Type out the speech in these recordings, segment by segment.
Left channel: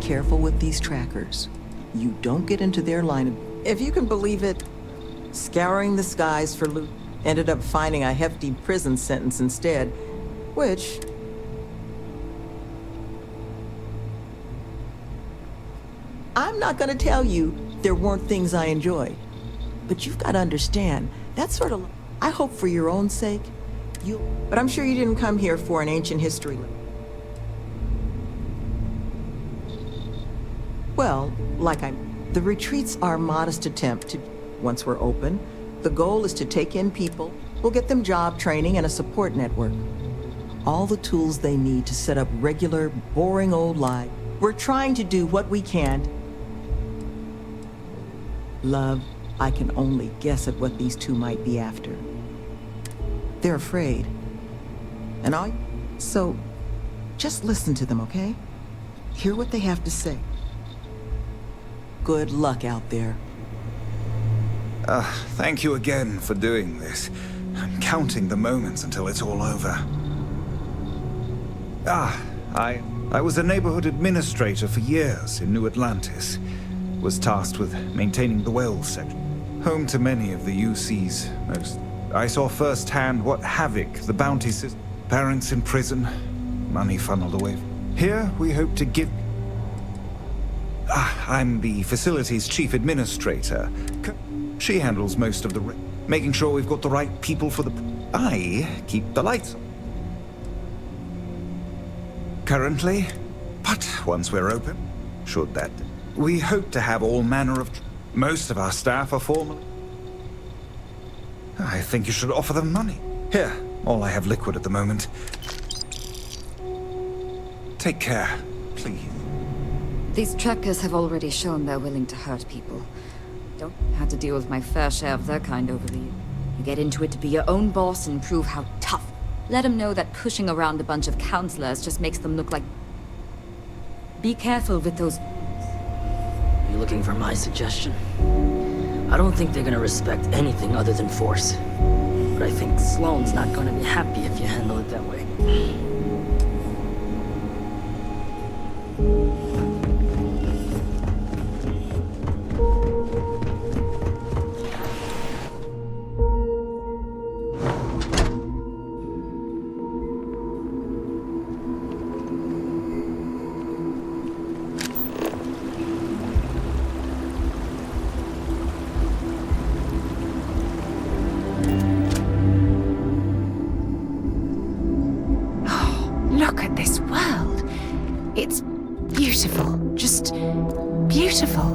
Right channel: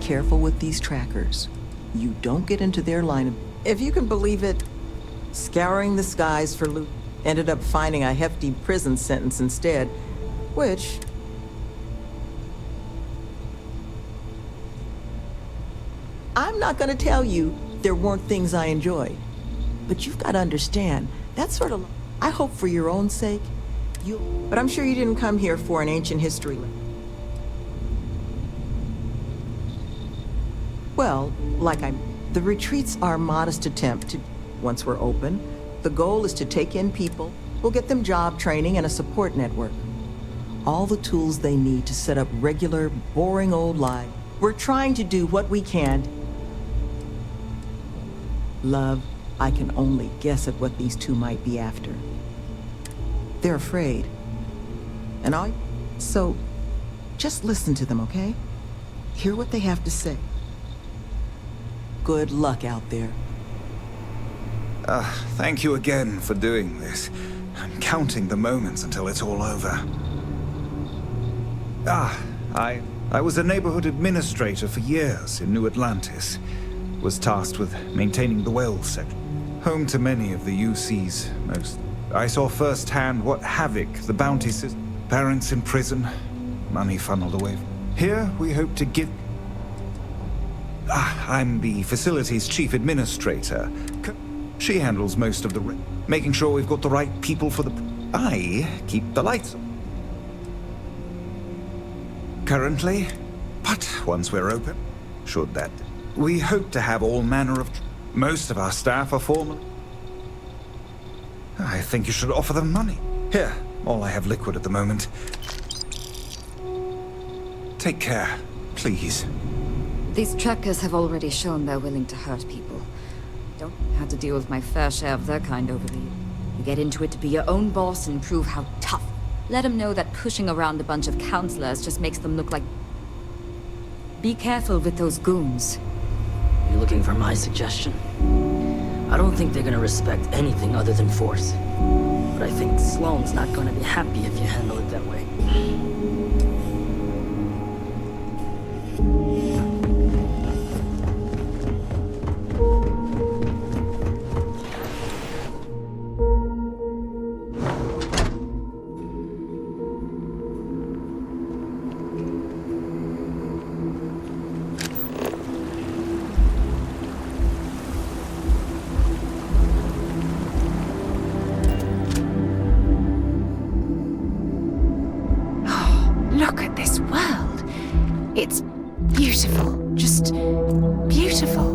careful with these trackers. You don't get into their line of... If you can believe it, scouring the skies for loot, ended up finding a hefty prison sentence instead, which... I'm not gonna tell you there weren't things I enjoyed, but you've got to understand, that's sort of... I hope for your own sake, but I'm sure you didn't come here for an ancient history lesson. Well, the retreats are a modest attempt to... Once we're open, the goal is to take in people, we'll get them job training and a support network. All the tools they need to set up regular, boring old lives. We're trying to do what we can. Love, I can only guess at what these two might be after. They're afraid. So, just listen to them, okay? Hear what they have to say. Good luck out there. Thank you again for doing this. I'm counting the moments until it's all over. I was a neighborhood administrator for years in New Atlantis. Was tasked with maintaining the Wells section. Home to many of the UC's most... I saw firsthand what havoc the bounty system... Parents in prison, money funneled away. Here, we hope to give... I'm the facility's chief administrator. She handles most of the... making sure we've got the right people for the... I keep the lights on. Currently, but once we're open, should that... We hope to have all manner of... Most of our staff are formal. I think you should offer them money. Here, all I have liquid at the moment. Take care, please. These trackers have already shown they're willing to hurt people. Don't have to deal with my fair share of their kind over the years. You get into it to be your own boss and prove how tough. Let them know that pushing around a bunch of counselors just makes them look like... Be careful with those goons. You looking for my suggestion? I don't think they're gonna respect anything other than force. But I think Sloane's not gonna be happy if you handle it that way. Look at this world. It's beautiful. Just beautiful.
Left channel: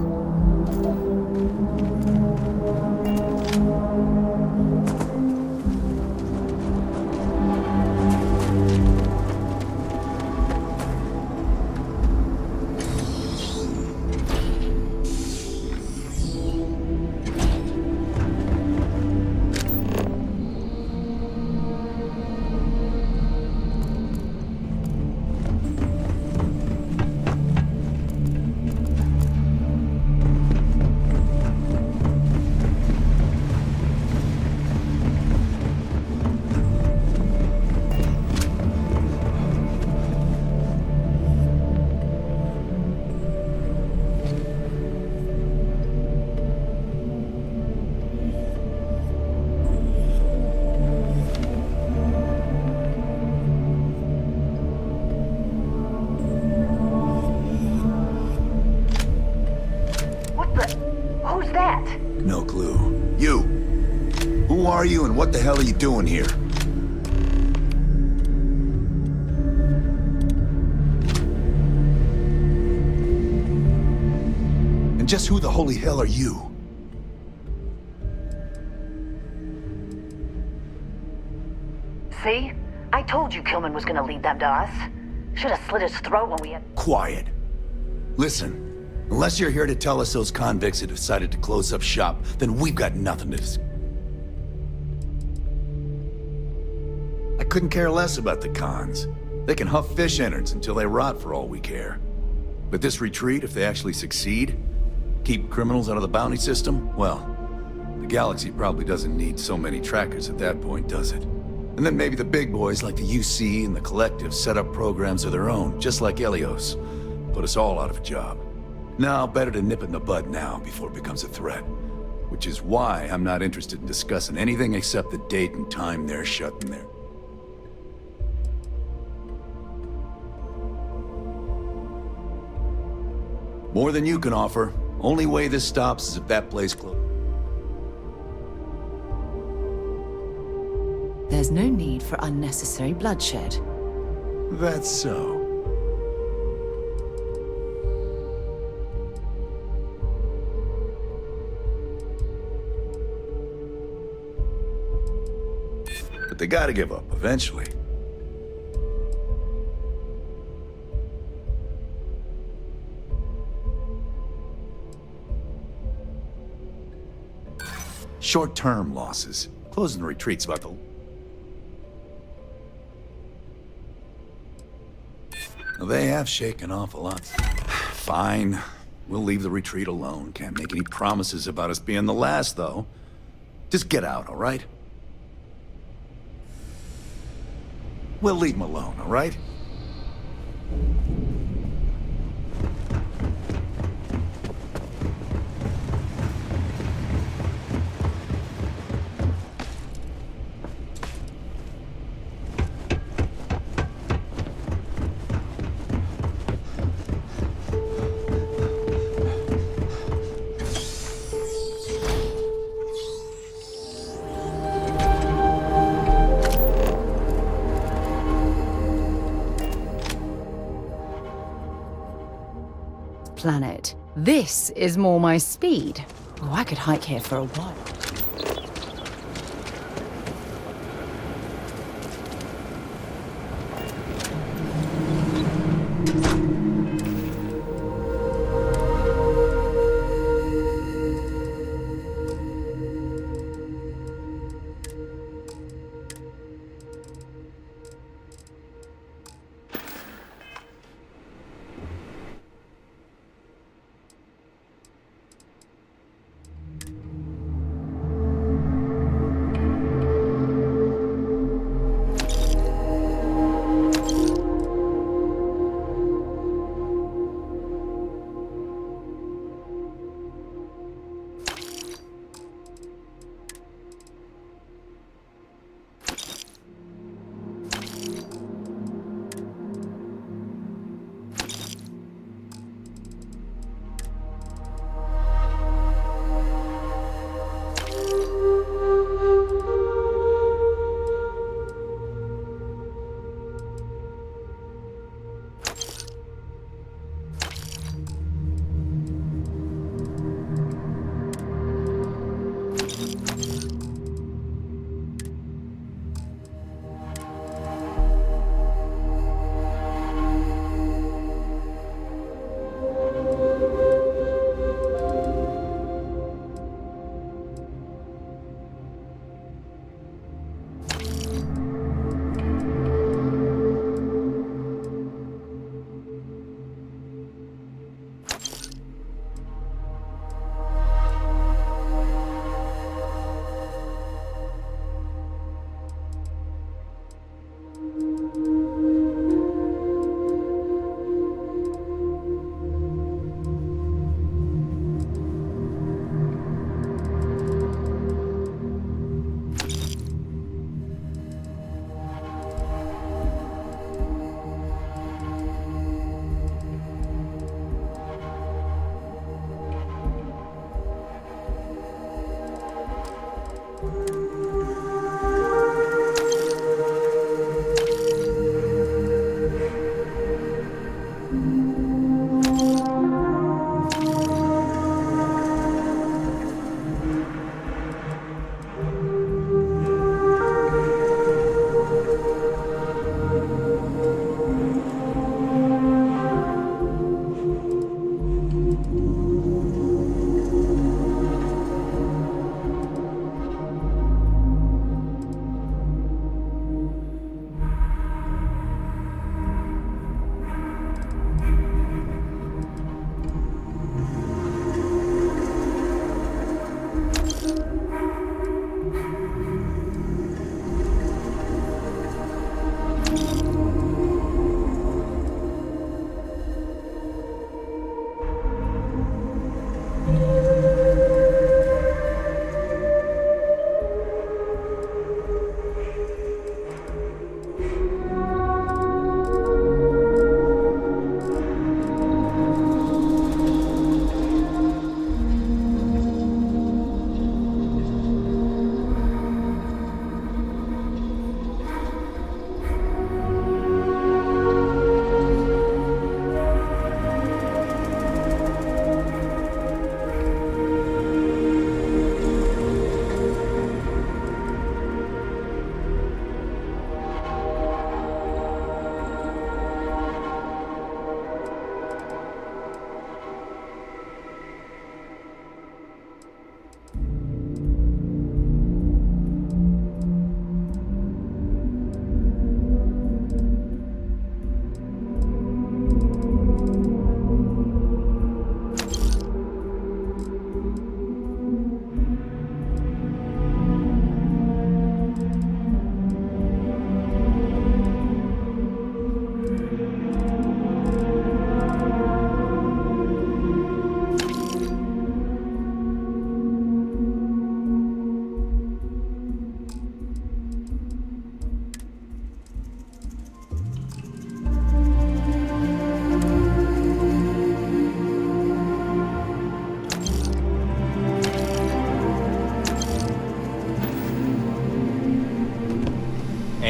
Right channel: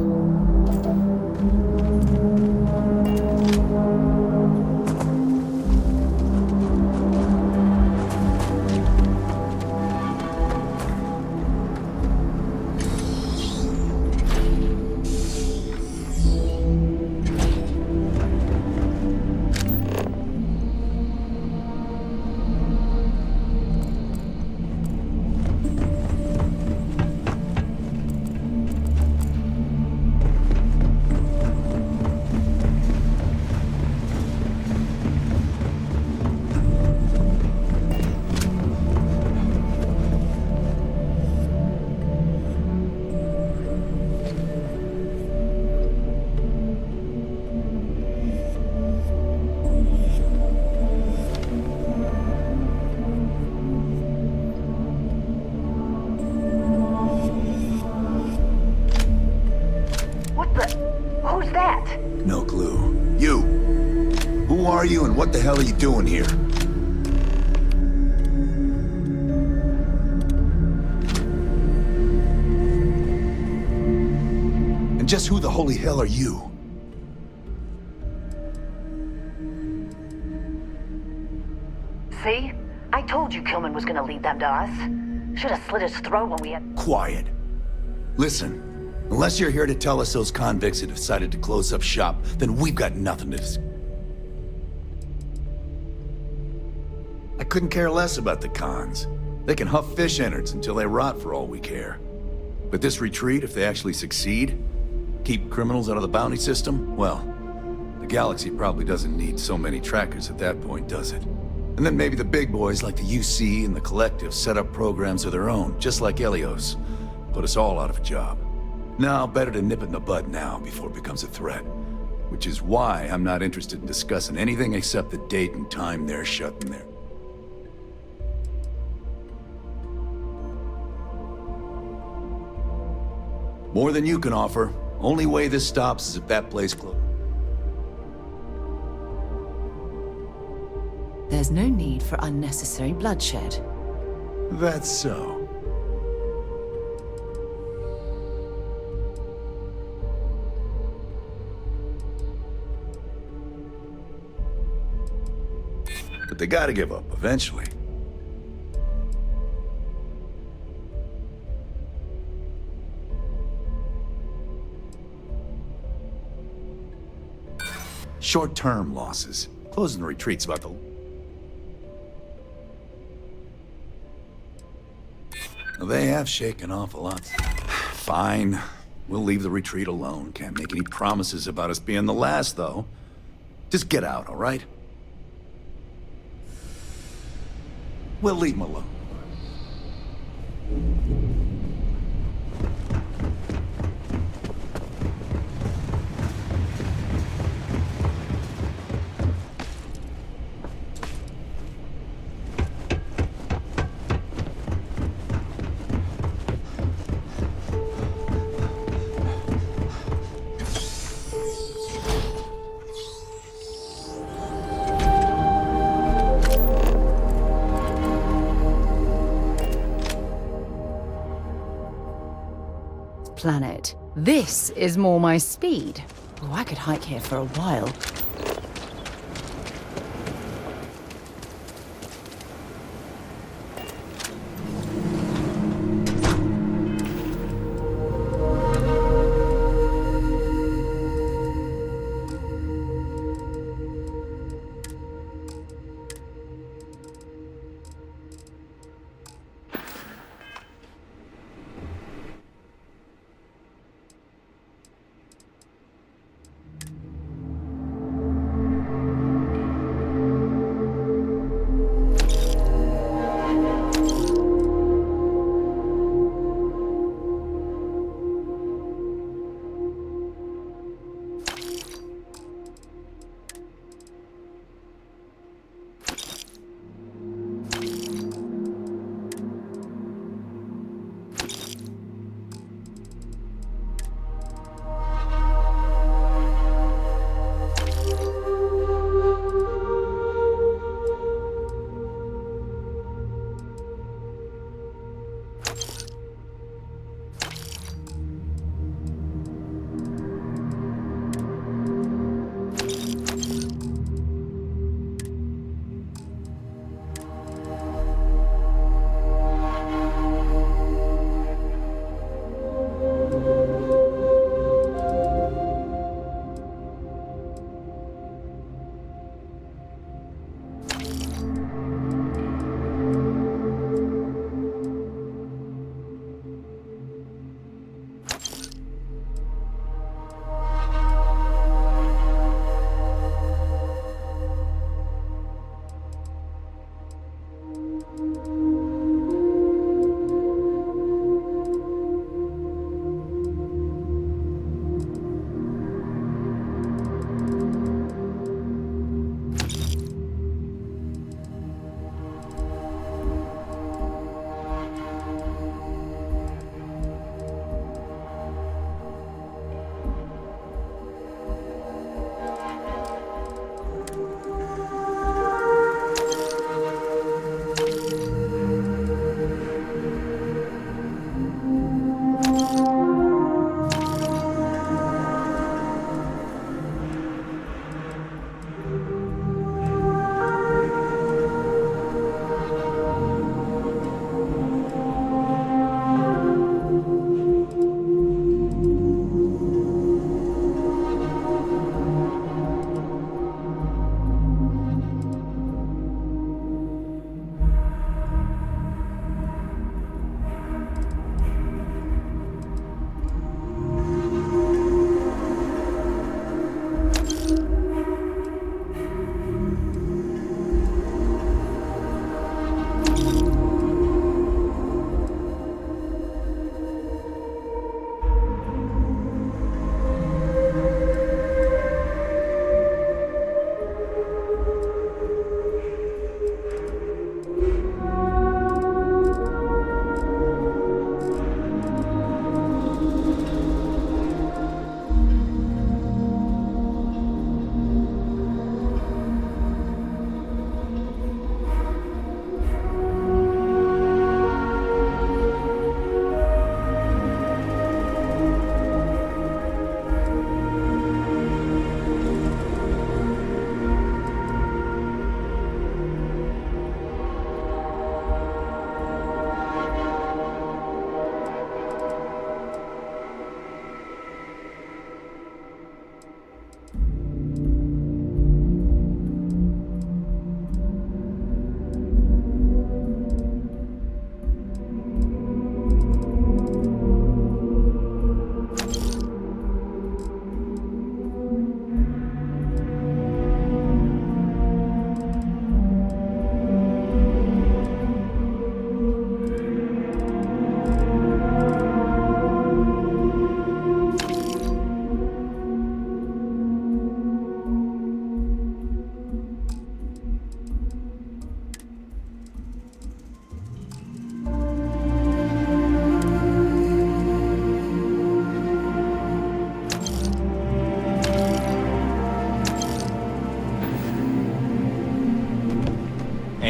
Who's that? No clue. You! Who are you and what the hell are you doing here? And just who the holy hell are you? See? I told you Kilman was gonna lead them to us. Should have slit his throat when we had... Quiet. Listen, unless you're here to tell us those convicts have decided to close up shop, then we've got nothing to discuss. I couldn't care less about the cons. They can huff fish innards until they rot for all we care. But this retreat, if they actually succeed, keep criminals out of the bounty system, well, the galaxy probably doesn't need so many trackers at that point, does it? And then maybe the big boys like the UC and the Collective set up programs of their own, just like Helios. Put us all out of a job. Now, better to nip it in the bud now before it becomes a threat. Which is why I'm not interested in discussing anything except the date and time they're shutting there. More than you can offer. Only way this stops is if that place closes. There's no need for unnecessary bloodshed. That's so. But they gotta give up eventually. Short-term losses. Closing the retreat's about the... Well, they have shaken off a lot. Fine. We'll leave the retreat alone. Can't make any promises about us being the last, though. Just get out, all right? We'll leave them alone, all right? Planet. This is more my speed. Oh, I could hike here for a while.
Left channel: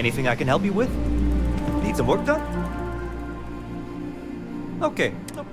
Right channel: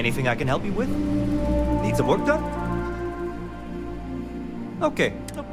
Anything I can help you with? Need some work done? Okay. No.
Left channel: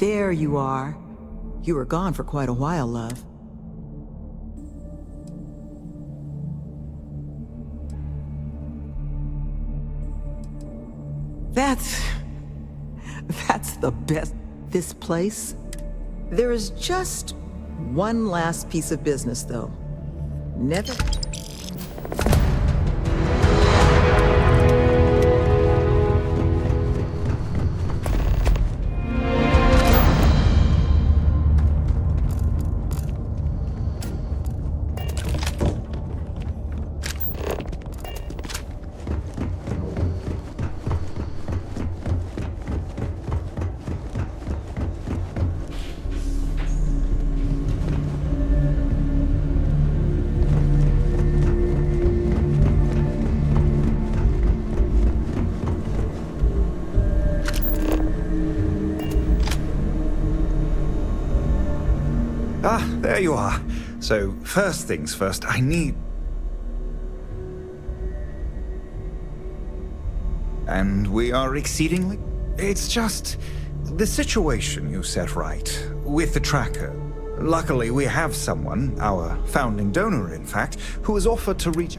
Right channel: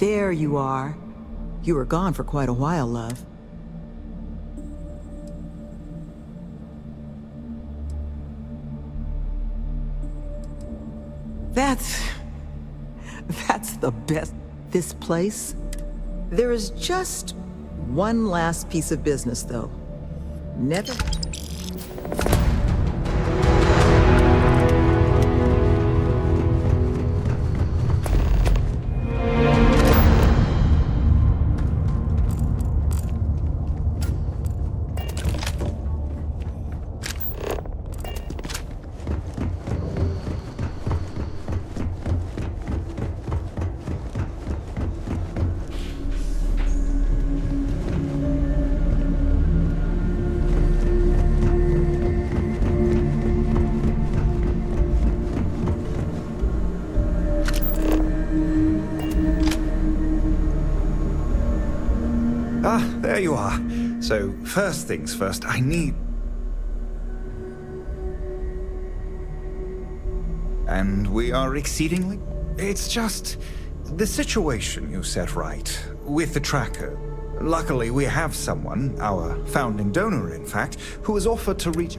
There you are. You were gone for quite a while, love. That's the best. This place? There is just one last piece of business, though. Never... Ah, there you are. So, first things first, I need... And we are exceedingly... It's just... the situation you set right, with the tracker. Luckily, we have someone, our founding donor in fact, who has offered to reach...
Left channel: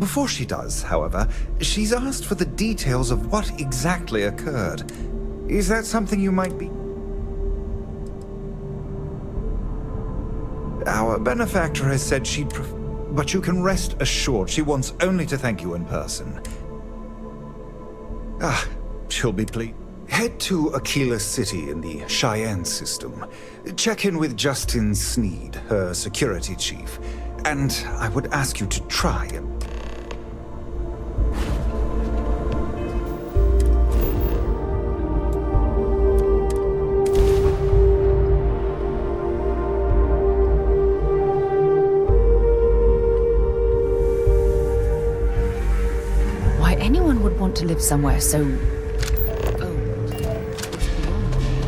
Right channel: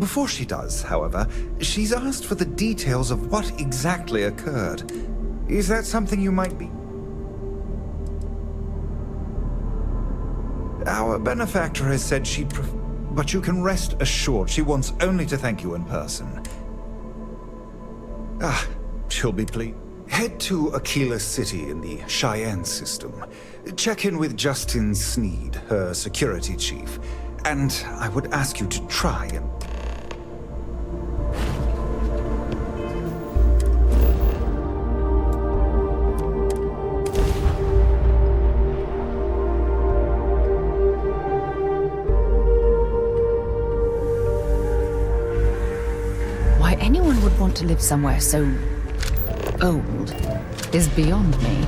Before she does, however, she's asked for the details of what exactly occurred. Is that something you might be... Our benefactor has said she'd but you can rest assured she wants only to thank you in person. Ah, she'll be pleased. Head to Aquila City in the Cheyenne system. Check in with Justin Sneed, her security chief. And I would ask you to try and... Why anyone would want to live somewhere so old is beyond me.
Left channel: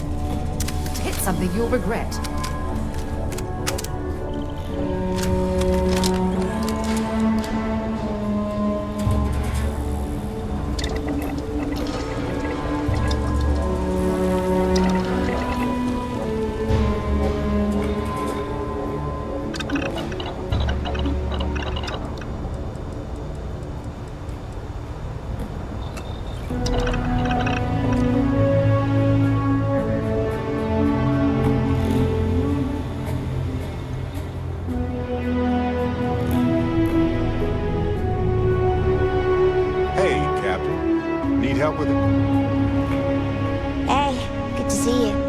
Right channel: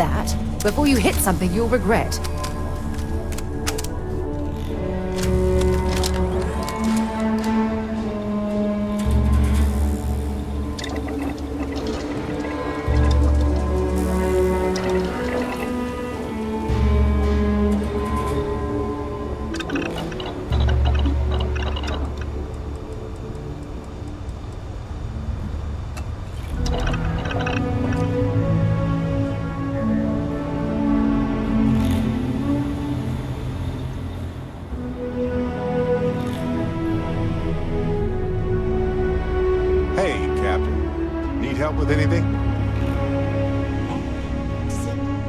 that. Before you hit something you'll regret. Hey, Captain. Need help with anything? Hey, good to see you.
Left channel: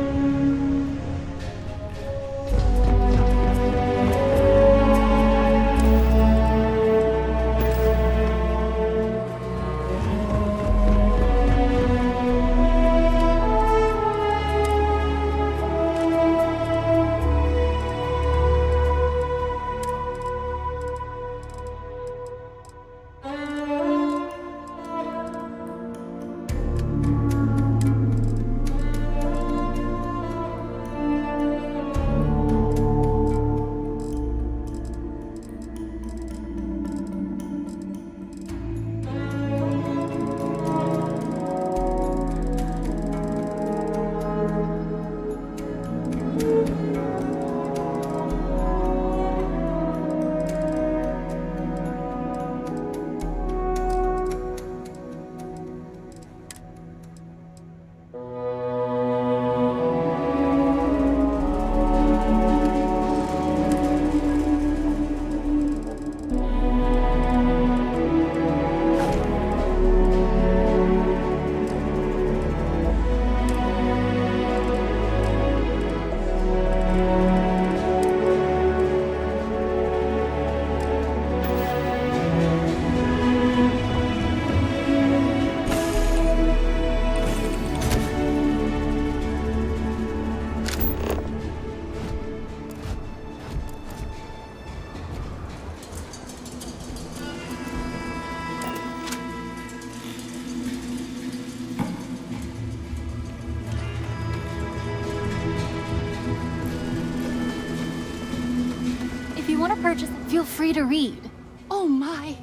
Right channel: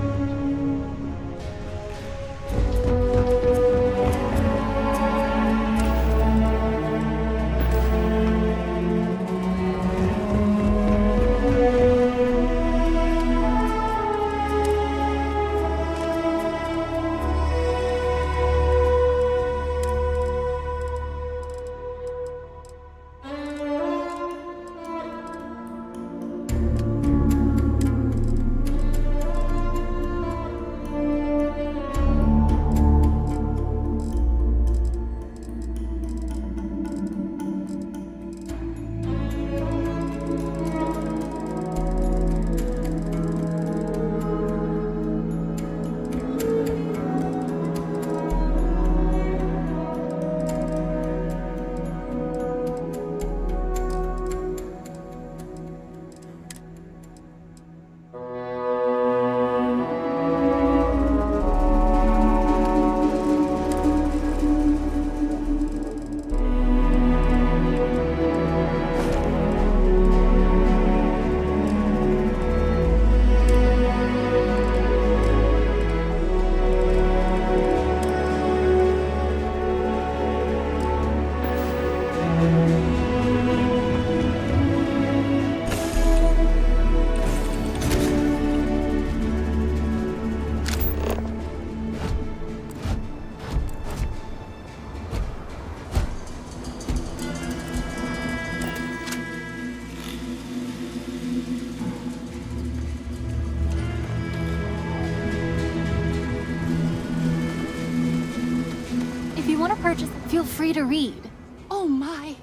If you want to purchase it, feel free to read. Oh my.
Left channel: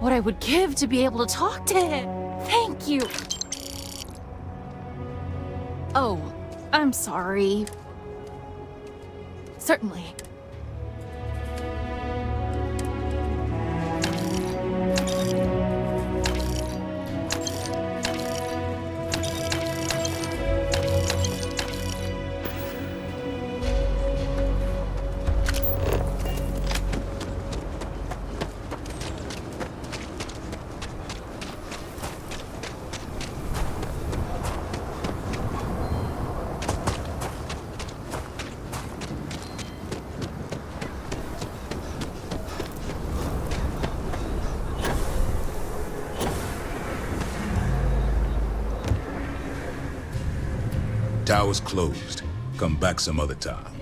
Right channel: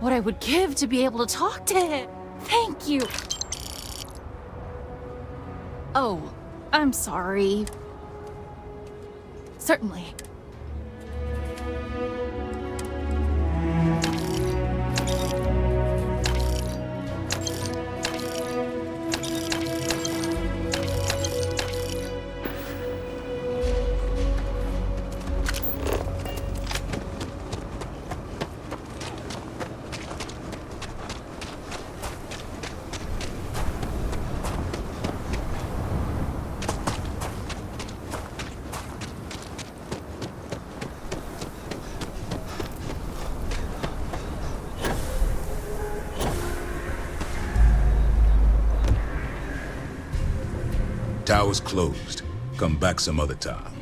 What I would give to be able to talk to him. Thank you. Oh, I'm sorry. Certainly. Tower's closed. Come back some other time.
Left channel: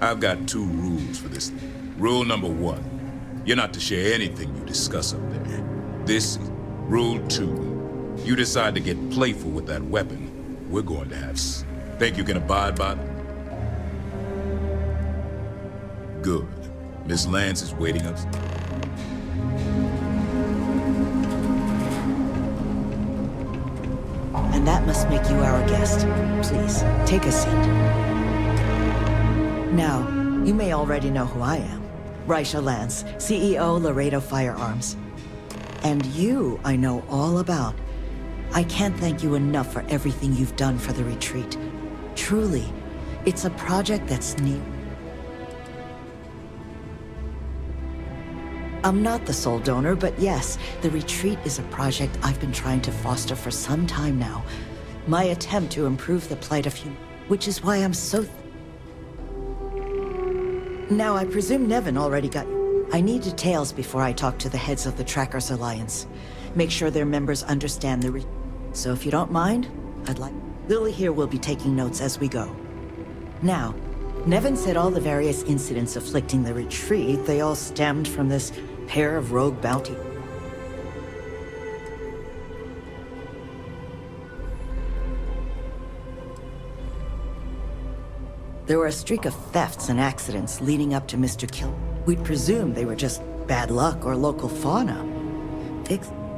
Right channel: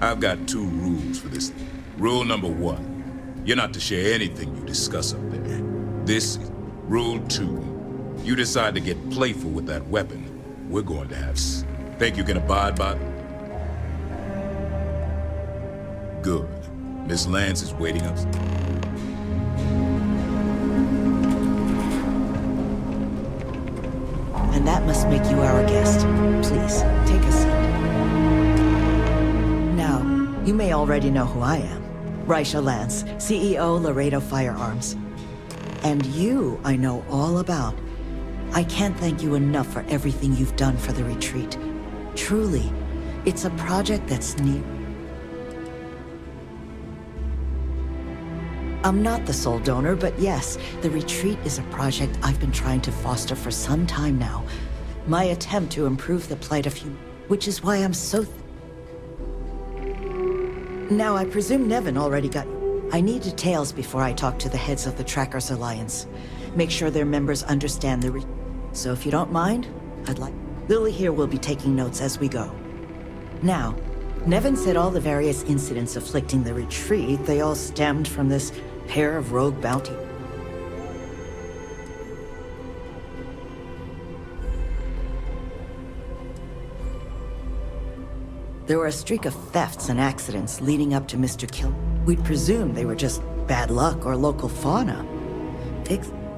I've got 2 rules for this. Rule number 1, you're not to share anything you discuss up there. This is rule 2. You decide to get playful with that weapon, we're going to have Think you can abide by it? Good. Miss Lance is waiting up. And that must make you our guest. Please, take a seat. Now, you may already know who I am. Raisha Lance, CEO Laredo Firearms. And you, I know all about. I can't thank you enough for everything you've done for the retreat. Truly, it's a project that's neat. I'm not the sole donor, but yes, the retreat is a project I've been trying to foster for some time now. My attempt to improve the plight of humanity, which is why I'm so... Now, I presume Nevin already got you. I need details before I talk to the heads of the Trackers Alliance. Make sure their members understand the So if you don't mind, I'd like... Lily here will be taking notes as we go. Now, Nevin said all the various incidents afflicting the retreat, they all stemmed from this pair of rogue bounty. There were a streak of thefts and accidents leading up to Mr. Kill. We'd presumed they were just bad luck or local fauna.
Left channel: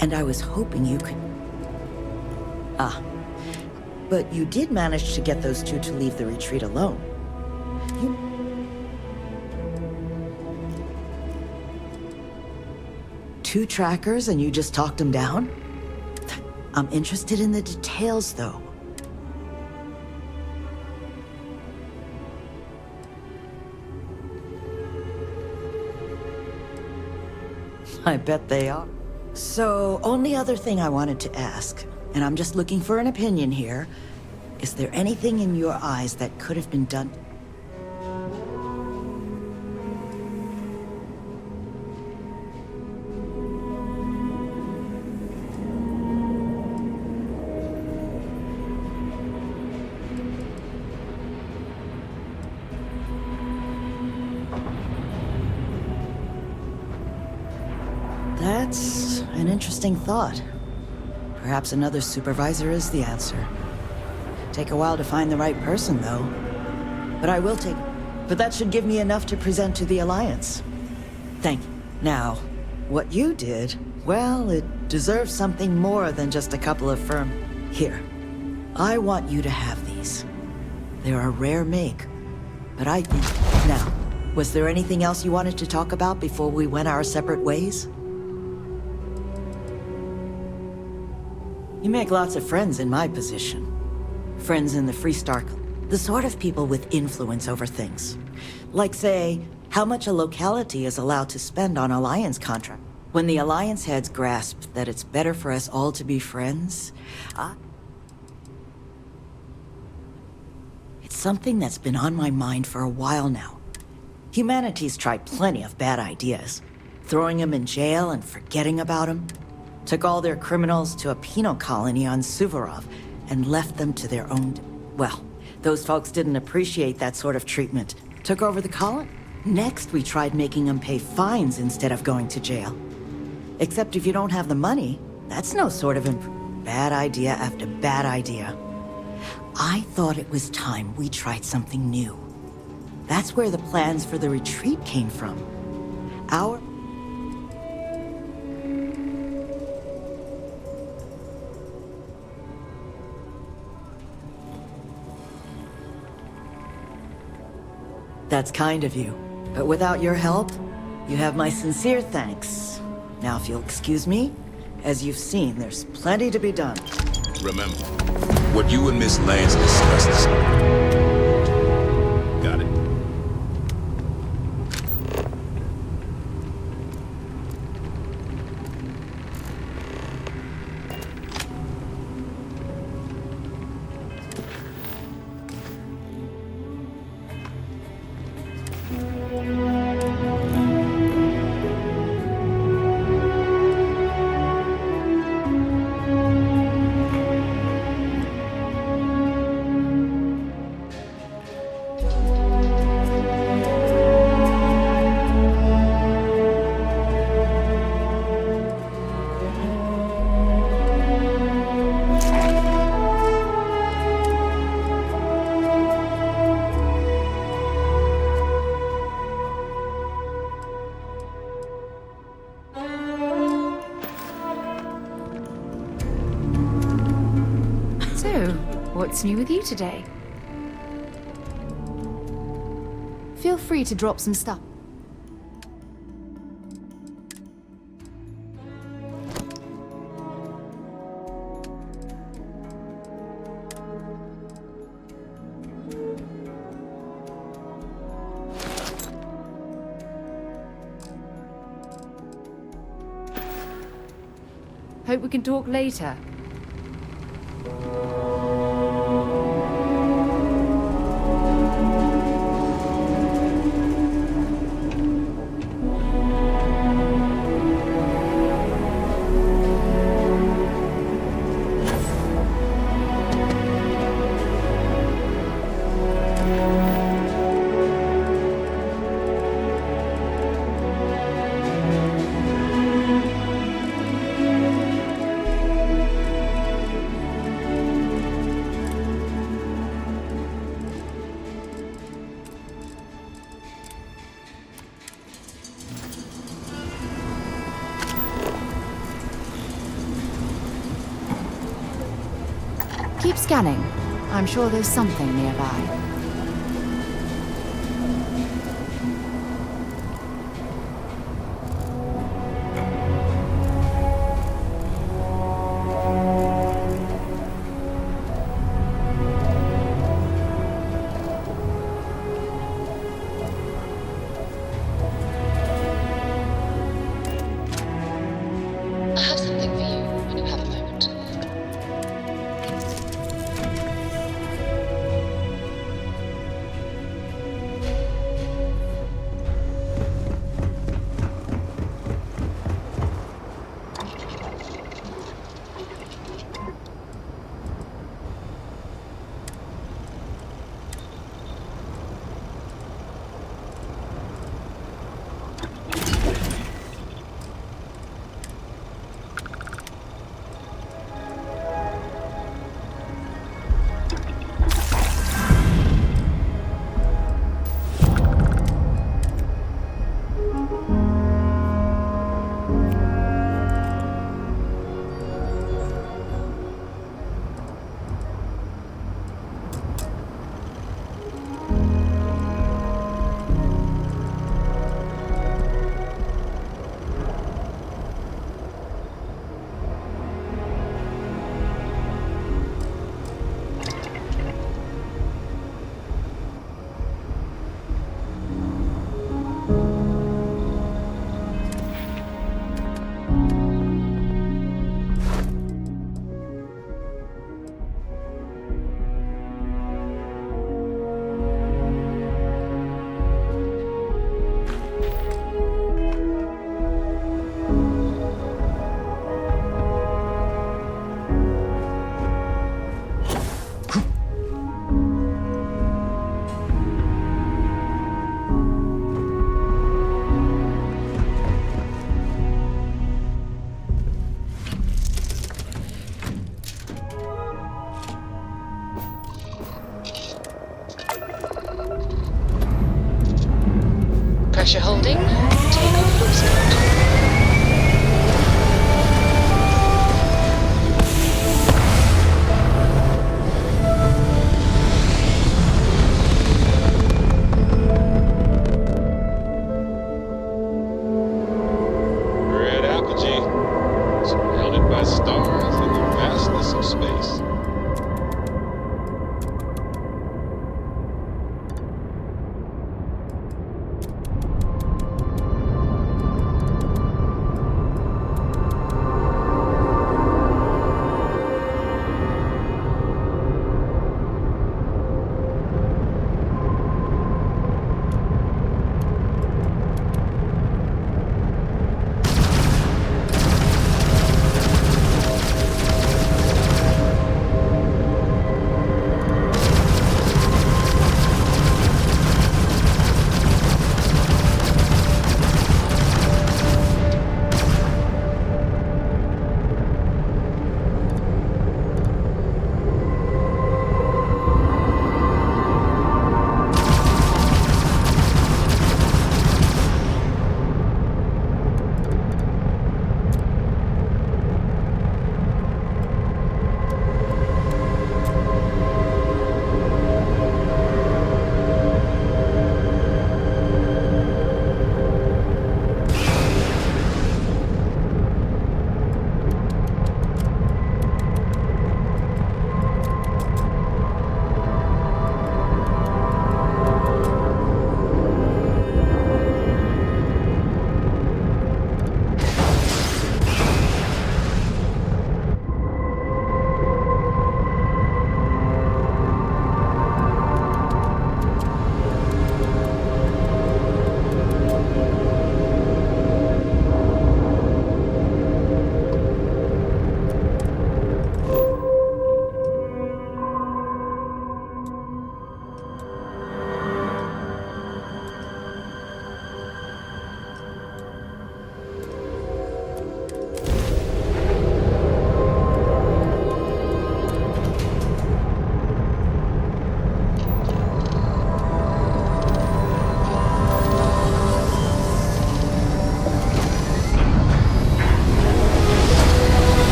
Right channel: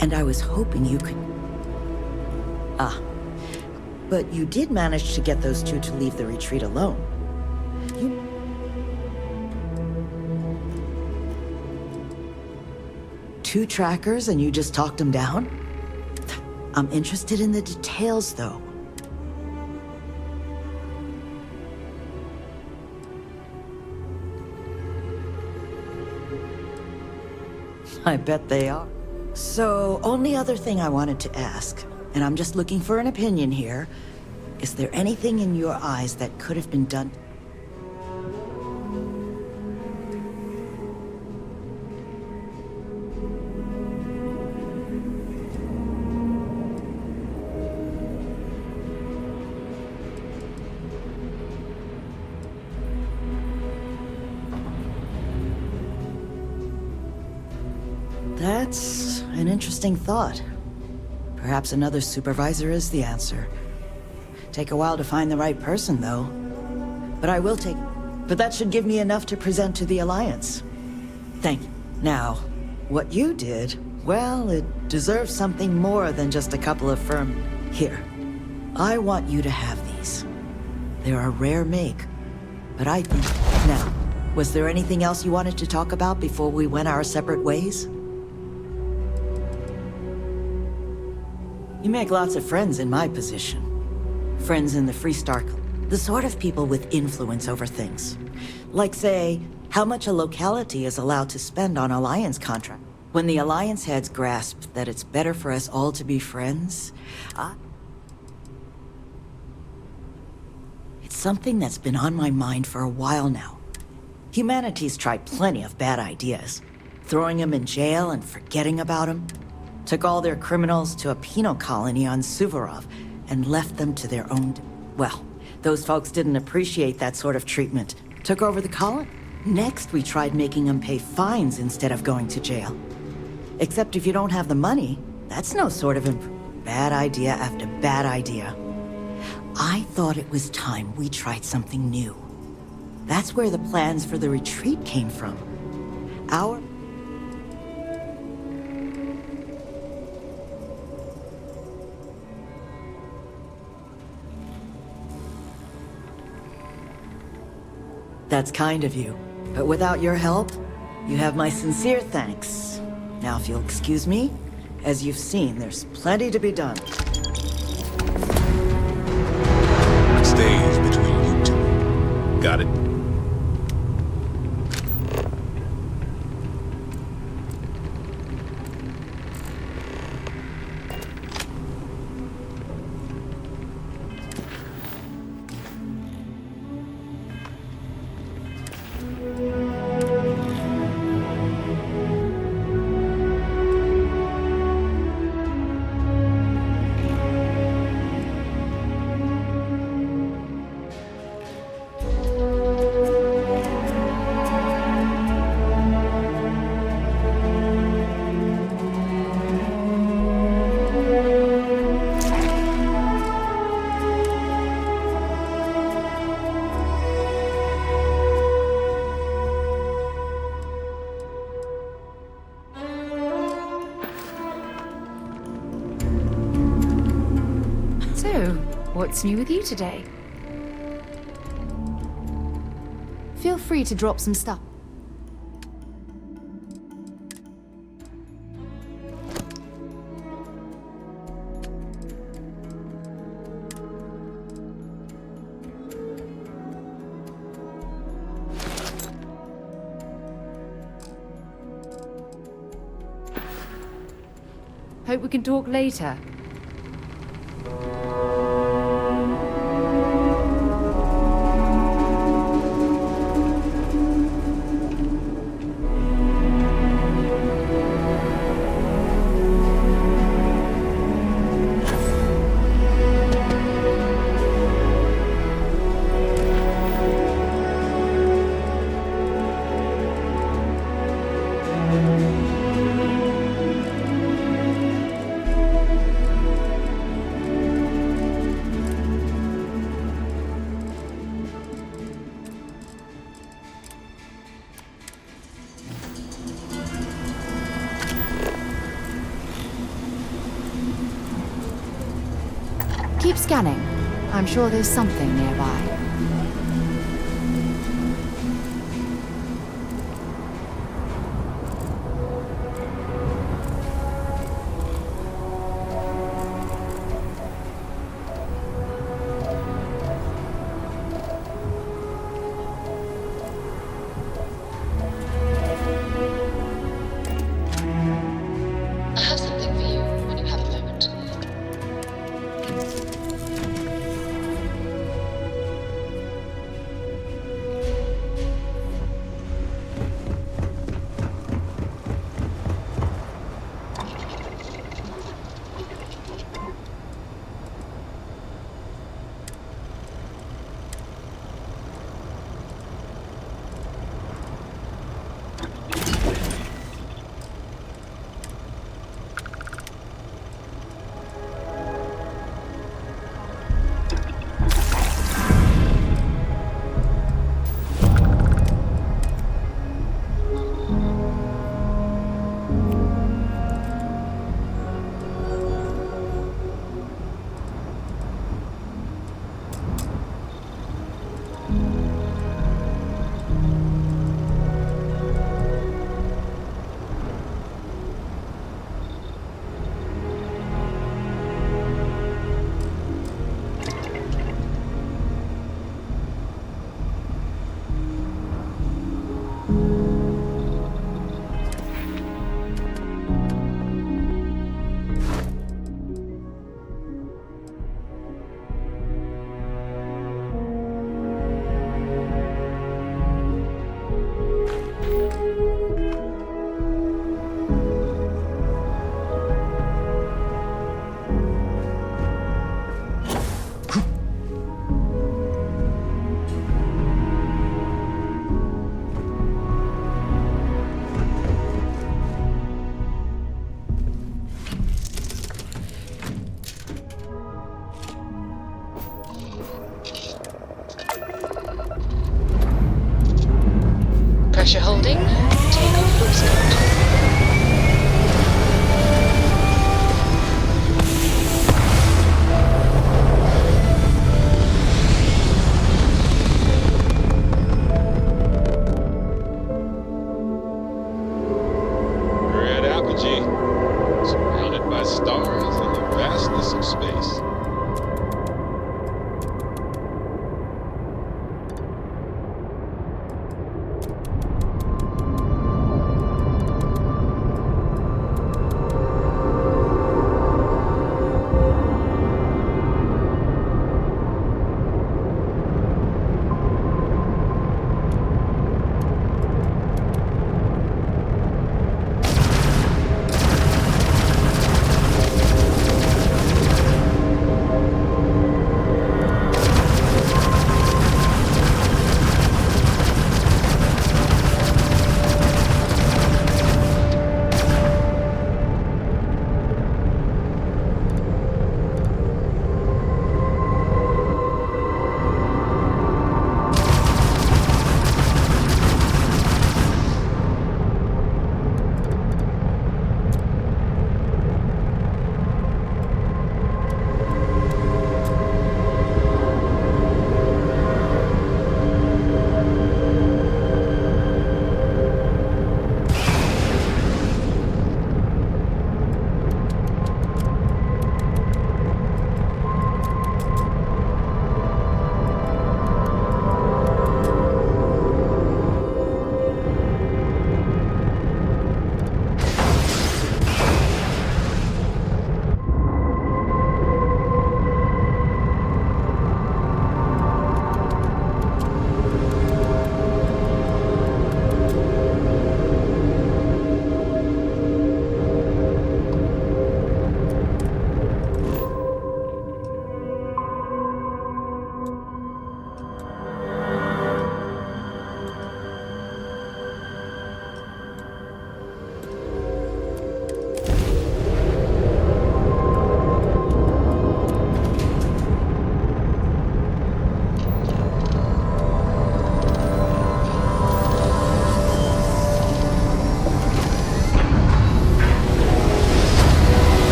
And I was hoping you could... But you did manage to get those two to leave the retreat alone. Two trackers and you just talked them down? I'm interested in the details, though. I bet they are. So, only other thing I wanted to ask, and I'm just looking for an opinion here, is there anything in your eyes that could have been done? That's an interesting thought. Perhaps another supervisor is the answer. Take a while to find the right person, though. But that should give me enough to present to the Alliance. Thank you. Now, what you did, well, it deserves something more than just a couple of firm... Here. I want you to have these. They're a rare make. But I think... Now, was there anything else you wanted to talk about before we went our separate ways? You make lots of friends in my position. Friends in the Freestar Club. The sort of people with influence over things. Like, say, how much a locality is allowed to spend on Alliance contract. When the Alliance heads grasp that it's better for us all to be friends, it's something that's been on my mind for a while now. Humanity's tried plenty of bad ideas. Throwing them in jail and forgetting about them. Took all their criminals to a penal colony on Suvorov and left them to their own... Well, those folks didn't appreciate that sort of treatment. Took over the colony. Next, we tried making them pay fines instead of going to jail. Except if you don't have the money, that's no sort of bad idea after bad idea. I thought it was time we tried something new. That's where the plans for the retreat came from. That's kind of you. But without your help, you have my sincere thanks. Now, if you'll excuse me, as you've seen, there's plenty to be done. Remember, what you and Miss Lance discussed stays between you two. Got it? What's new with you today? Feel free to drop some stuff. Hope we can talk later. Keep scanning. I'm sure there's something nearby. I have something for you when you have a moment.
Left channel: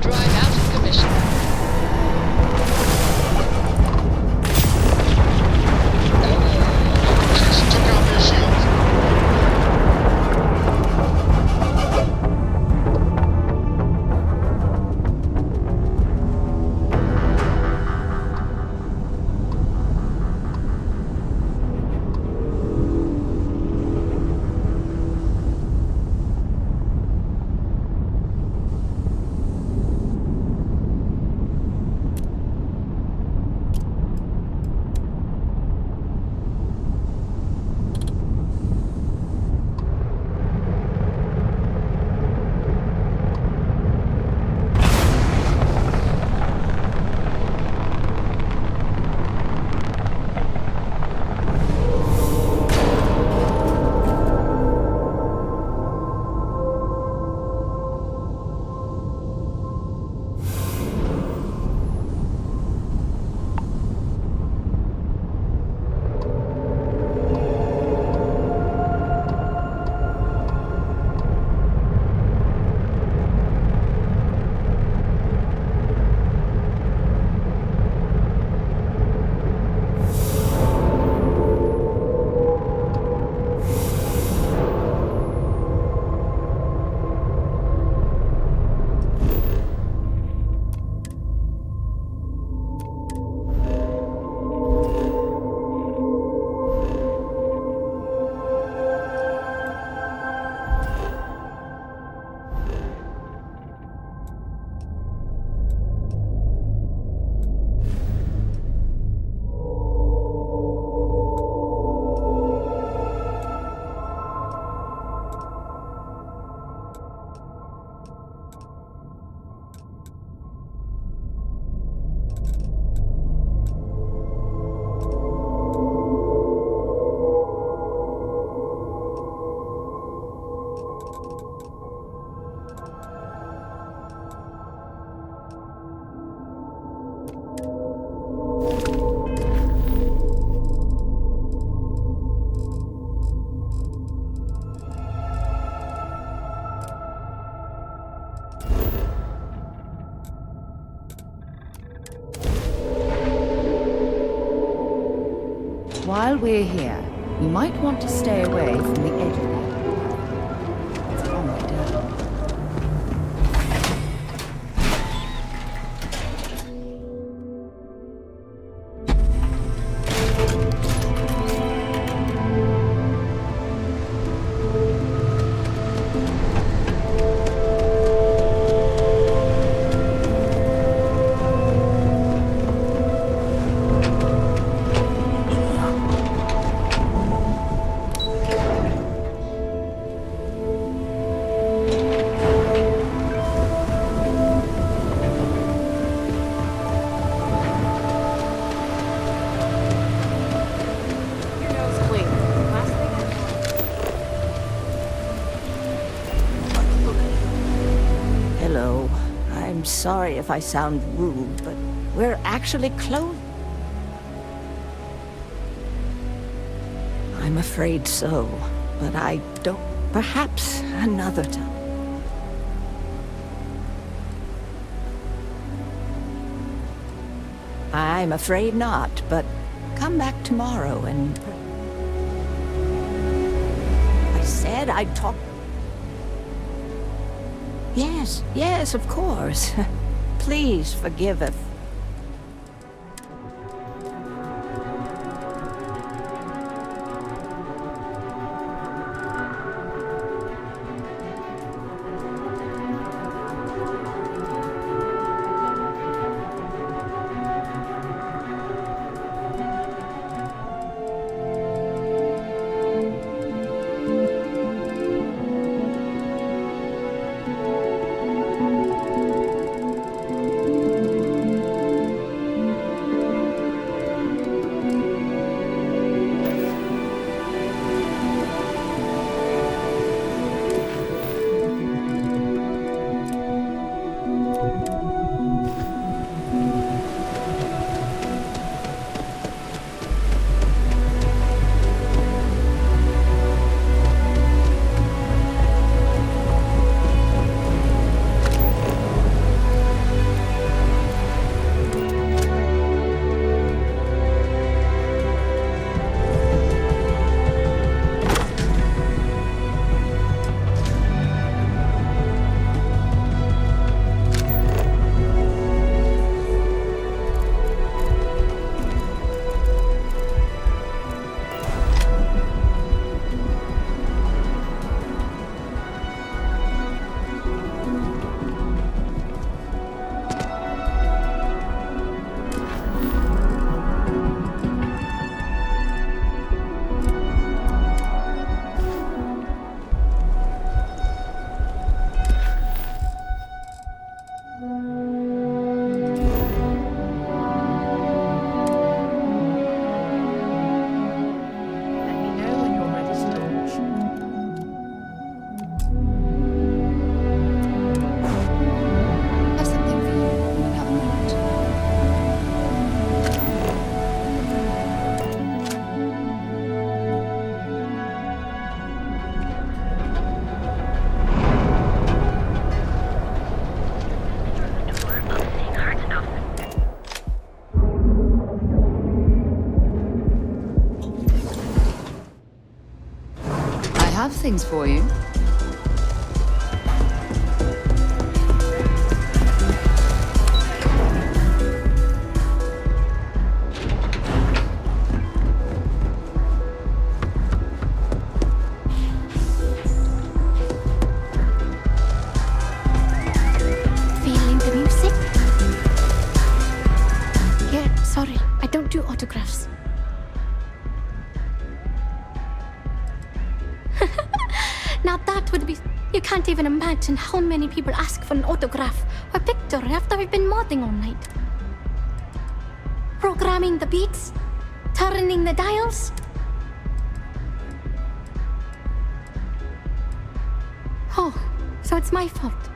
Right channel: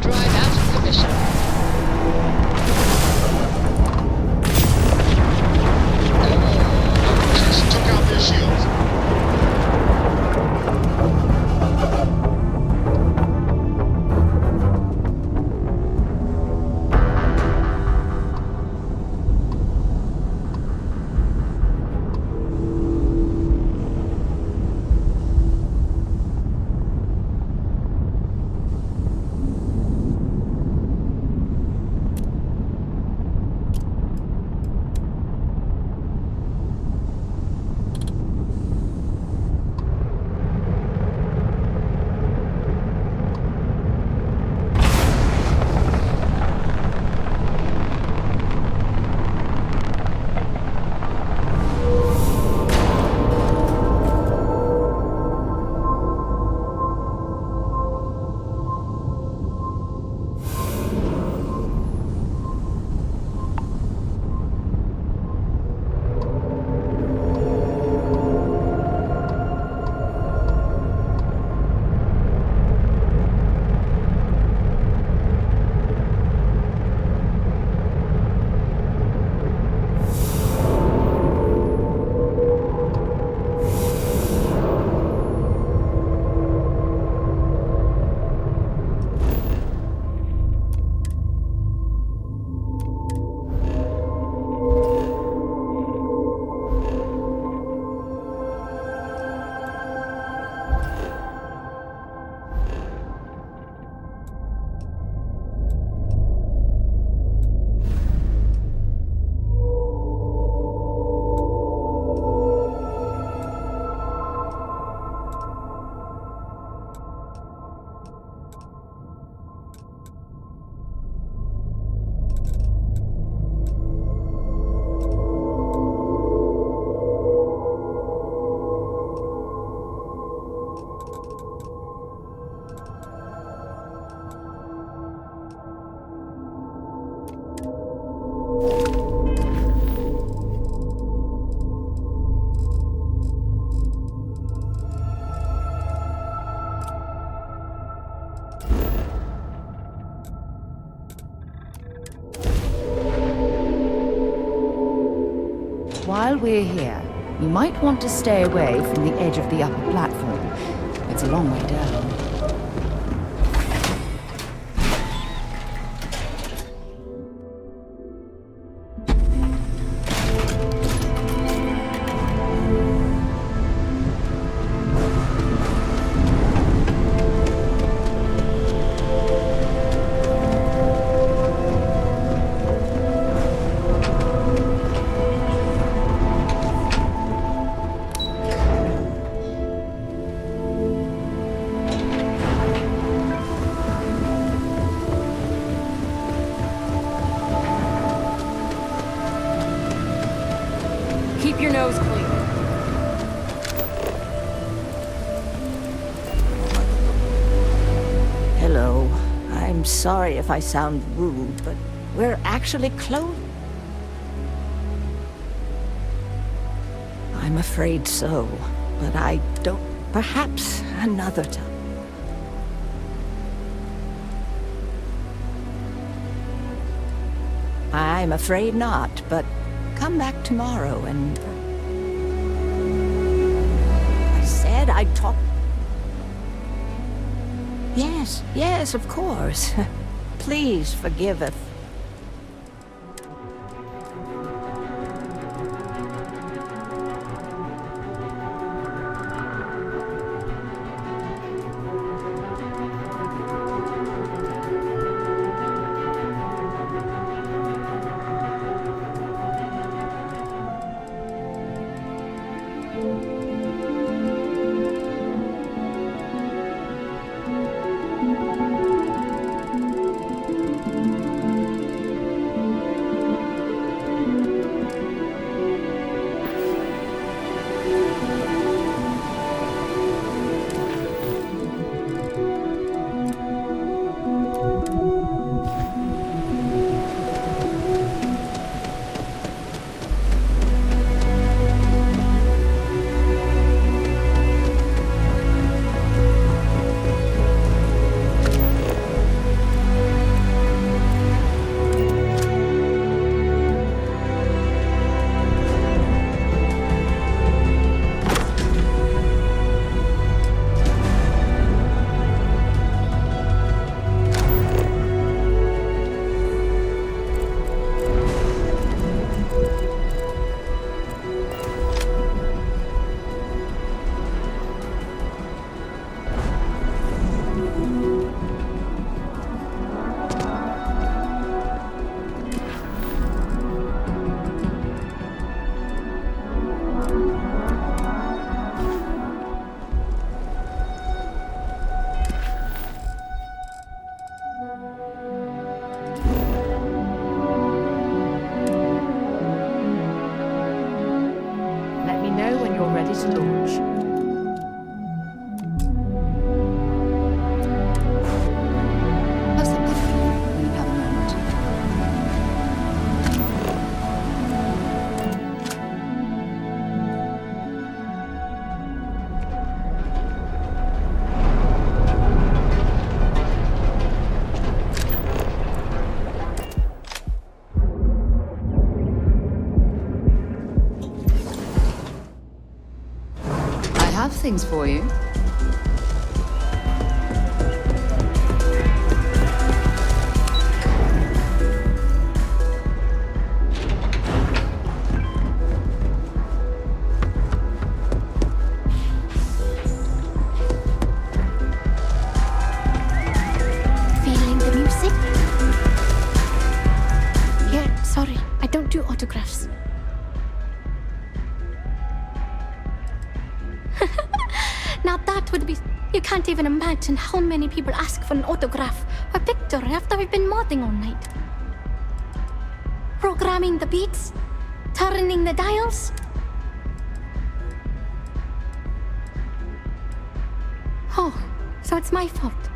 Transport drive out of commission. Just took out their shields. While we're here, you might want to stay away from the edge of the upper platform. It's a long way down. Hello. I'm sorry if I sound rude, but we're actually close. I'm afraid so, but I don't... Perhaps another time. I'm afraid not, but come back tomorrow and... I said I'd talk... Yes, of course. Please forgive if... things for you. Feeling the music? Yeah, sorry, I don't do autographs. Now that would be... You can't even imagine how many people ask for an autograph or picture after we've been modding all night. Programming the beats, turning the dials. Oh, so it's my fault.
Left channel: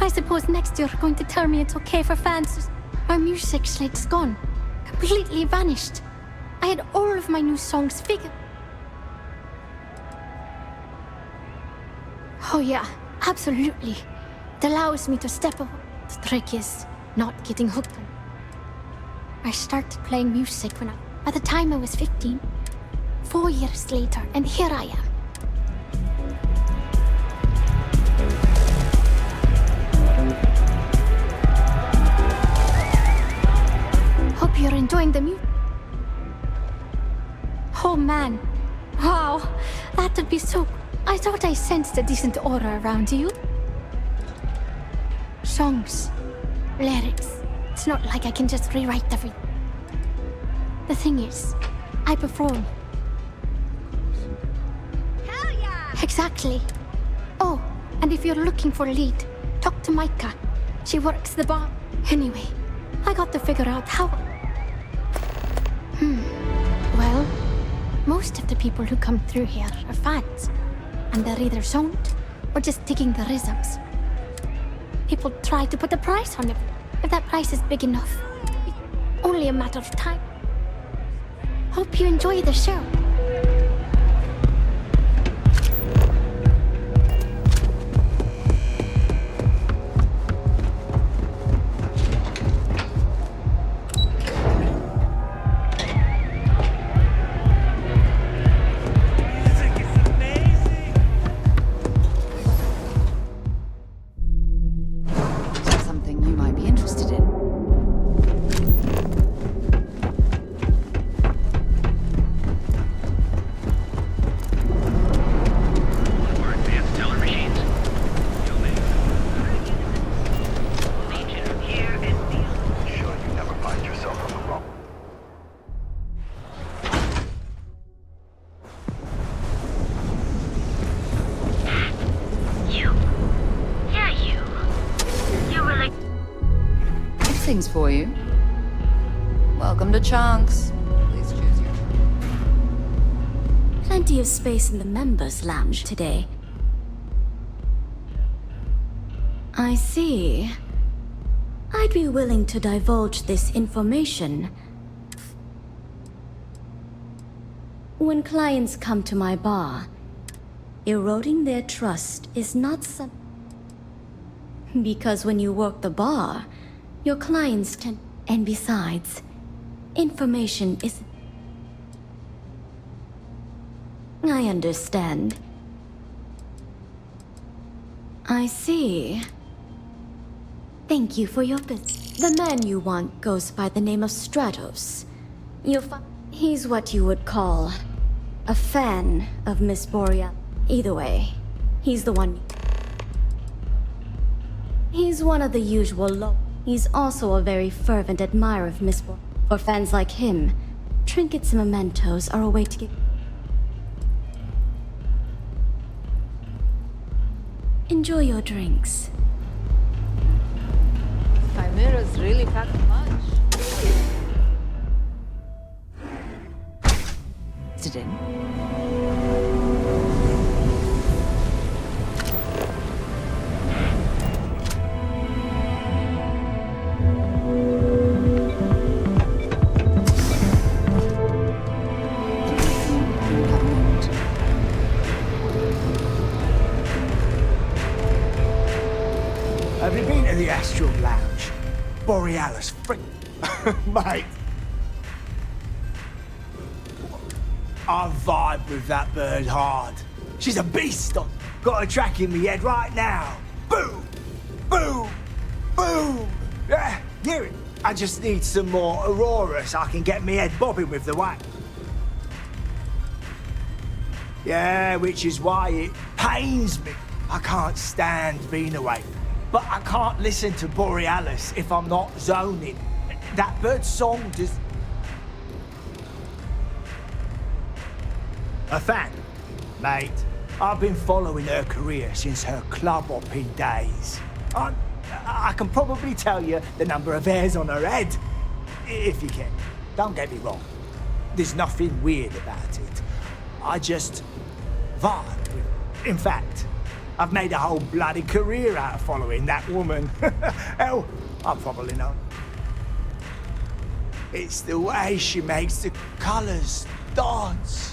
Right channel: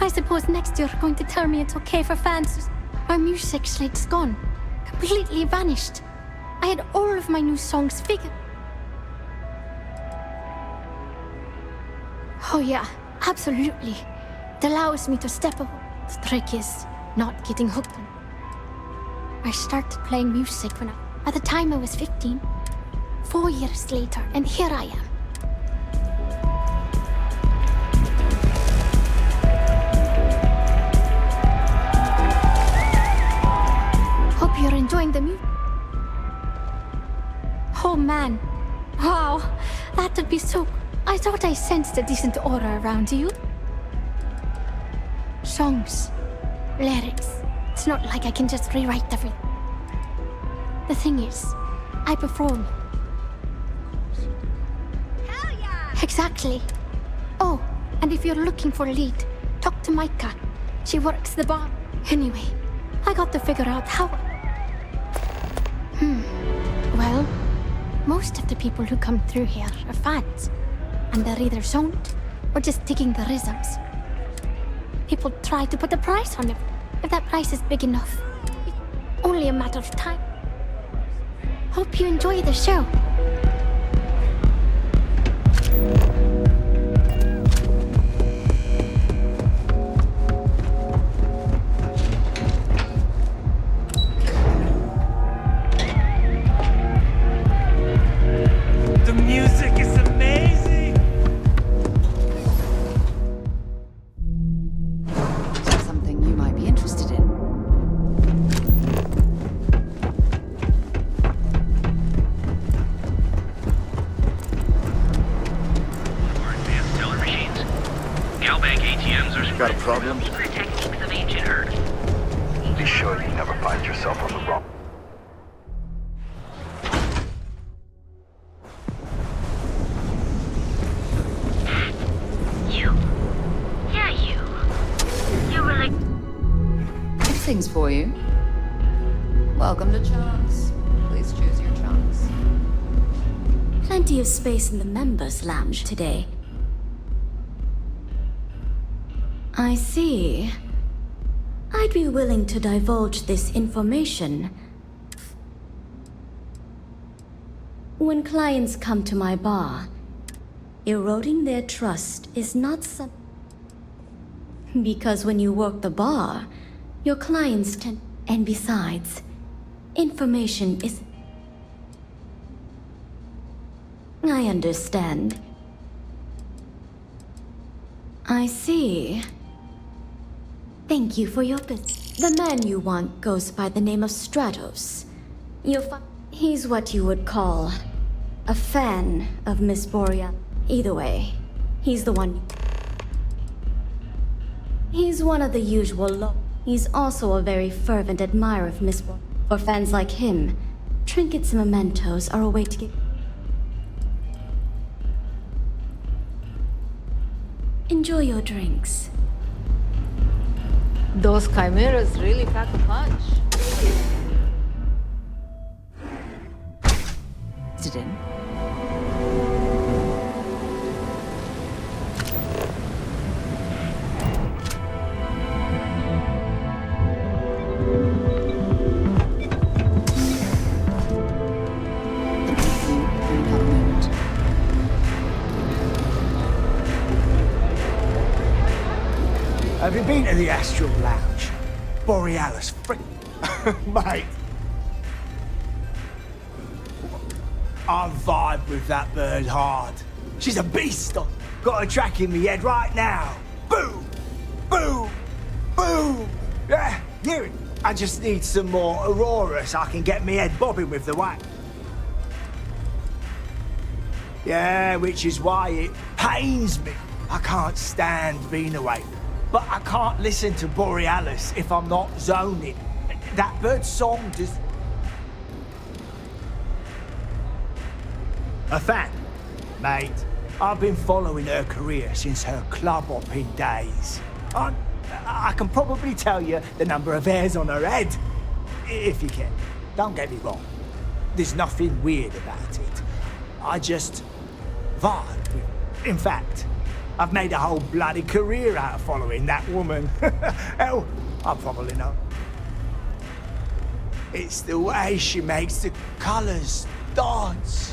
I suppose next year you're going to tell me it's okay for fans to... My music slate's gone. Completely vanished. I had all of my new songs figured. Oh yeah, absolutely. It allows me to step away. The trick is not getting hooked on. I started playing music by the time I was 15. 4 years later, and here I am. Hope you're enjoying the music. Oh man. Wow, that would be so... I thought I sensed a decent aura around you. Songs, lyrics. It's not like I can just rewrite everything. The thing is, I perform. Hell yeah! Exactly. Oh, and if you're looking for a lead, talk to Micah. She works the bar. Anyway, I got to figure out how... Well, most of the people who come through here are fans. And they're either zoned or just digging the rhythms. People try to put a price on it. If that price is big enough, it's only a matter of time. Hope you enjoy the show. Things for you. Welcome to Chunks. Please choose your chunks. Plenty of space in the members' lounge today. I see. I'd be willing to divulge this information. When clients come to my bar, eroding their trust is not some... Because when you work the bar, your clients tend... And besides, information is... I understand. I see. Thank you for your business. The man you want goes by the name of Stratos. He's what you would call a fan of Miss Boreal. Either way, he's the one... He's one of the usual He's also a very fervent admirer of Miss Boreal. For fans like him, trinkets and mementos are a way to get... Enjoy your drinks. Those chimeras really pack a punch. Sit in. Have you been to the Astral Lounge? Borealis, frick... Mate. I vibe with that bird hard. She's a beast. I've got a track in me head right now. Boom! Boom! Boom! Yeah, hear it. I just need some more Aurora so I can get me head bobbing with the whack. Yeah, which is why it pains me. I can't stand being away. But I can't listen to Borealis if I'm not zoning. That bird's song just... A fan, mate. I've been following her career since her club hopping days. I can probably tell you the number of hairs on her head, if you can. Don't get me wrong. There's nothing weird about it. I just vibe with it. In fact, I've made a whole bloody career out of following that woman. Hell, I probably know. It's the way she makes the colours dance.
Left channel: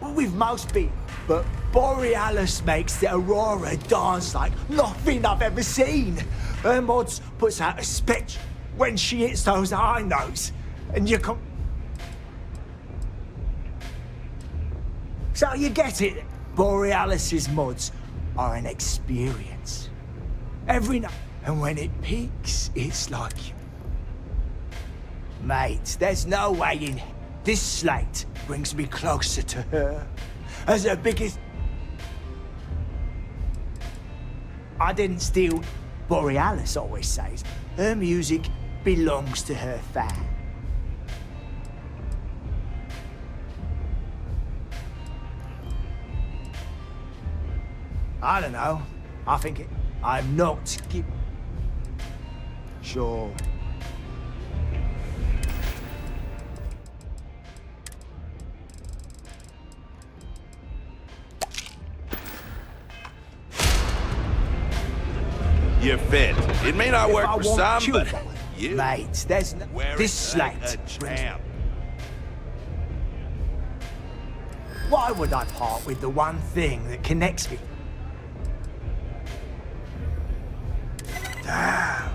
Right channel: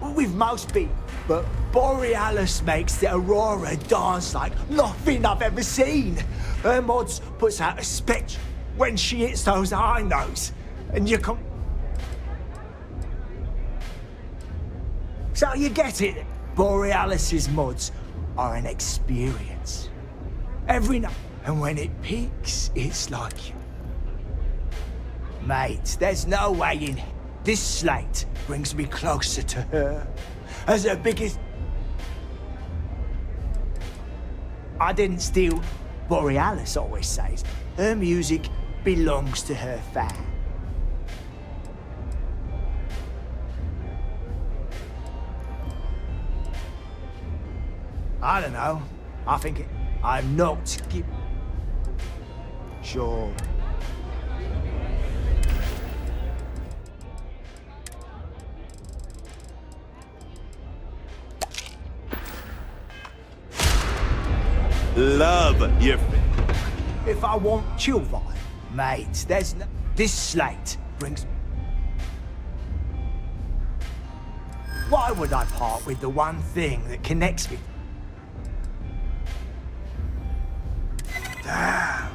With most people, but Borealis makes the Aurora dance like nothing I've ever seen. Her mods puts out a spectrum when she hits those high notes, and you can... So you get it? Borealis's mods are an experience. Every night, and when it peaks, it's like... Mate, there's no way in... This slate brings me closer to her. As her biggest... I didn't steal. Borealis always says her music belongs to her fan. I don't know. I think it... I'm not... Sure. Love your fit. It may not work for some, but If I want you, mate, there's no... This slate brings... Why would I part with the one thing that connects me? Damn.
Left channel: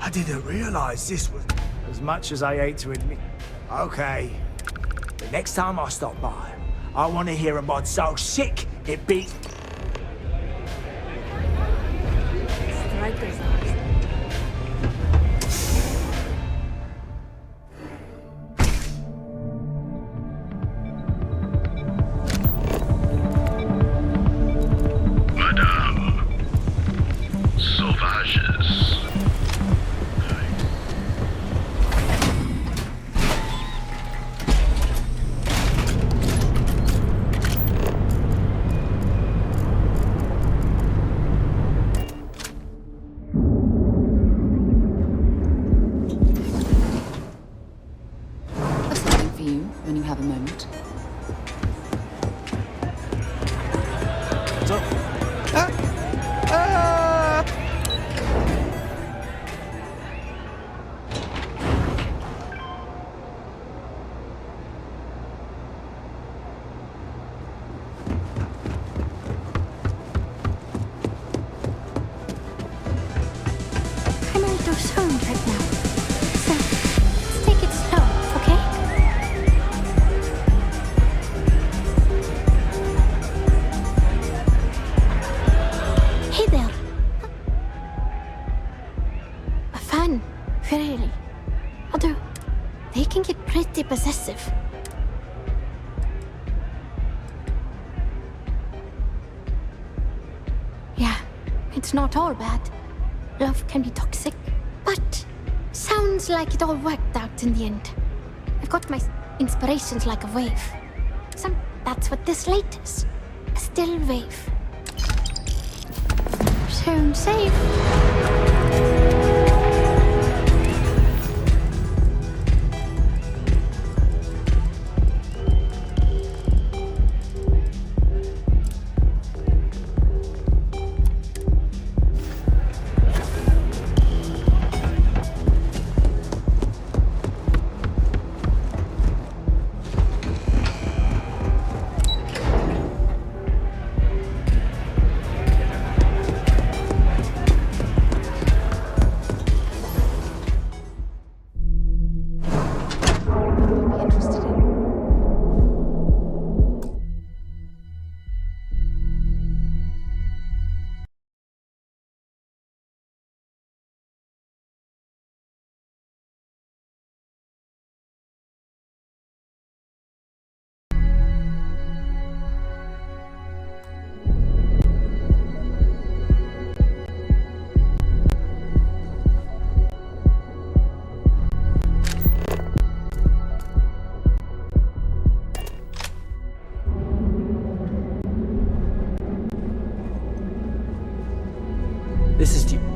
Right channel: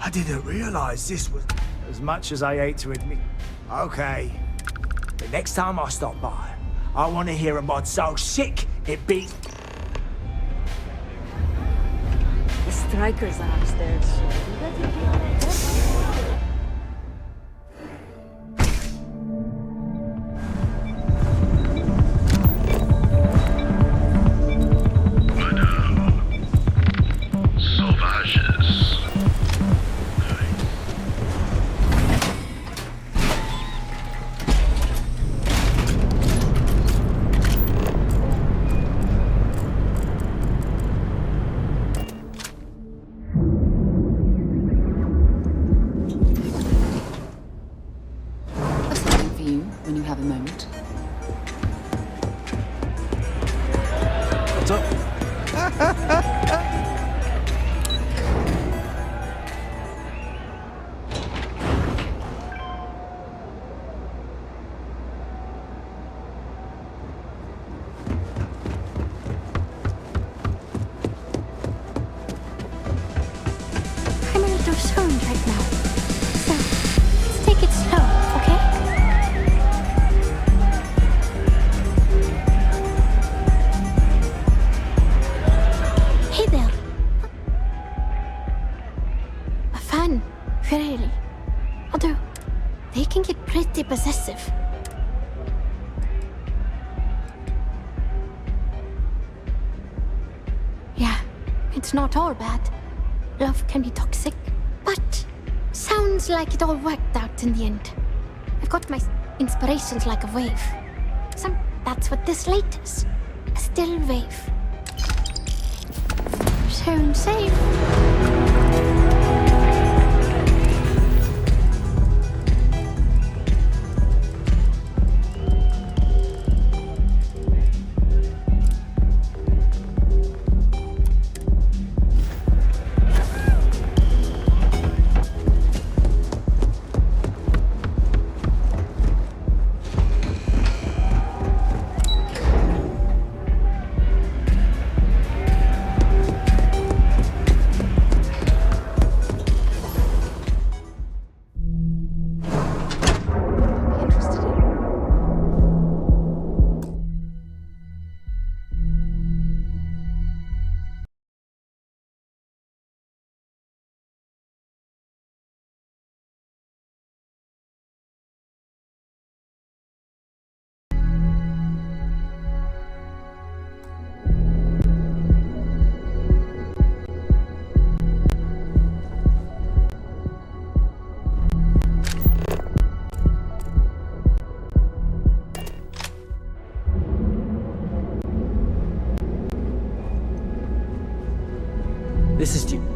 I didn't realize this was... As much as I hate to admit... Okay. The next time I stop by, I want to hear a mod so sick it beats... Strikers are upstairs. Madame. Sauvages. When you have a moment. What's up? I'm a little stoned right now. So, let's take it slow, okay? Hey there. A fan, really. Although, they can get pretty possessive. Yeah, it's not all bad. Love can be toxic, but sounds like it all worked out in the end. I've got my inspirations like a wave. That's what this slate is. A still wave. Sound safe.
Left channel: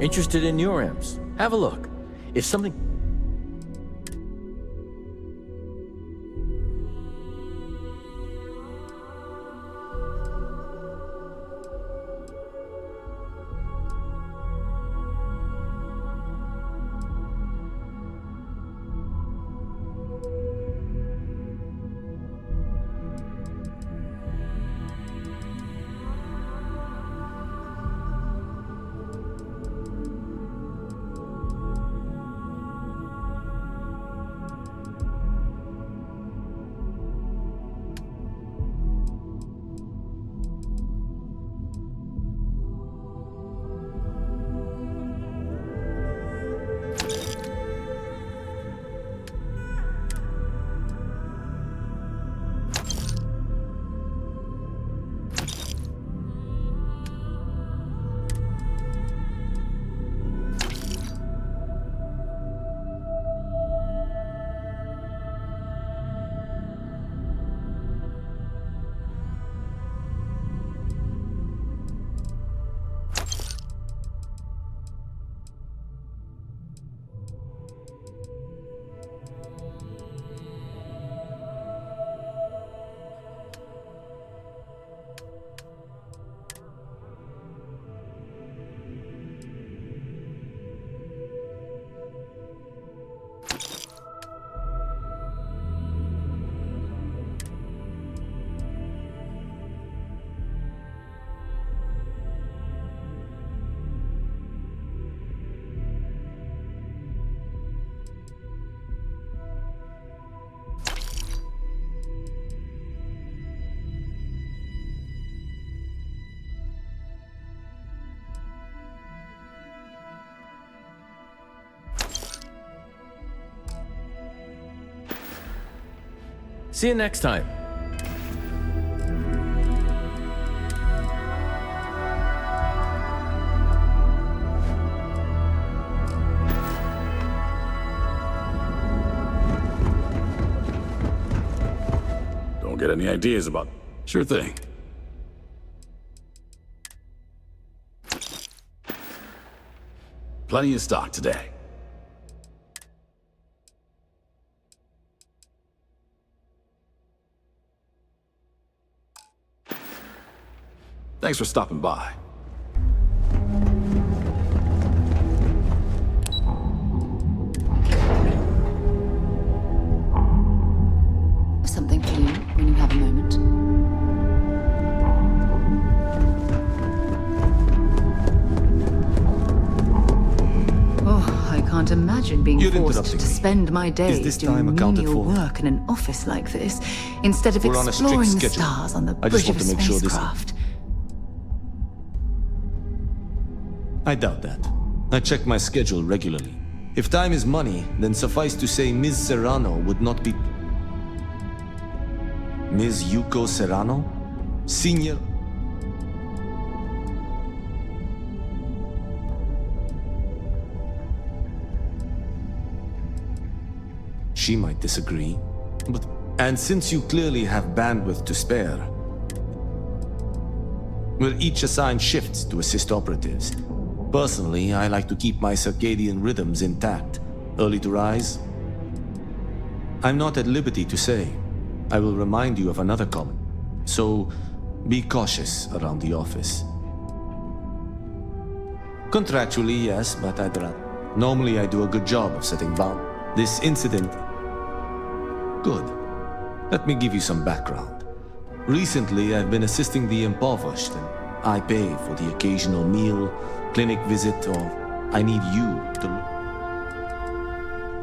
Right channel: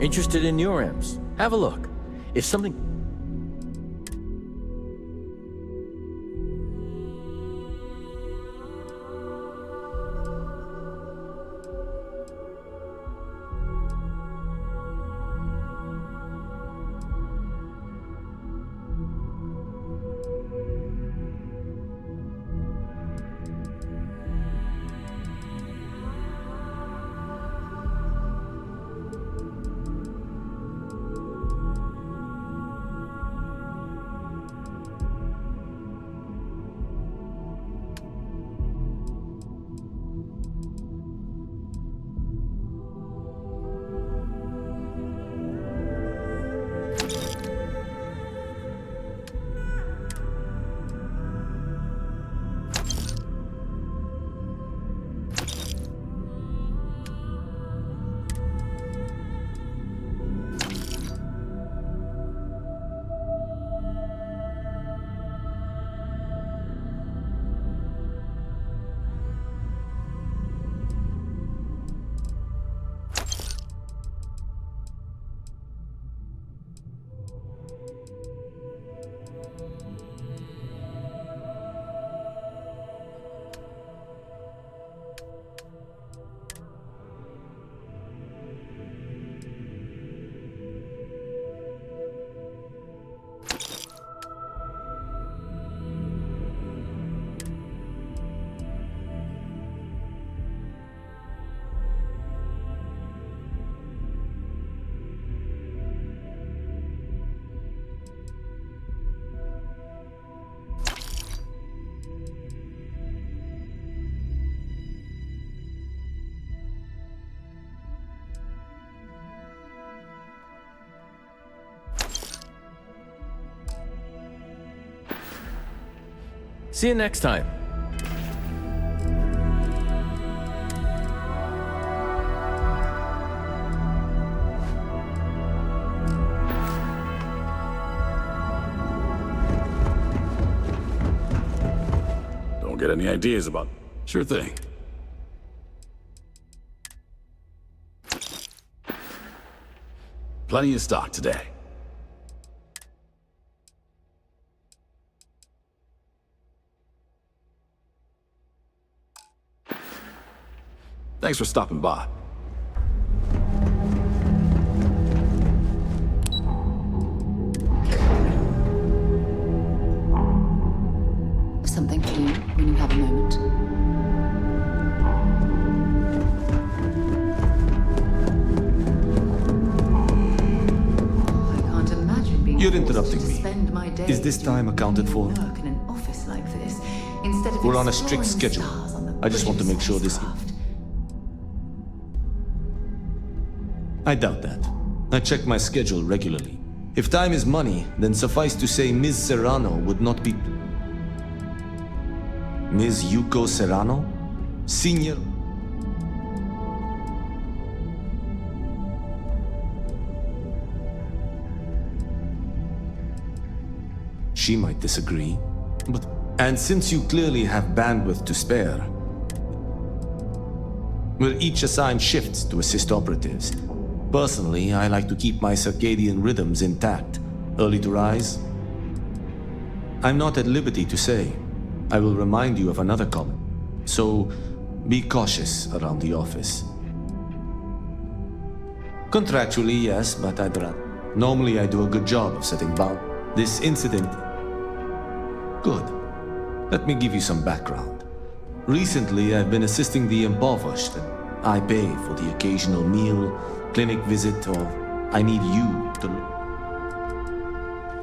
Interested in your imps? Have a look. If something... See you next time. Don't get any ideas about... Sure thing. Plenty of stock today. Thanks for stopping by. Something for you when you have a moment. Oh, I can't imagine being You're forced interrupting to me. spend my days Is this doing time accounted menial for? work in an office like this, instead of We're on a exploring strict the schedule. stars on the I just bridge want of to make sure this... spacecraft. I doubt that. I check my schedule regularly. If time is money, then suffice to say Ms. Serrano would not be... Ms. Yuko Serrano? Senior... She might disagree, but... And since you clearly have bandwidth to spare, we're each assigned shifts to assist operatives. Personally, I like to keep my circadian rhythms intact. Early to rise? I'm not at liberty to say. I will remind you of another comment. So, be cautious around the office. Contractually, yes, but I'd rather. Normally, I do a good job of setting boundaries. This incident... Good. Let me give you some background. Recently, I've been assisting the impoverished, and I pay for the occasional meal, clinic visit, or I need you to...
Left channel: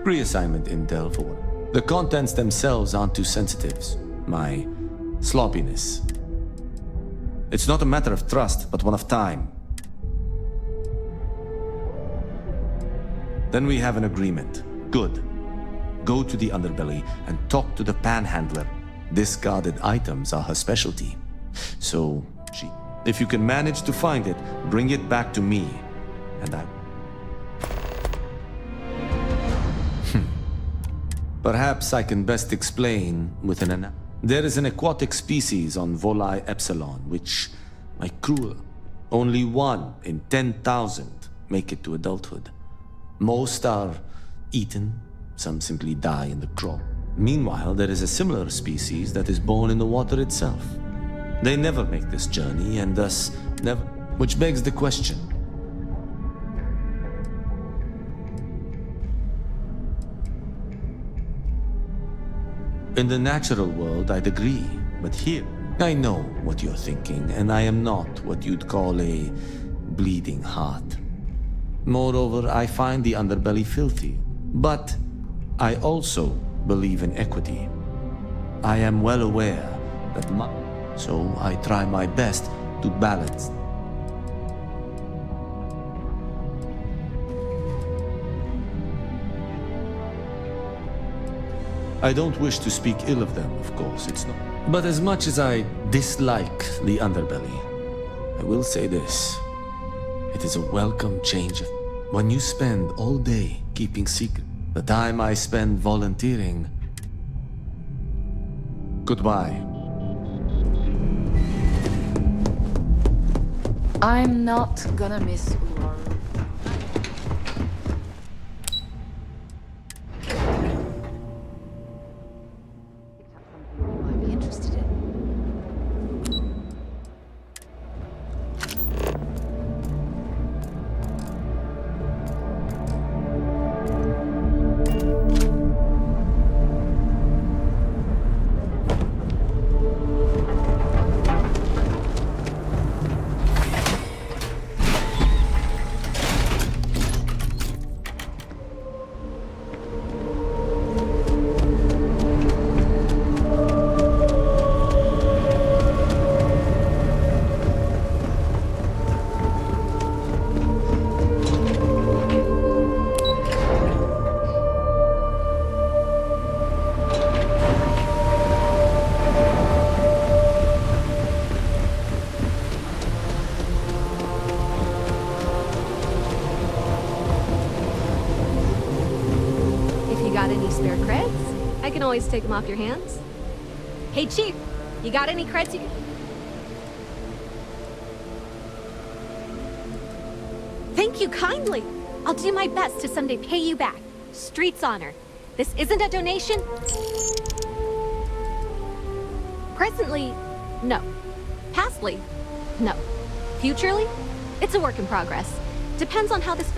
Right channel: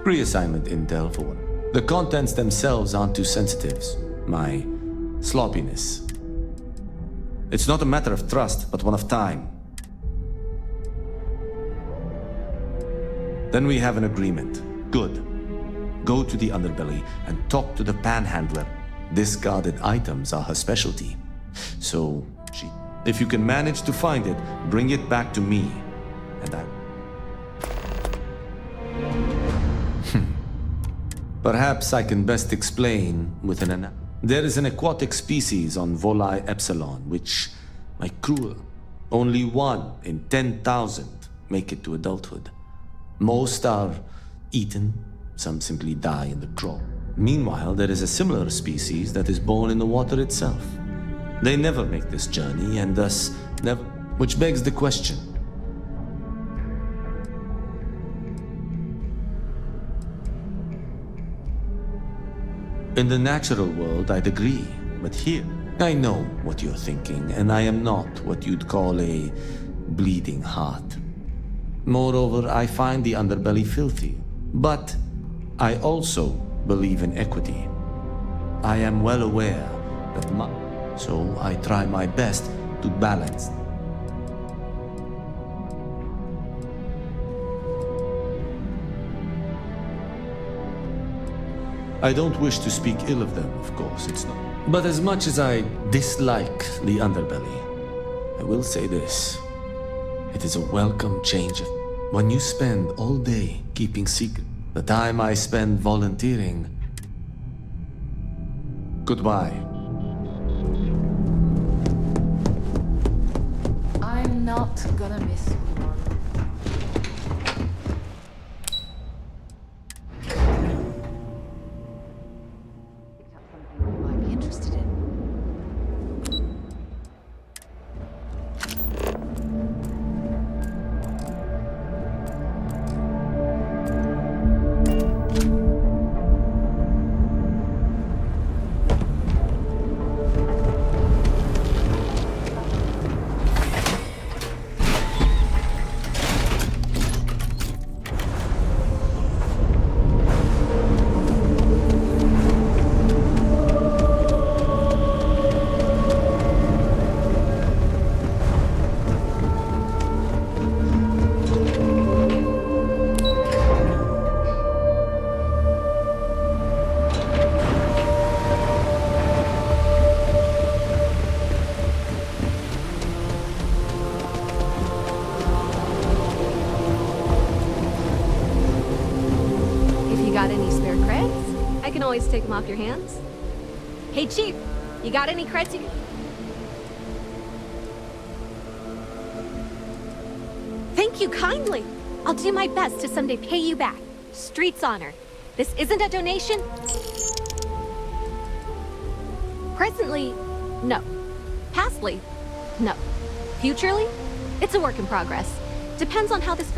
Reassignment intel for one. The contents themselves aren't too sensitive. My sloppiness. It's not a matter of trust, but one of time. Then we have an agreement. Good. Go to the underbelly and talk to the panhandler. Discarded items are her specialty. So, if you can manage to find it, bring it back to me, and I... Perhaps I can best explain with an... There is an aquatic species on Volai Epsilon, which, my crew, only one in 10,000 make it to adulthood. Most are eaten, some simply die in the crawl. Meanwhile, there is a similar species that is born in the water itself. They never make this journey, and thus never... Which begs the question. In the natural world, I'd agree, but here, I know what you're thinking, and I am not what you'd call a bleeding heart. Moreover, I find the underbelly filthy, but I also believe in equity. I am well aware that so I try my best to balance. I don't wish to speak ill of them, of course, it's not. But as much as I dislike the underbelly, I will say this. It is a welcome change of... When you spend all day keeping secret, the time I spend volunteering... Goodbye. I'm not gonna miss one. Picked up something you might be interested in. Got any spare creds? I can always take them off your hands. Hey, Chief, you got any creds you can... Thank you kindly. I'll do my best to someday pay you back. Street's honor. This isn't a donation. Presently, no. Pastly, no. Futurely, it's a work in progress. Depends on how this...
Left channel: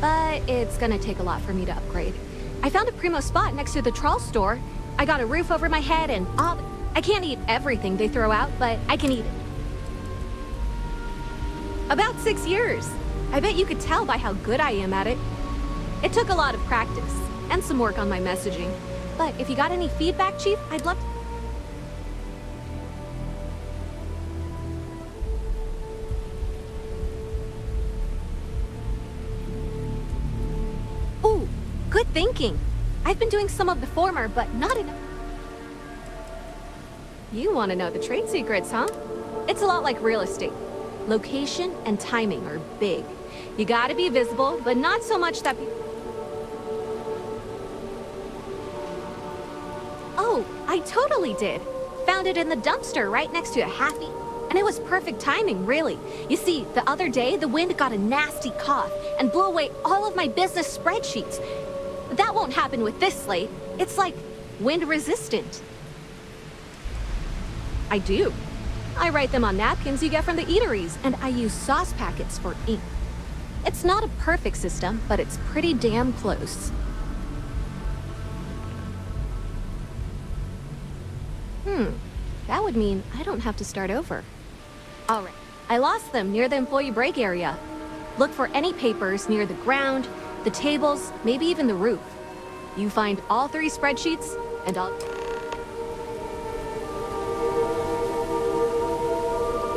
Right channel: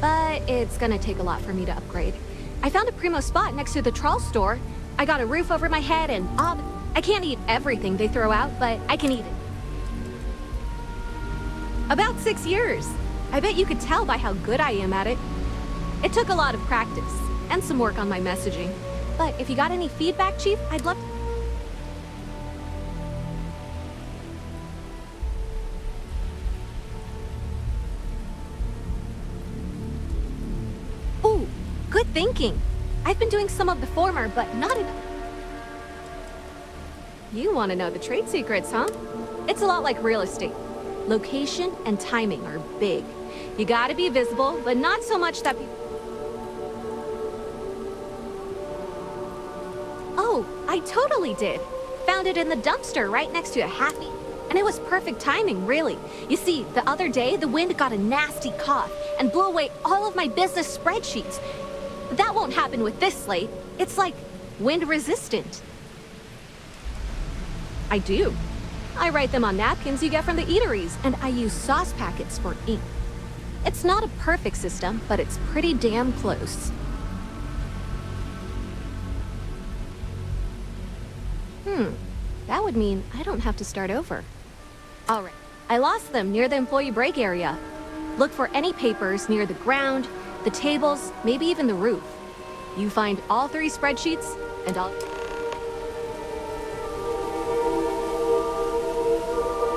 But it's gonna take a lot for me to upgrade. I found a primo spot next to the trawl store. I got a roof over my head and all... I can't eat everything they throw out, but I can eat it. About 6 years. I bet you could tell by how good I am at it. It took a lot of practice, and some work on my messaging. But if you got any feedback, Chief, I'd love to... Ooh, good thinking. I've been doing some of the former, but not enough. You want to know the trade secrets, huh? It's a lot like real estate. Location and timing are big. You gotta be visible, but not so much that people... Oh, I totally did. Found it in the dumpster right next to a halfie. And it was perfect timing, really. You see, the other day, the wind got a nasty cough and blew away all of my business spreadsheets. That won't happen with this slate. It's like wind resistant. I do. I write them on napkins you get from the eateries, and I use sauce packets for ink. It's not a perfect system, but it's pretty damn close. That would mean I don't have to start over. All right, I lost them near the employee break area. Look for any papers near the ground, the tables, maybe even the roof. You find all 3 spreadsheets, and I'll...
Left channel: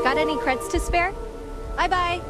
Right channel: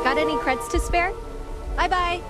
Got any creds to spare? Bye-bye.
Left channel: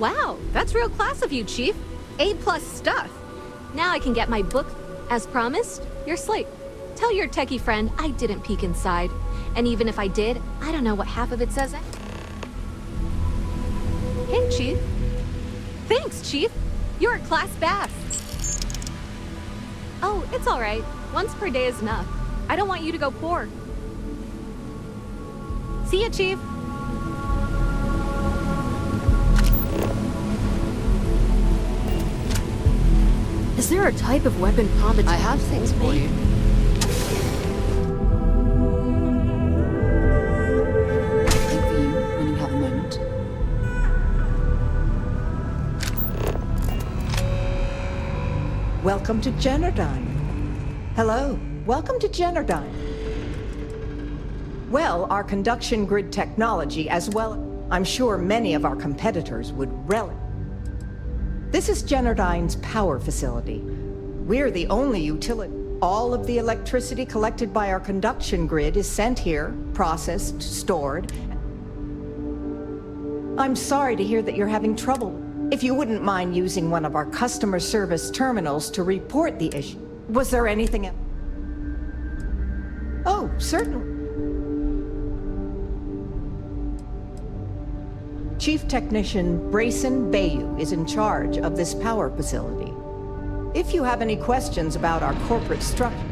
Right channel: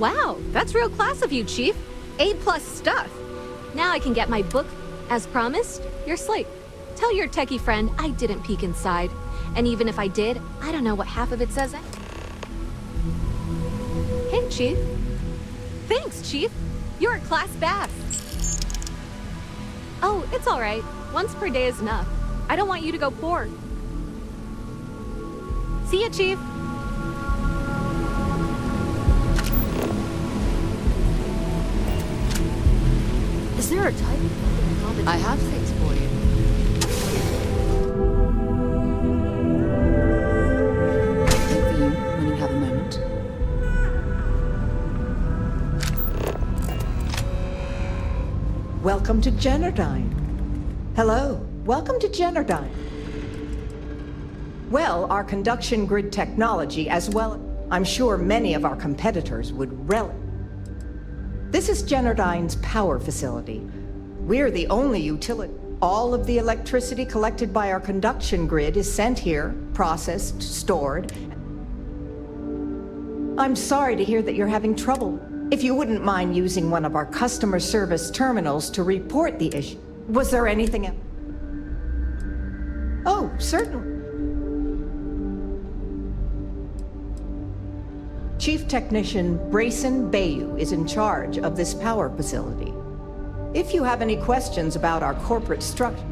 Wow, that's real class of you, Chief. A+ stuff. Now I can get my book. As promised, your slate. Tell your techie friend I didn't peek inside. And even if I did, I don't know what half of it says. Hey, Chief. Thanks, Chief. You're a class bass. Oh, it's all right. Once per day is enough. I don't want you to go poor. See ya, Chief. Is there a type of weapon combat? I have things for you. Think for you when you have a moment. Welcome to Generdyne. Hello, welcome to Generdyne. Well, our conduction grid technology, as well, I'm sure many of our competitors would relish. This is Generdyne's power facility. We're the only utility. All of the electricity collected by our conduction grid is sent here, processed, stored. I'm sorry to hear that you're having trouble. If you wouldn't mind using one of our customer service terminals to report the issue. Was there anything else? Oh, certainly. Chief Technician Brayson Bayou is in charge of this power facility. If you have any questions about our corporate structure,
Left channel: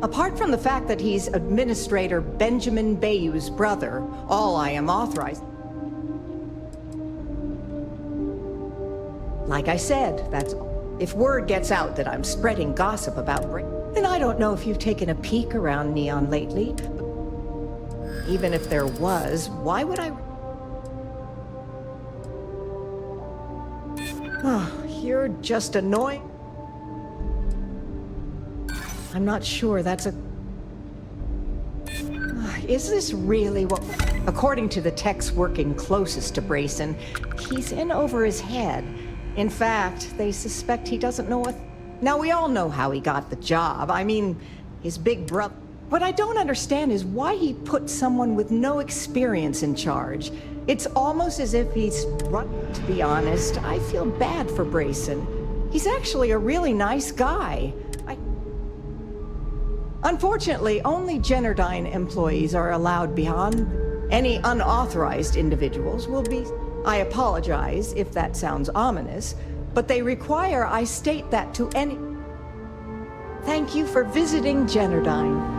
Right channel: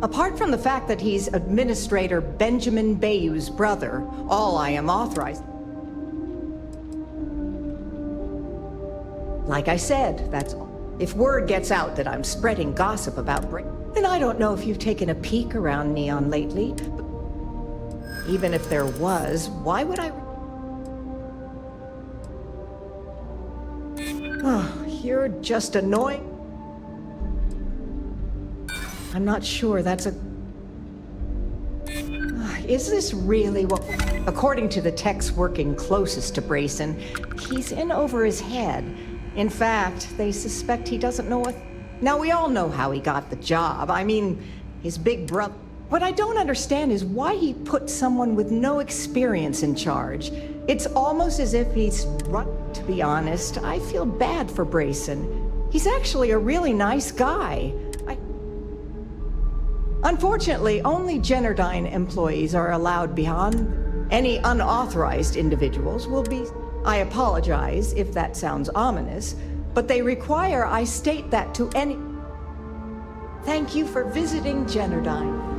apart from the fact that he's Administrator Benjamin Bayou's brother, all I am authorized. Like I said, that's all. If word gets out that I'm spreading gossip about then I don't know if you've taken a peek around Neon lately, but even if there was, why would I? Oh, you're just annoying. I'm not sure that's a... Is this really what... According to the techs working closest to Brayson, he's in over his head. In fact, they suspect he doesn't know what... Now, we all know how he got the job. I mean, his big brother... What I don't understand is why he put someone with no experience in charge. It's almost as if he's run. To be honest, I feel bad for Brayson. He's actually a really nice guy. Unfortunately, only Generdyne employees are allowed beyond. Any unauthorized individuals will be... I apologize if that sounds ominous, but they require I state that to any... Thank you for visiting Generdyne.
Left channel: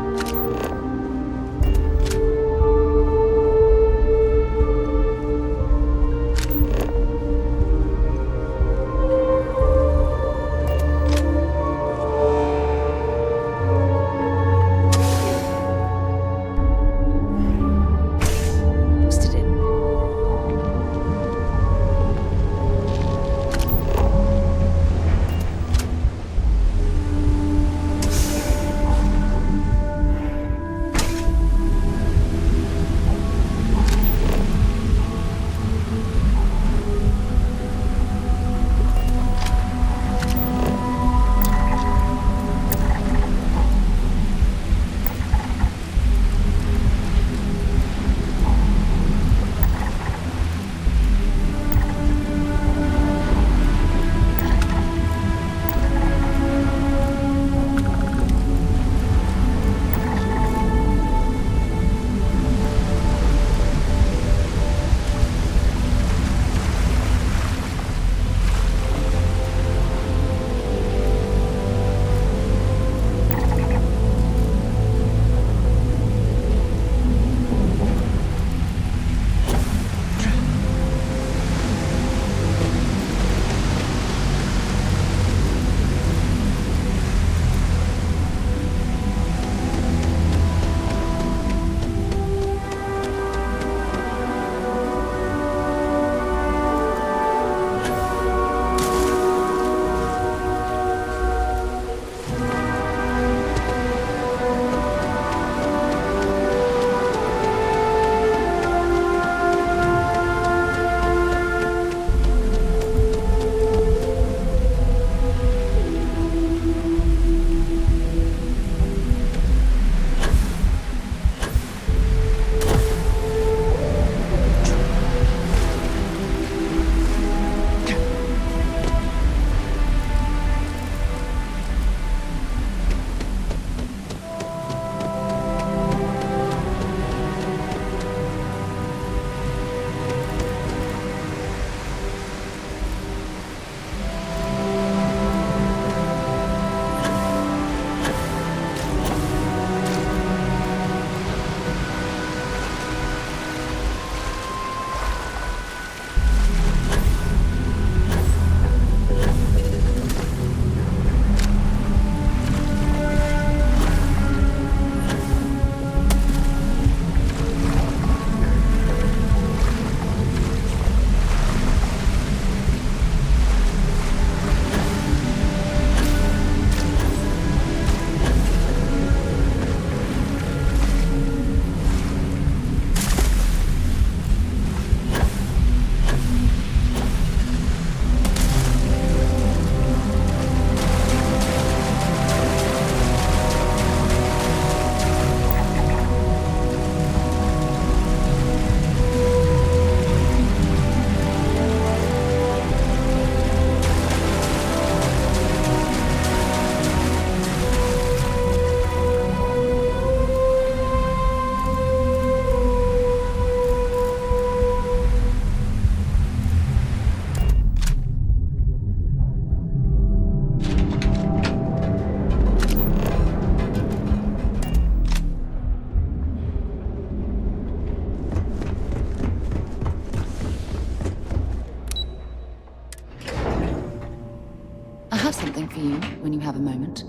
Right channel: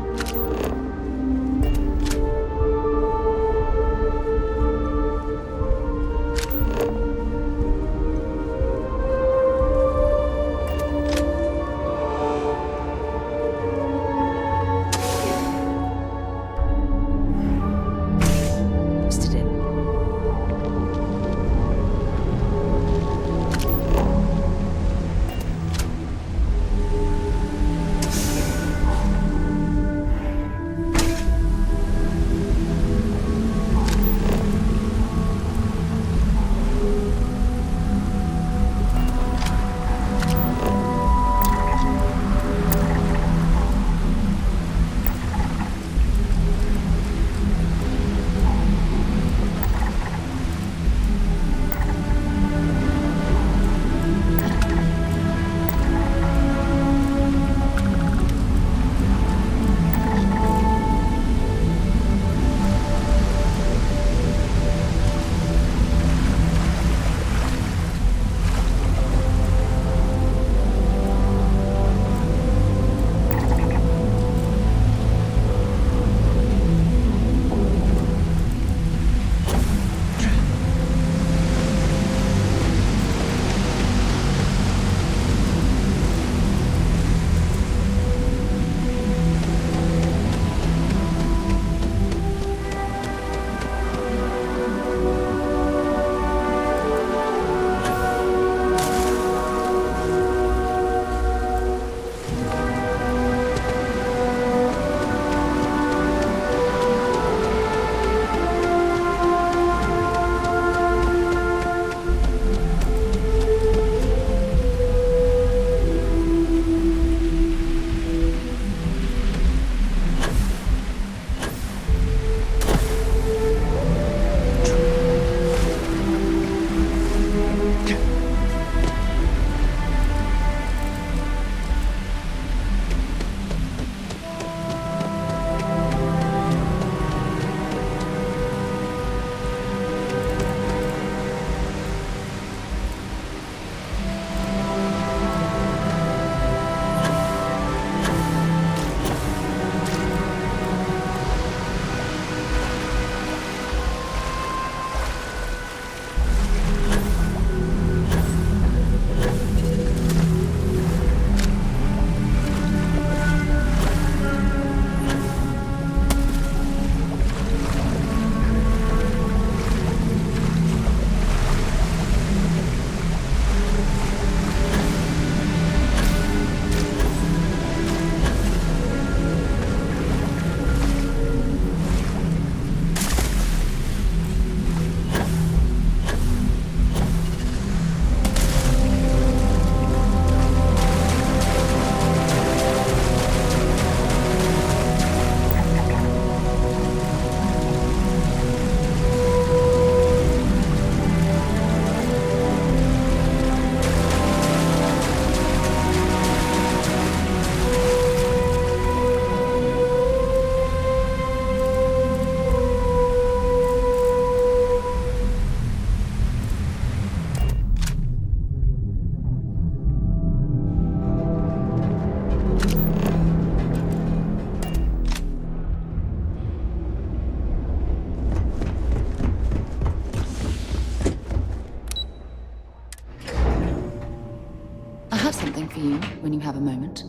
you when you have a moment.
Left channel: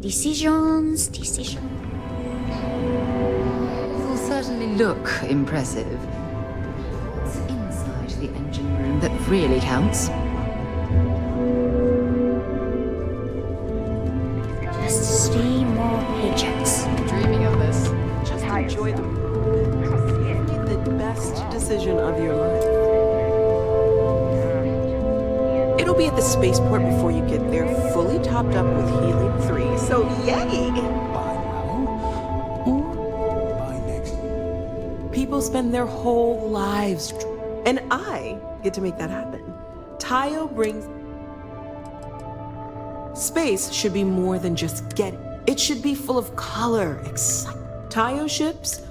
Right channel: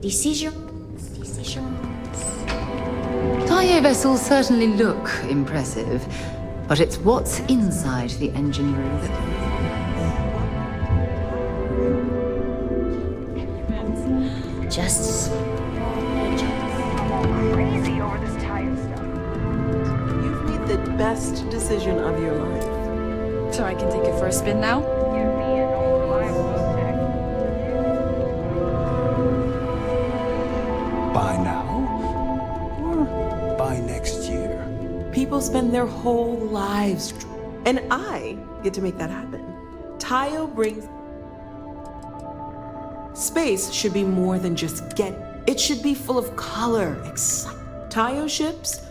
Decisions. Tayo vessels certainly look impressive, but it's what's inside the engine room that really counts. Just 3 more paychecks. You've made the best decision of your life. So I can take it for a spin now? It'll be at the spaceport before you get there, fully topped up with helium-3, so yay! By now? Or by next year? People spend their whole lives, and I get to make that happen. Tayo brings... Space should be more than just getting. It should be full of color, excitement. Tayo ships...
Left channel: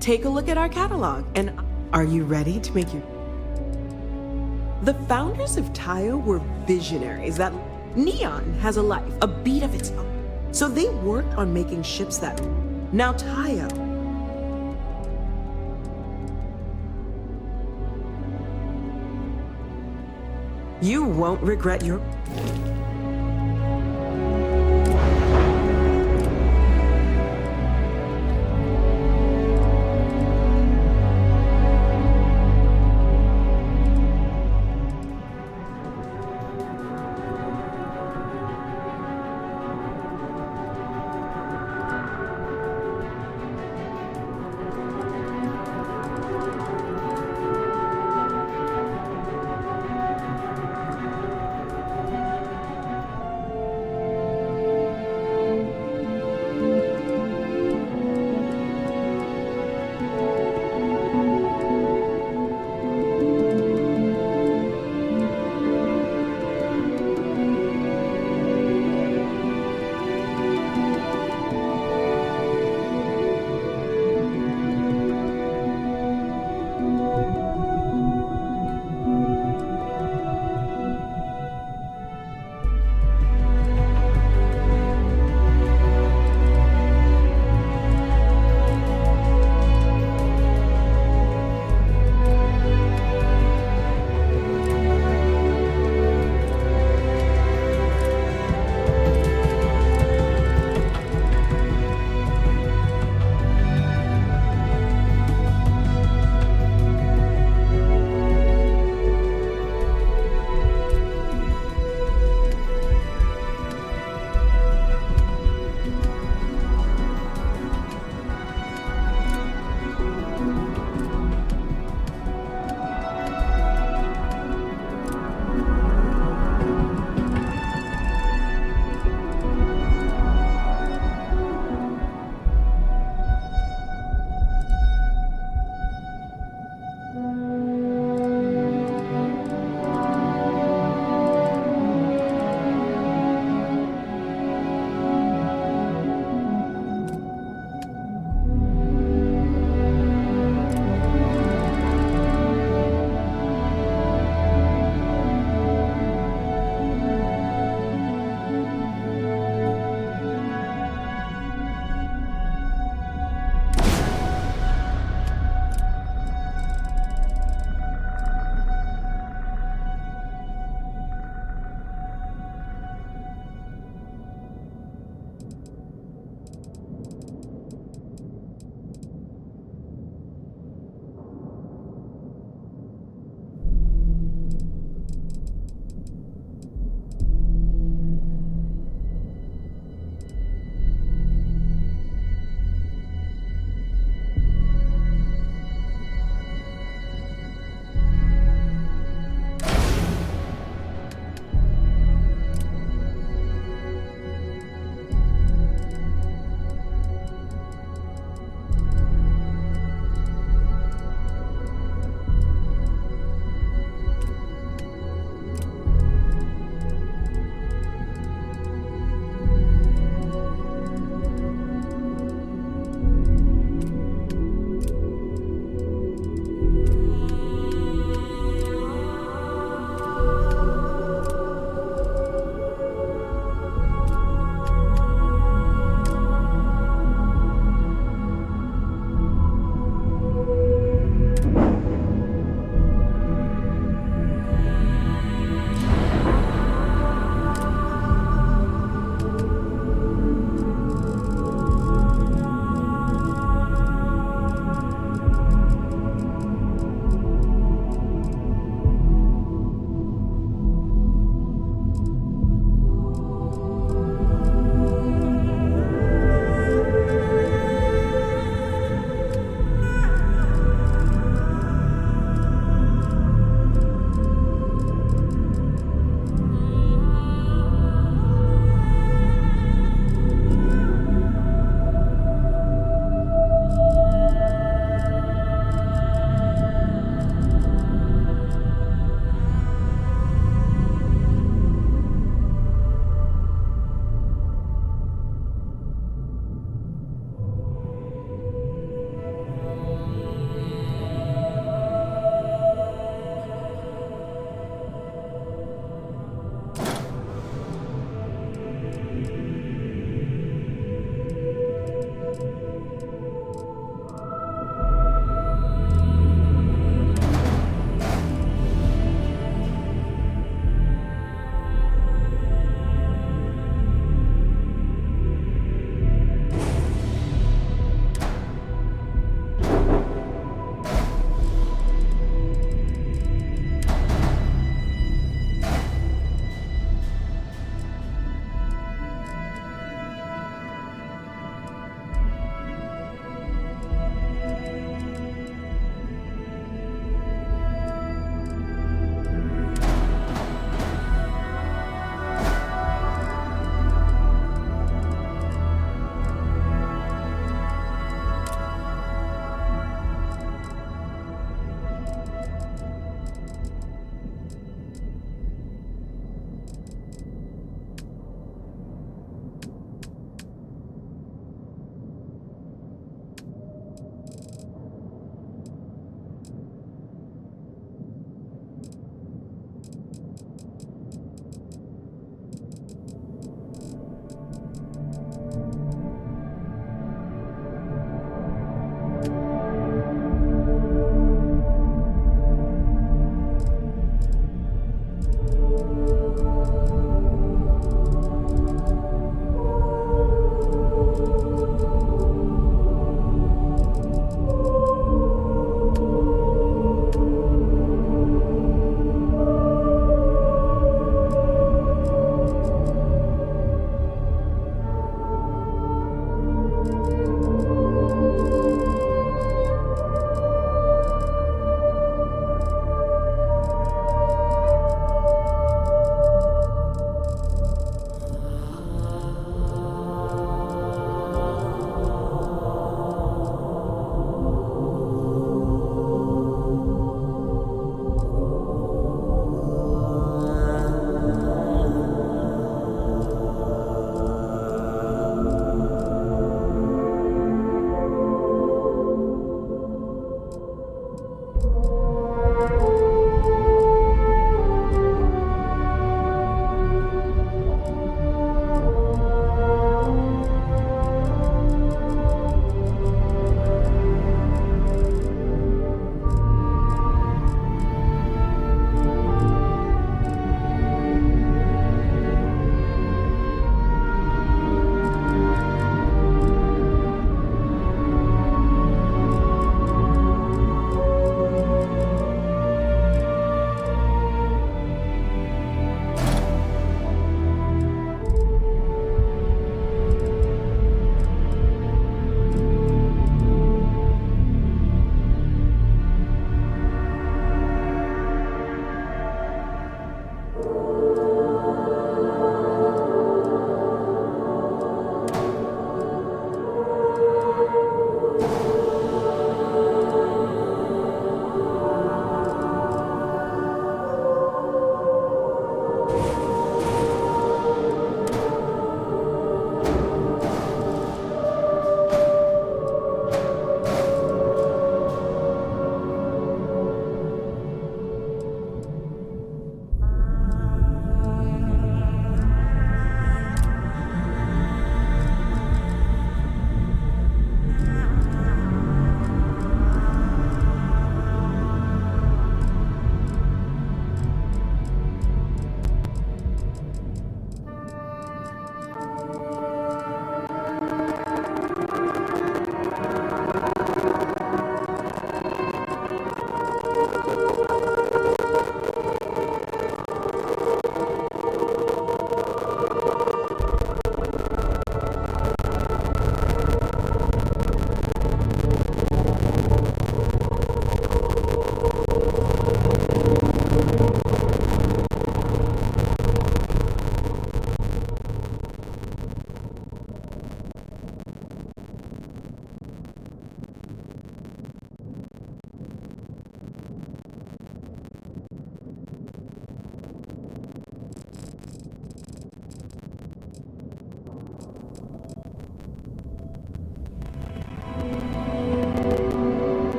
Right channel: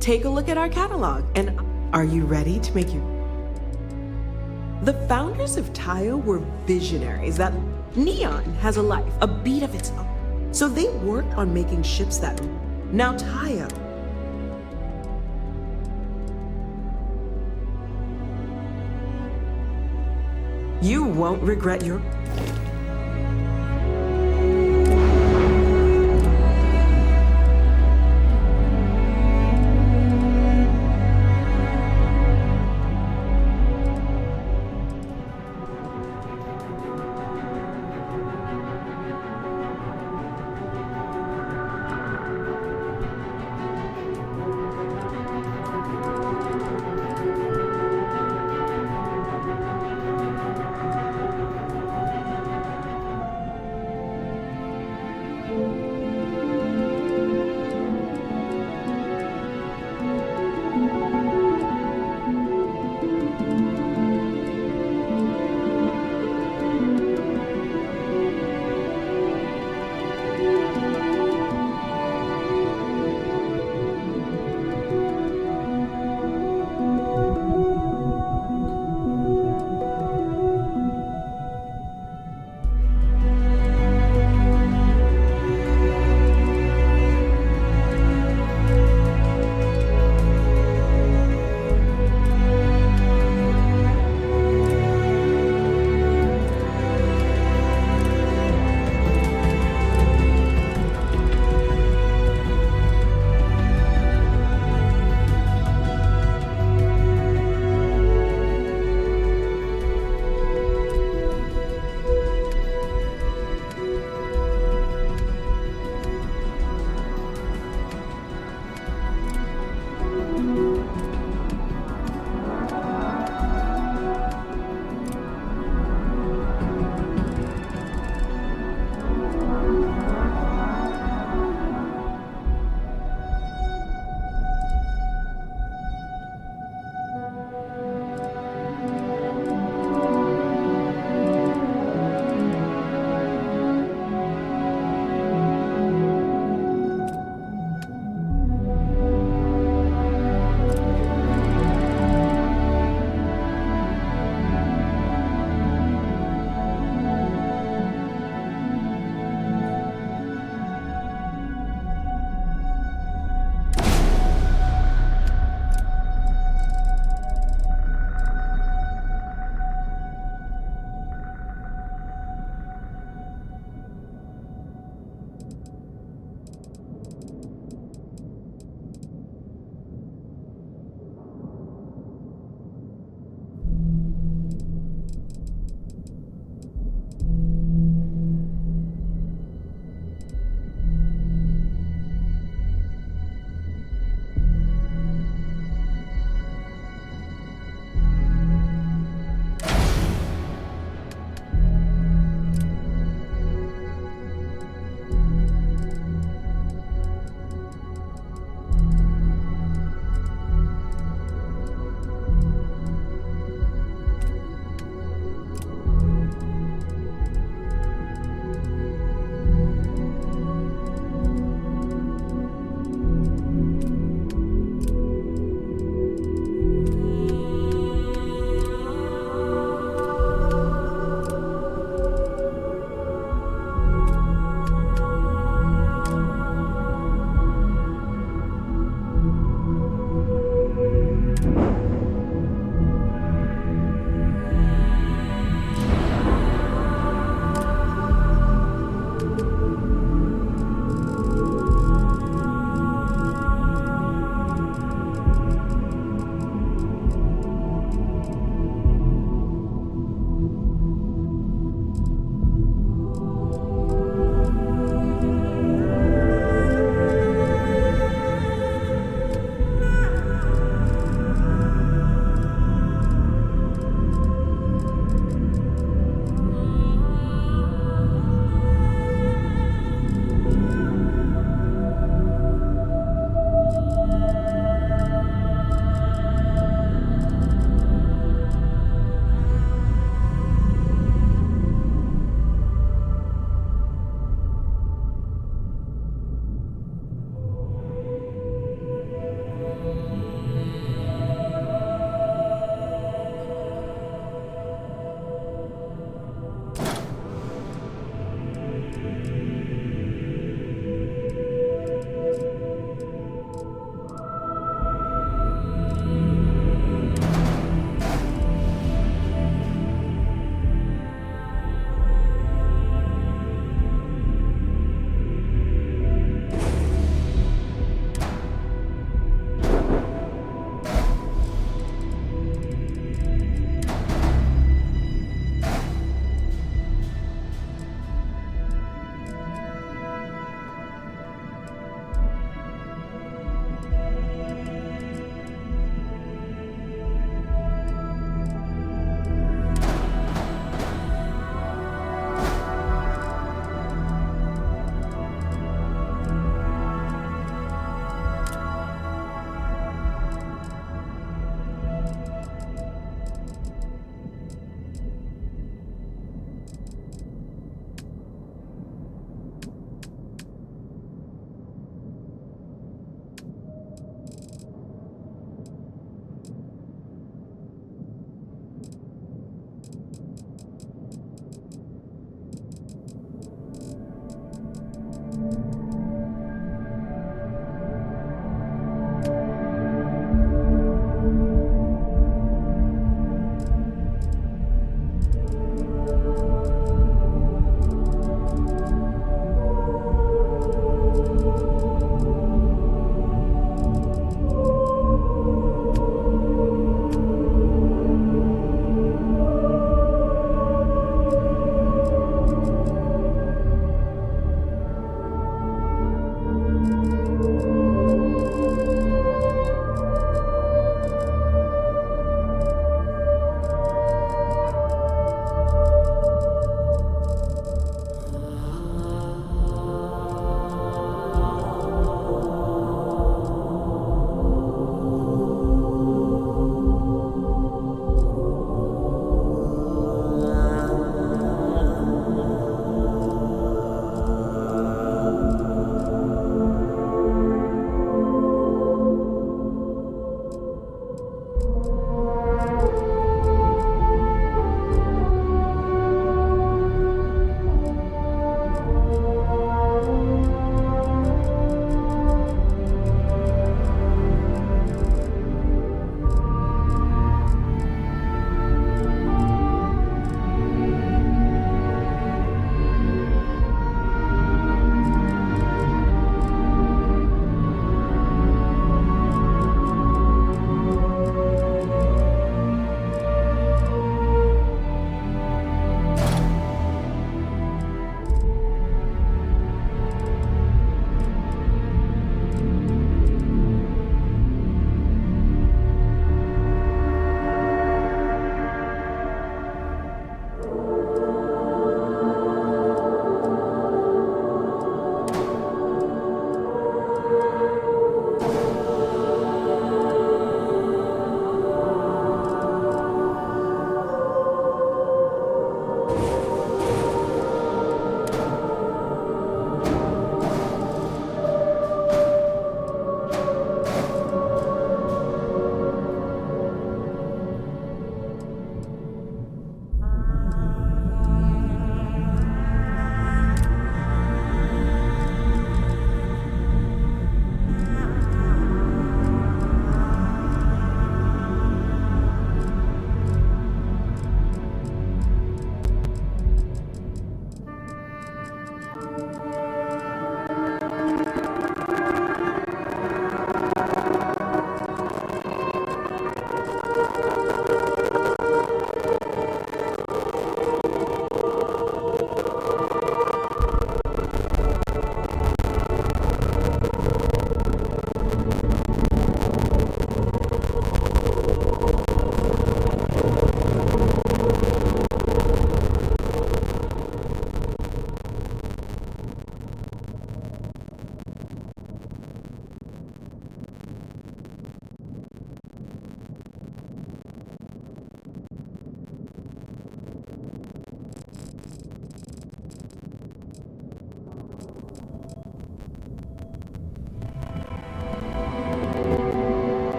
Take a look at our catalog, and are you ready to make your... The founders of Tayo were visionaries that Neon has a life, a beat of its own. So they worked on making ships that... Now Tayo... You won't regret your...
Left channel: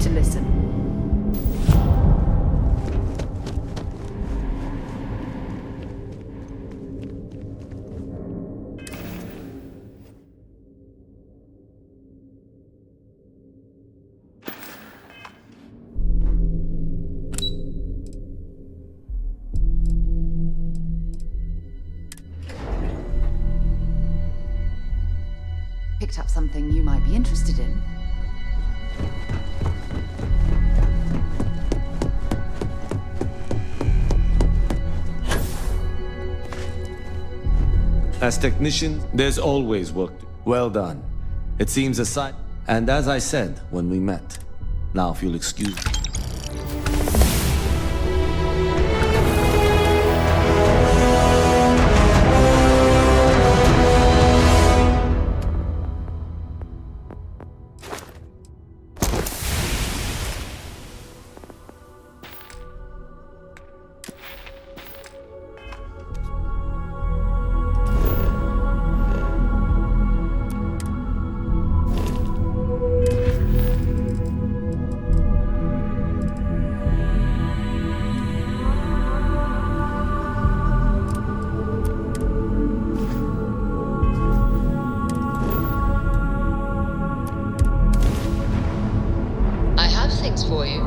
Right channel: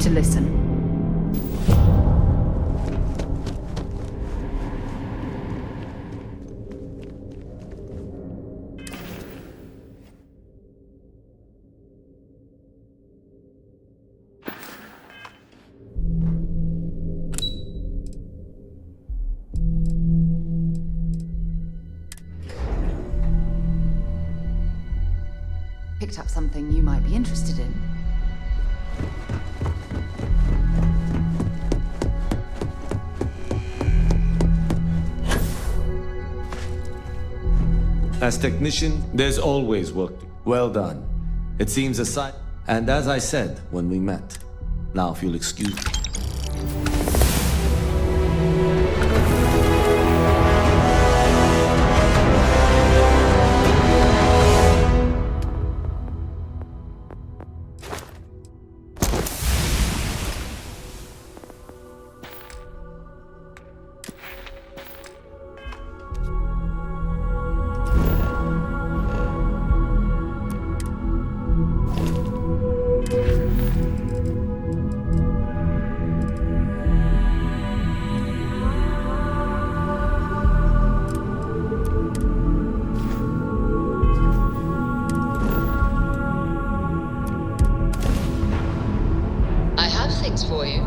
to listen. Picked up something you might be interested in. As technician, there's always work to do. Well done. It seems a sight. And as I said when we met, now if you'll excuse me. I have things for you.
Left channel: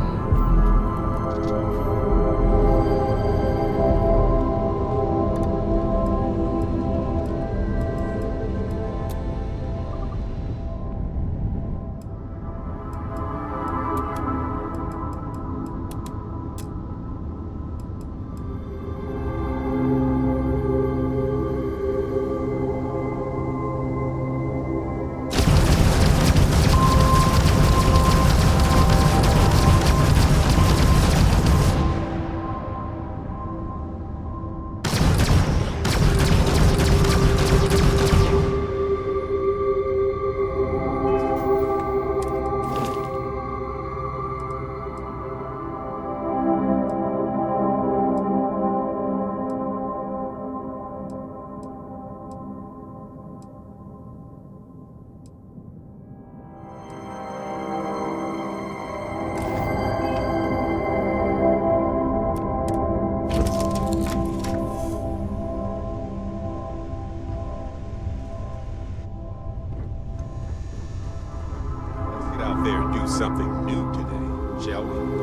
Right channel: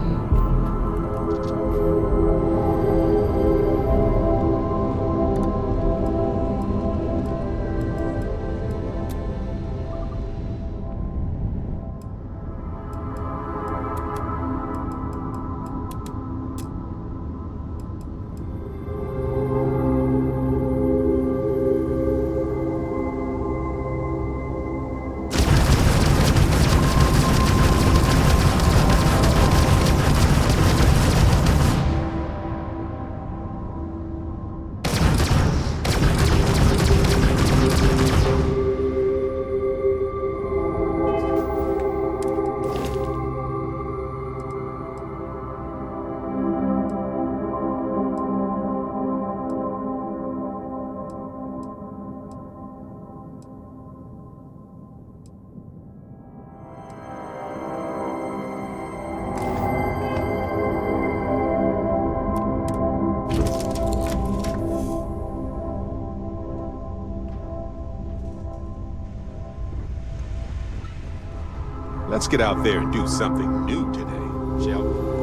Let's get out there and do something new today, shall we?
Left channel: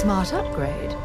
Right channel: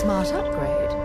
smart upgrade.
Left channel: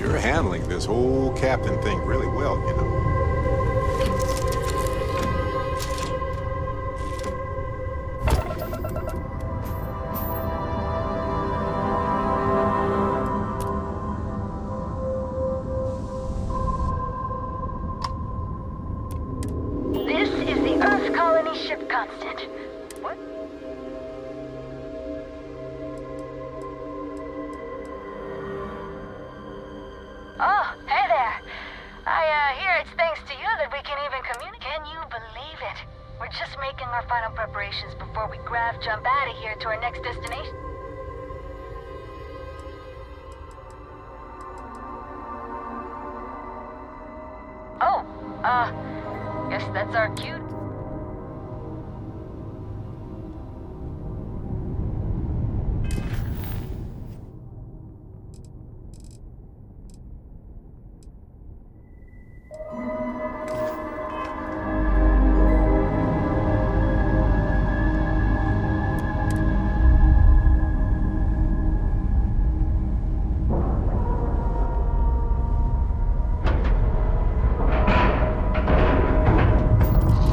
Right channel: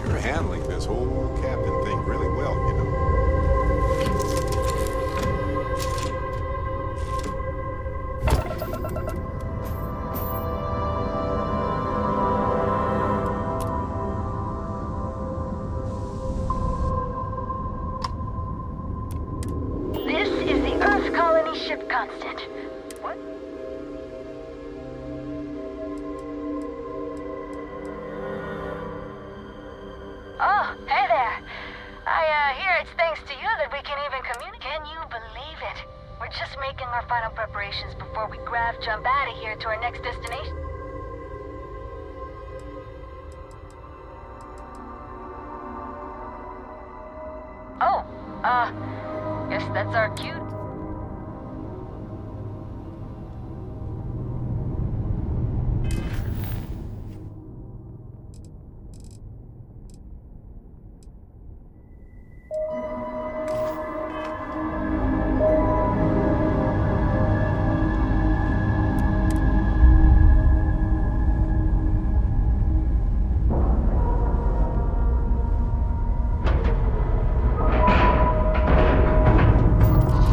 You're handling this whole captain thing really well, you know. This is the Earth Colony Ship Constant. What? Oh, hey there. I hear it's thanks to you that we can even communicate. Can you believe it? We're just making our final preparations before we jump out of here to our next destination. Oh, guess that's our cue.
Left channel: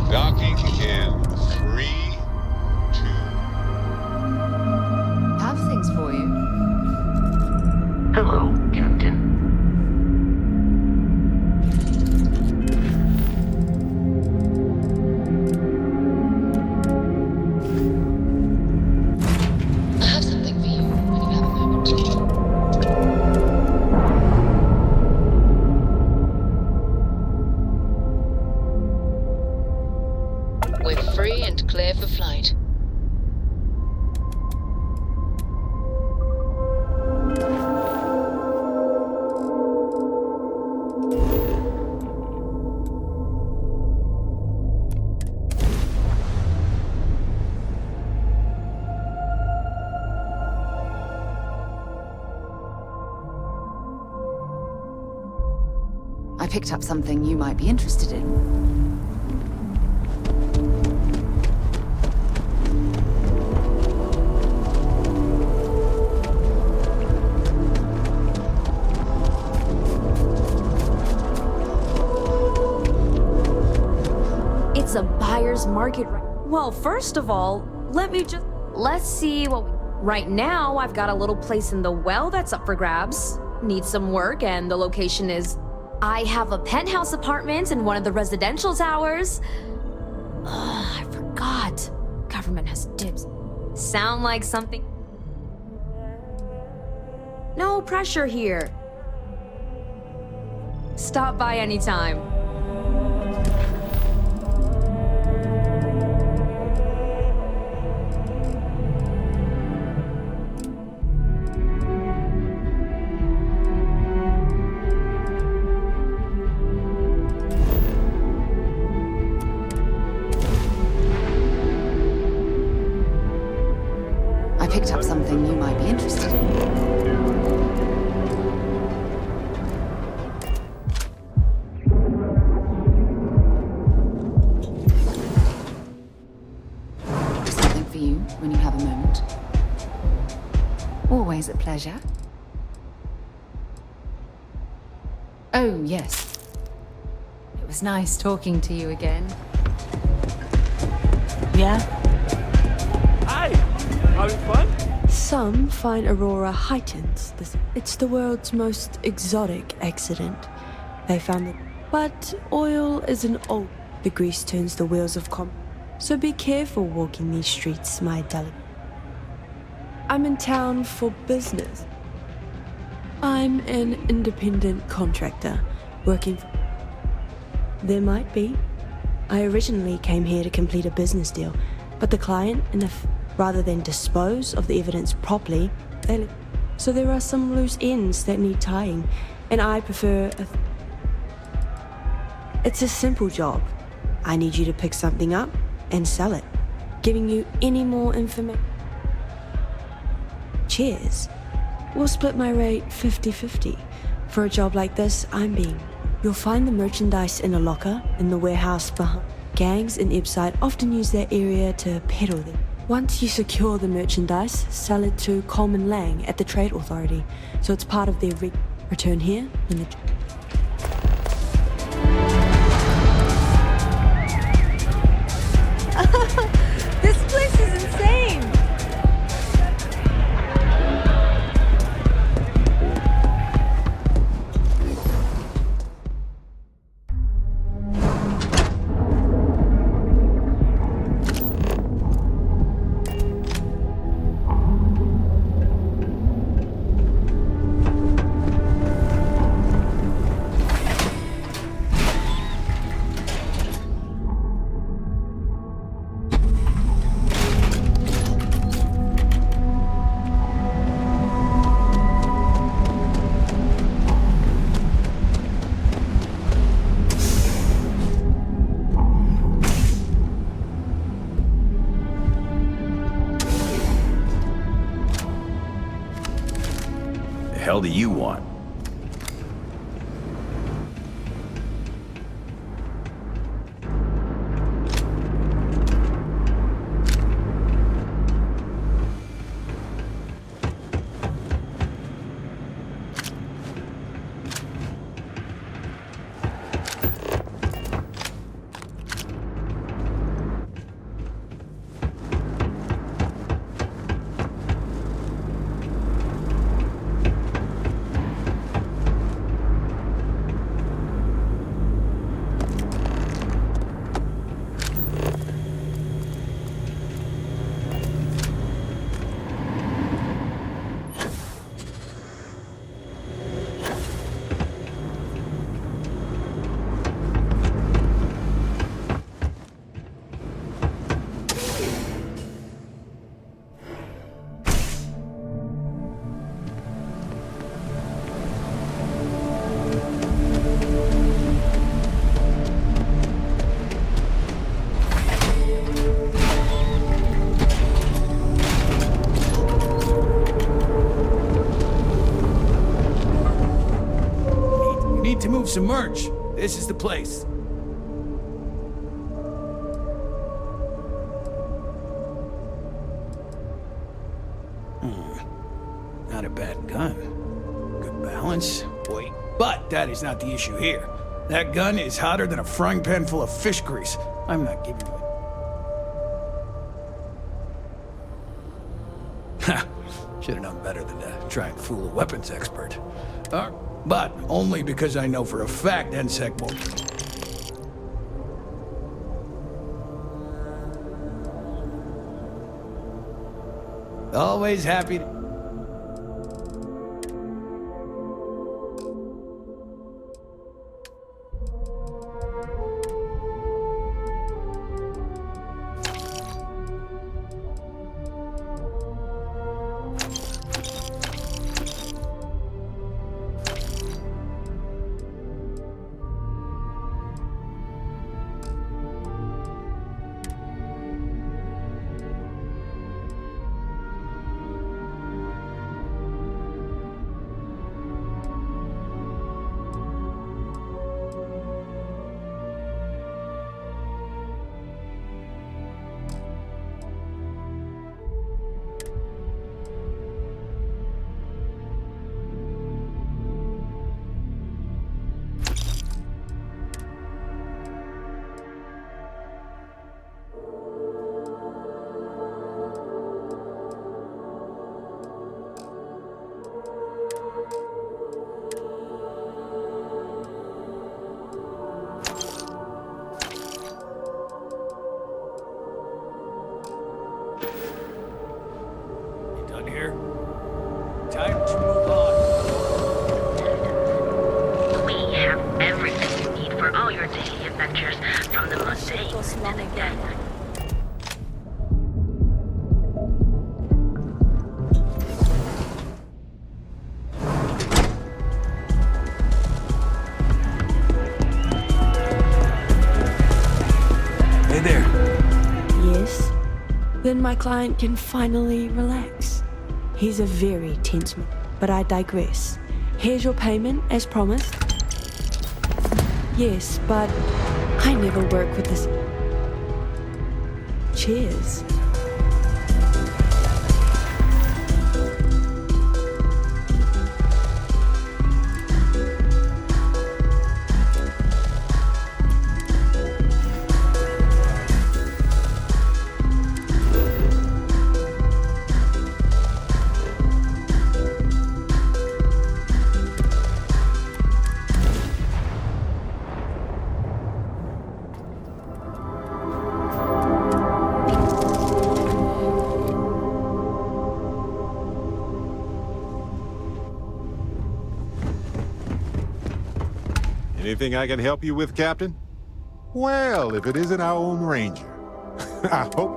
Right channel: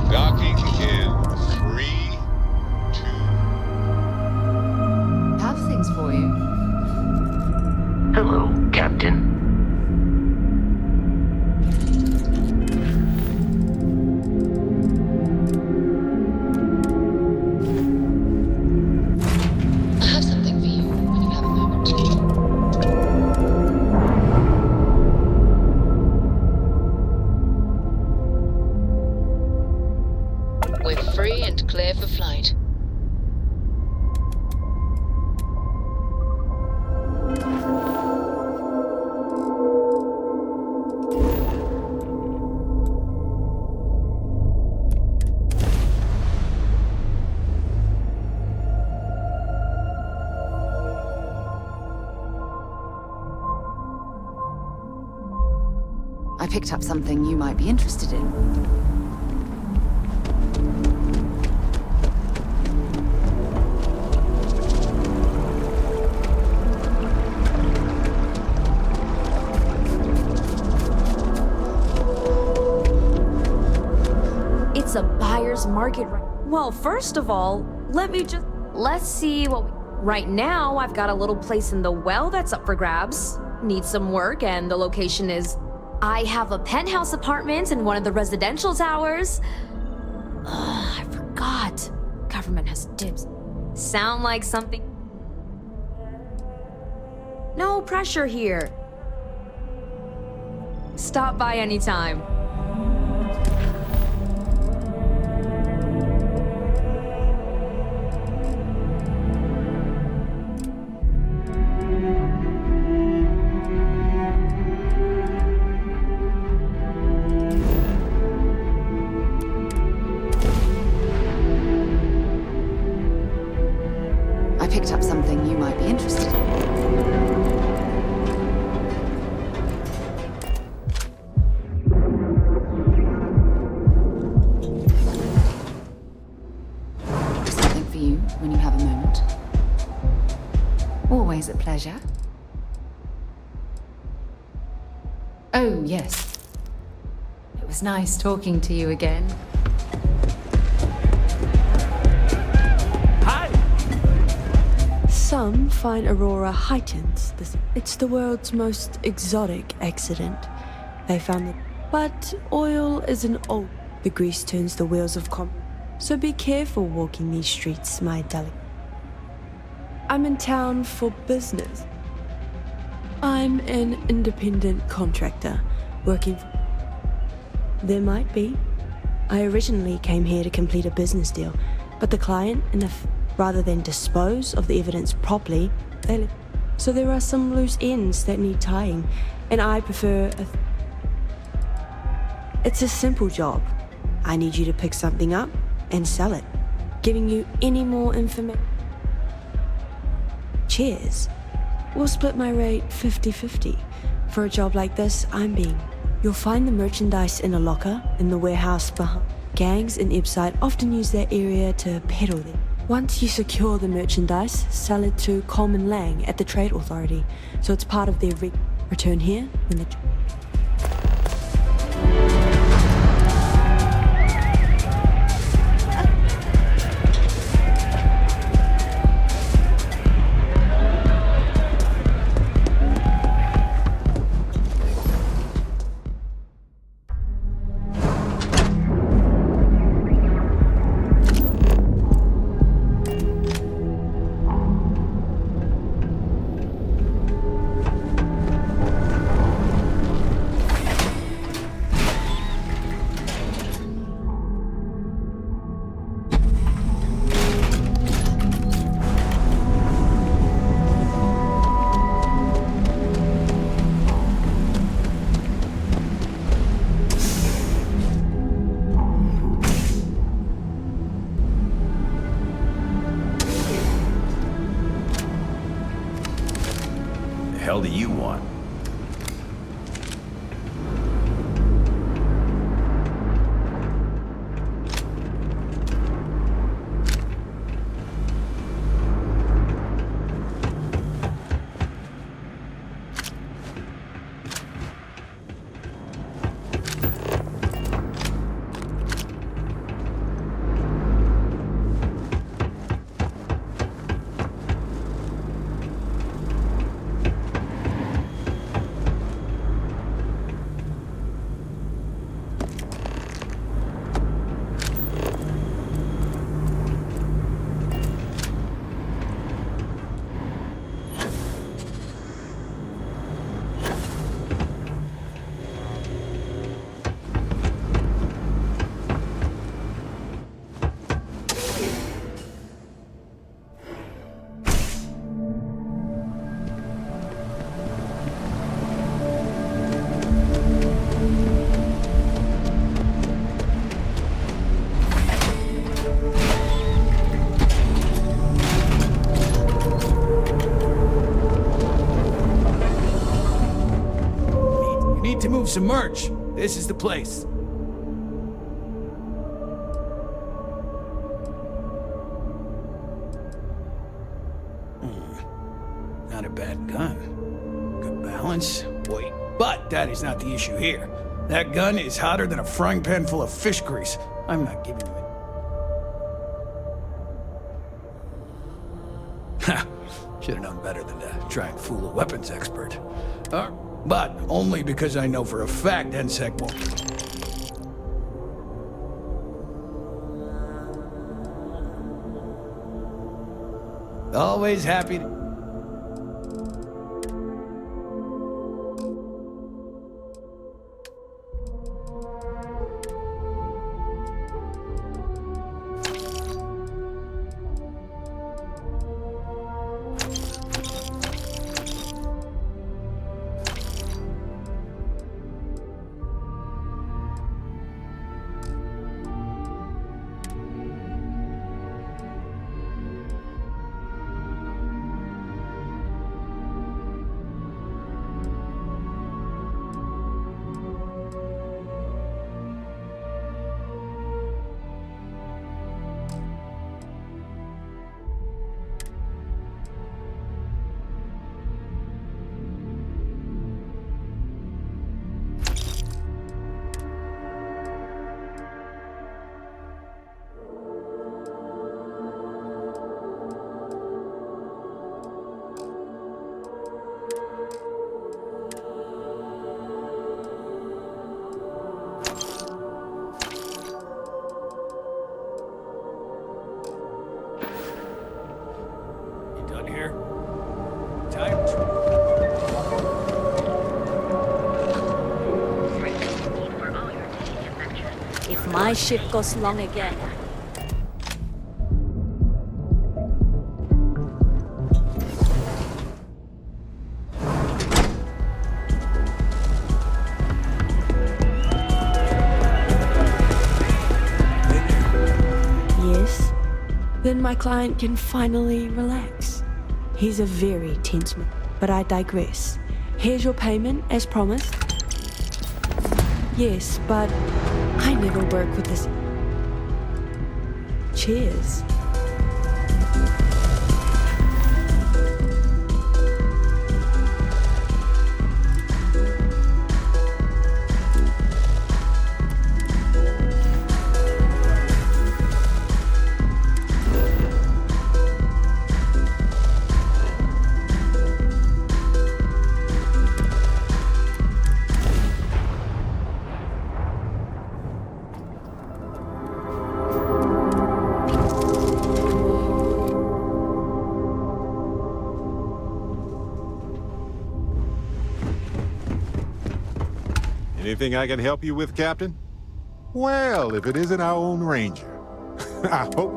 Docking in 3, 2. Have things for you. Hello, Captain. I have something for you when you have a moment. We're free and clear for flight. I picked up something you might be interested in. It's a buyer's market right. Well, first of all, let's see what we... Right now, I've got a little place in the well that's up for grabs. Needs some work, and the location is... I have a penthouse apartment in one of the residential towers. Ugh, I forgot. Government has dibs. Sound like something... No pressure here. Stop by anytime. I picked up something you might be interested in. Something for you when you have a moment. Always a pleasure. Oh, yes. was nice talking to you again. Yeah? Hi! Having fun? Some find Aurora heightens this. It's the world's most exotic accident. They found it. But oil is an old. The grease turns the wheels of so be careful walking these streets, my delicate. I'm in town for business. I'm an independent contractor, working for... There might be. I originally came here to complete a business deal, but the client, rather than dispose of the evidence properly, so there are some loose ends that need tying, and I prefer It's a simple job. I need you to pick something up and sell it. Giving you any more information. Cheers. We'll split my rate 50-50. For a job like this, You'll find the merchandise in a locker in the warehouse behind. Gangs in Ibside often use that area to peddle them. Once you secure the merchandise, sell it to Coleman Lang at the Trade Authority, so it's part of their return here when the... This place is insane! The hell do you want? To move some merch. This is the place. Not a bad gun. Good balance, weight. But that is not the issue here. That gun is hotter than a frying pan full of fish grease. I'm not giving you it. Ha! Should have known better than to try and fool a weapons expert. But only because I know for a fact NSEC won't. Always happy to... Time to move on. We have everything you need for all your daily adventures. From the My ship goes long again. Hey there. Yes? Then my client can finally relax. He's a very tense man, but I digress. Here's your payment, as promised. Yes, but I never work with this. Cheers. Anything I can help you with, Captain? Well, if it isn't our own Ranger. I hope...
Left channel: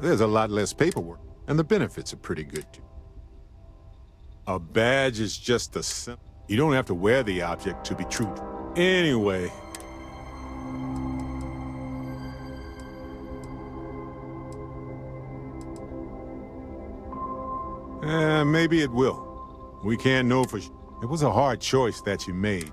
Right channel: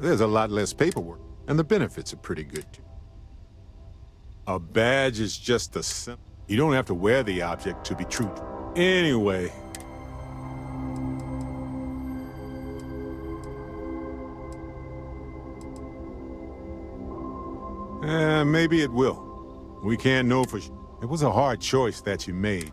There's a lot less paperwork, and the benefits are pretty good, too. A badge is just a symbol. You don't have to wear the object to be true. Anyway... maybe it will. We can't know for sure. It was a hard choice that you made.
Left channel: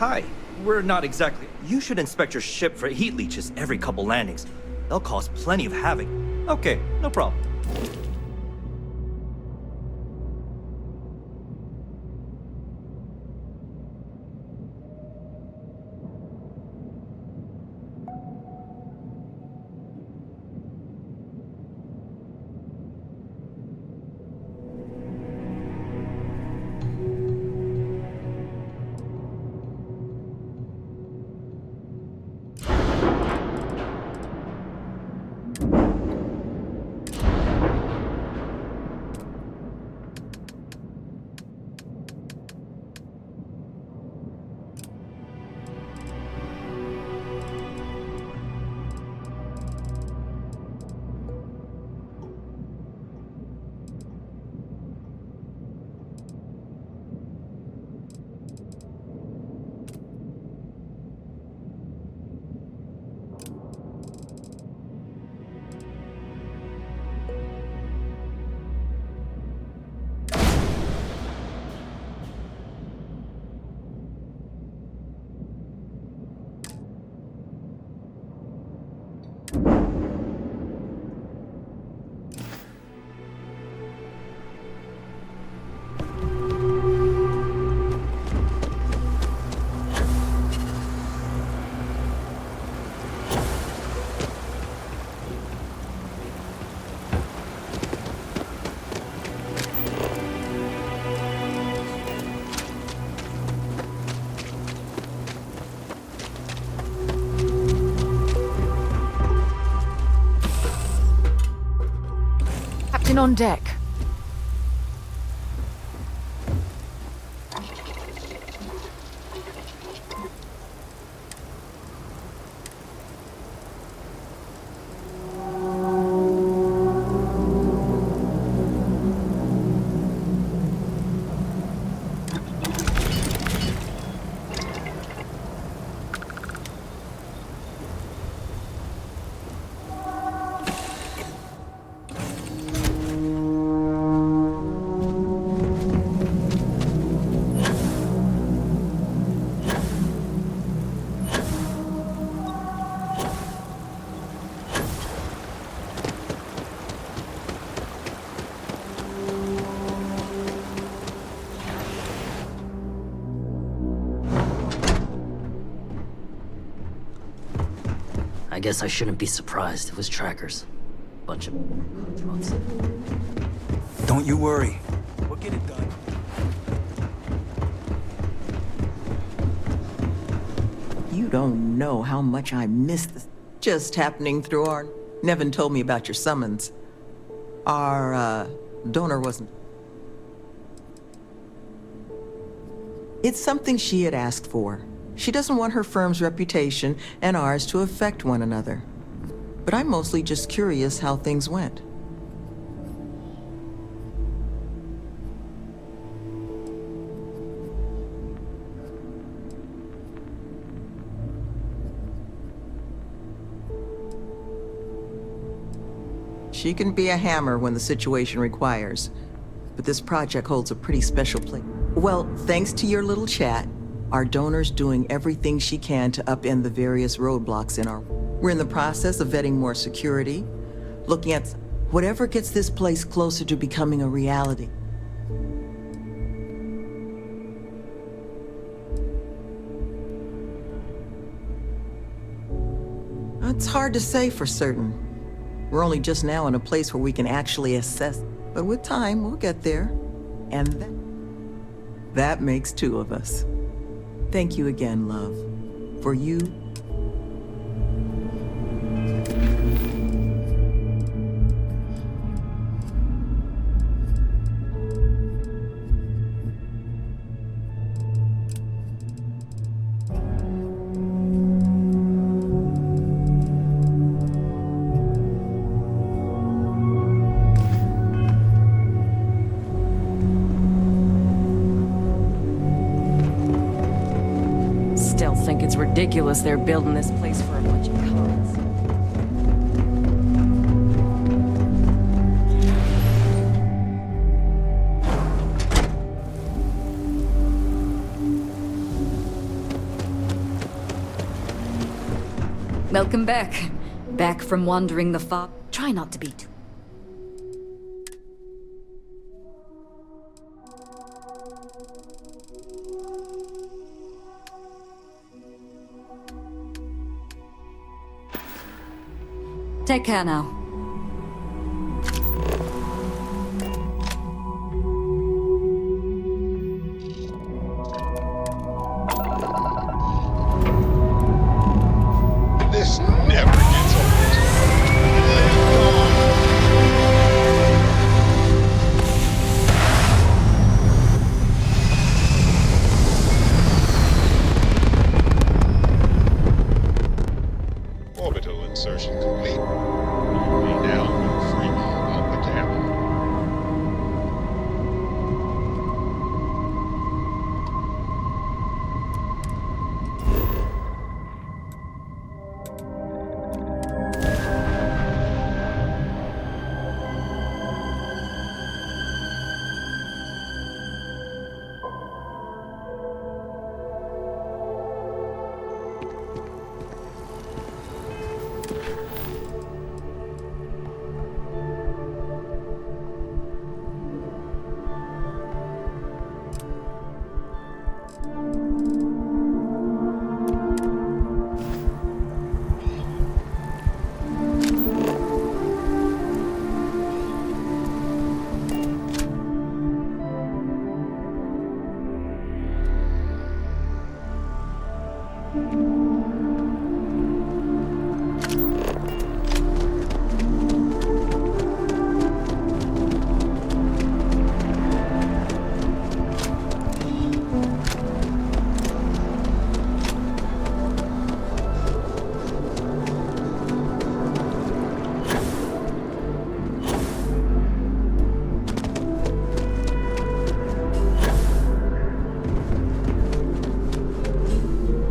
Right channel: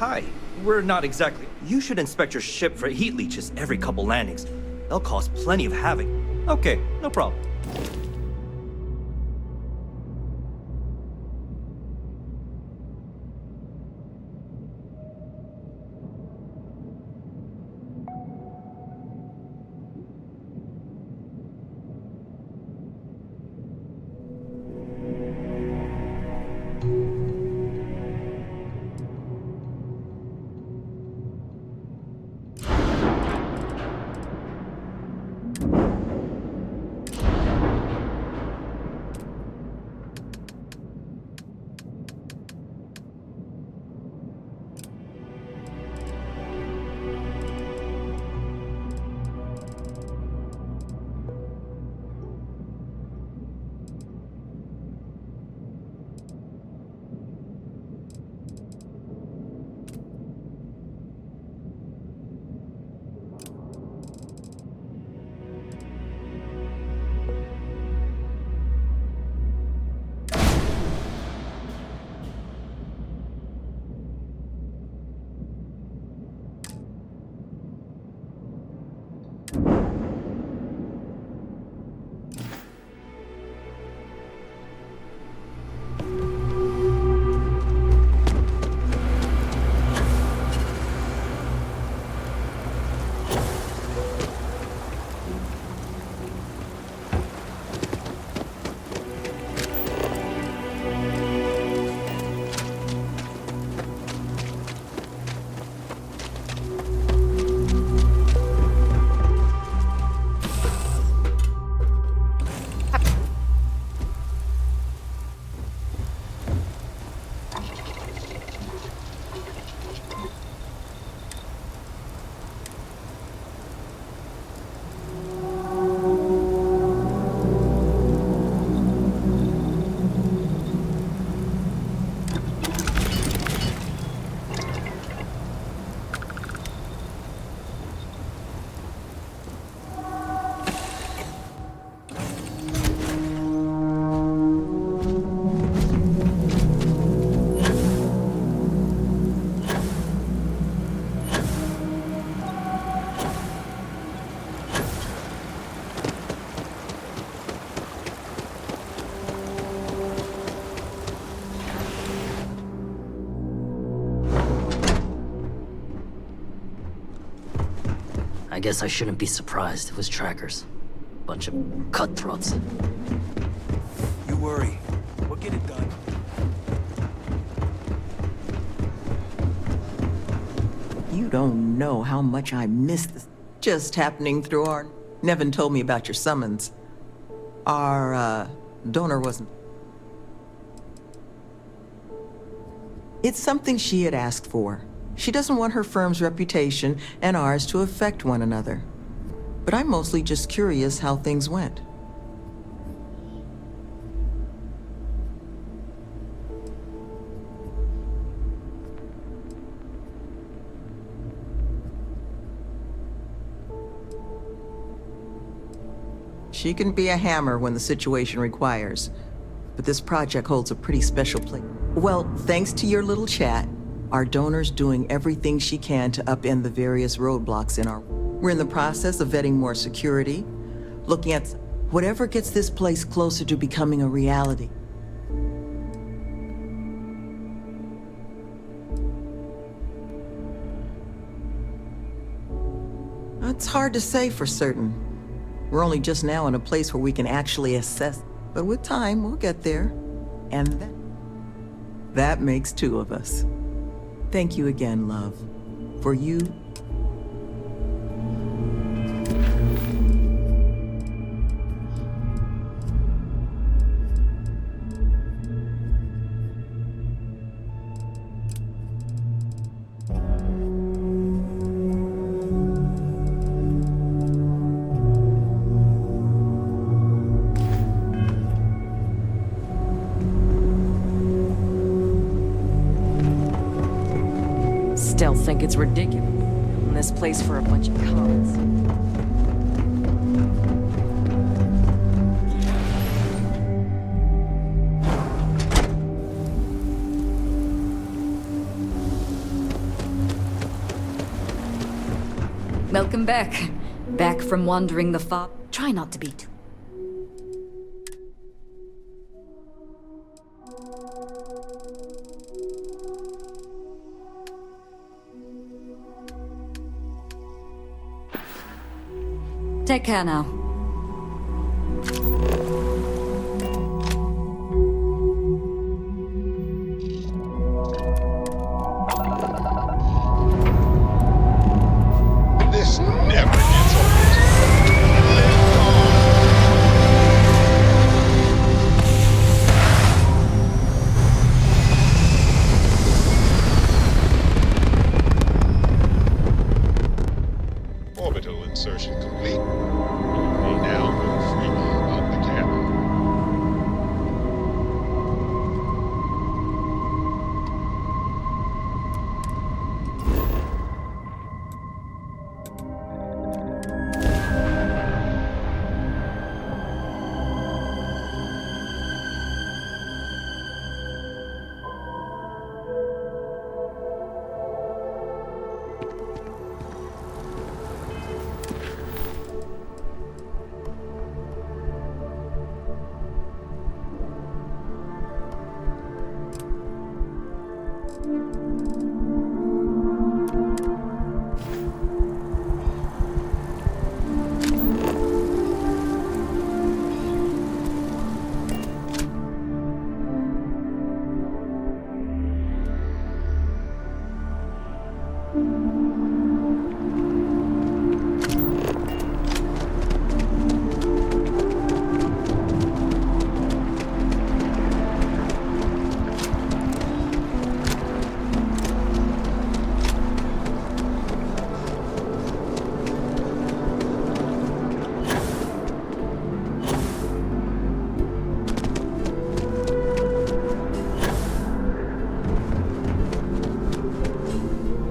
Hi. We're not exactly... You should inspect your ship for heat leeches every couple landings. They'll cause plenty of havoc. Okay, no problem. On deck. I guess I shouldn't be surprised. It was trackers. Bunch of cutthroats. Don't you worry. We'll get it done. You don't know how much I miss this. Just happening through our... Nevin told me about your summons. Our, donor wasn't... It's something she had asked for. She doesn't want her firm's reputation and ours to affect one another. But I'm mostly just curious how things went. She can be a hammer when the situation requires, but this project holds a pretty special place. Well, thanks to your little chat, our donor's doing everything she can to upend the various roadblocks in our... We're in the process of vetting more security, looking at whatever gets this place closer to becoming a reality. It's hard to say for certain. We're only just now in a place where we can actually assess, but with time, we'll get there. And that makes two of us. Thank you again, love. For you... Still think it's ridiculous they're building this place for a bunch of cons. Welcome back. Back from wandering the far... Try not to be too... Take care now. This never gets old. Live on. Orbital insertion complete. You may now move freely about the cabin.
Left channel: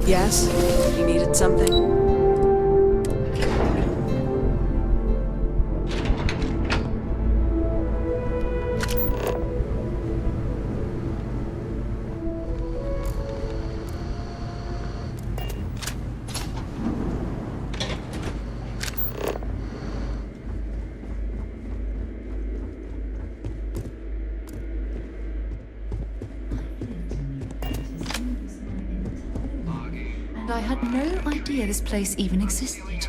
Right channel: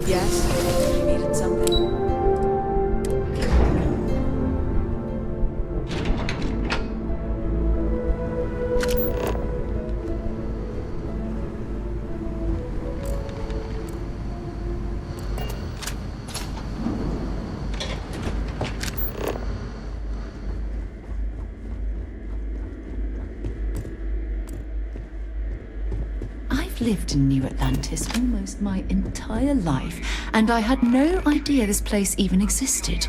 Yes? You needed something? I've lived in New Atlantis almost my entire life, and I had no idea this place even existed.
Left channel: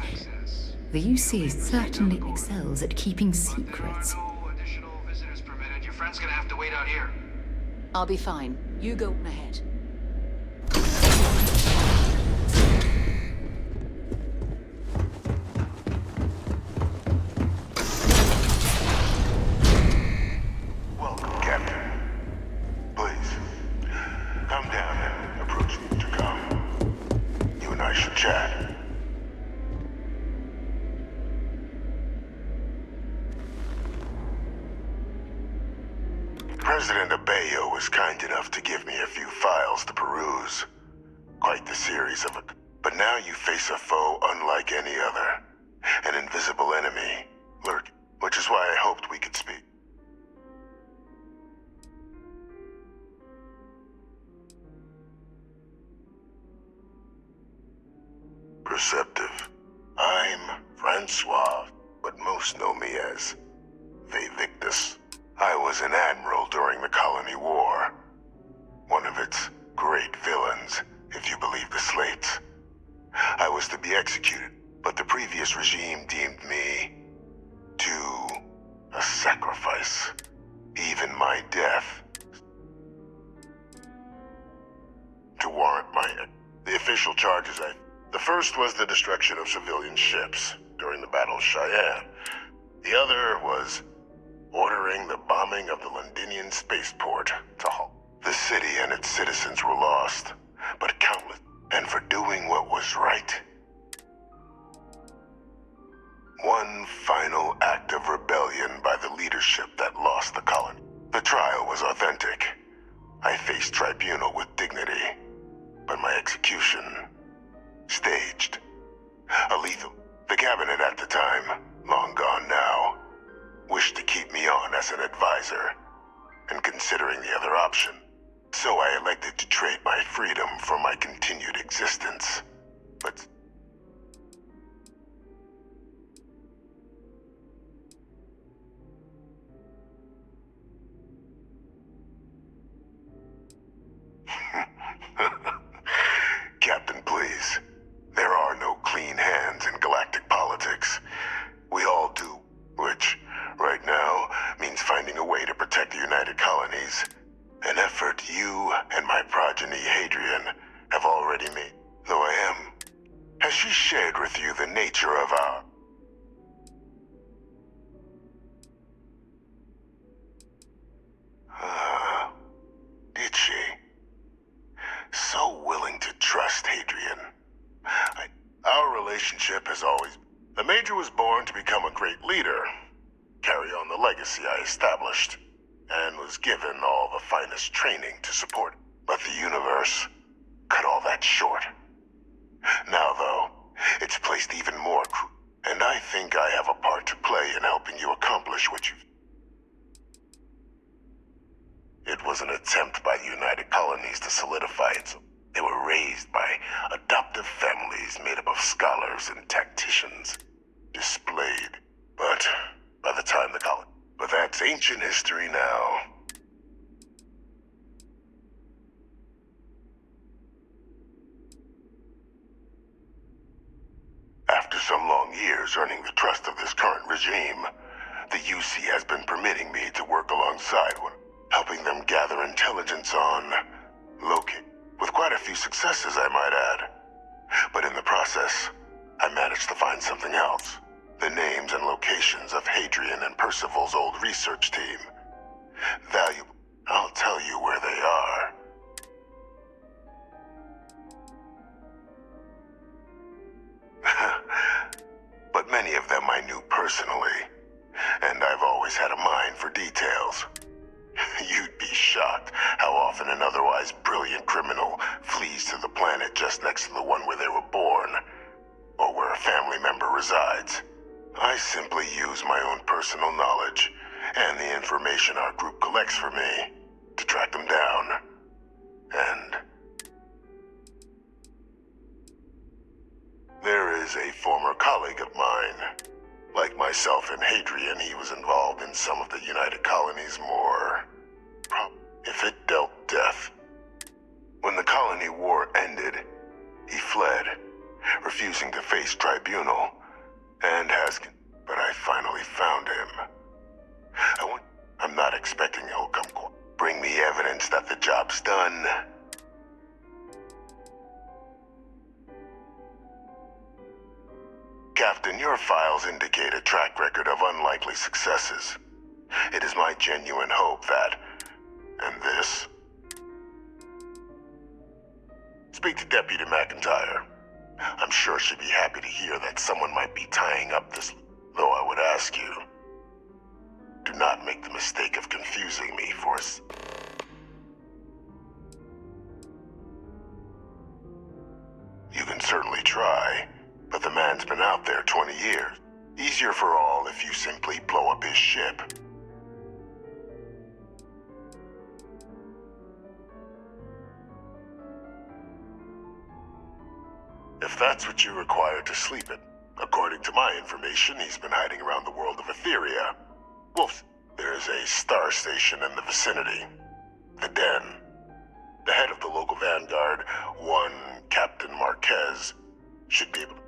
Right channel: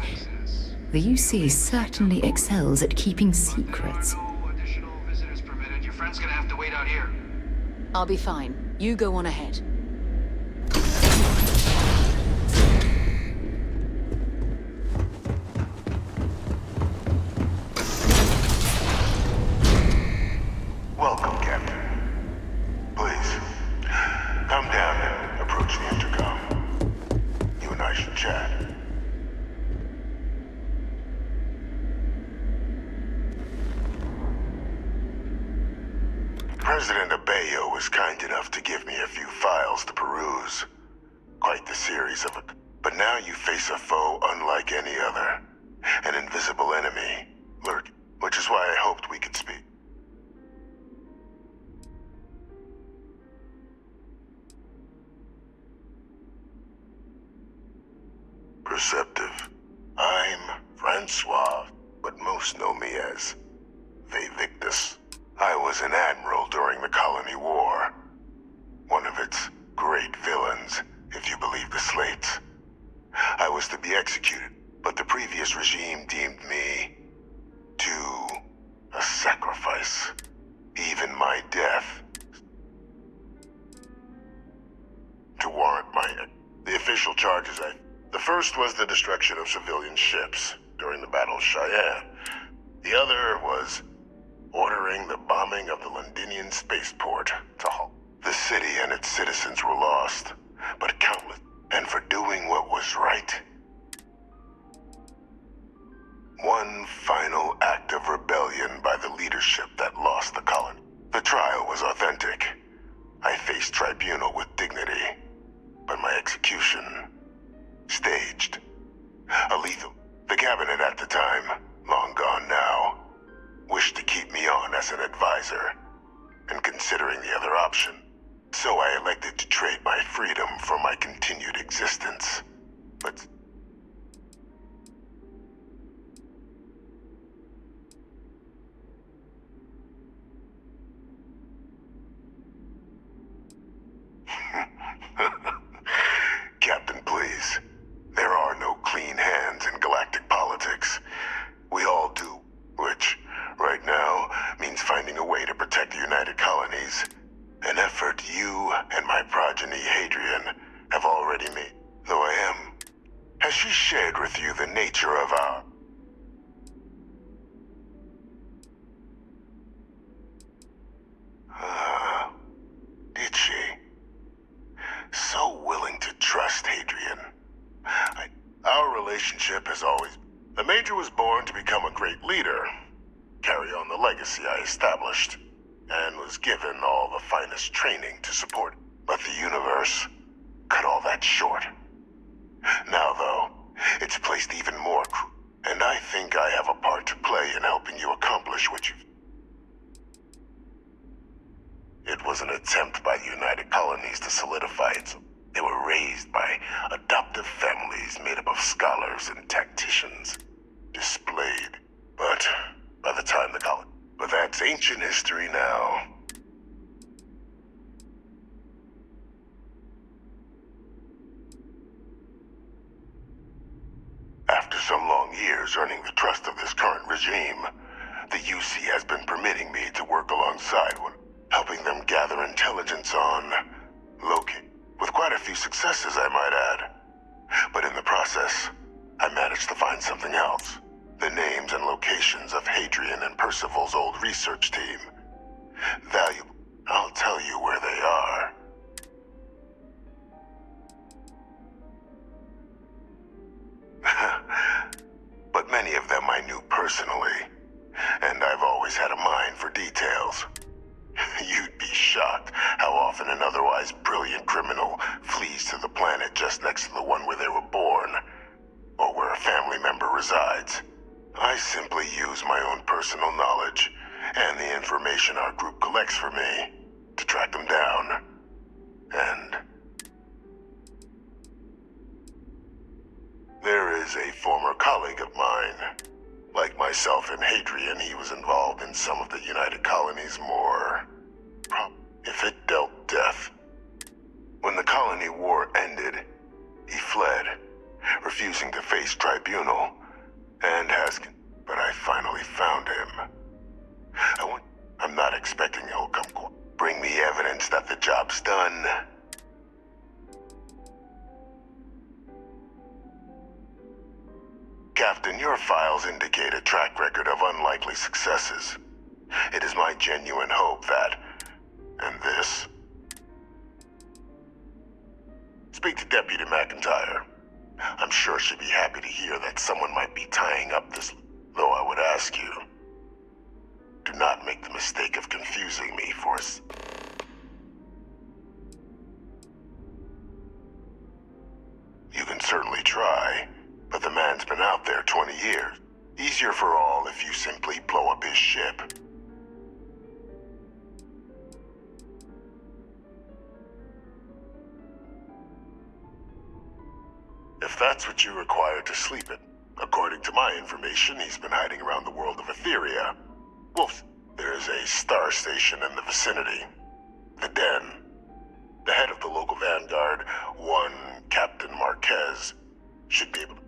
The UC certainly excels at keeping secrets. Your friend's gonna have to wait out here. I'll be fine. You go on ahead. Welcome, Captain. Please, come down and approach the intercom. You and I should chat. President Abeyo was kind enough to give me a few files to peruse. Quite the series of it. But now you face a foe unlike any other. An invisible enemy, lurking, which is why I hoped we could speak. Perceptive. I'm Francois, but most know me as Victus. I was an admiral during the Colony War. One of its great villains, if you believe the slates. I was to be executed, but the previous regime deemed me to a sacrifice. Even my death. To warrant the official charges The first was the destruction of civilian ships during the Battle of Cheyenne. The other was ordering the bombing of the Londinian spaceport to halt. The city and its citizens were lost, but countless, and for doing what was right. One final act of rebellion by the leadership that lost the colony. The trial was authentic. I faced tribunal with dignity, but my execution, staged. A lethal. The cabinet at the time, long gone now, wished to keep me on as an advisor, and considering the other option. So I elected to trade my freedom for my continued existence. But Captain, please. There are no clean hands in galactic politics. We all do, which, right now, means finding a way to protect the United Colonies. An effort you and my progeny, Hadrian, have already made. Though I am. Has she shared with you the nature of our... Did she? So willing to trust Hadrian. Our relationship has always... The Major was born to become a great leader, carry on the legacy I established, and was given all the finest training to support. But the universe cut all that short. Now, though, it's placed even more and I think I have a part to play in helping you accomplish what you've... It was an attempt by the United Colonies to solidify it. They were raised by adoptive families made up of scholars and tacticians. Displayed. But by the time the colony... But that's ancient history now. After some long years earning the trust of this current regime, the UC has been permitting me to work alongside one, helping them gather intelligence on locate, with quite a few successes, I might add. But in the process, I managed to find something else. The names and locations of Hadrian and Percival's old research team. Valuable. I'll tell you where they are. But many of them I knew personally, and I've always had a mind for details. You'd be shocked how often an otherwise brilliant criminal flees to the planet just next to the one where they were born, or where a family member resides. I simply use my own personal knowledge and the information our group collects for me to track them down. And there is a former colleague of mine. Like myself and Hadrian, he was involved in some of the United Colonies' more... if it dealt death. When the colony war ended, he fled, refusing to face tribunal, And Haskin, but I finally found him. I'm not expecting he'll come bring me evidence that the job's done. Captain, your files indicate a track record of unlikely successes. It is my genuine hope that... and this? Speak to Deputy McIntyre. I'm sure she'd be happy to hear that someone might be tying up this... Though I would ask you, do not make the mistake of confusing me for... You can certainly try, but the man's been out there 20 years. Easier for all if you simply blow up his ship. If that's what you require to sleep in. According to my information, he's been hiding around the world of Etheria. Wolf, there's a star station in the vicinity. The Den. The head of the local vanguard, one Captain Marquez, should be able to...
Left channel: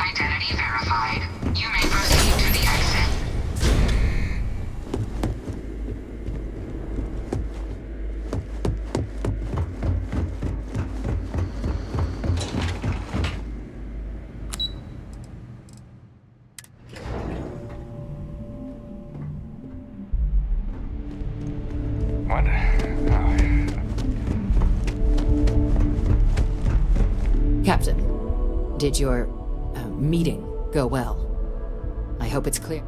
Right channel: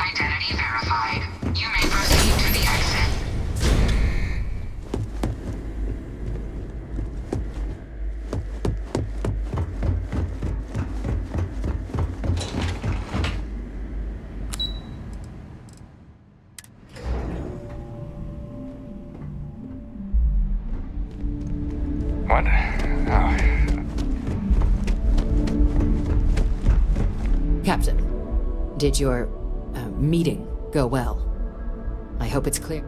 Identity verified. You may proceed to the exit. What? Oh. Captain, did your meeting go well? I hope it's clear.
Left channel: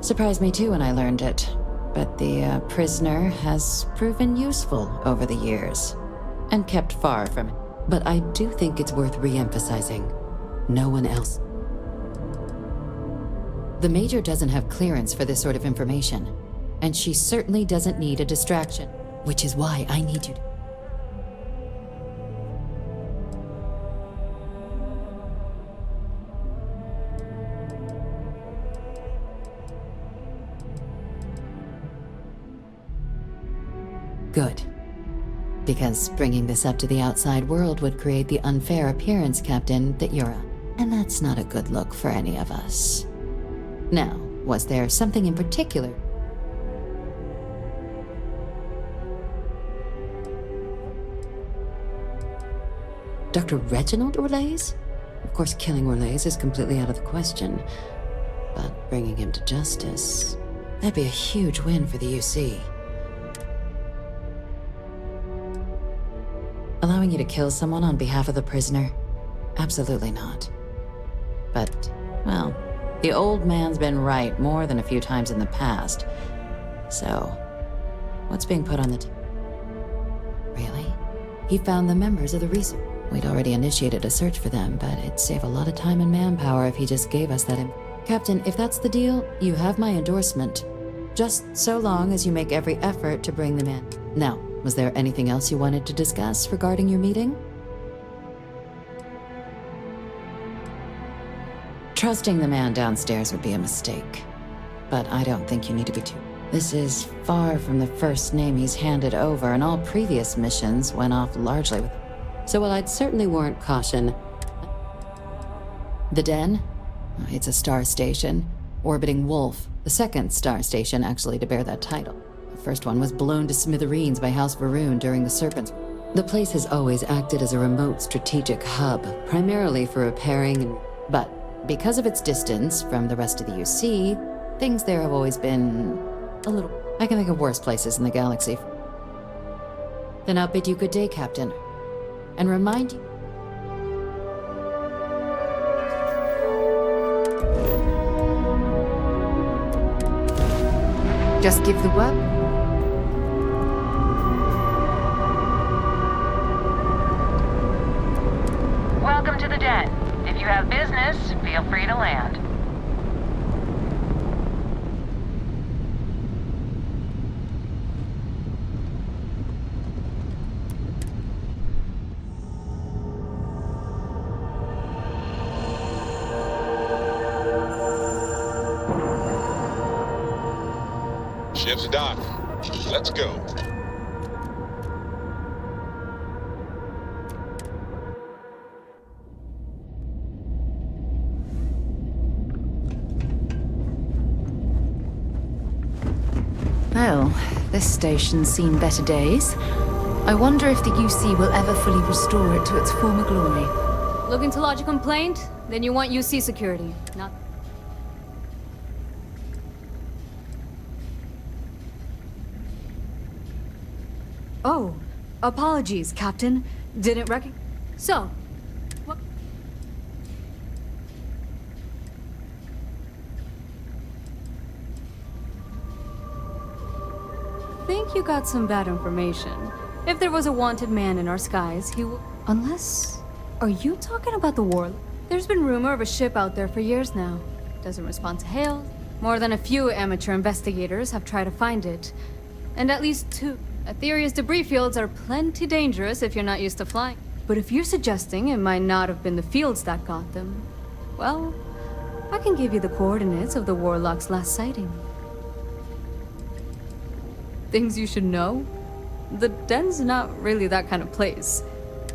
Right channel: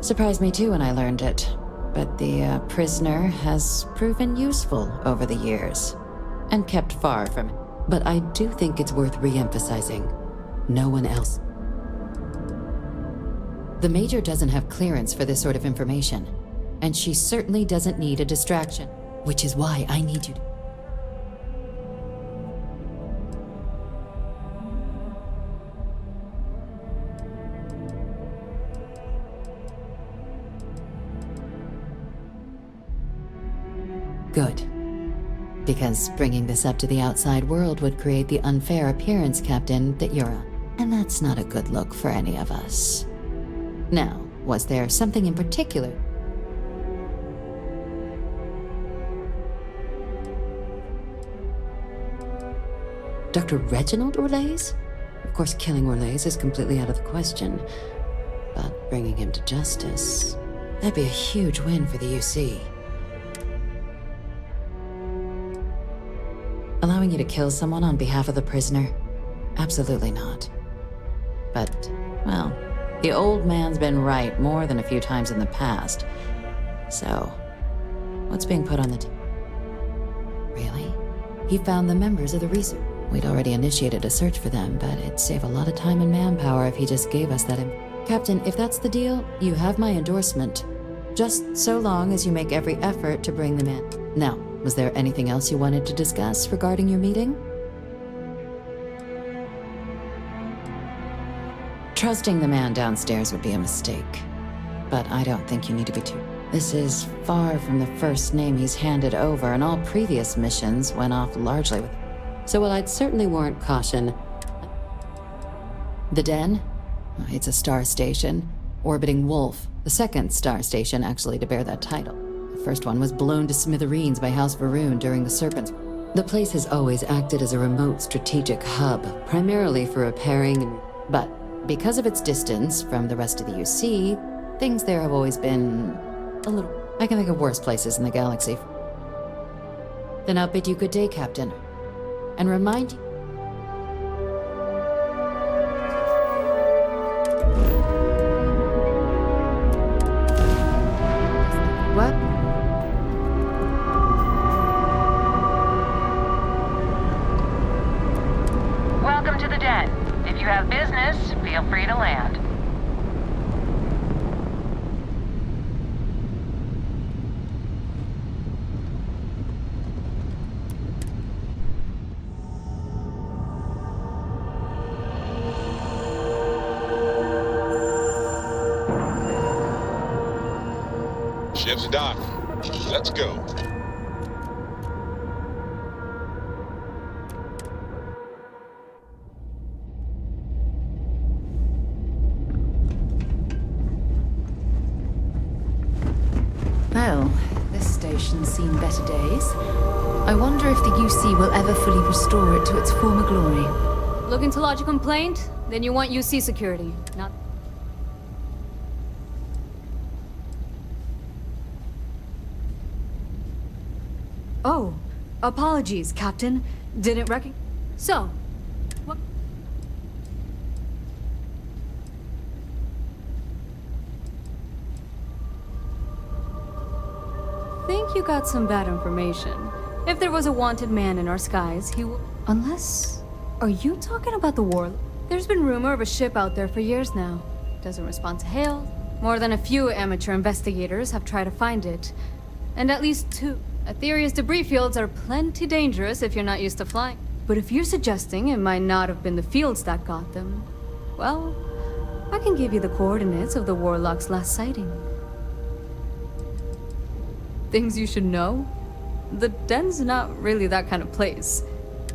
Surprised me too when I learned it, but the prisoner has proven useful over the years, and kept far from it. But I do think it's worth re-emphasizing. No one else. The Major doesn't have clearance for this sort of information, and she certainly doesn't need a distraction, which is why I need you to... Good. Because bringing this up to the outside world would create the unfair appearance, Captain, that you're on. And that's not a good look for any of us. Now, was there something in particular? Dr. Reginald Orlaise? Of course, killing Orlaise is completely out of the question. But bringing him to justice... that'd be a huge win for the UC. Allowing you to kill someone on behalf of the prisoner? Absolutely not. But, well, the old man's been right more than a few times in the past. So, what's being put on the table? Really? He found the members of the research. We'd already initiated a search for them, but it'd save a lot of time and manpower if he just gave us that Captain, if that's the deal, you have my endorsement. Just so long as you make every effort to bring them in. Now, was there anything else you wanted to discuss regarding your meeting? Trusting the man downstairs would be a mistake, but I don't think you need to be too... This is far from the first name he's handed over, and all previous missions went off largely with... So while I'd certainly warrant caution... The Den? It's a star station. Orbiting Wolf, the second star station actually to bear that title. The first one was blown to smithereens by House Varun during the Serpents. The place has always acted as a remote strategic hub, primarily for repairing and... But because of its distance from the rest of the UC, things there have always been... a little... I can think of worse places in the galaxy. Then I'll bid you good day, Captain. And remind you... Just give the word. Welcome to the Den. If you have business, feel free to land. Ship's docked. Let's go. Well, this station's seen better days. I wonder if the UC will ever fully restore it to its former glory. Looking to lodge a complaint? Then you want UC security, not... Oh, apologies, Captain. Didn't recognize... So, what... Think you got some bad information. If there was a wanted man in our skies, he would... Unless... Are you talking about the war? There's been rumor of a ship out there for years now. Doesn't respond to hail. More than a few amateur investigators have tried to find it. And at least 2... Aetheria's debris fields are plenty dangerous if you're not used to flying. But if you're suggesting it might not have been the fields that got them, well, I can give you the coordinates of the Warlock's last sighting. Things you should know? The Den's not really that kind of place.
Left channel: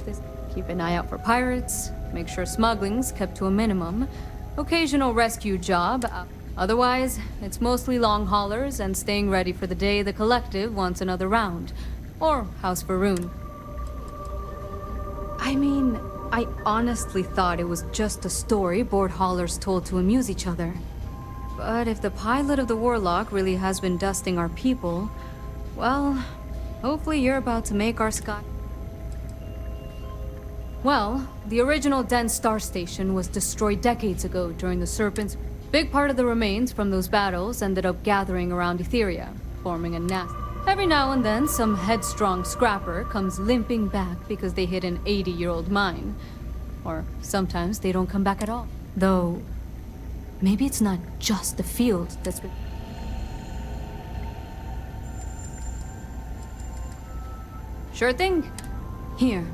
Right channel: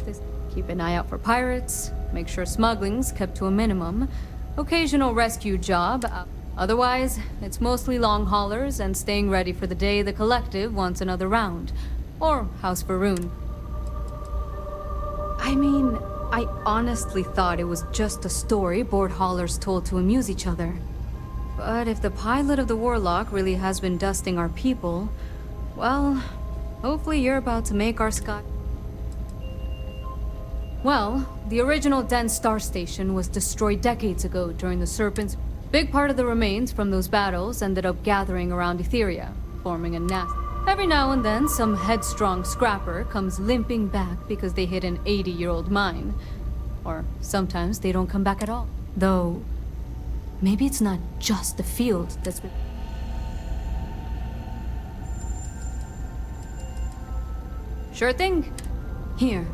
They keep an eye out for pirates, make sure smuggling's kept to a minimum, occasional rescue job. Otherwise, it's mostly long haulers and staying ready for the day the Collective wants another round. Or House Varun. I mean, I honestly thought it was just a story board haulers told to amuse each other. But if the pilot of the Warlock really has been dusting our people, well, hopefully you're about to make our sky... Well, the original Den Star Station was destroyed decades ago during the Serpents. Big part of the remains from those battles ended up gathering around Aetheria, forming a nest. Every now and then, some headstrong scrapper comes limping back because they hit an 80-year-old mine. Or sometimes they don't come back at all. Though, maybe it's not just the field that's been... Sure thing. Here,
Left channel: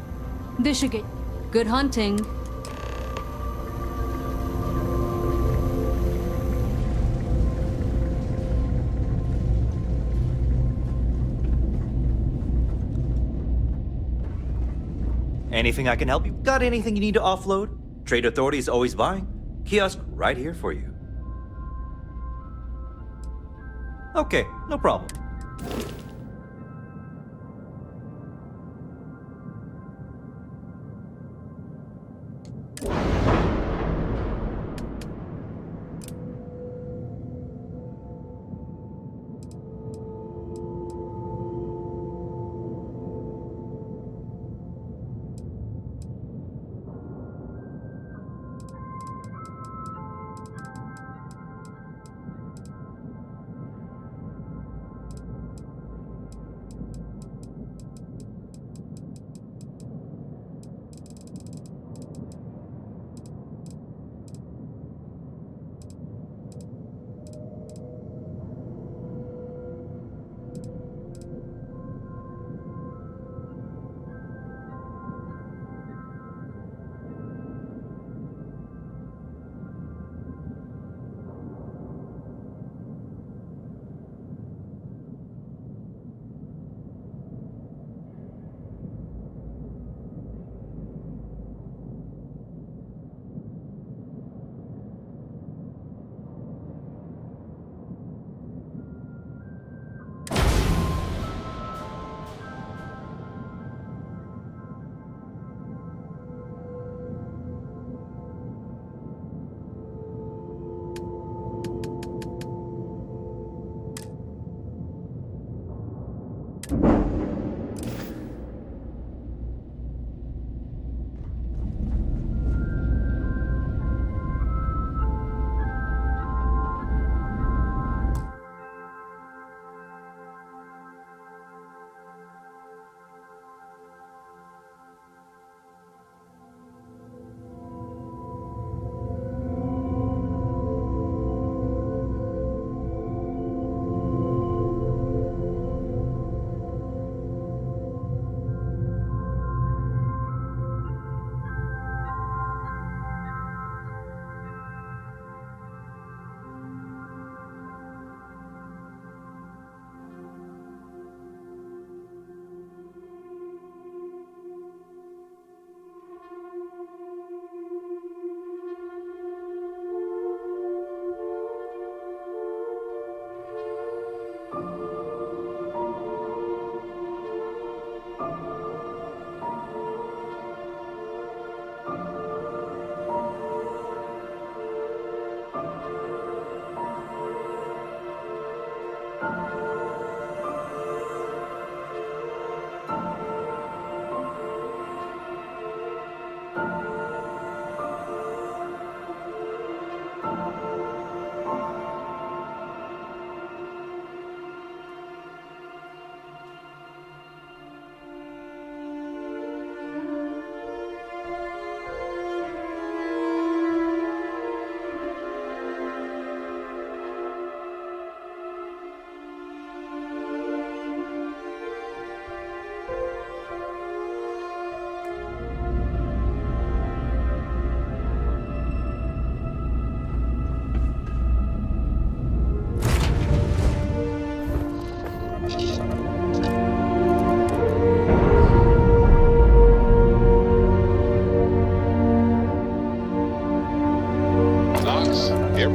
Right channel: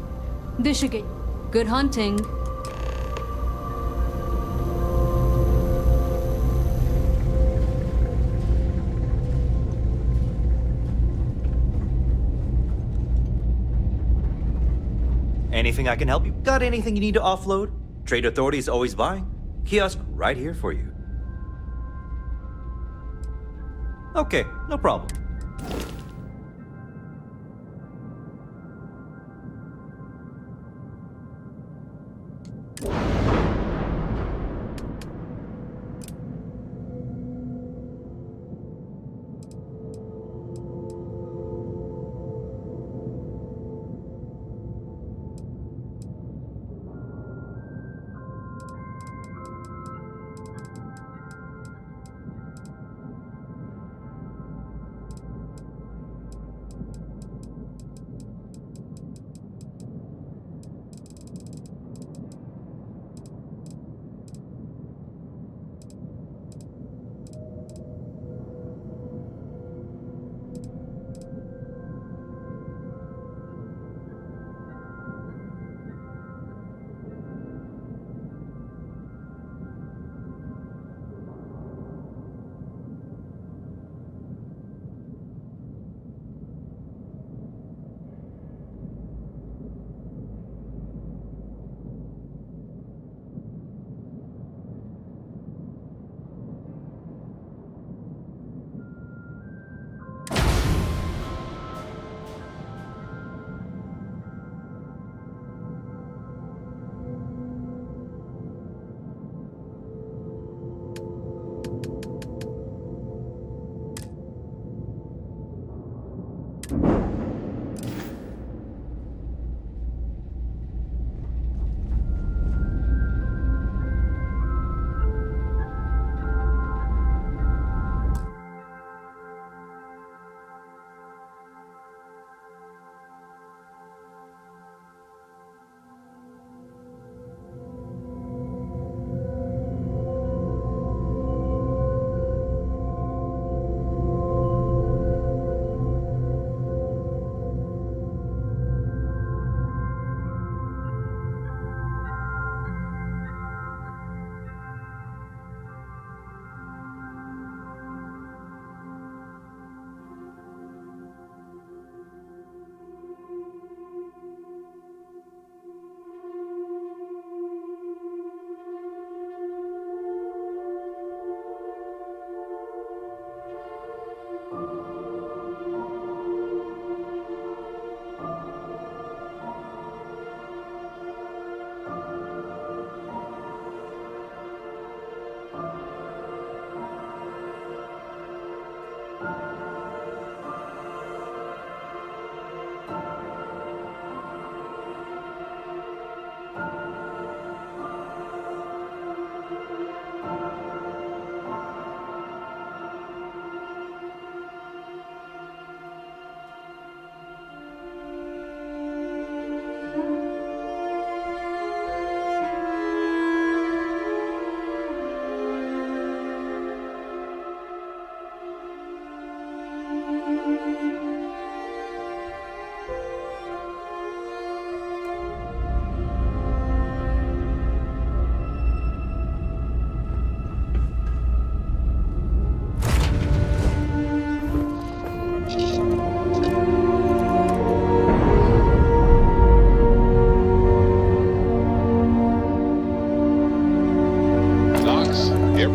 this should get... Good hunting. Anything I can help you? Got anything you need to offload? Trade Authority is always buying. Kiosk right here for you. Okay, no problem.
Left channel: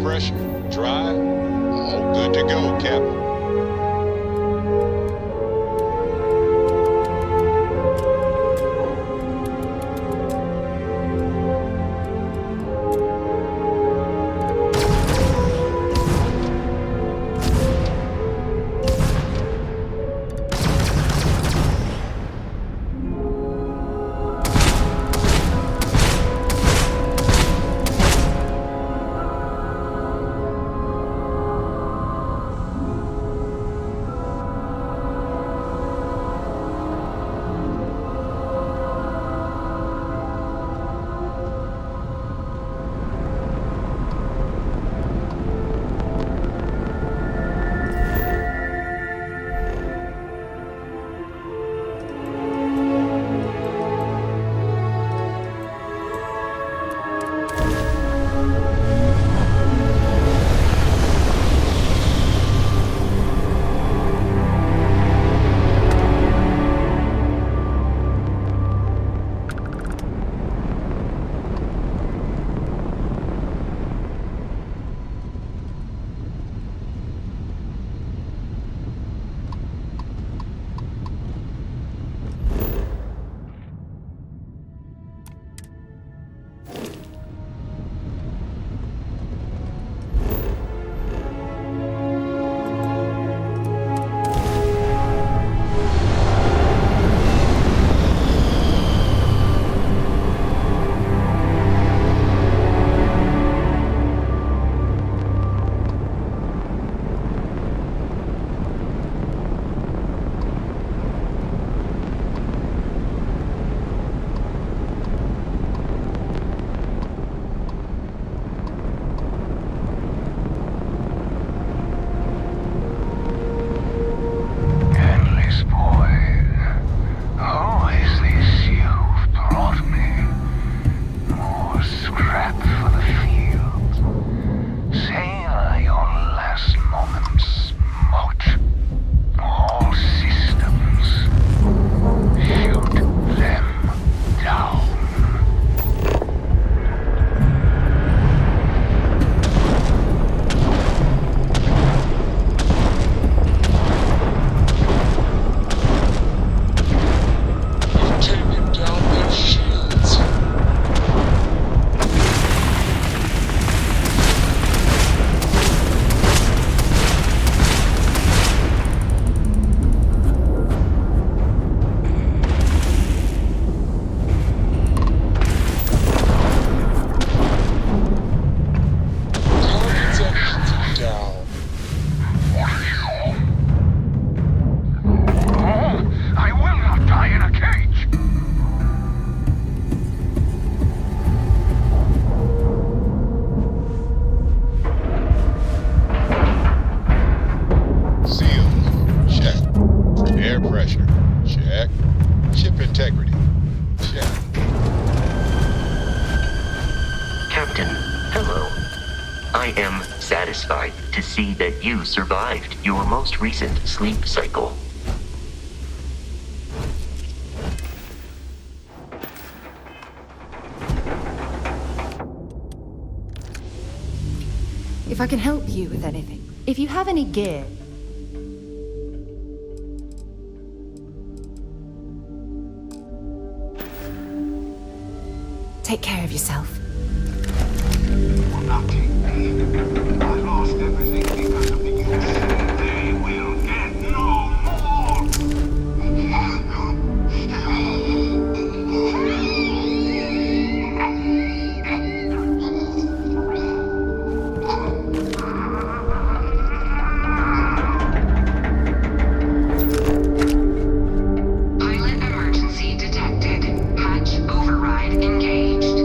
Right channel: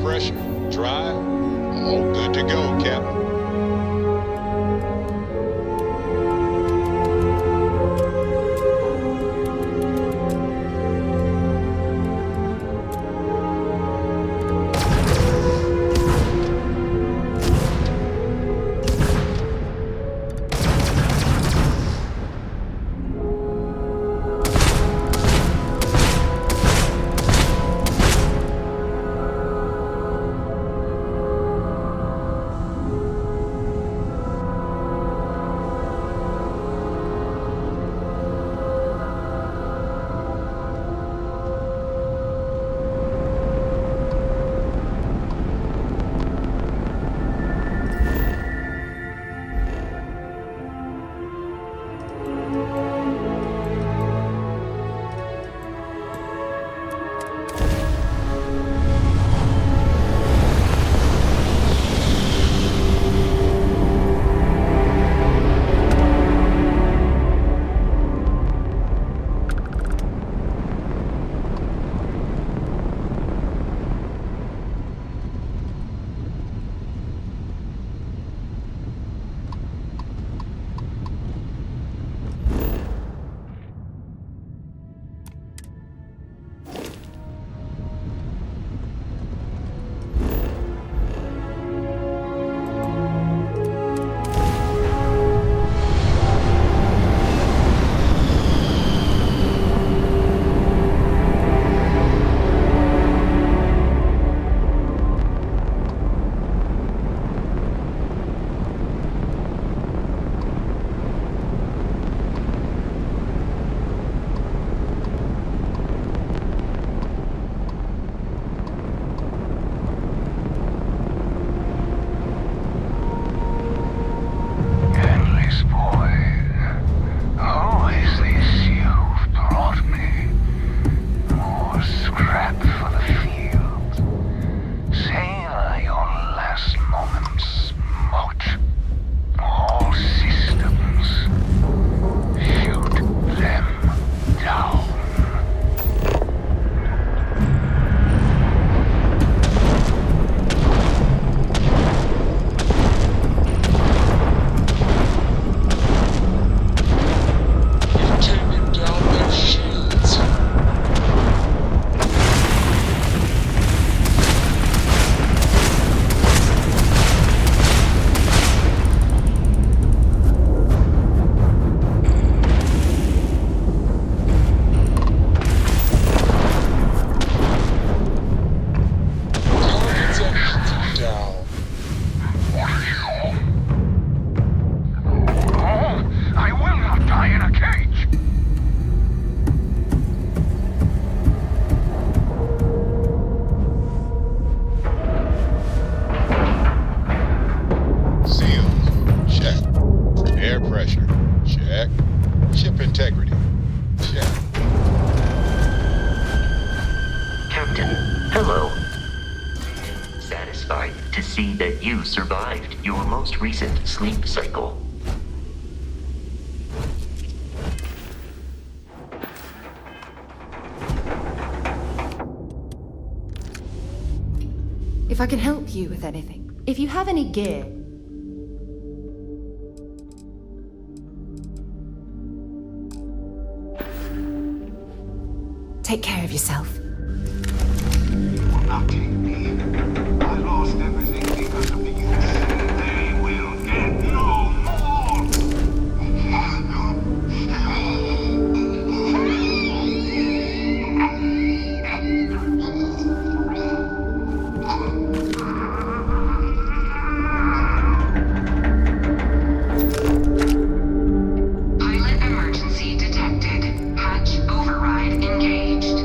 pressure, drive, all good to go, Captain. You survived your most recent sleep cycle. If I can help you with anything, if you have any gear. Take care of yourself. I lost everything because of the use. They will get no more! Pilot emergency detected. Hatch override engaged.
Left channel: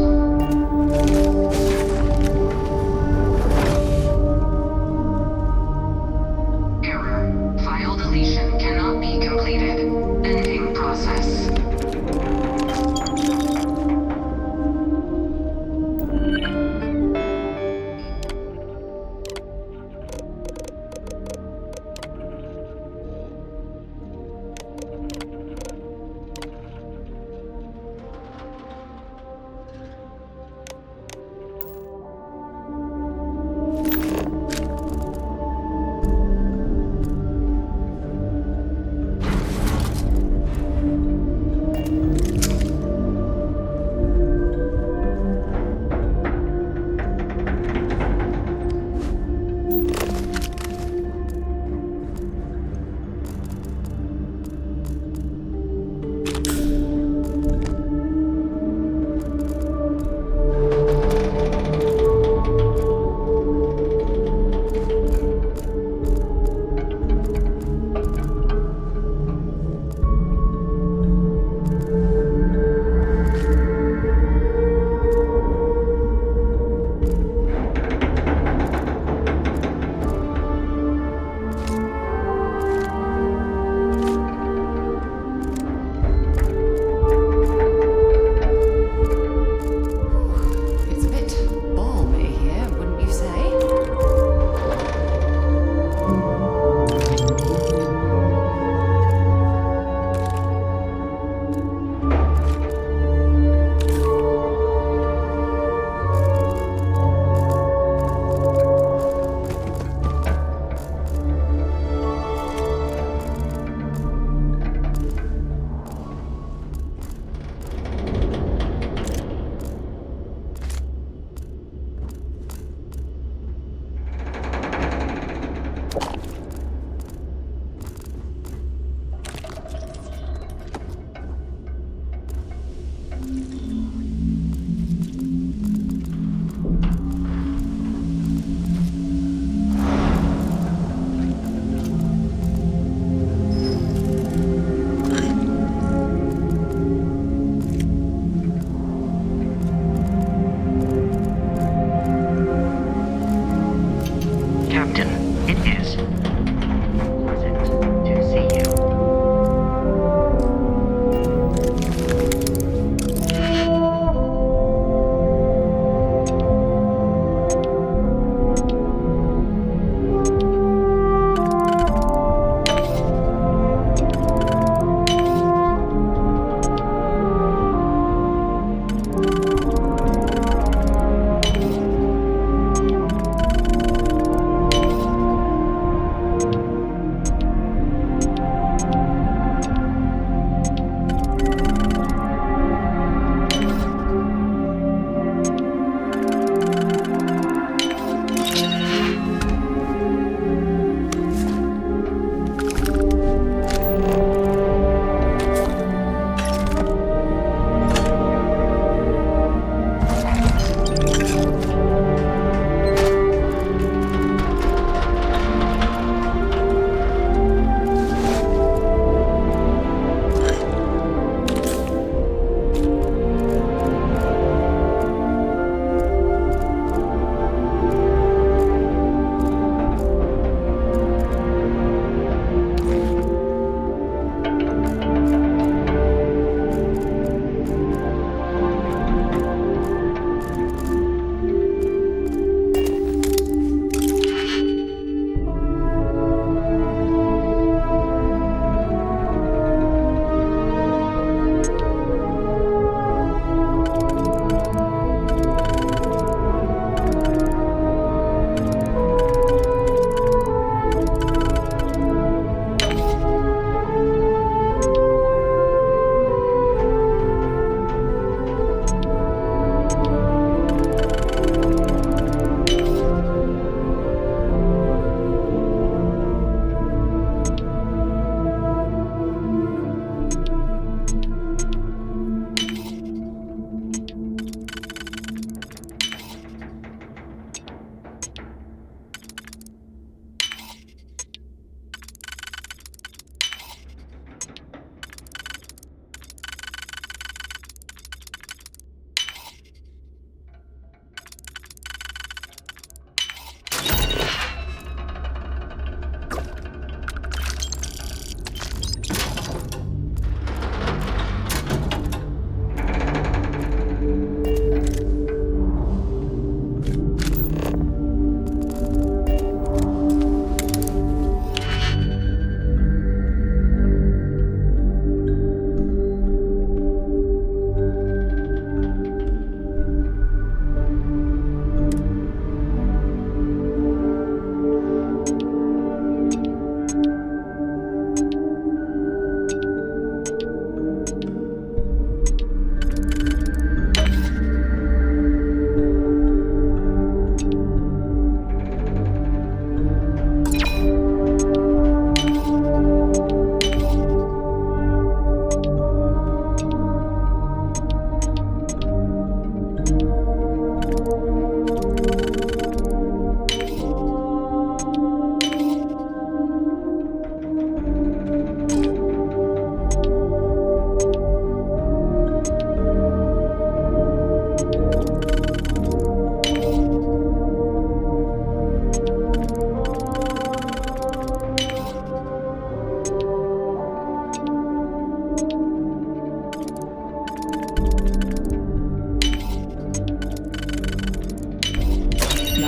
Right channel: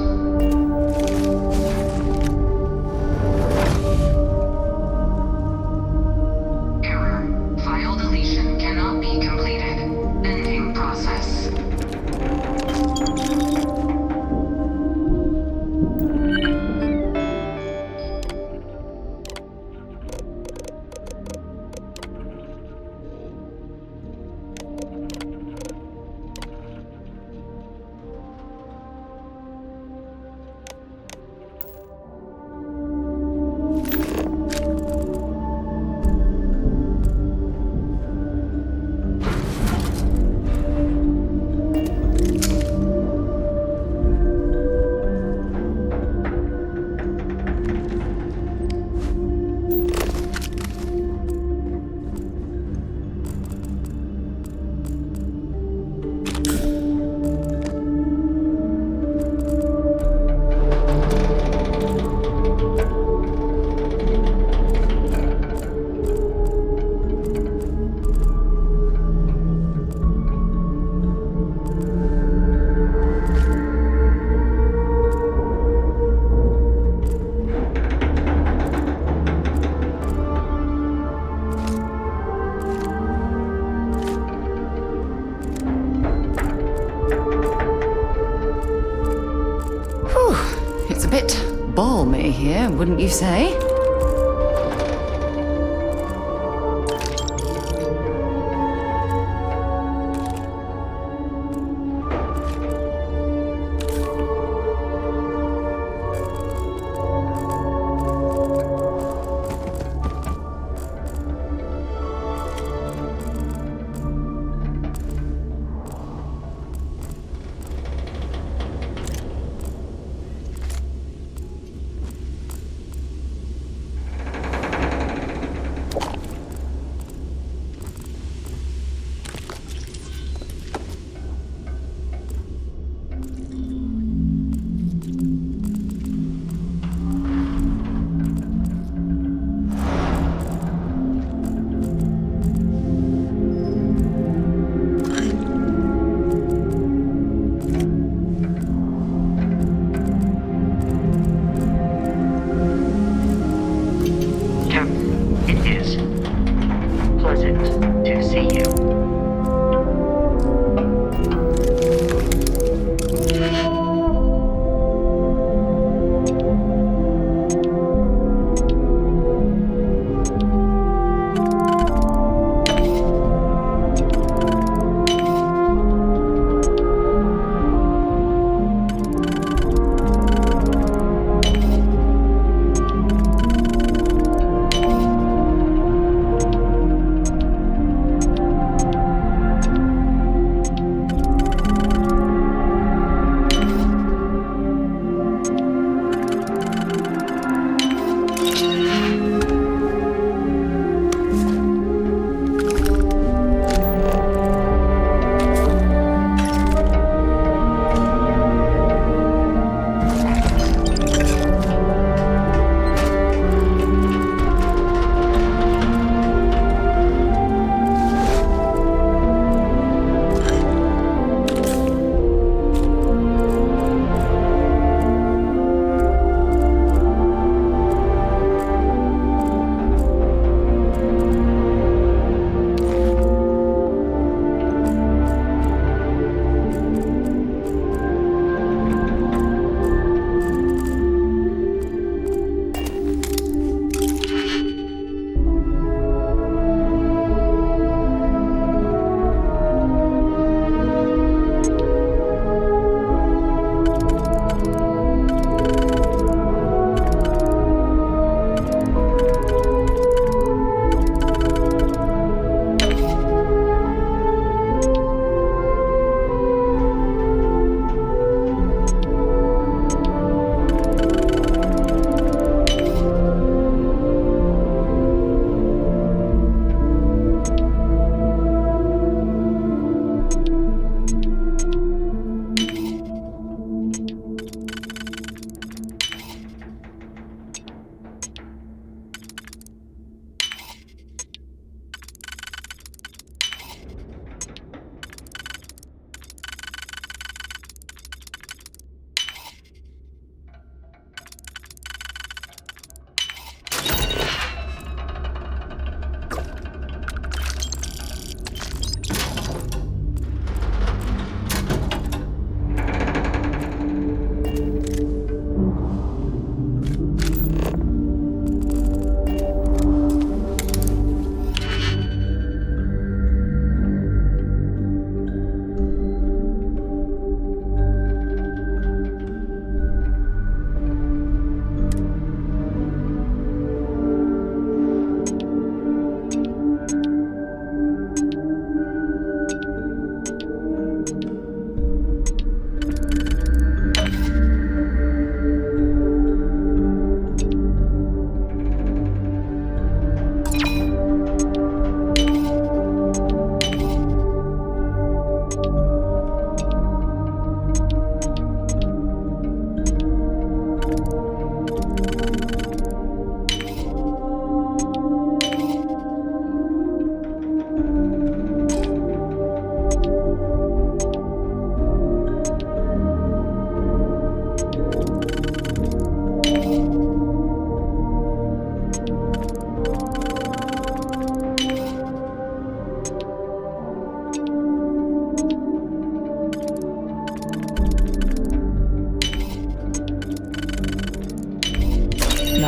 balmy here, wouldn't you say?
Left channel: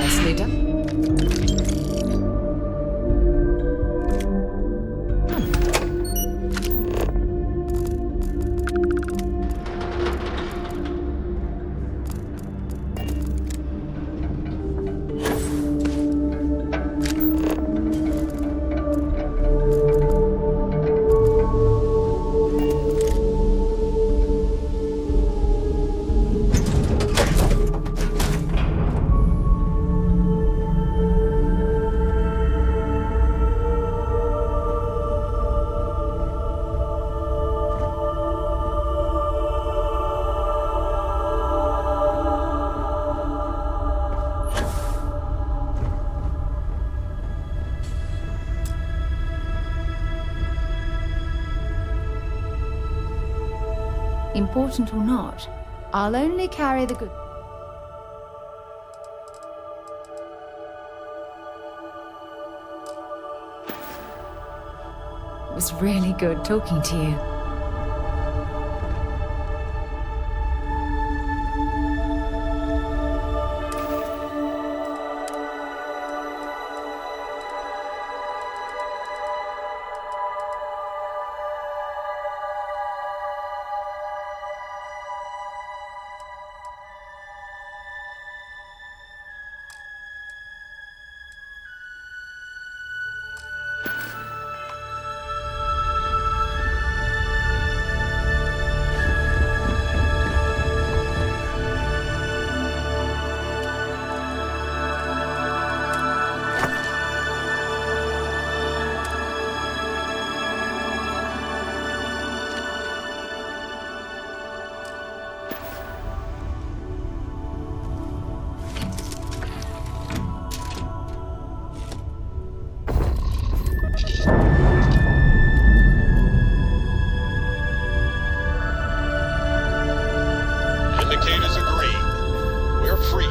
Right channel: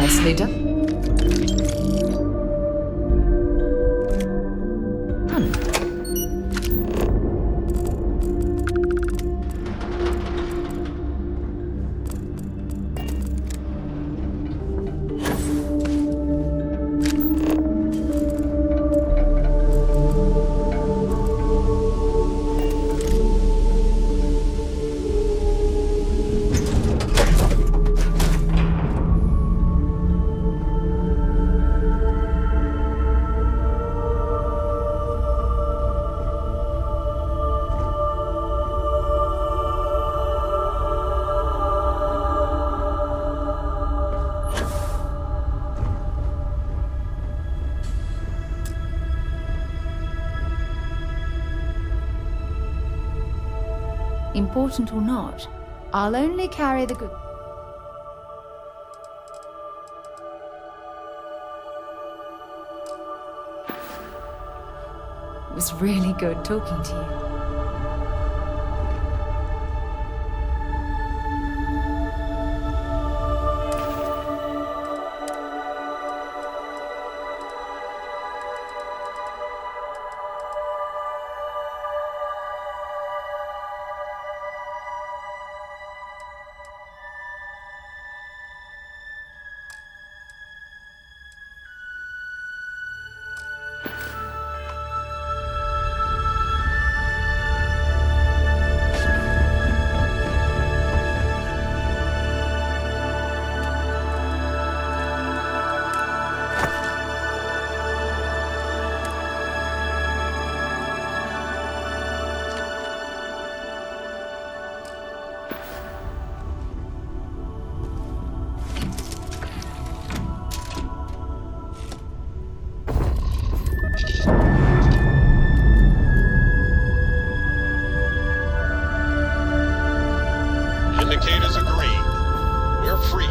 Nicely done. Important or not, I'll only carry the good. It was really good talking to you. Indicators are green. We're free.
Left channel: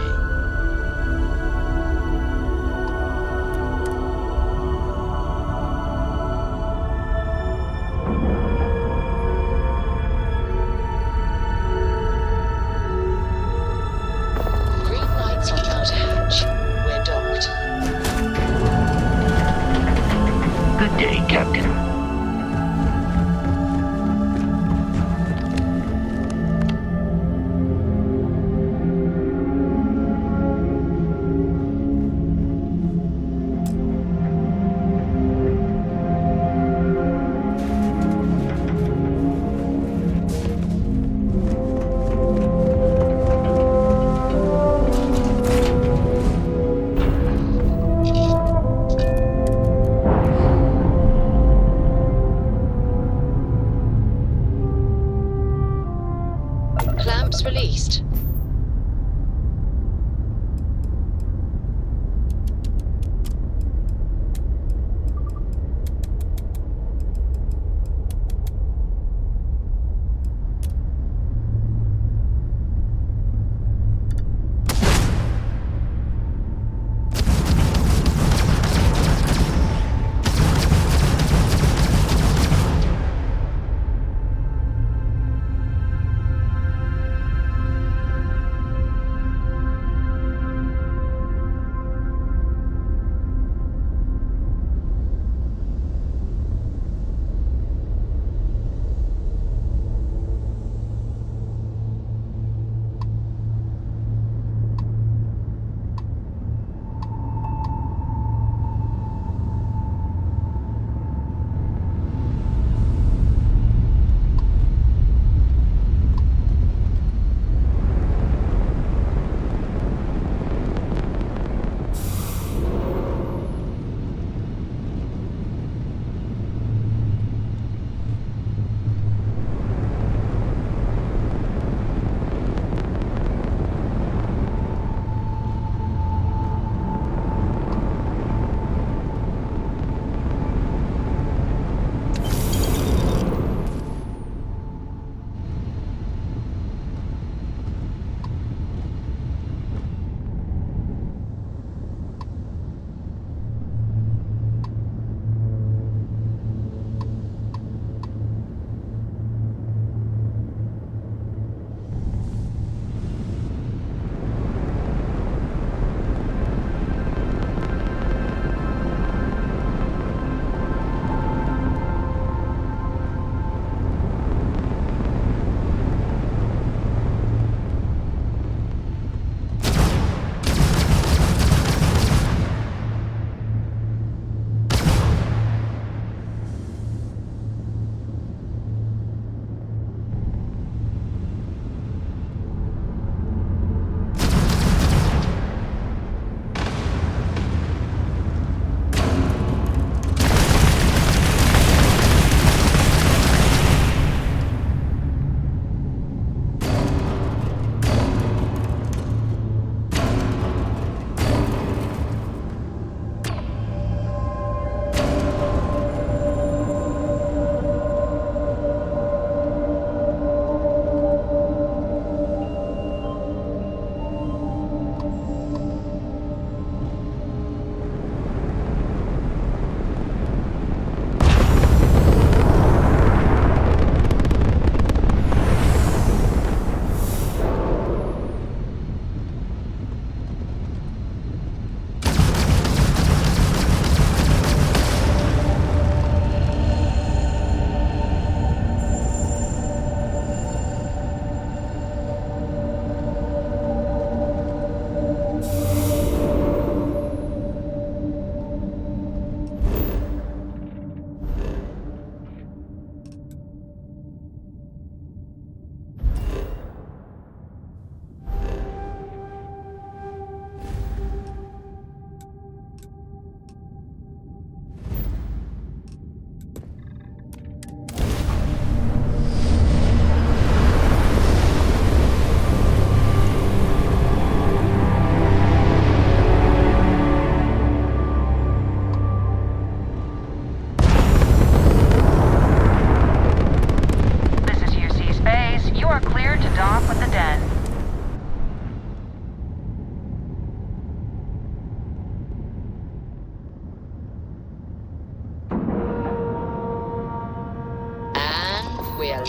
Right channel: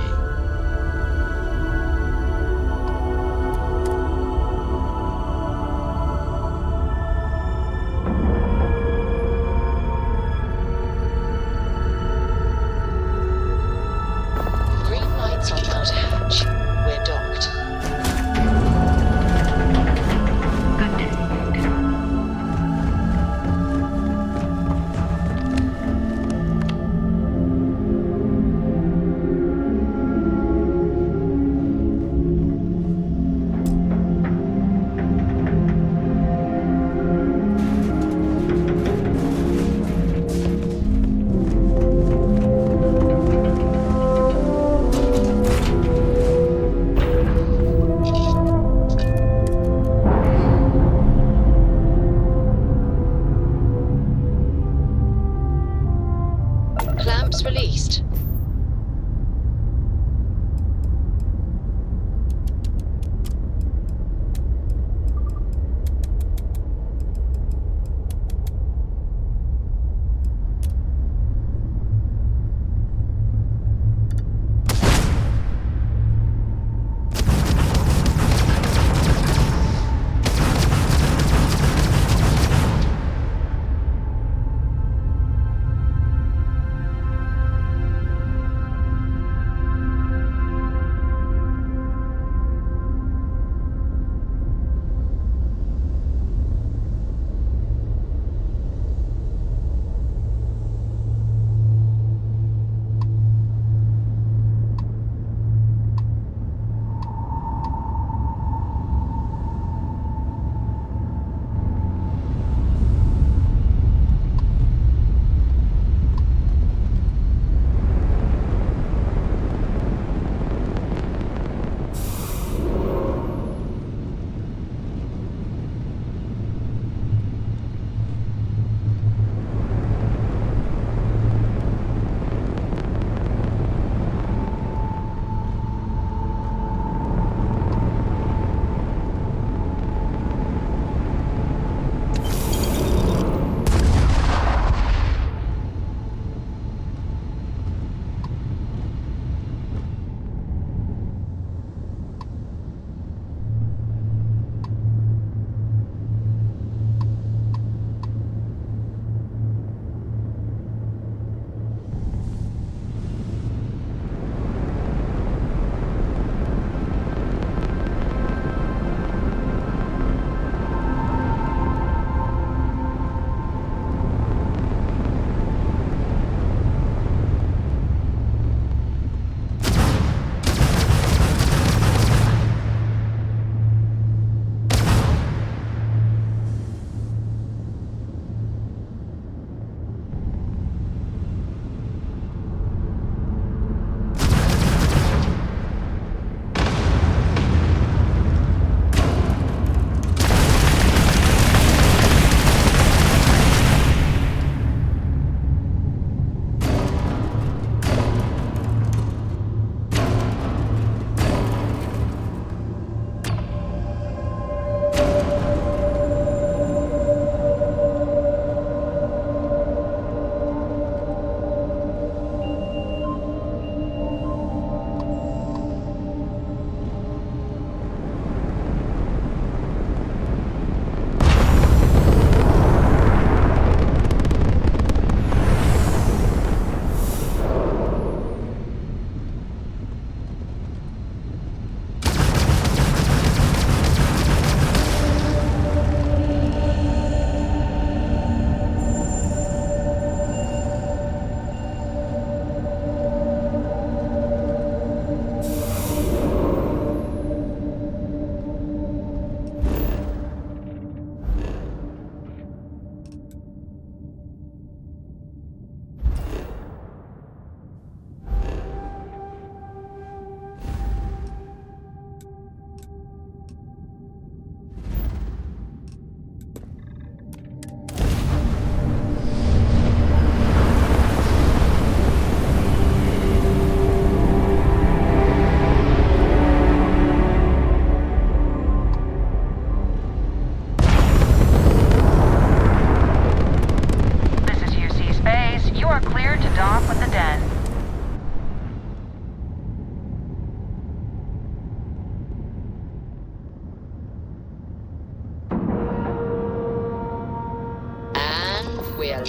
Green lights on outer hatch. We're docked. Good day, Captain. Clamps released.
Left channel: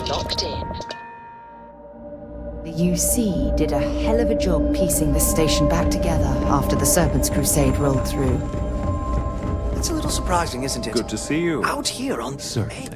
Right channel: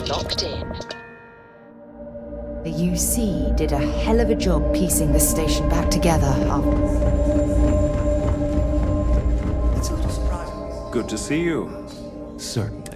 locked in. The UC did a hell of a job piecing this station back together after the Serpent's Crusade rolled through. It's a little surprising, isn't it? Good to see you. Out here on Certainly.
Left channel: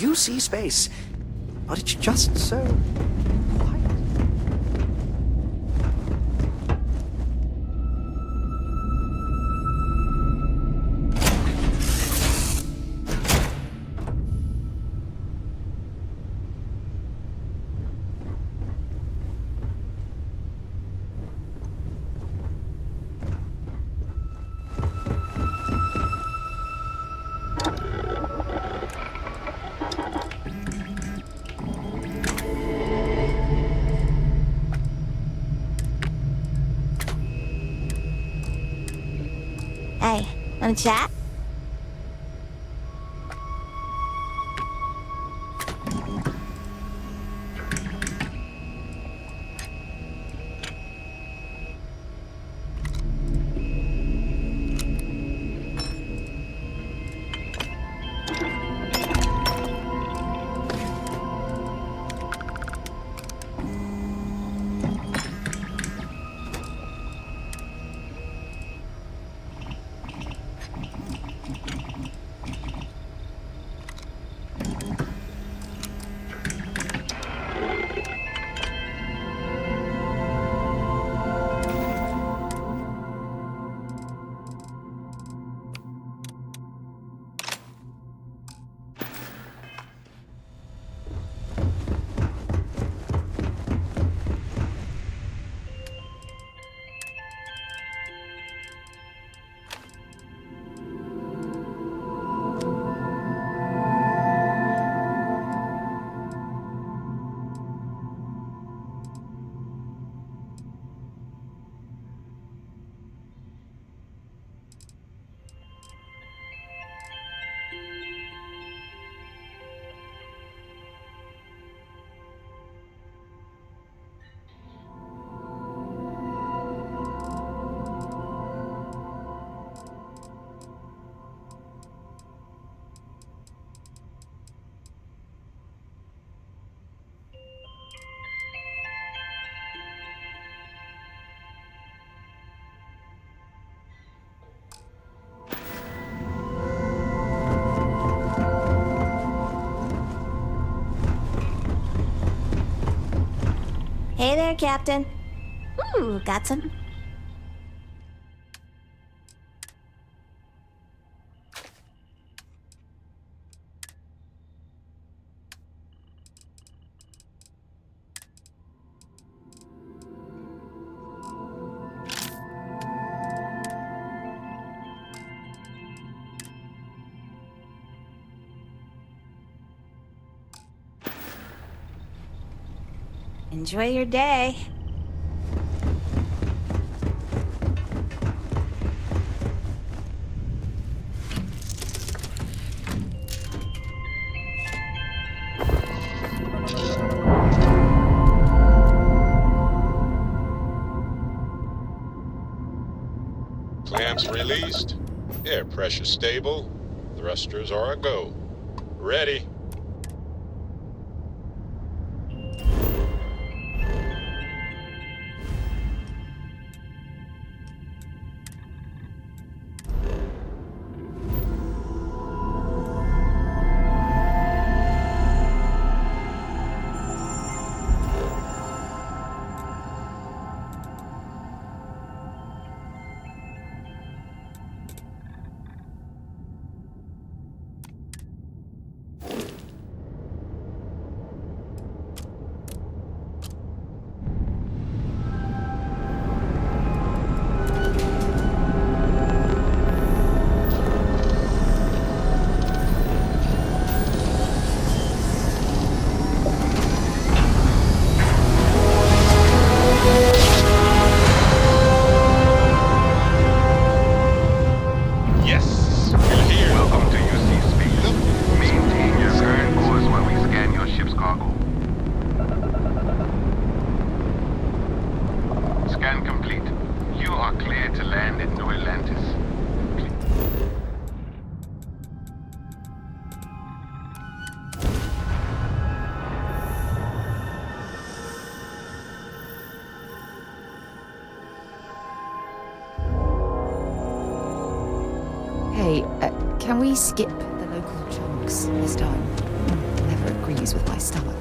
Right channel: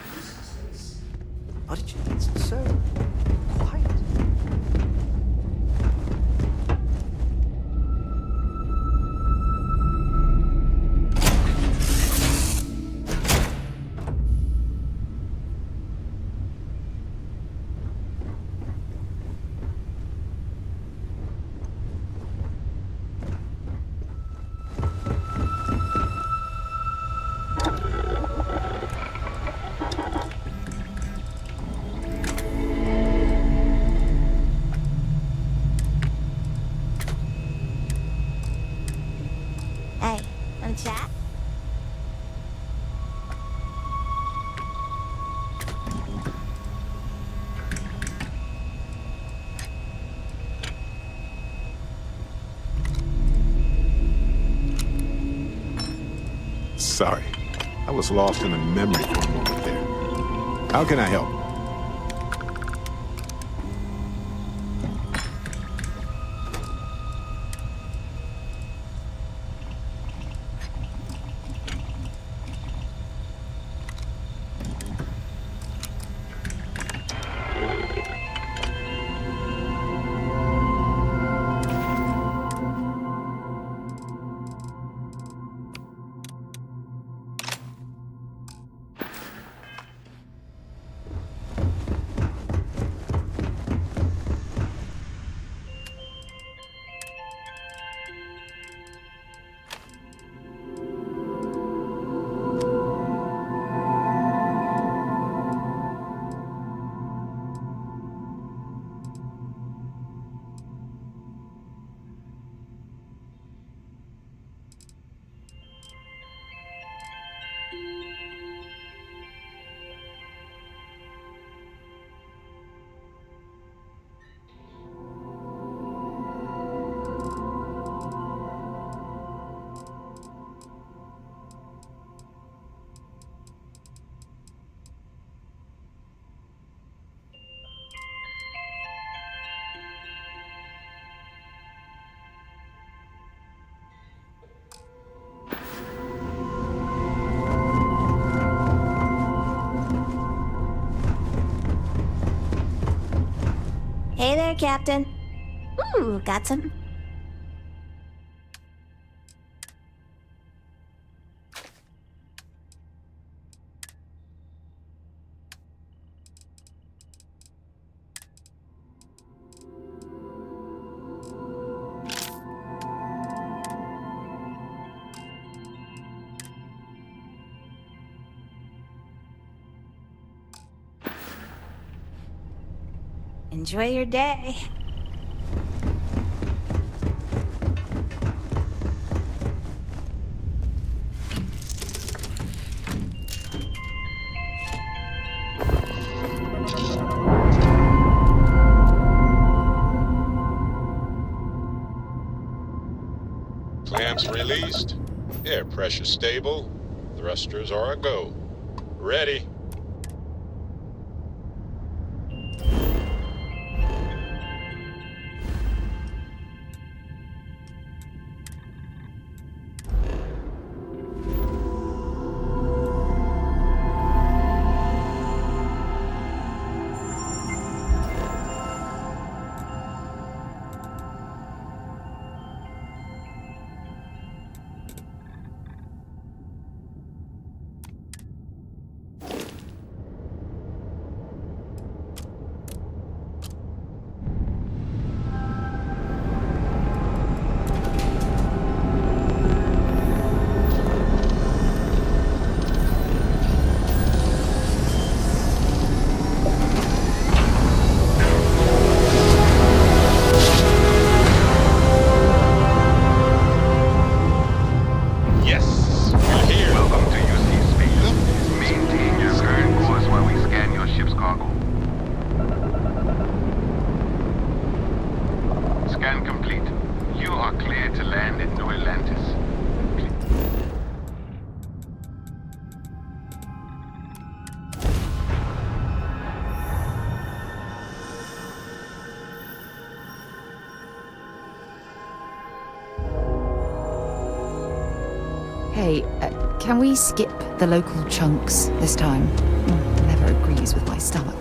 You see space, but it's just so quiet. Hey, wanna chat? Sorry, I was lost in a memory there. How can I help? Hey there, Captain. Ooh, got some. Enjoy your day. Clamps released. Air pressure stable. Thrusters are a go. Ready. Yes, we're here. Welcome to UC Space. Maintain your current course while we scan your ship's cargo. Scan complete. You are cleared to land at New Atlantis. Hey, can we skip the local chunks this time? Never agrees with my stomach.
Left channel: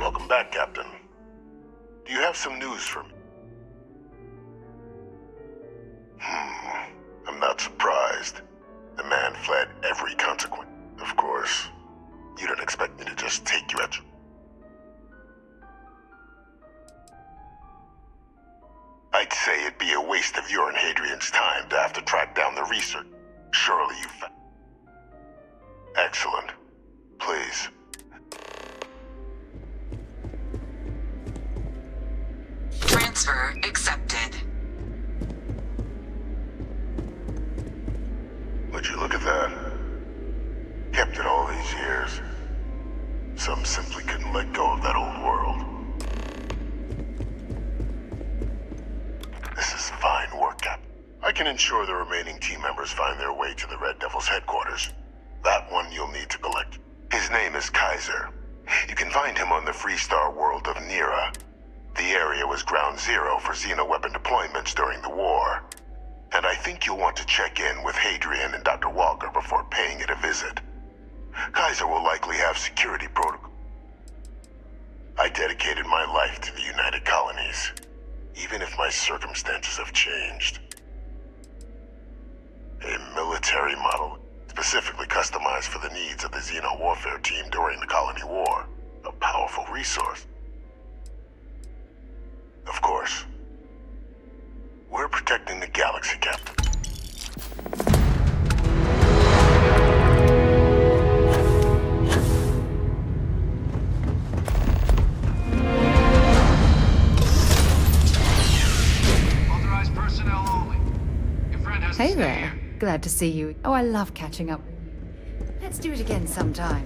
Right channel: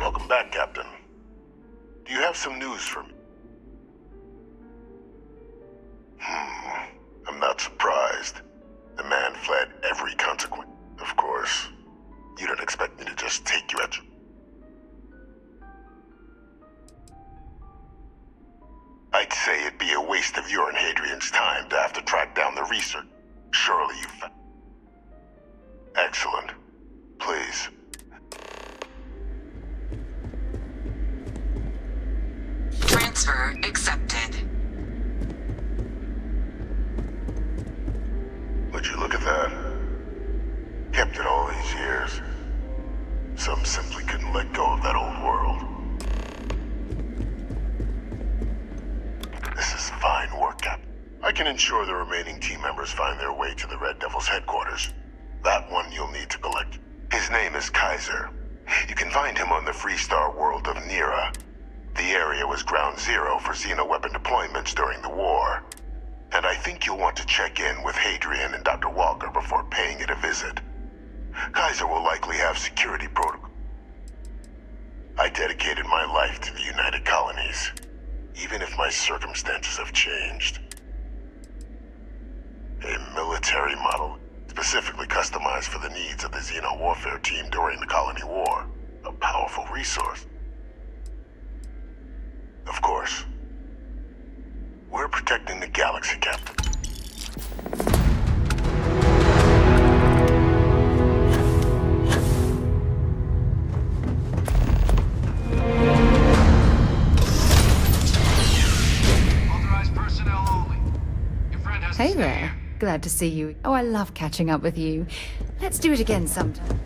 Welcome back, Captain. Do you have some news for me? I'm not surprised. The man fled every consequence. Of course, you don't expect me to just take you at your... I'd say it'd be a waste of your and Hadrian's time to have to track down the research. Surely you found... Excellent. Please. Transfer accepted. Would you look at that? Kept it all these years. Some simply couldn't let go of that old world. This is fine work, Captain. I can ensure the remaining team members find their way to the Red Devil's headquarters. That one you'll need to collect. His name is Kaiser. You can find him on the Freestar world of Nira. The area was ground zero for xeno-weapon deployments during the war. And I think you'll want to check in with Hadrian and Dr. Walker before paying it a visit. Kaiser will likely have security protocol. I dedicated my life to the United Colonies, even if my circumstances have changed. A military model specifically customized for the needs of the Xeno warfare team during the Colony War. A powerful resource. Of course, we're protecting the galaxy, Captain. Hey there. Glad to see you. Oh, I love catching up with you. Let's do it again sometime.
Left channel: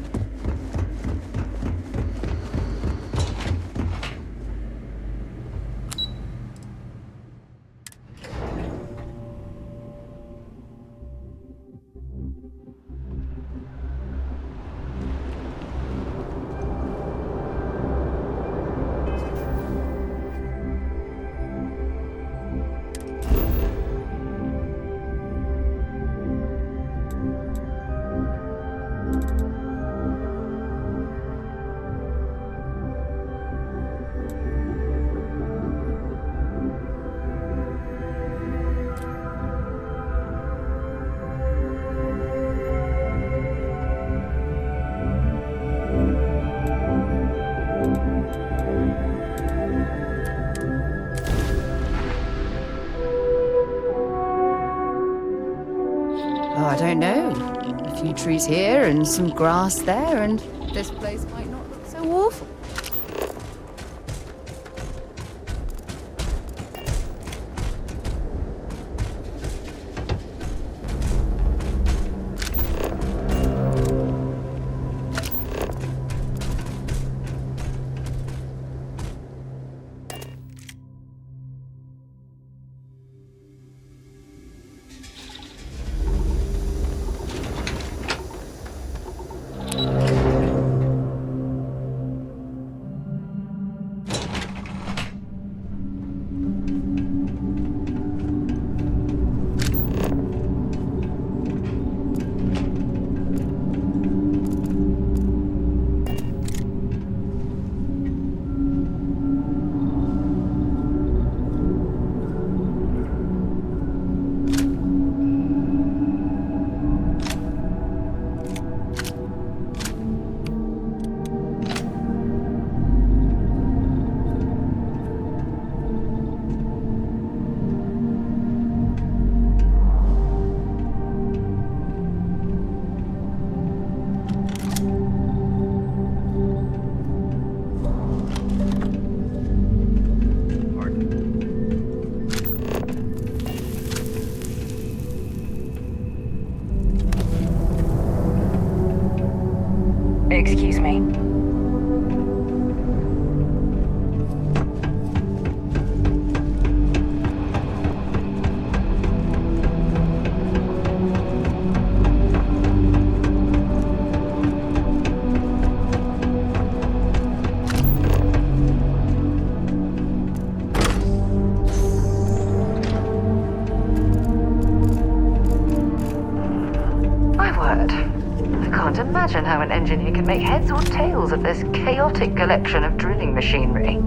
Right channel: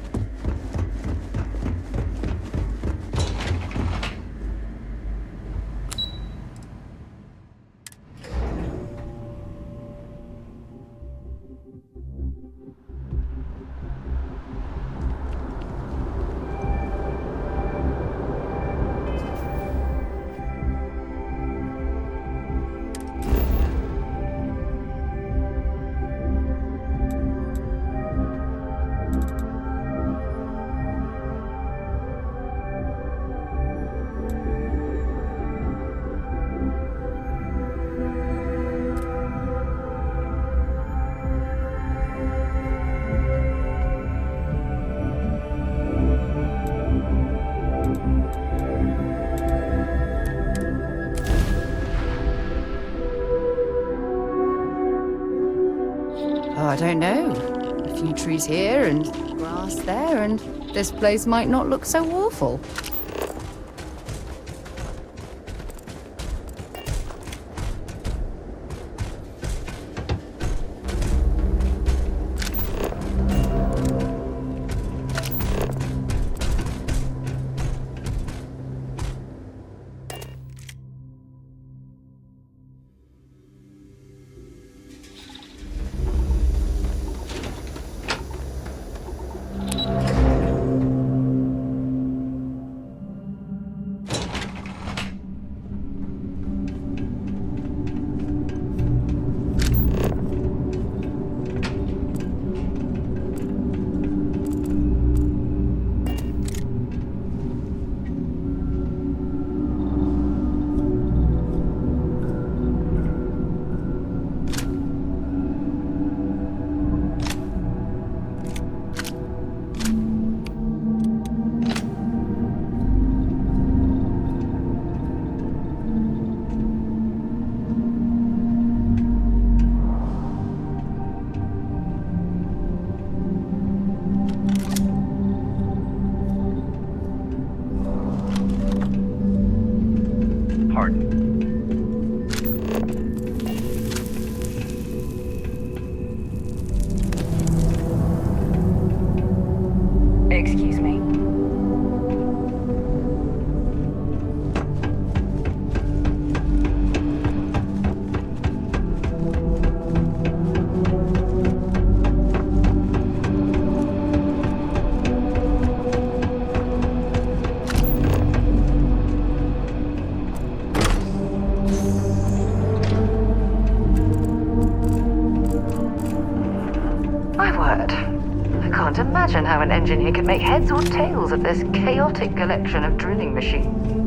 Oh, I don't know. A few trees here and some grass there, and this place might not look so awful. Excuse me. My word. I can't imagine how an engineer could make heads or tails of this chaotic collection of drilling machinery.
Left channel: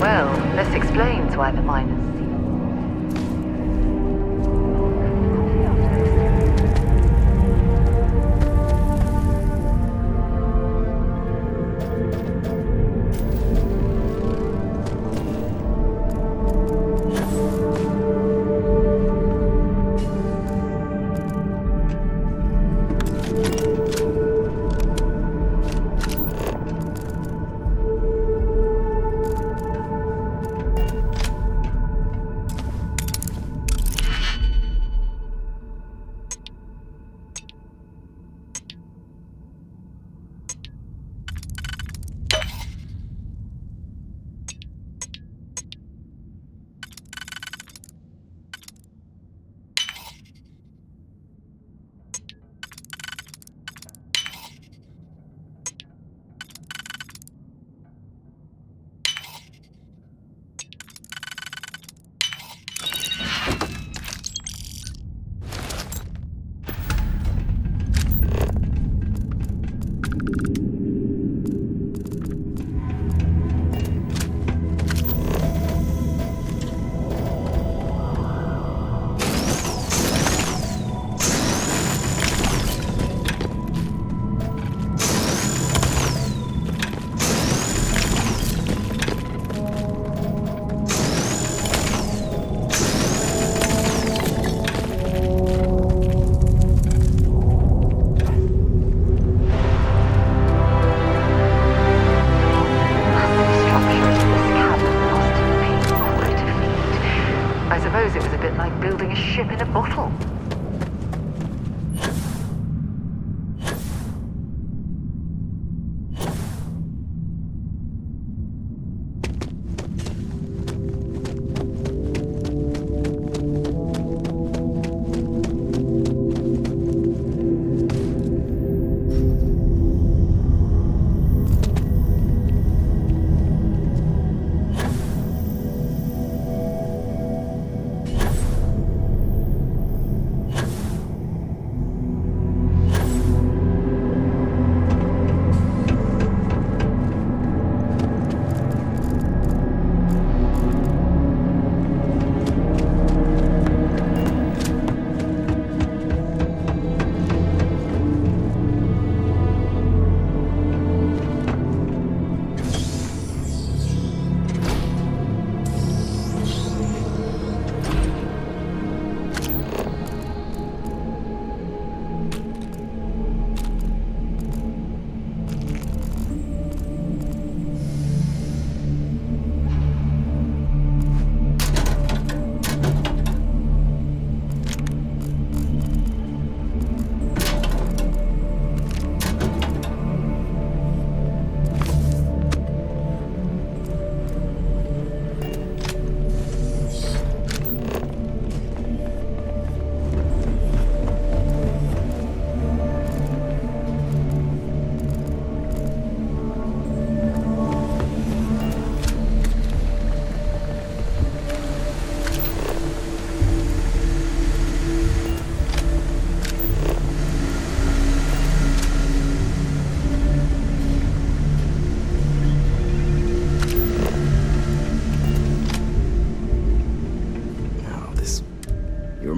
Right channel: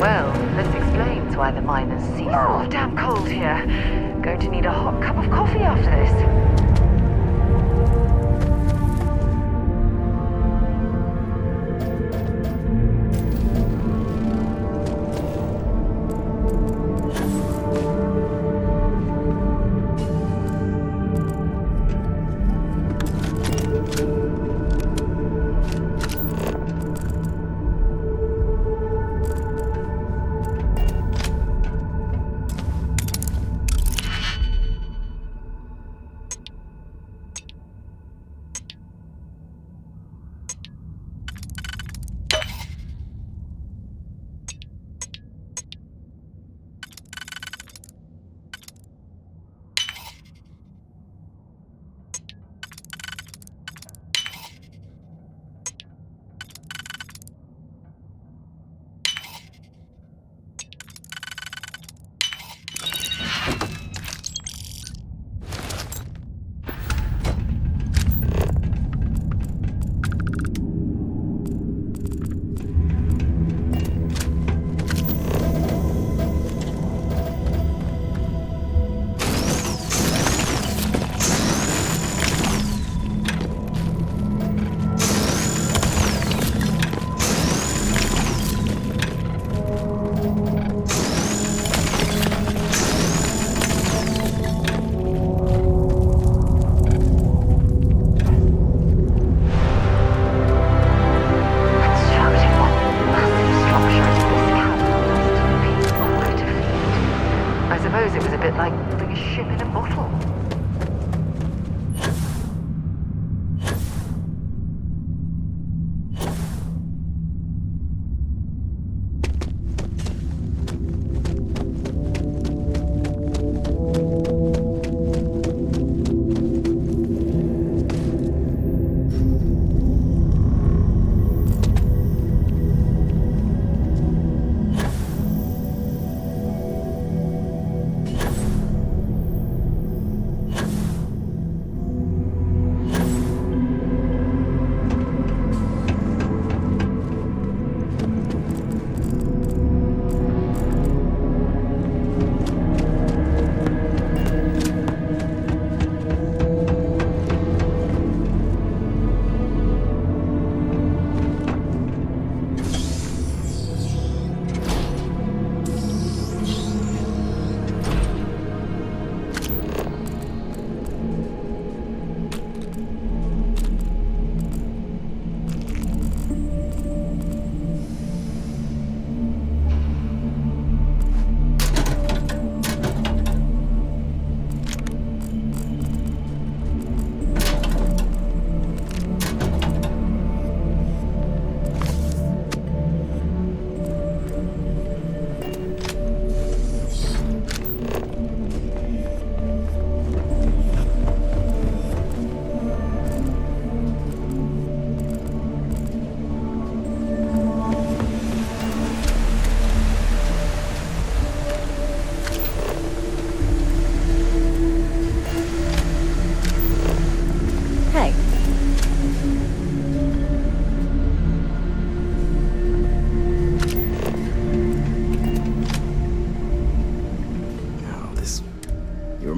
Well, this explains why the miners seem... Oh, damn cold here. Going to need a hot cup of coffee after this.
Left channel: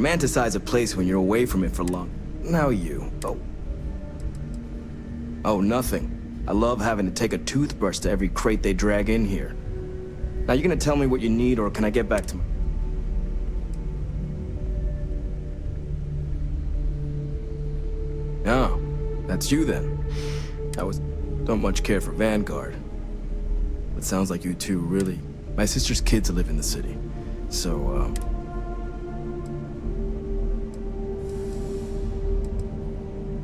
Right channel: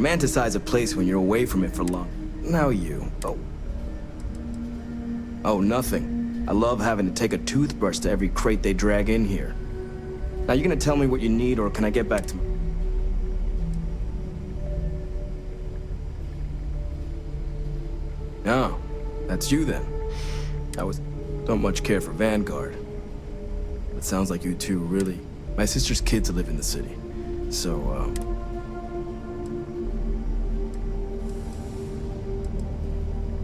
romanticize a place when you're away from it for long. Now you. Oh, nothing. I love having to take a toothbrush to every crate they drag in here. Now, you gonna tell me what you need, or can I get back to my... Oh, that's you then. Don't much care for Vanguard. But sounds like you two really... My sister's kids live in the city. So,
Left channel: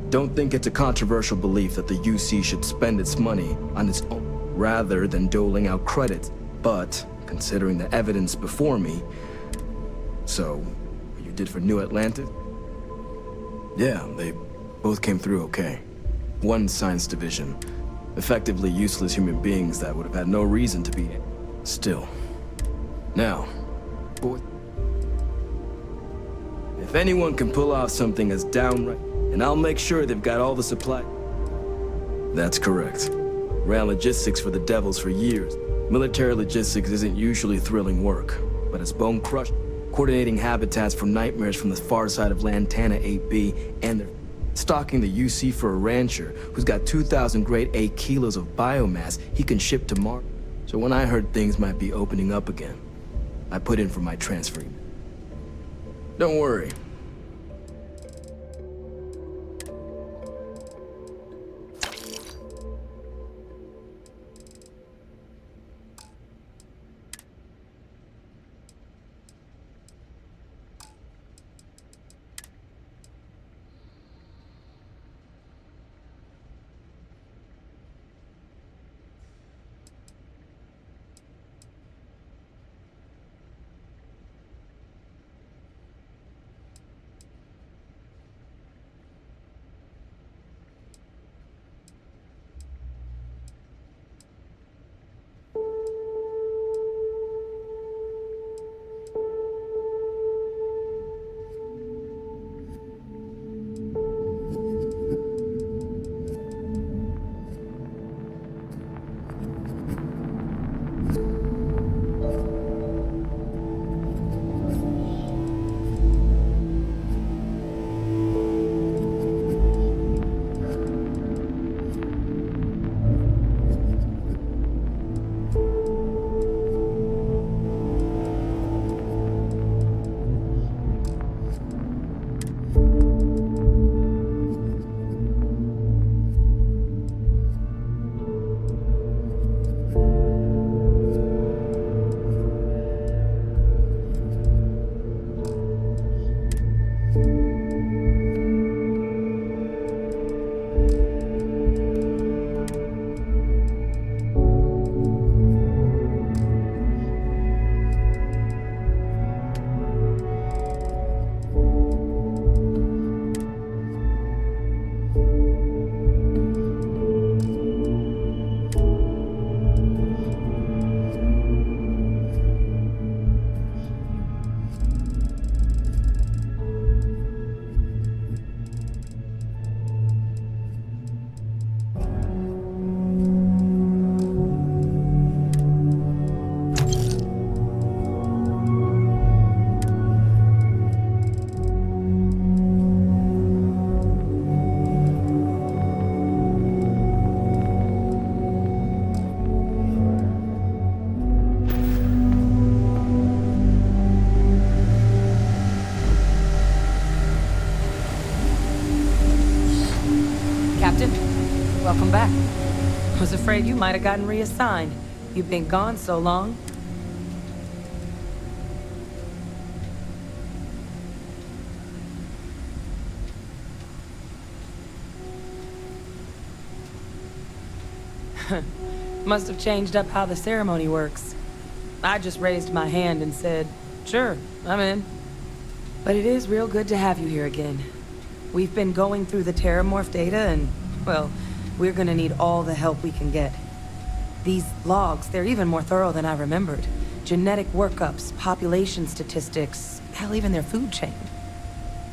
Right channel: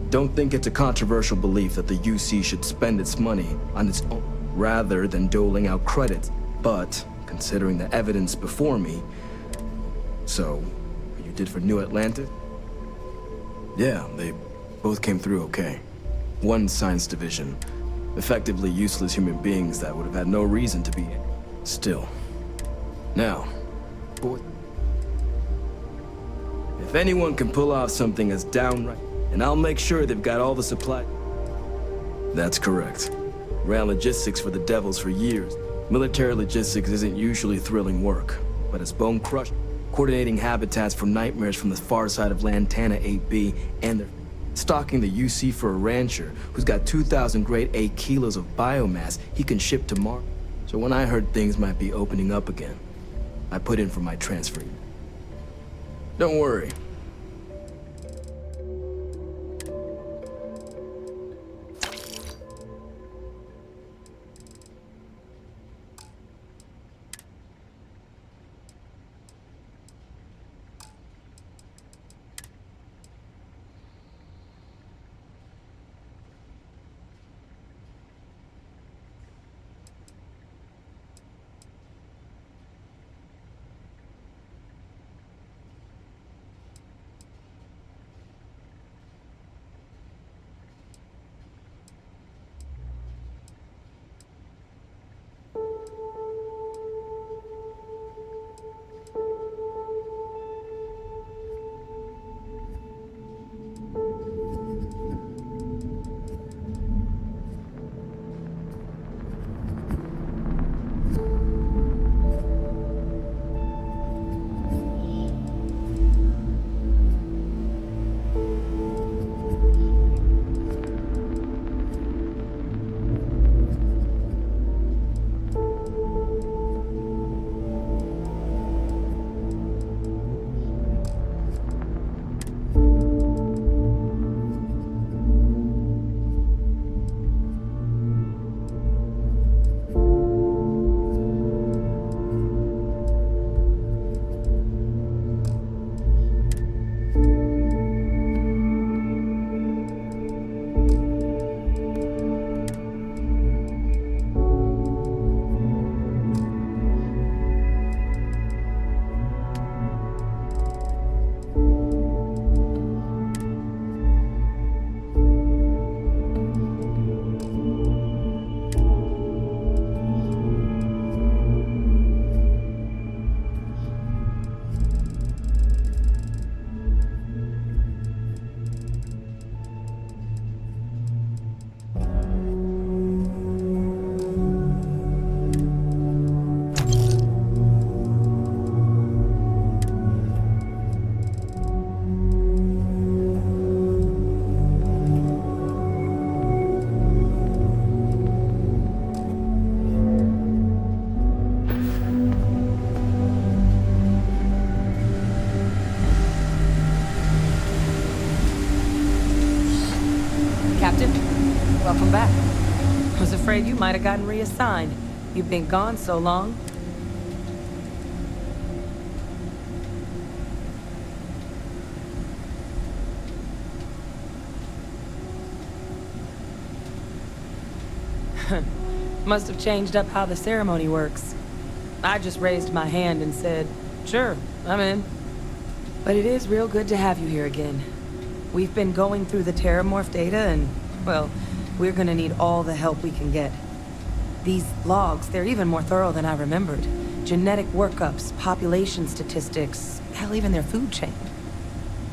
don't think it's a controversial belief that the UC should spend its money on its own rather than doling out credits. But, considering the evidence before me... So, what you did for New Atlantis? Yeah, they both came through okay. One science division. Effectively useless human beings that would have had no reason to be in. Still. Now, boy... If anyone can pull off something as downright... And I'll make sure they've got all the supply... That's correct. Ran logistics for the Devils for years. Military logistics isn't usually thrilling work, but it's bone crushed. Coordinating habitats for nightmares from the far side of Lantana 8B, and they're stocking the UC for a rancher who's got 2,000 grade A kilos of biomass he can ship to Mars. So when I heard things might be opening up again, I put in for my transfer. Don't worry. Captain, welcome back. Was afraid you might have gotten reassigned. You've been gone so long. Must have changed up how the ceremony works. I just raised my hand and said, sure, I'm in. But it is real good to have you here again. We've been going through the Terramorph data and, well, we're gonna need all the help we can get. These logs, they're even more thorough than I remembered. Genetic workups, population statistics, hell, even their food chain.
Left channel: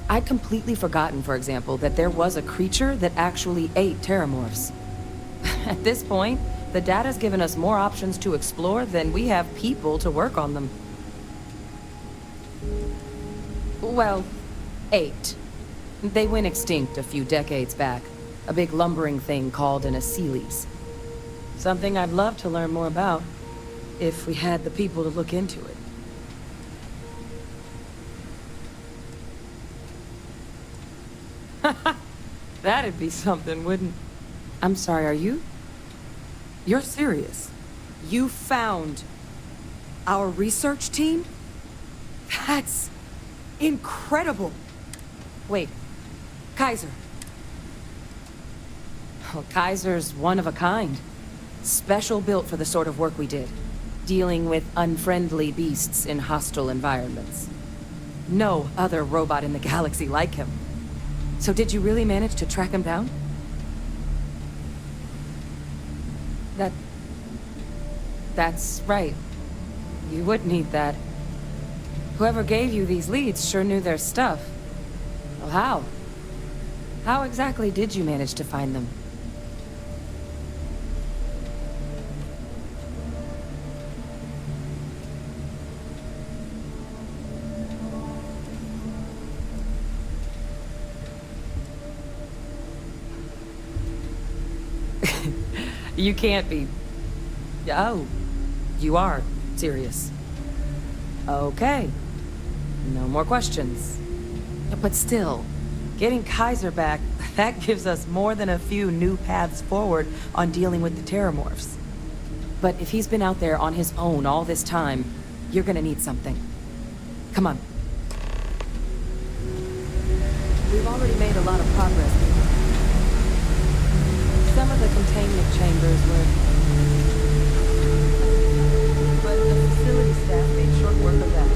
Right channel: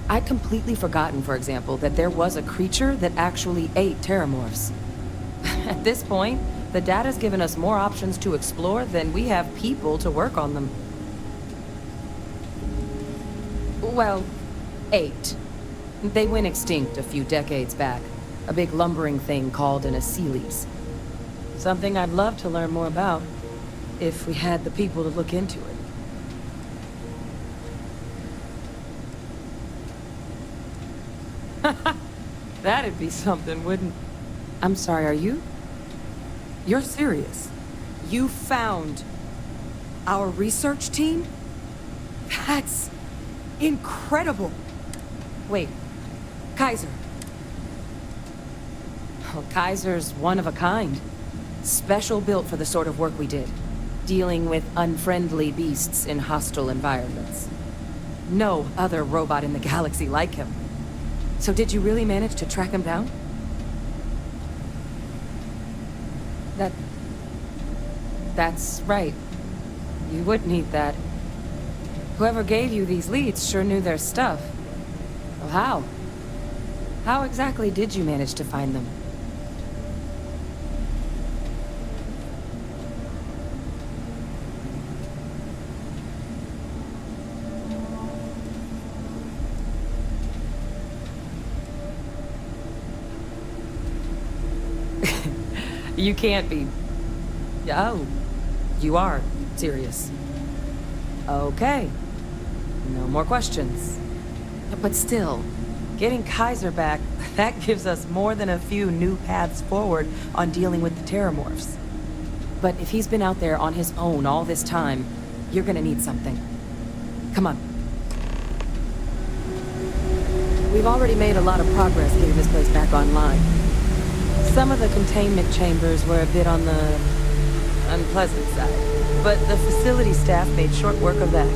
I'd completely forgotten, for example, that there was a creature that actually ate Terramorphs. At this point, the data's given us more options to explore than we have people to work on them. Well, 8. They went extinct a few decades back. A big lumbering thing called an Aceles. Something I'd love to learn more about, if we had the people to look into it. That'd be something, wouldn't... I'm sorry, are you? You're serious? You found our research team? That's incredible. Wait, Kaiser. Well, Kaiser's one of a kind. Special built for the sort of work we did. Dealing with unfriendly beasts in hostile environments. No other robot in the galaxy like him. So did you really manage to track him down? That's right. You would need that. Whoever gave you these leads sure knew their stuff. Well, how? How exactly did you manage to find them? You can't be... Oh, you are serious. Okay. No more questions. But still, getting Kaiser back, that gives us more than a few new paths forward on dealing with the Terramorphs. But if he's been out there on his own all this time, you're gonna need something. Come on. We've already made a lot of progress getting this place back online. Some of the containment chambers were a bit on the unpleasant side, but the facility staff made short work of that.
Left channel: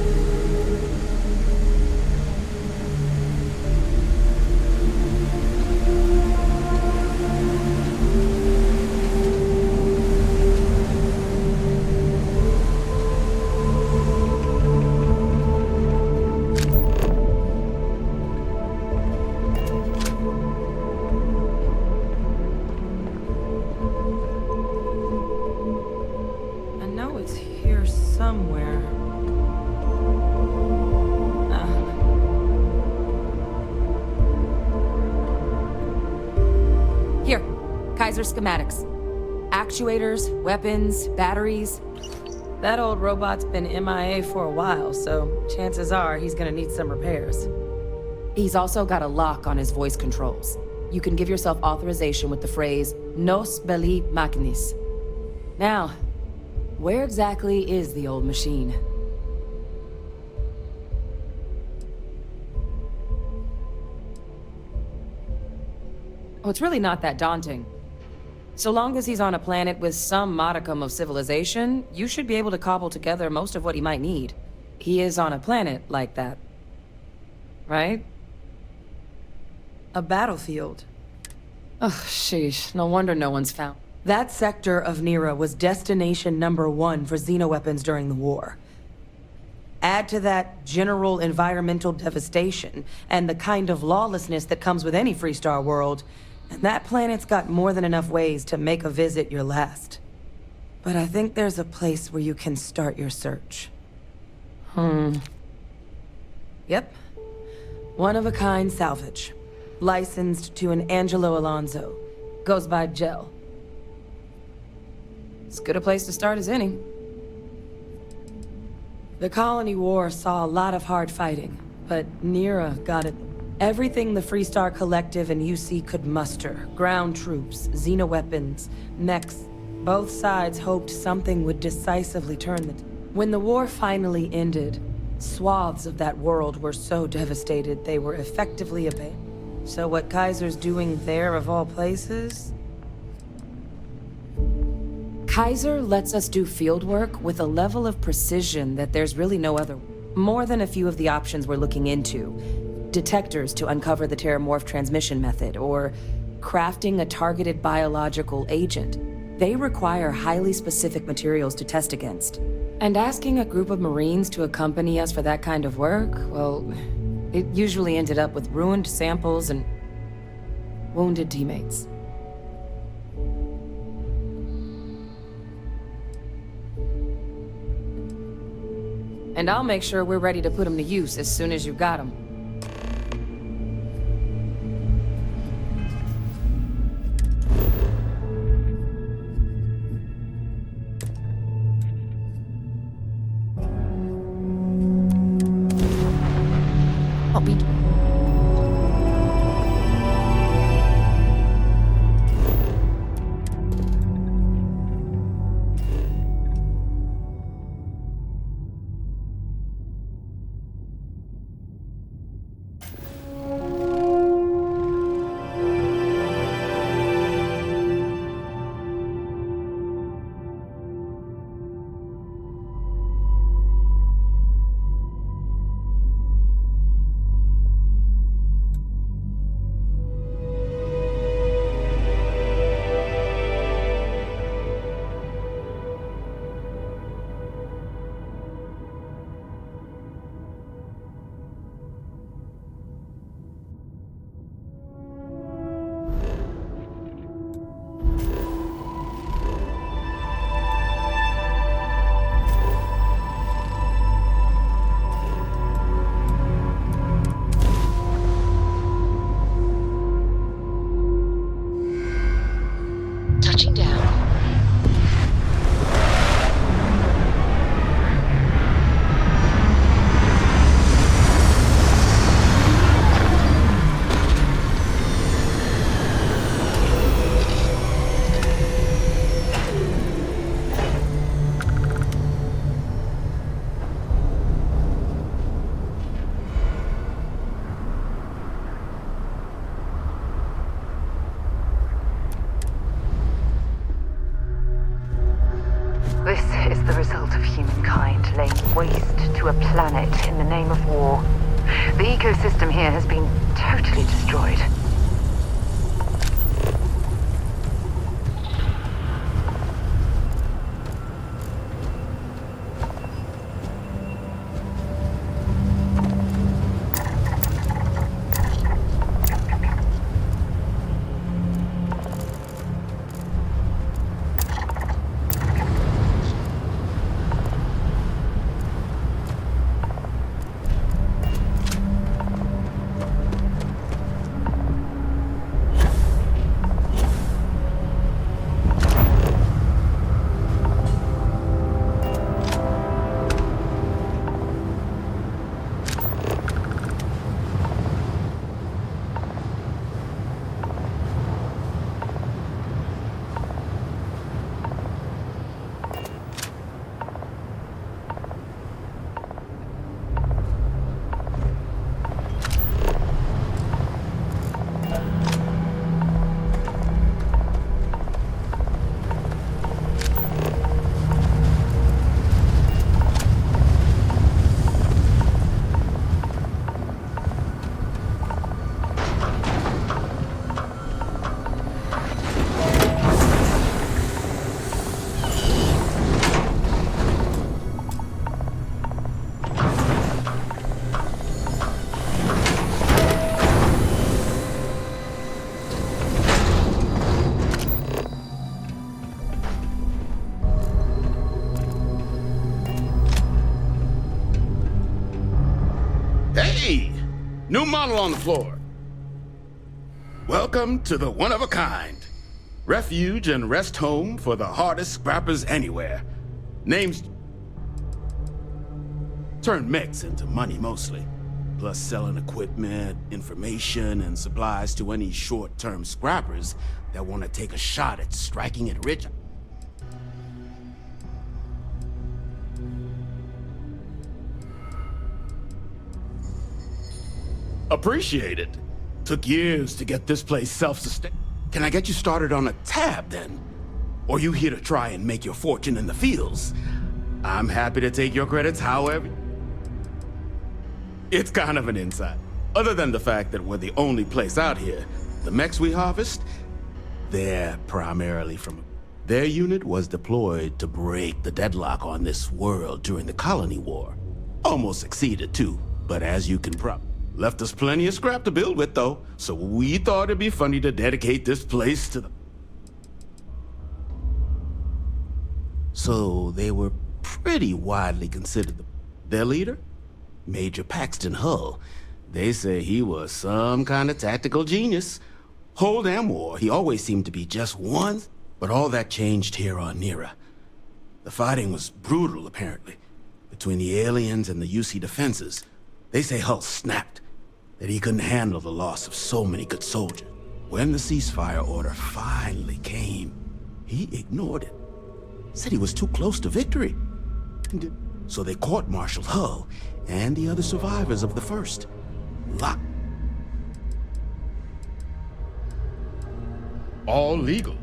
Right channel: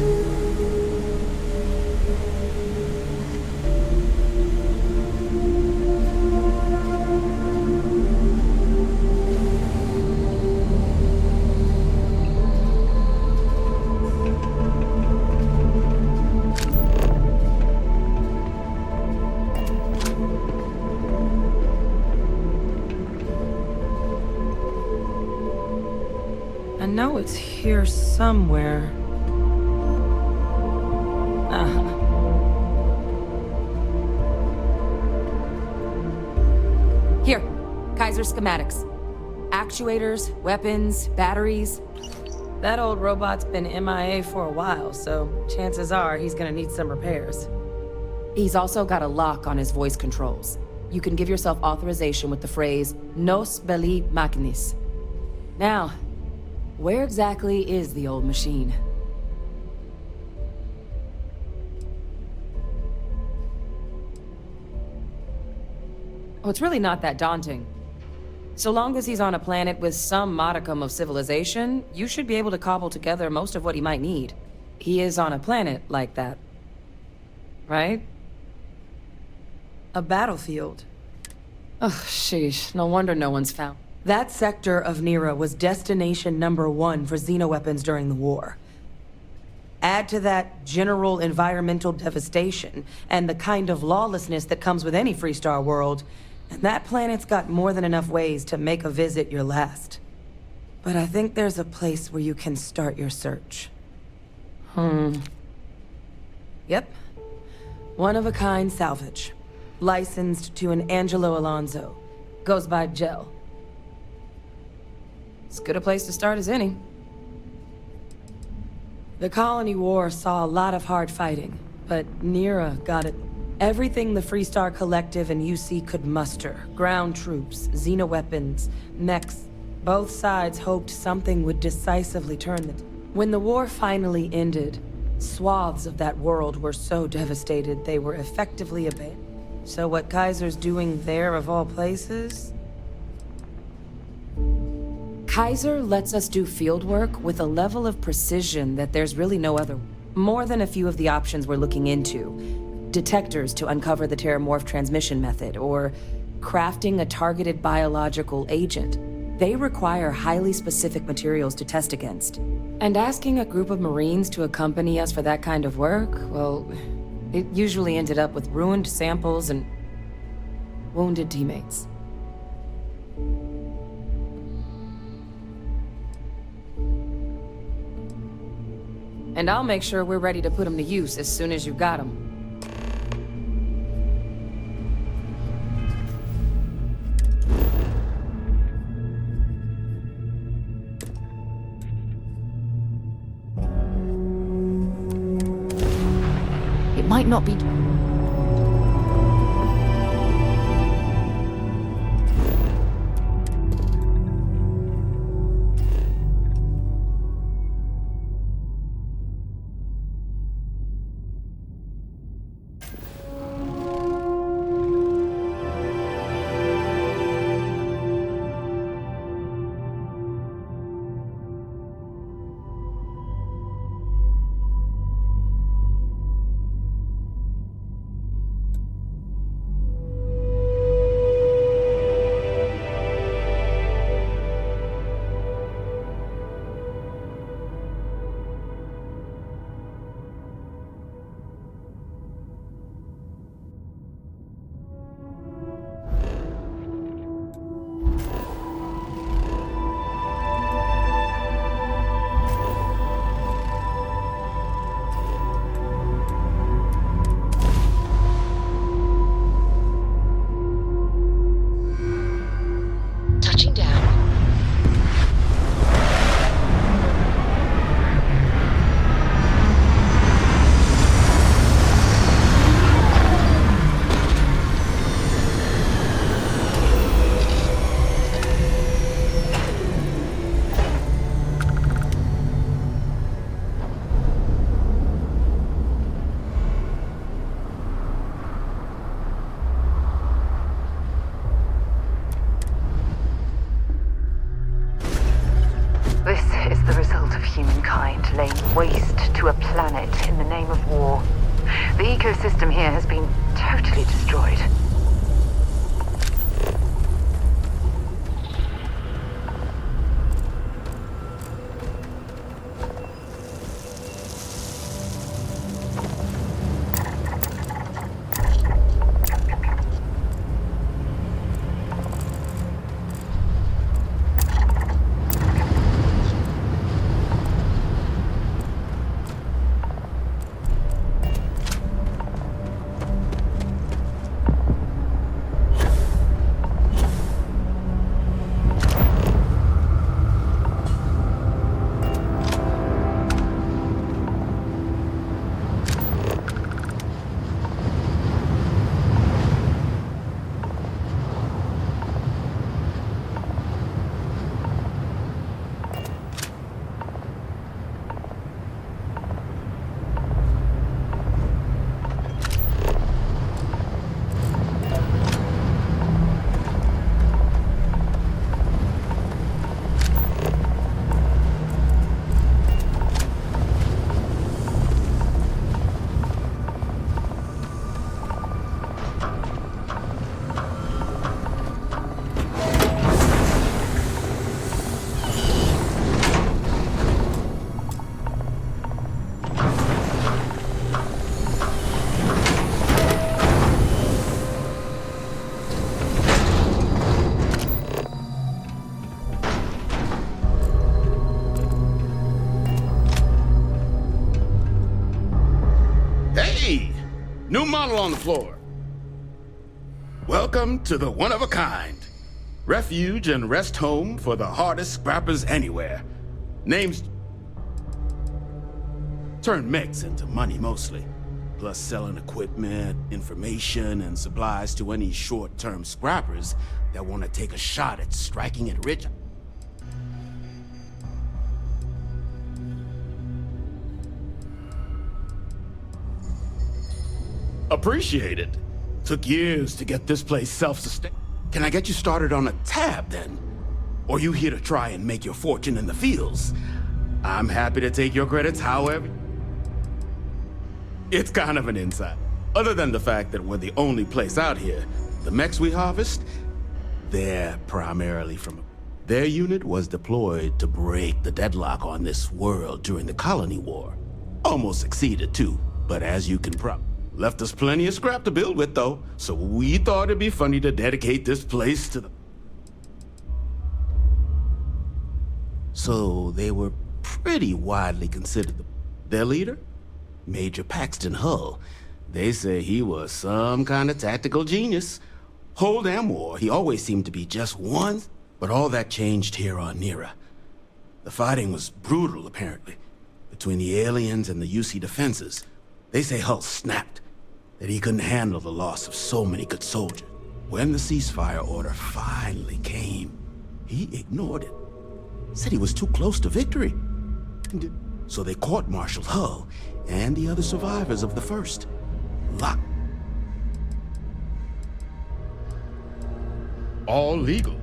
I know it's here somewhere. Here, Kaiser schematics. Actuators, weapons, batteries. That old robot's been MIA for a while, so chances are he's gonna need some repairs. He's also got a lock on his voice controls. You can give yourself authorization with the phrase, Nos belli machinis. Now, where exactly is the old machine? Oh, it's really not that daunting. So long as he's on a planet with some modicum of civilization, you should be able to cobble together most of what he might need. He is on a planet like that. Right? A battlefield. Oh, sheesh. No wonder no one's found. That sector of Nera was destination #1 for xenoweapons during the war. Add to that general environmental devastation and the kind of lawlessness that comes with any Freestar world, and that planet's got more than enough ways to make a visit your last. But I think there's a place where you can start your search. Yep. One-of-a-kind salvage. Licensed to an Angelo Alonso. Goes by Gel. As good a place to start as any. The Colony War saw a lot of hard fighting, but Nera got it. Everything the Freestar Collective and UC could muster. Ground troops, xenoweapons, mechs. Both sides hoped something would decisively turn the... When the war finally ended, swaths of that world were so devastated they were effectively abandoned. So what Kaiser's doing there of all places? Kaiser lets us do field work with a level of precision that there's really no other. More than a few of the options we're looking into. Detectors to uncover the Terramorph transmission method, or crafting a targeted biological agent. They require highly specific materials to test against. And asking a group of Marines to accompany us for that kind of work, well, it usually ended up with ruined samples and wounded teammates. And I'll make sure we're ready to put them to use as soon as you got them. not be... Touching down. This is the result of humankind laying waste to a planet in the name of war. The ecosystem here has been totally destroyed. Hey! New model on the floor. Welcome to the one-of-a-kind. Refuge and rest home for the hardest scrappers anywhere. Name's... Turn mechs into money mostly. Plus selling equipment, information, and supplies to any short-term scrappers that want to take a shot at striking it rich. Appreciate it. Took years to get this place self-sustained. Can I get you started on a tab, then? Or you here to try and make your fortune in the fields? I'm happy to take your credits however... It's kind of an insight. Other than the fact that we're the only place out here, the mechs we harvest, they're primarily from... Their unit was deployed to break the deadlock on this world during the Colony War. Almost succeeded, too, but as you can left us plenty of scrap to build with, though, so we thought it'd be funny to dedicate this place to the... So they were pretty widely considered their leader? Major Paxton Hull. They say he was some kind of tactical genius. Whole damn war, he always seemed to be just one, but all that changed here on Nira. The fighting was brutal, apparently, between the aliens and the UC defenses. They say Hull snapped. that he couldn't handle the loss of so many good soldiers. When the ceasefire order finally came, he ignored it. Said he was too close to victory. So they court-martialed Hull and the other survivors of the first. Locked. All legal.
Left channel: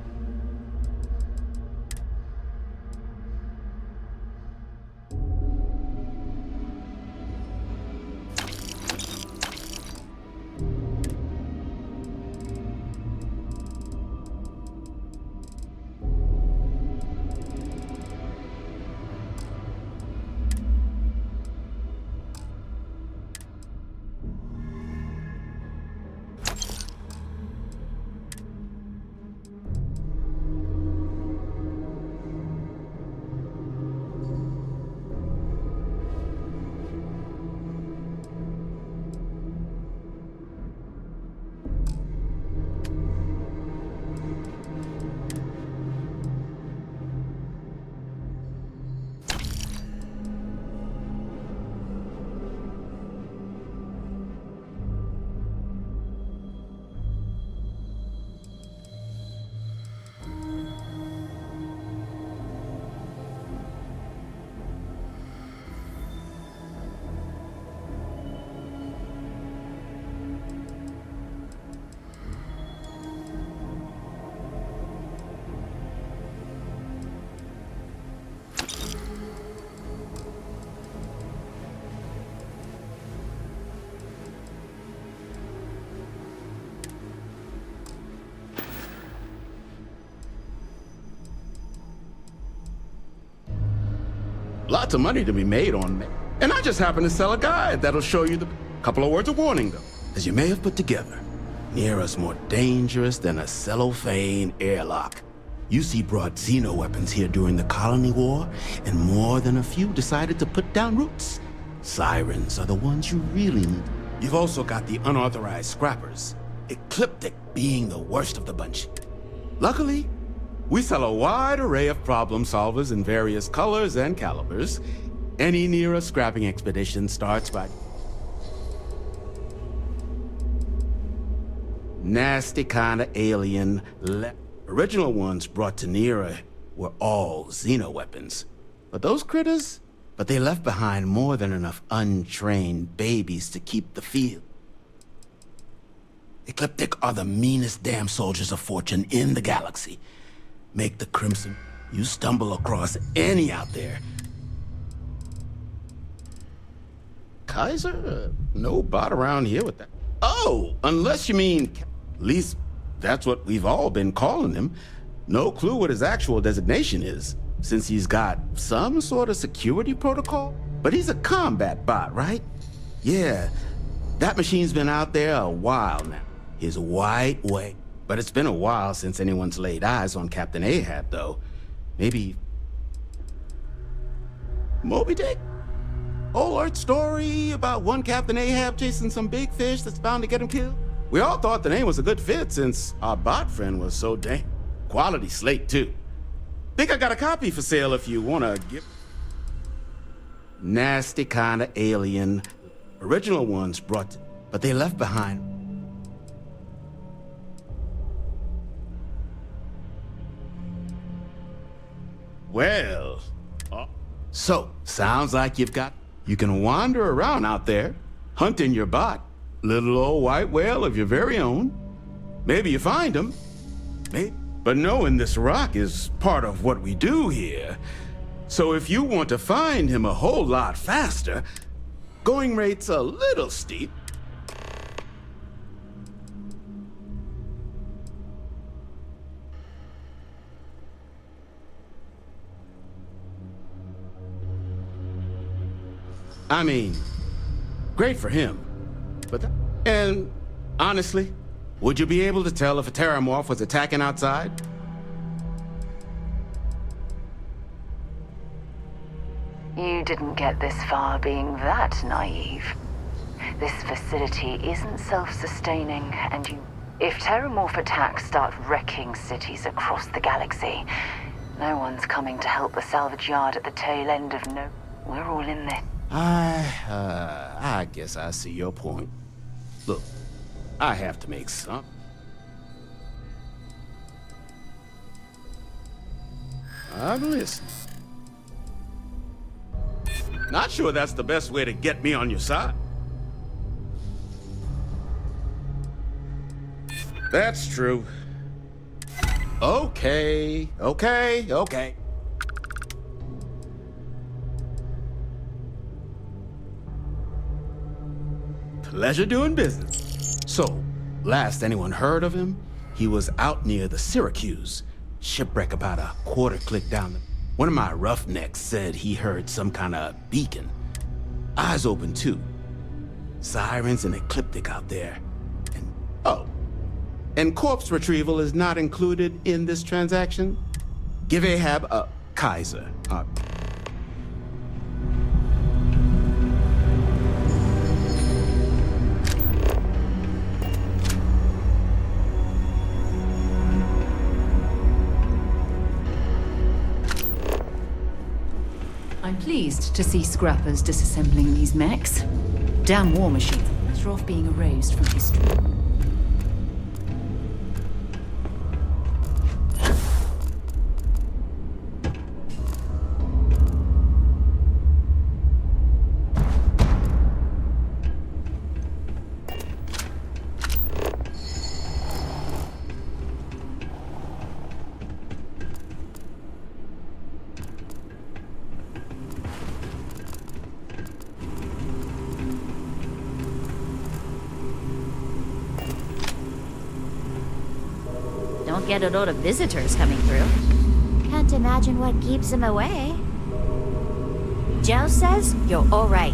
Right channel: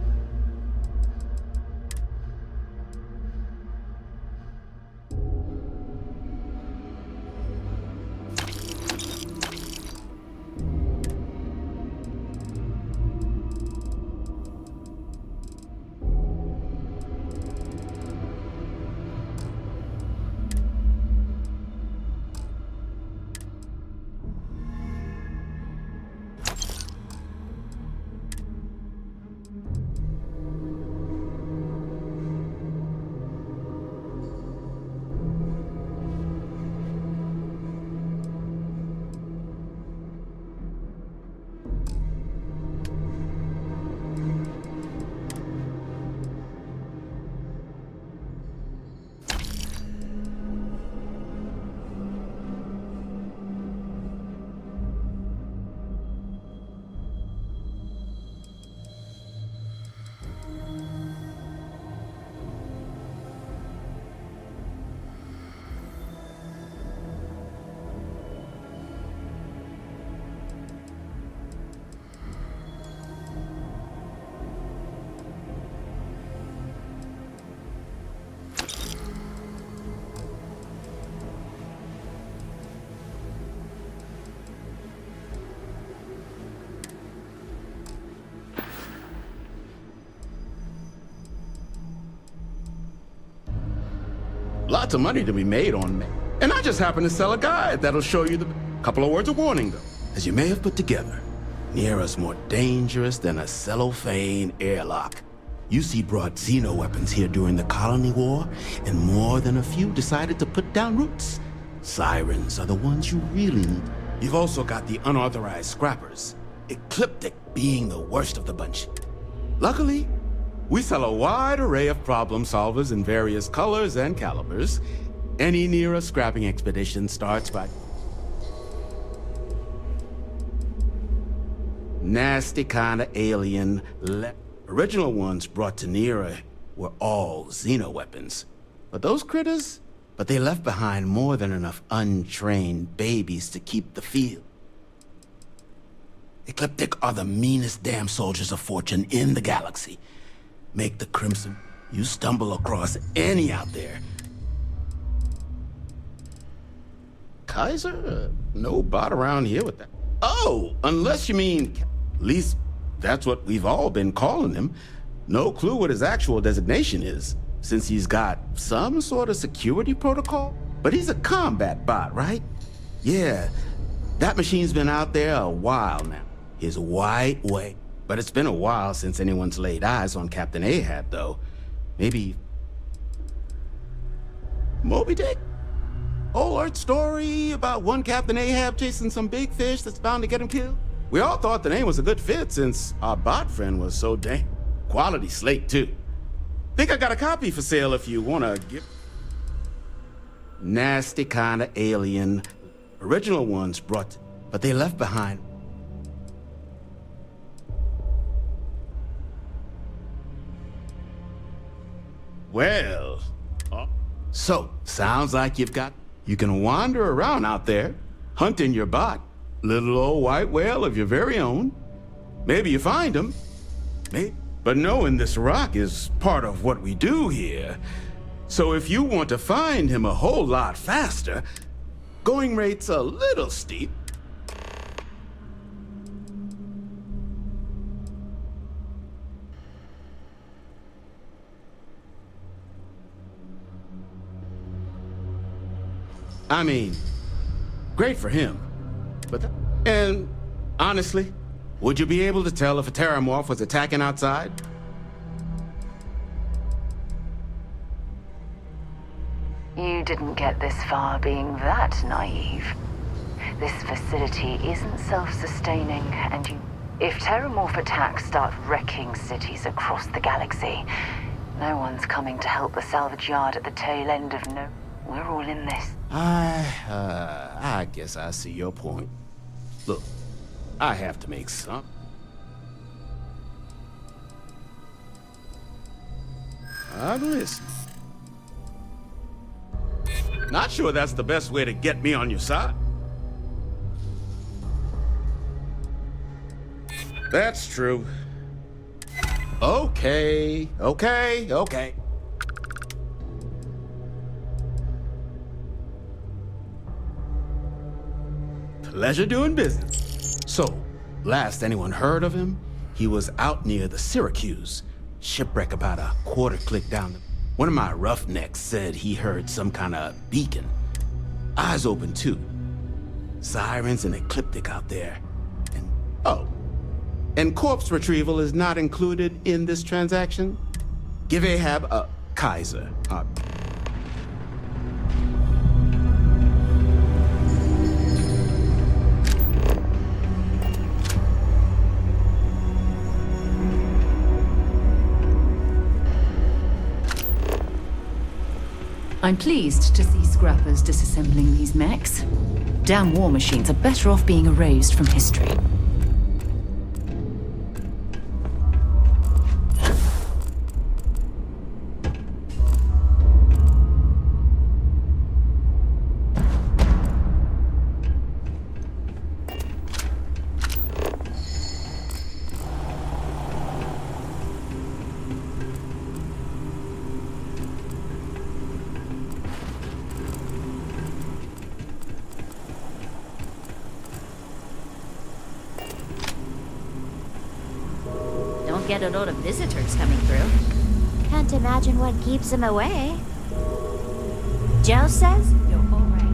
Lots of money to be made on me. And I just happen to sell a guide that'll show you the... Couple of words of warning, though. As you may have put together, Nera's more dangerous than a cellophane airlock. UC brought Xeno weapons here during the Colony War, and more than a few decided to put down roots. Sirens are the ones you really need. You've also got the unauthorized scrappers, Ecliptic being the worst of the bunch. Luckily, we sell a wide array of problem solvers in various colors and calibers. Any Nera scrapping expedition starts by... Nasty kind of alien... Original ones brought to Nera were all Xeno weapons. But those critters... But they left behind more than enough untrained babies to keep the field. Ecliptic are the meanest damn soldiers of fortune in the galaxy. Make the Crimson. You stumble across any out there. Kaiser? No bot around here with that. Oh, unless you mean... At least that's what we've all been calling him. No clue what his actual designation is, since he's got some sort of security protocol. But he's a combat bot, right? Yeah, that machine's been out there a while now. His white way. But it's been a while since anyone's laid eyes on Captain Ahab, though. Maybe... Moby Dick? Old Earth story about one Captain Ahab chasing some big fish that's bound to get him killed? We all thought the name was a good fit since our bot friend was so dang... Quality slate, too. Think I got a copy for sale if you want to give... Nasty kind of alien. Original ones brought... But they left behind... Well, so, sounds like you've got... You can wander around out there, hunting your bot. Little old white whale of your very own. Maybe you find him. Maybe. But knowing this rock is part of what we do here. So if you want to find him a whole lot faster, going rate's a little steep. I mean, great for him, but and honestly, would you be able to tell if a Terramorph was attacking outside? You didn't get this far being that naive. This facility isn't self-sustaining, and if Terramorph attacks start wrecking cities across the galaxy, no one's coming to help the salvage yard at the tail end of We're all in this. I guess I see your point. Look, I have to make some. I'm listening. Not sure that's the best way to get me on your side. That's true. Okay. Pleasure doing business. So, last anyone heard of him, he was out near the Syracuse. Shipwreck about a quarter click down the... One of my roughnecks said he heard some kind of beacon. Eyes open too. Sirens and ecliptic out there. And, oh. And corpse retrieval is not included in this transaction? Give Ahab a Kaiser. I'm pleased to see scrappers disassembling these mechs. Damn war machines are better off being erased from history. Don't get a lot of visitors coming through. Can't imagine what keeps him away. Joe says you're all right.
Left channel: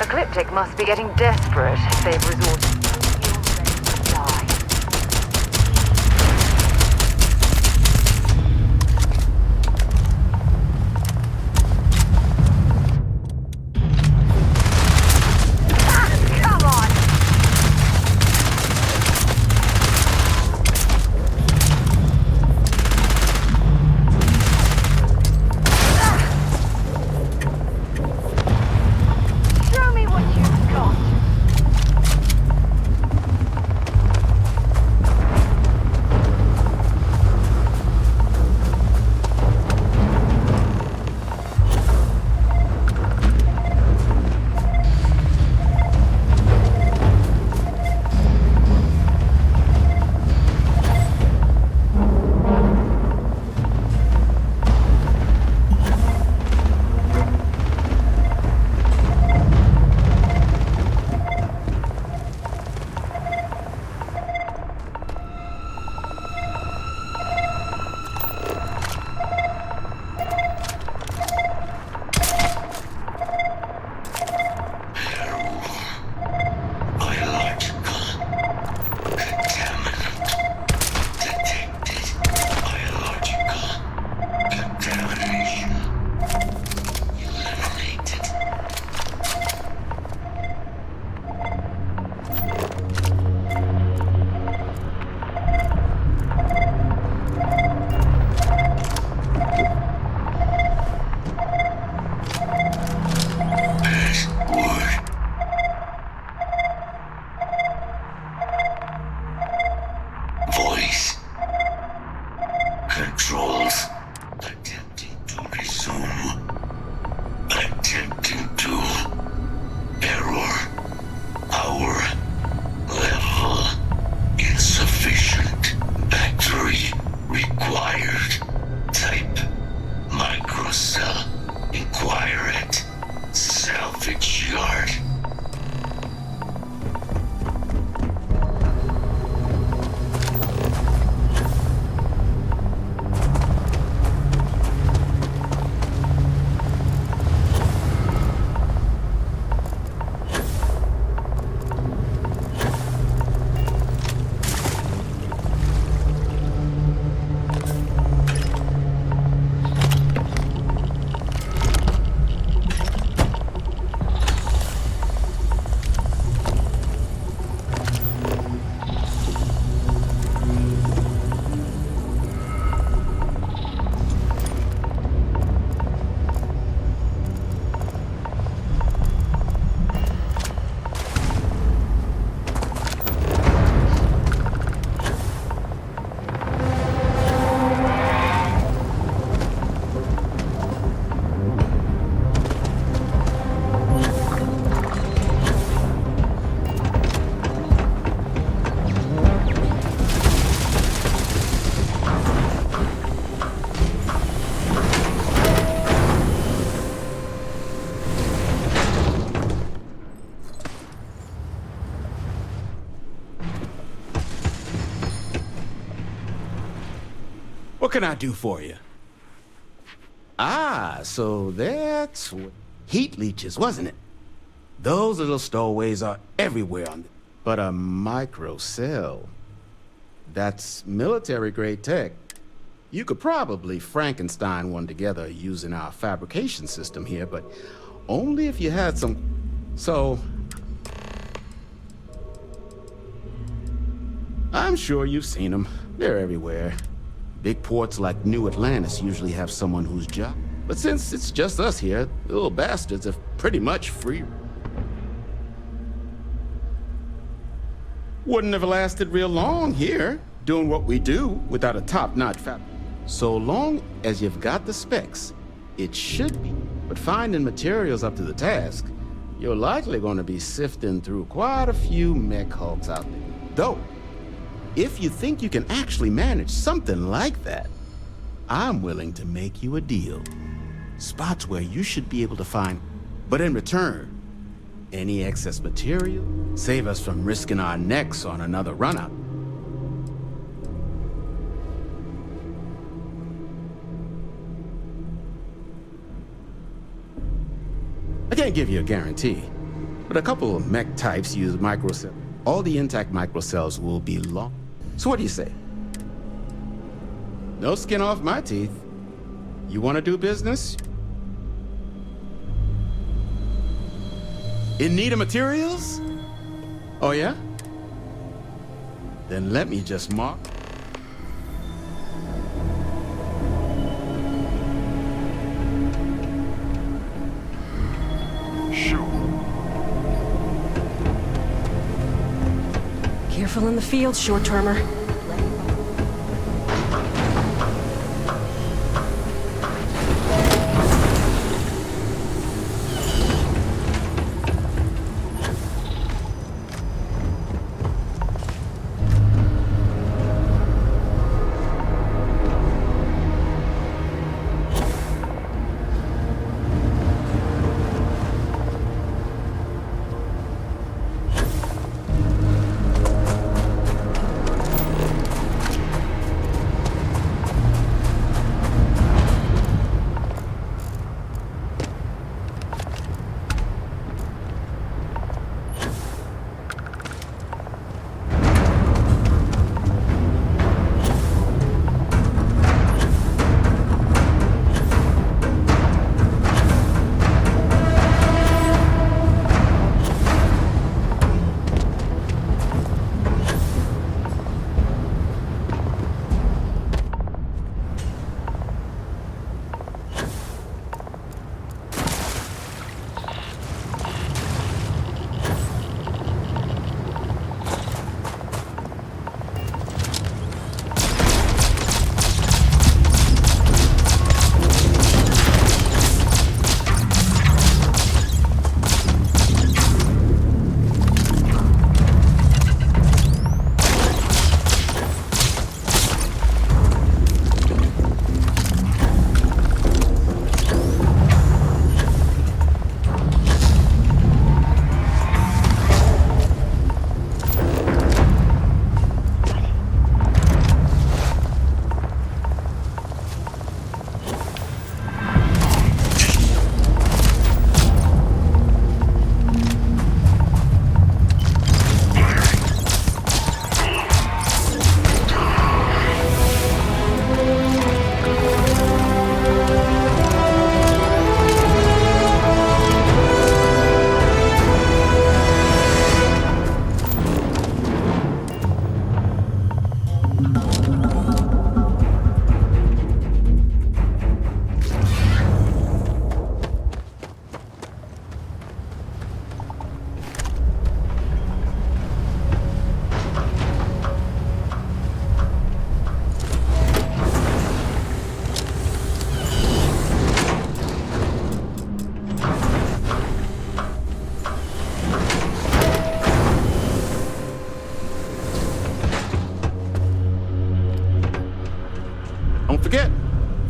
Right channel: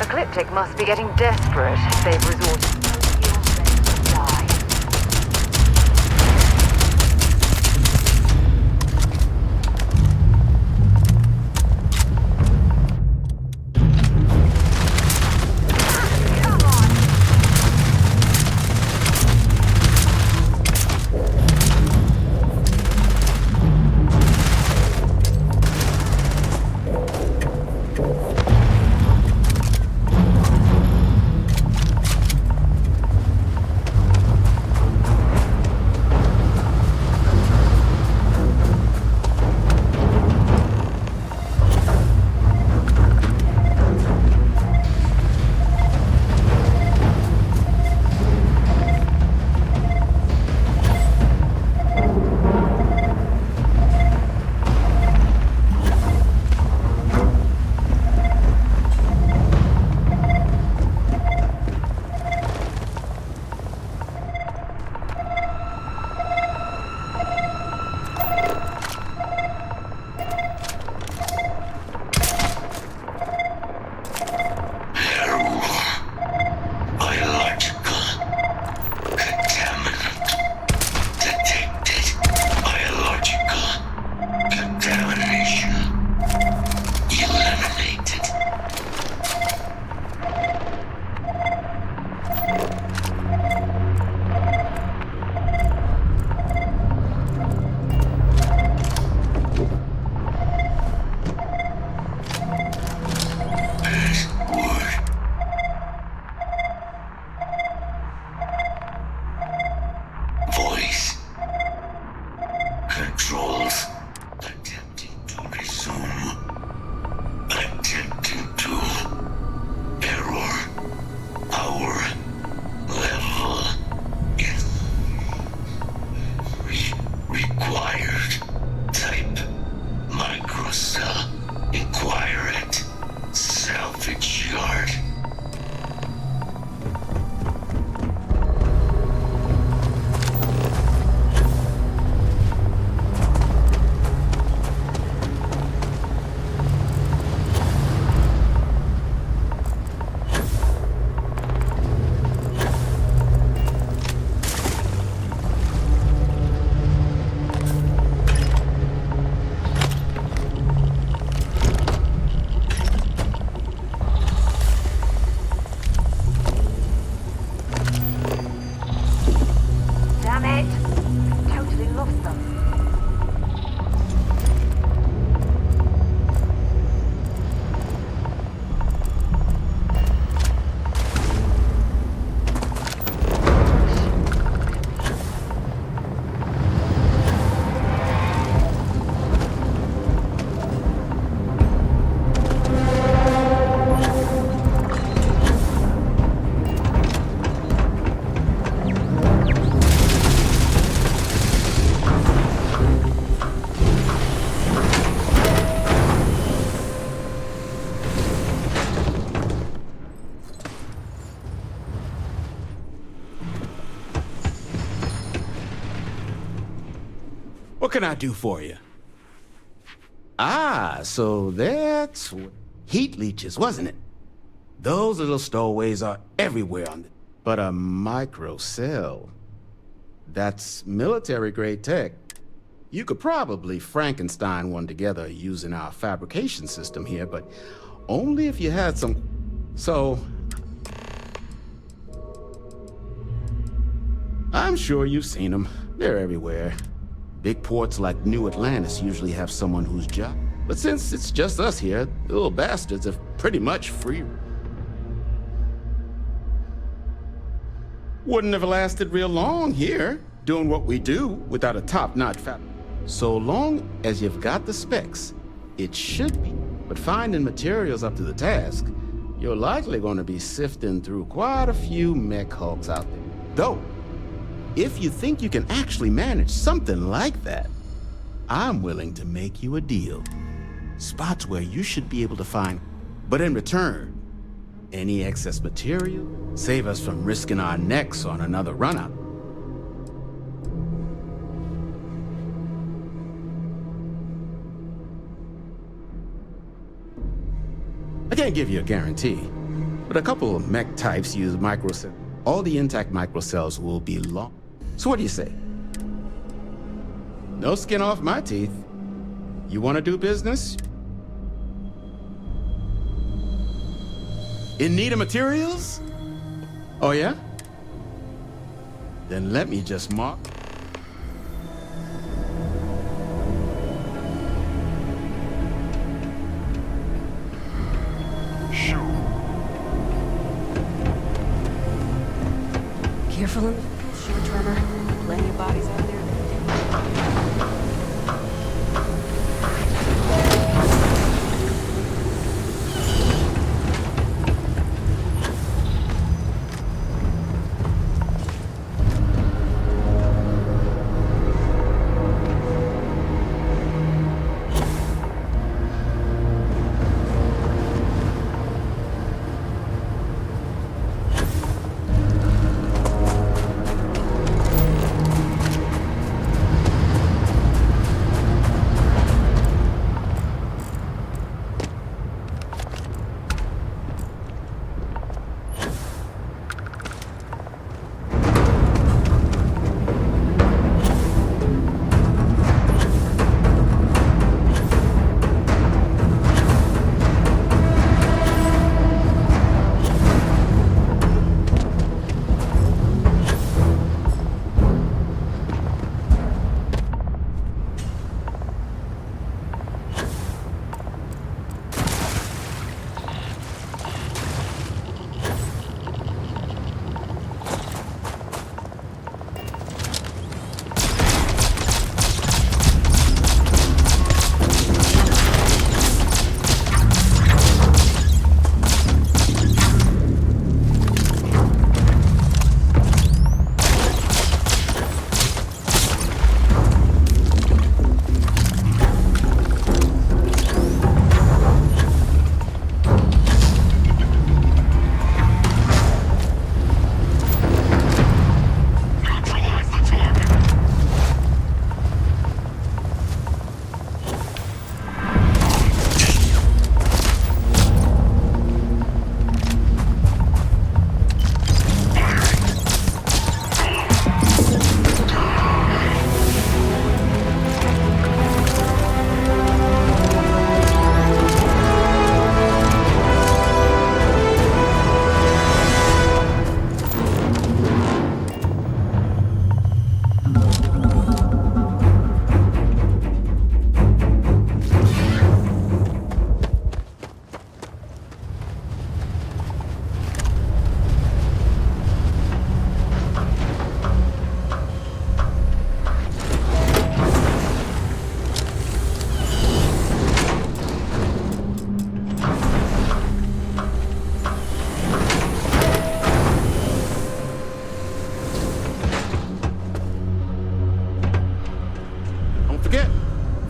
Ecliptic must be getting desperate if they've resorted to die. Come on! microcell. Inquire at Salvage Yard. What can I do for you? Ah, so that's what... Heat leeches, wasn't it? Those little stowaways are everywhere on the... But a microcell... That's military-grade tech. You could probably Frankenstein one together using our fabrication system here, but only if you had some... So... I'm sure you've seen them. They're everywhere. Big ports like New Atlantis usually have someone whose job. But since it's just us here, the little bastards have pretty much free. Wouldn't have lasted real long here, doing what we do without a top-notch fab. So long as you've got the specs, it should be. But finding materials up to the task, you're likely going to be sifting through quite a few mech hulks out there. Though, if you think you can actually manage something like that, I'm willing to make you a deal. Spots where you should be able to find, but in return, any excess material, save us from risking our necks on another run-out. I can't give you a guarantee, but a couple of mech types use microcells. All the intact microcells will be long. So what do you say? No skin off my teeth. You want to do business? In need of materials? Oh yeah? Then let me just mark. Sure. Careful in the field, short-termer. Plenty of bodies out there.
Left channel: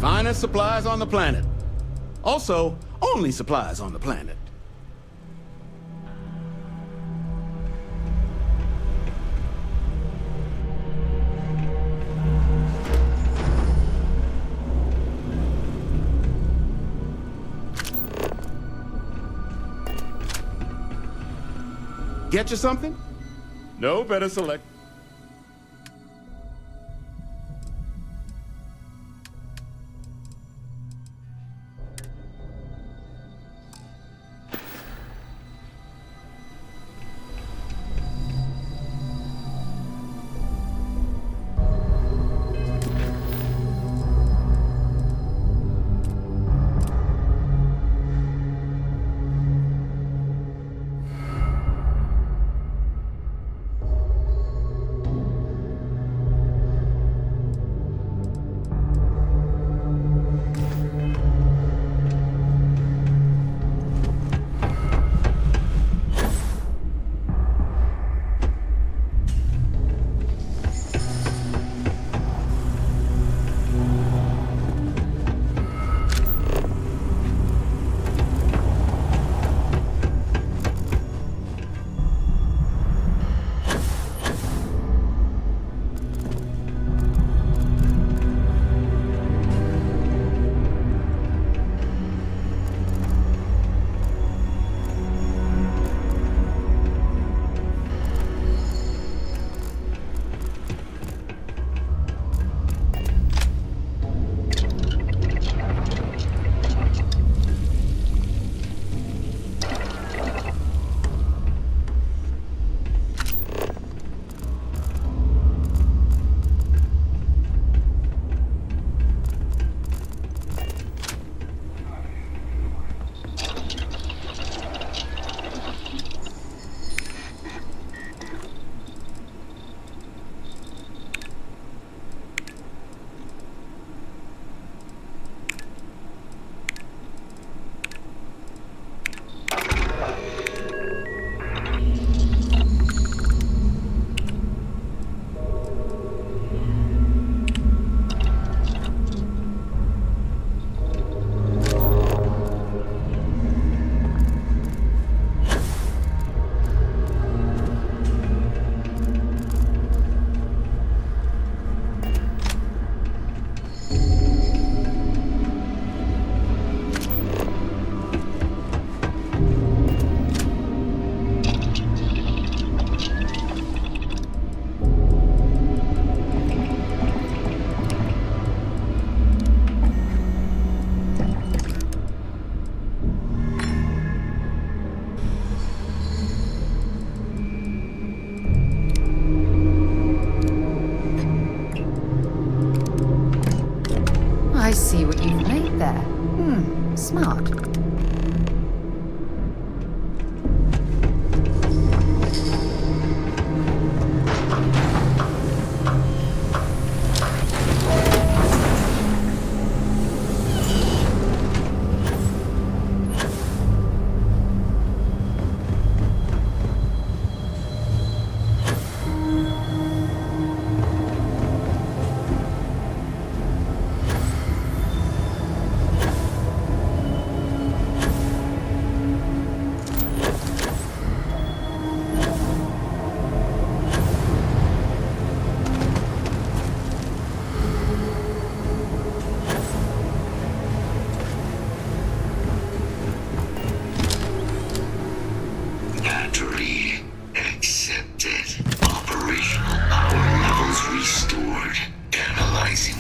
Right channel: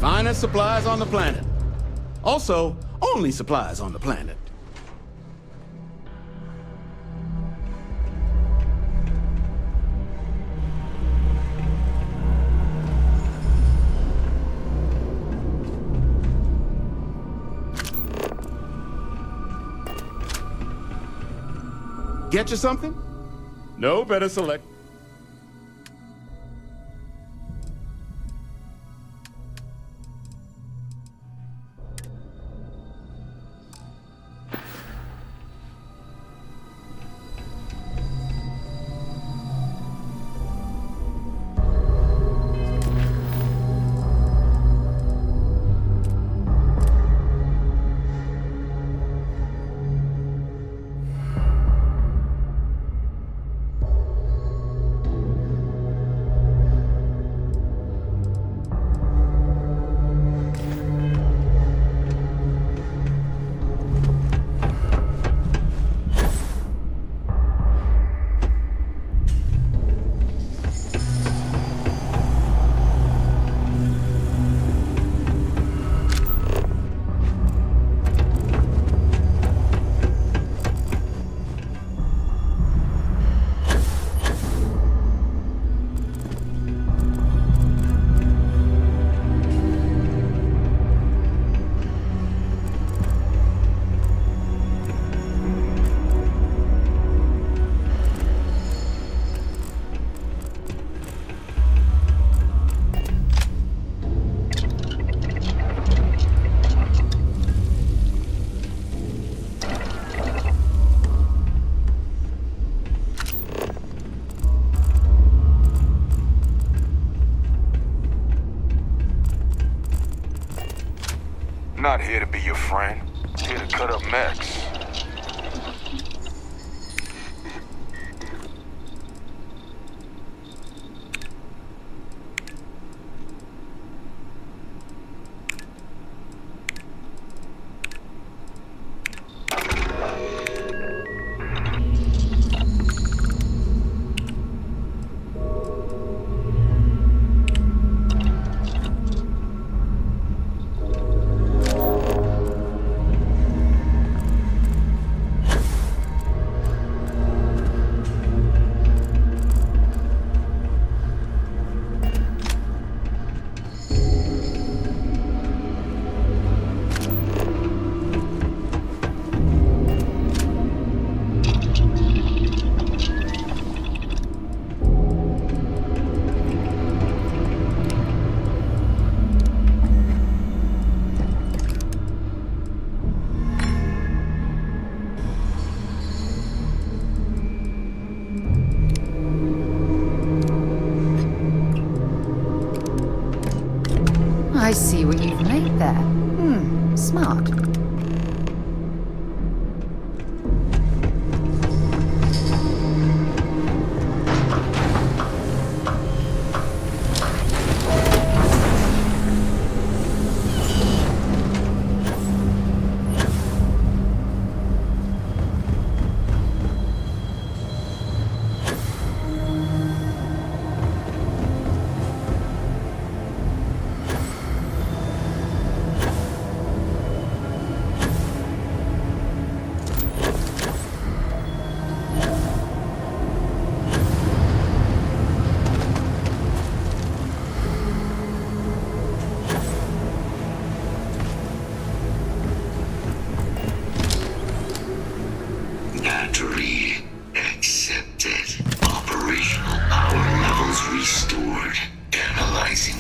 Finest supplies on the planet. Also, only supplies on the planet. Get you something? No, better select. Not here to be your friend. Here to cut up mess. I see what you've made there. Smart. Battery accepted. Operational power levels restored. Analyzing.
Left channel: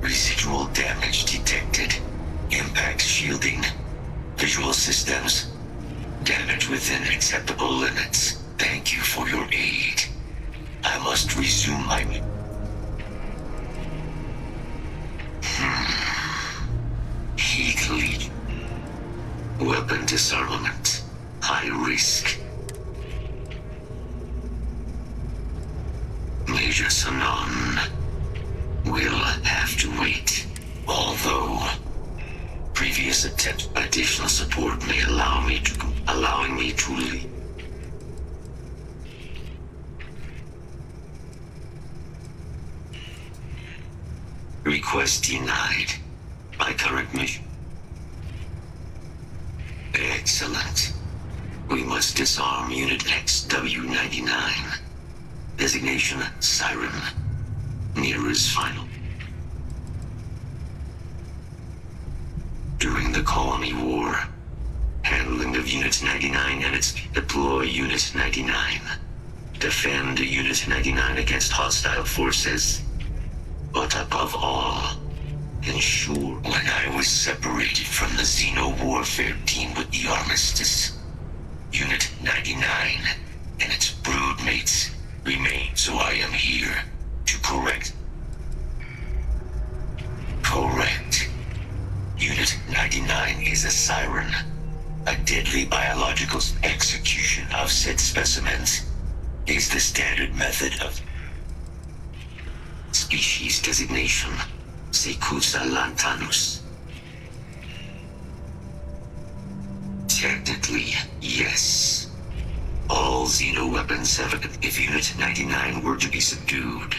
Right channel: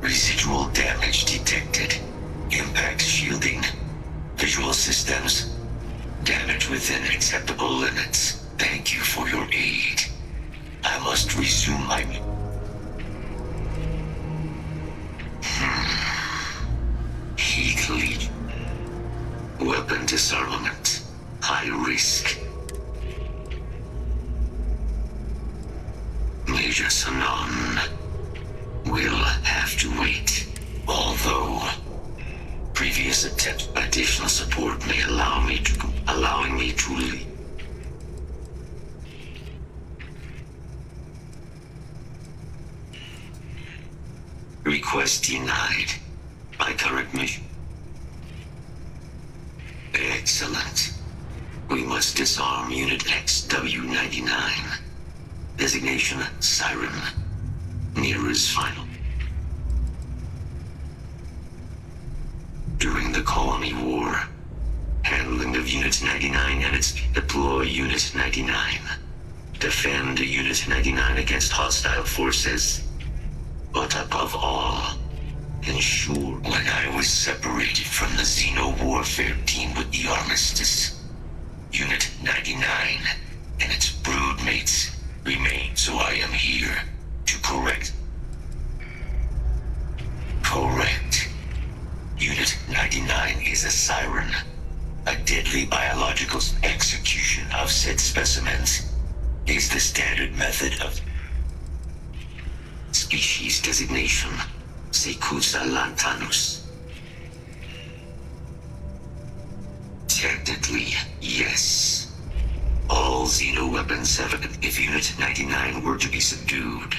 Residual damage detected. Impact shielding. Visual systems. Damage within acceptable limits. Thank you for your aid. I must resume my... Heat lead. Weapon disarmament. High risk. Major Sanon will have to wait. Although previous attempt additional support may allowing me to leave. Request Request denied. My current mission. Excellent. We must disarm Unit XW-99. Designation Siren. Nearest final. During the Colony War, handling of Unit 99 and its deploy Unit 99. Defend Unit 99 against hostile forces. But above all, ensure when I was separated from the Xeno warfare team with the Armistice, Unit 99 and its broodmates remain, so I am here to correct. Correct. Unit 99 is a siren, a deadly biological execution of said specimens is the standard method of species designation, Secusa lantanus. Technically, yes. All Xeno weapons have if Unit 99 were to be subdued.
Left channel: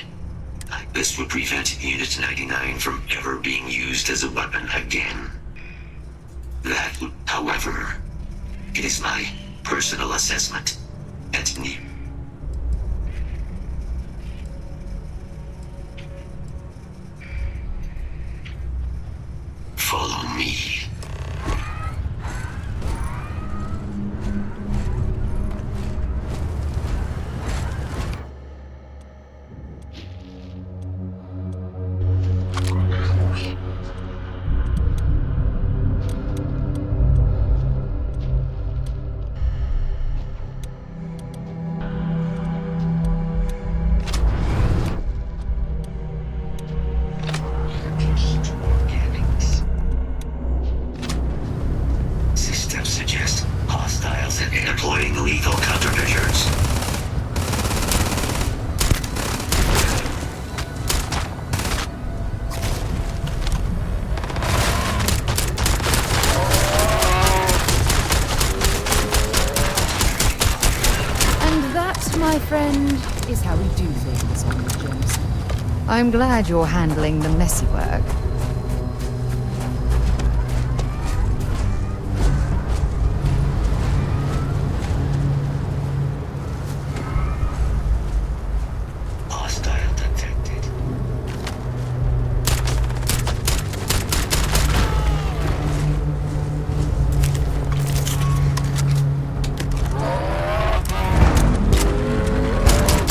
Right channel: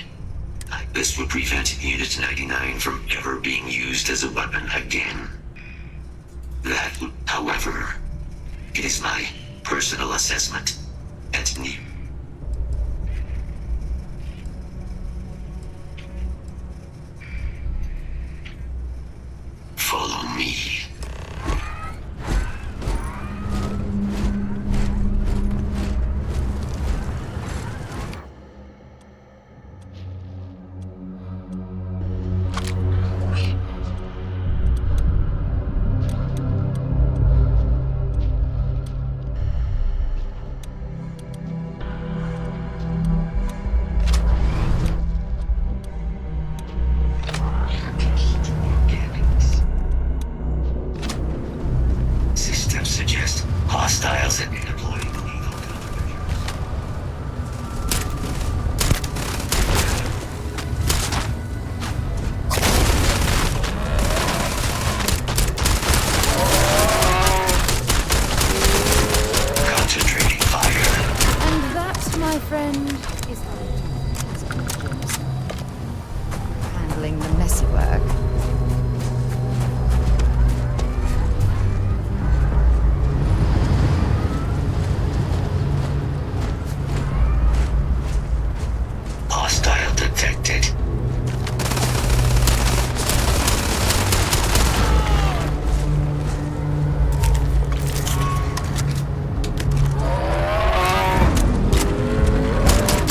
This would prevent Unit 99 from ever being used as a weapon again. That, however, it is my personal assessment at need. Follow me. Systems suggest hostiles and employing legal countermeasures. Concentrating fire. And that, my friend, is how we do things on the Jameson. I'm glad you're handling the messy work. Hostile detected.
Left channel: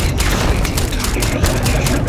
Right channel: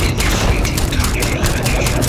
Initiating target elimination.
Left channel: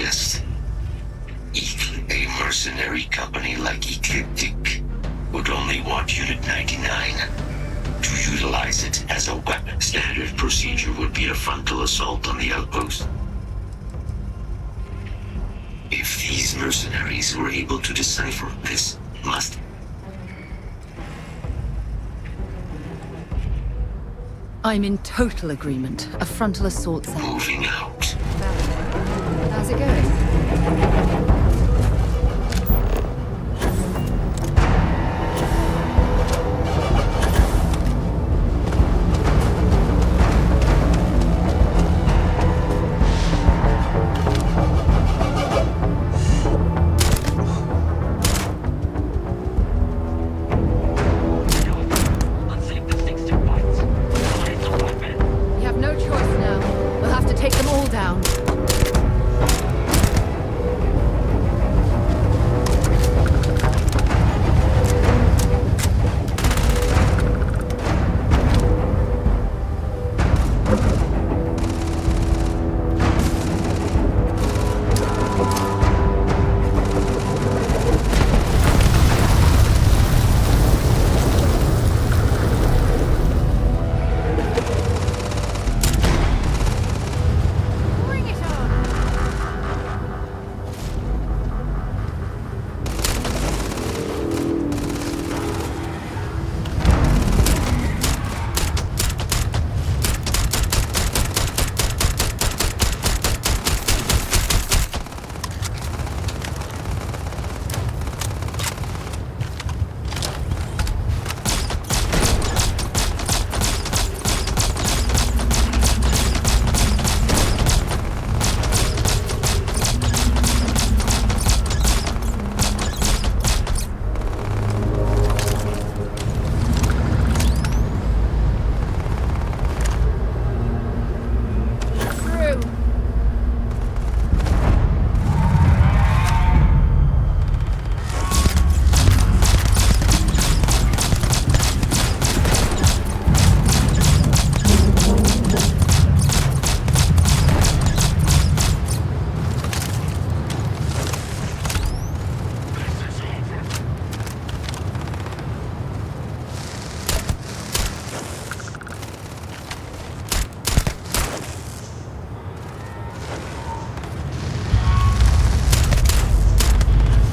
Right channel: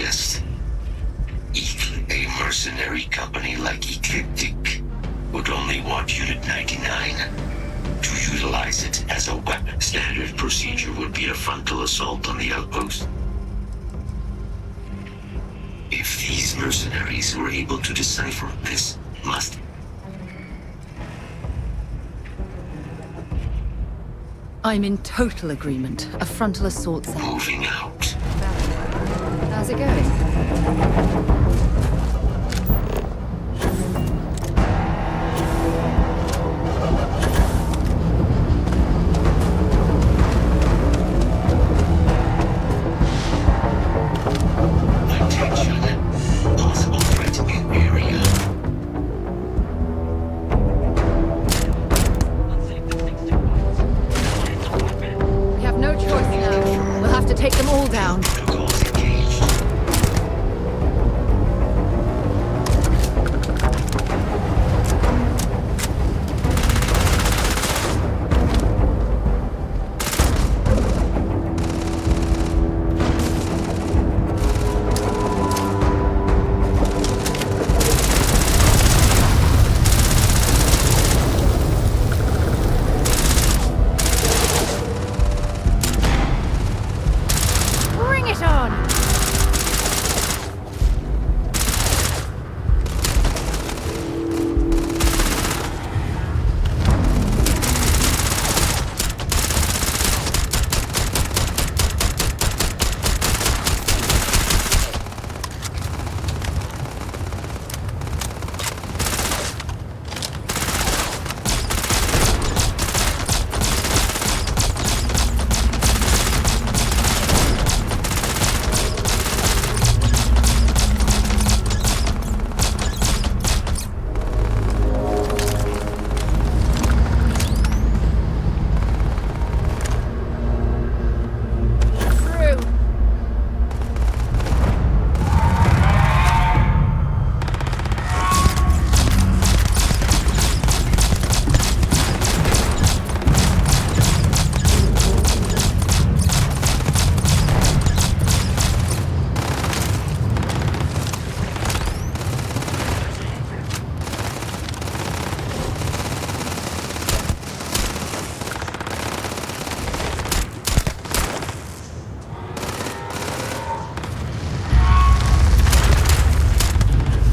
suggest. A mercenary company like Ecliptic would only want Unit 99 to utilize it as a weapon. Standard procedure would be a frontal assault on the outpost. If these mercenaries were able to decipher this, must... I'm in total agreement. A frontal assault sound. Moving out. How's it going? We have no choice now. We'll have to take them all down. Bring it on!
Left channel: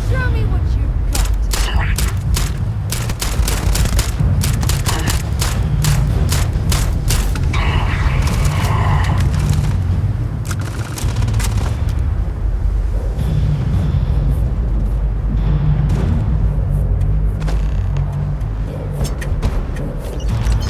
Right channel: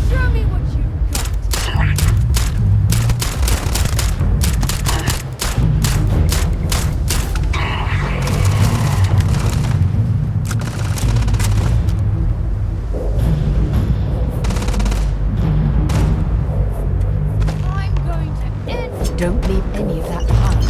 Show me what you've got! I'm going to end. Don't leave any of that behind.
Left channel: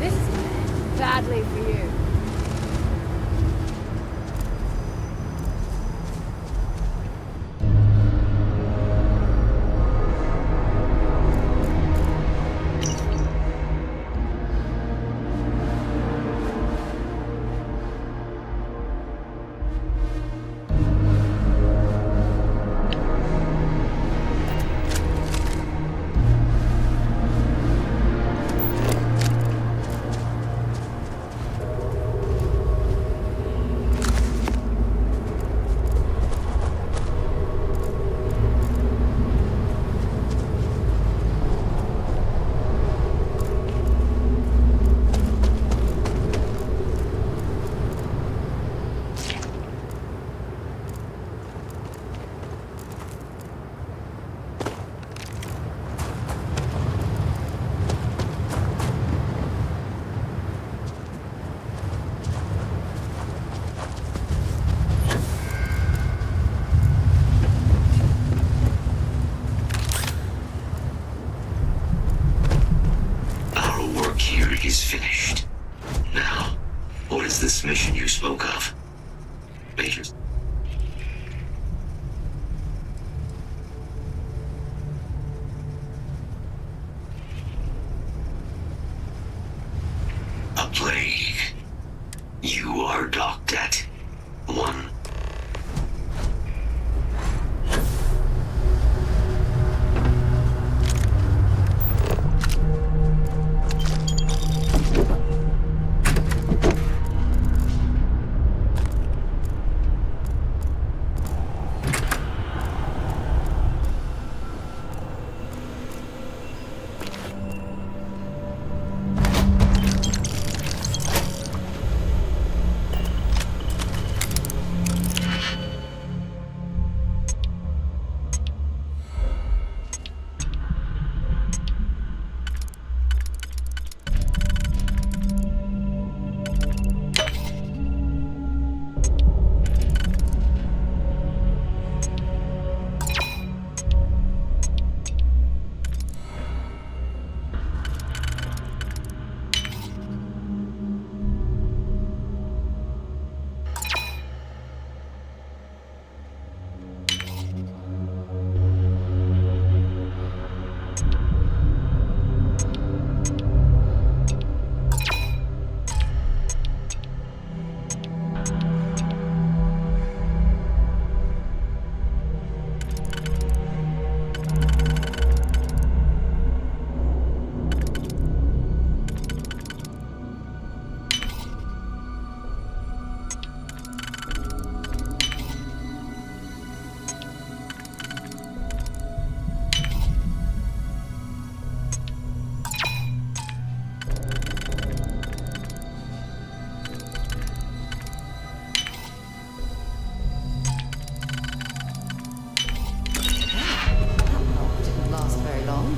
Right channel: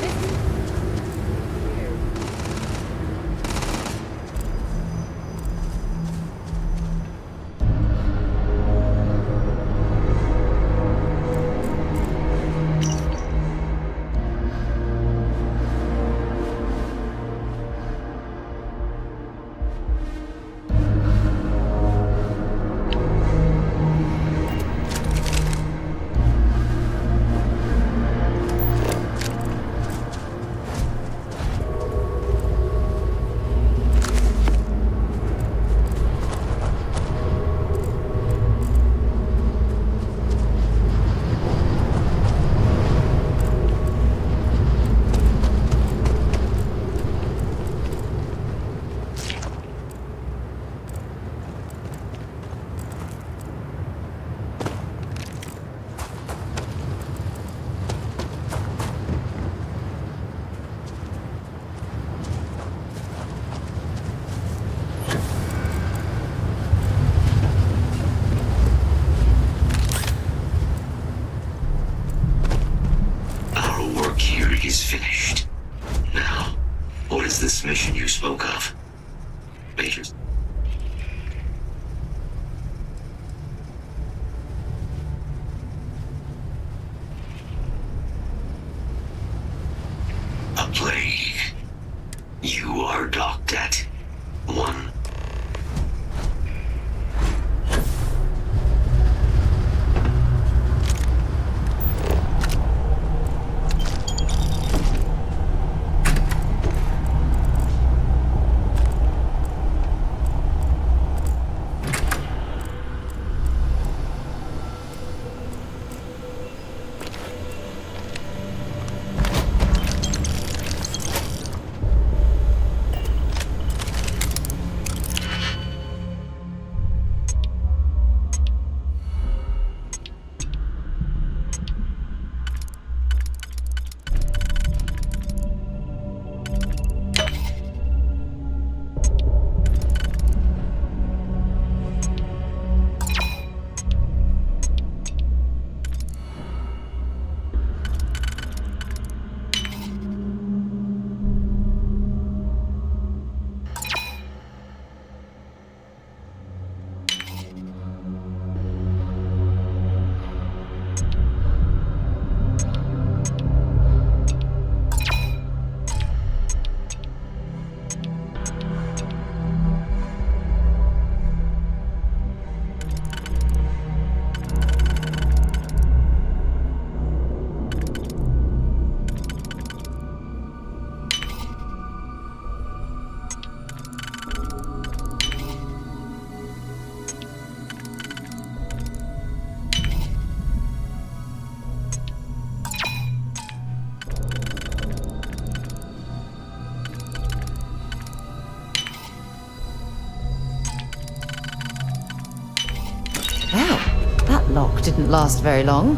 This is badly for you. is finished. Now, what is this mission you spoke of? Majors? lock didn't last very long.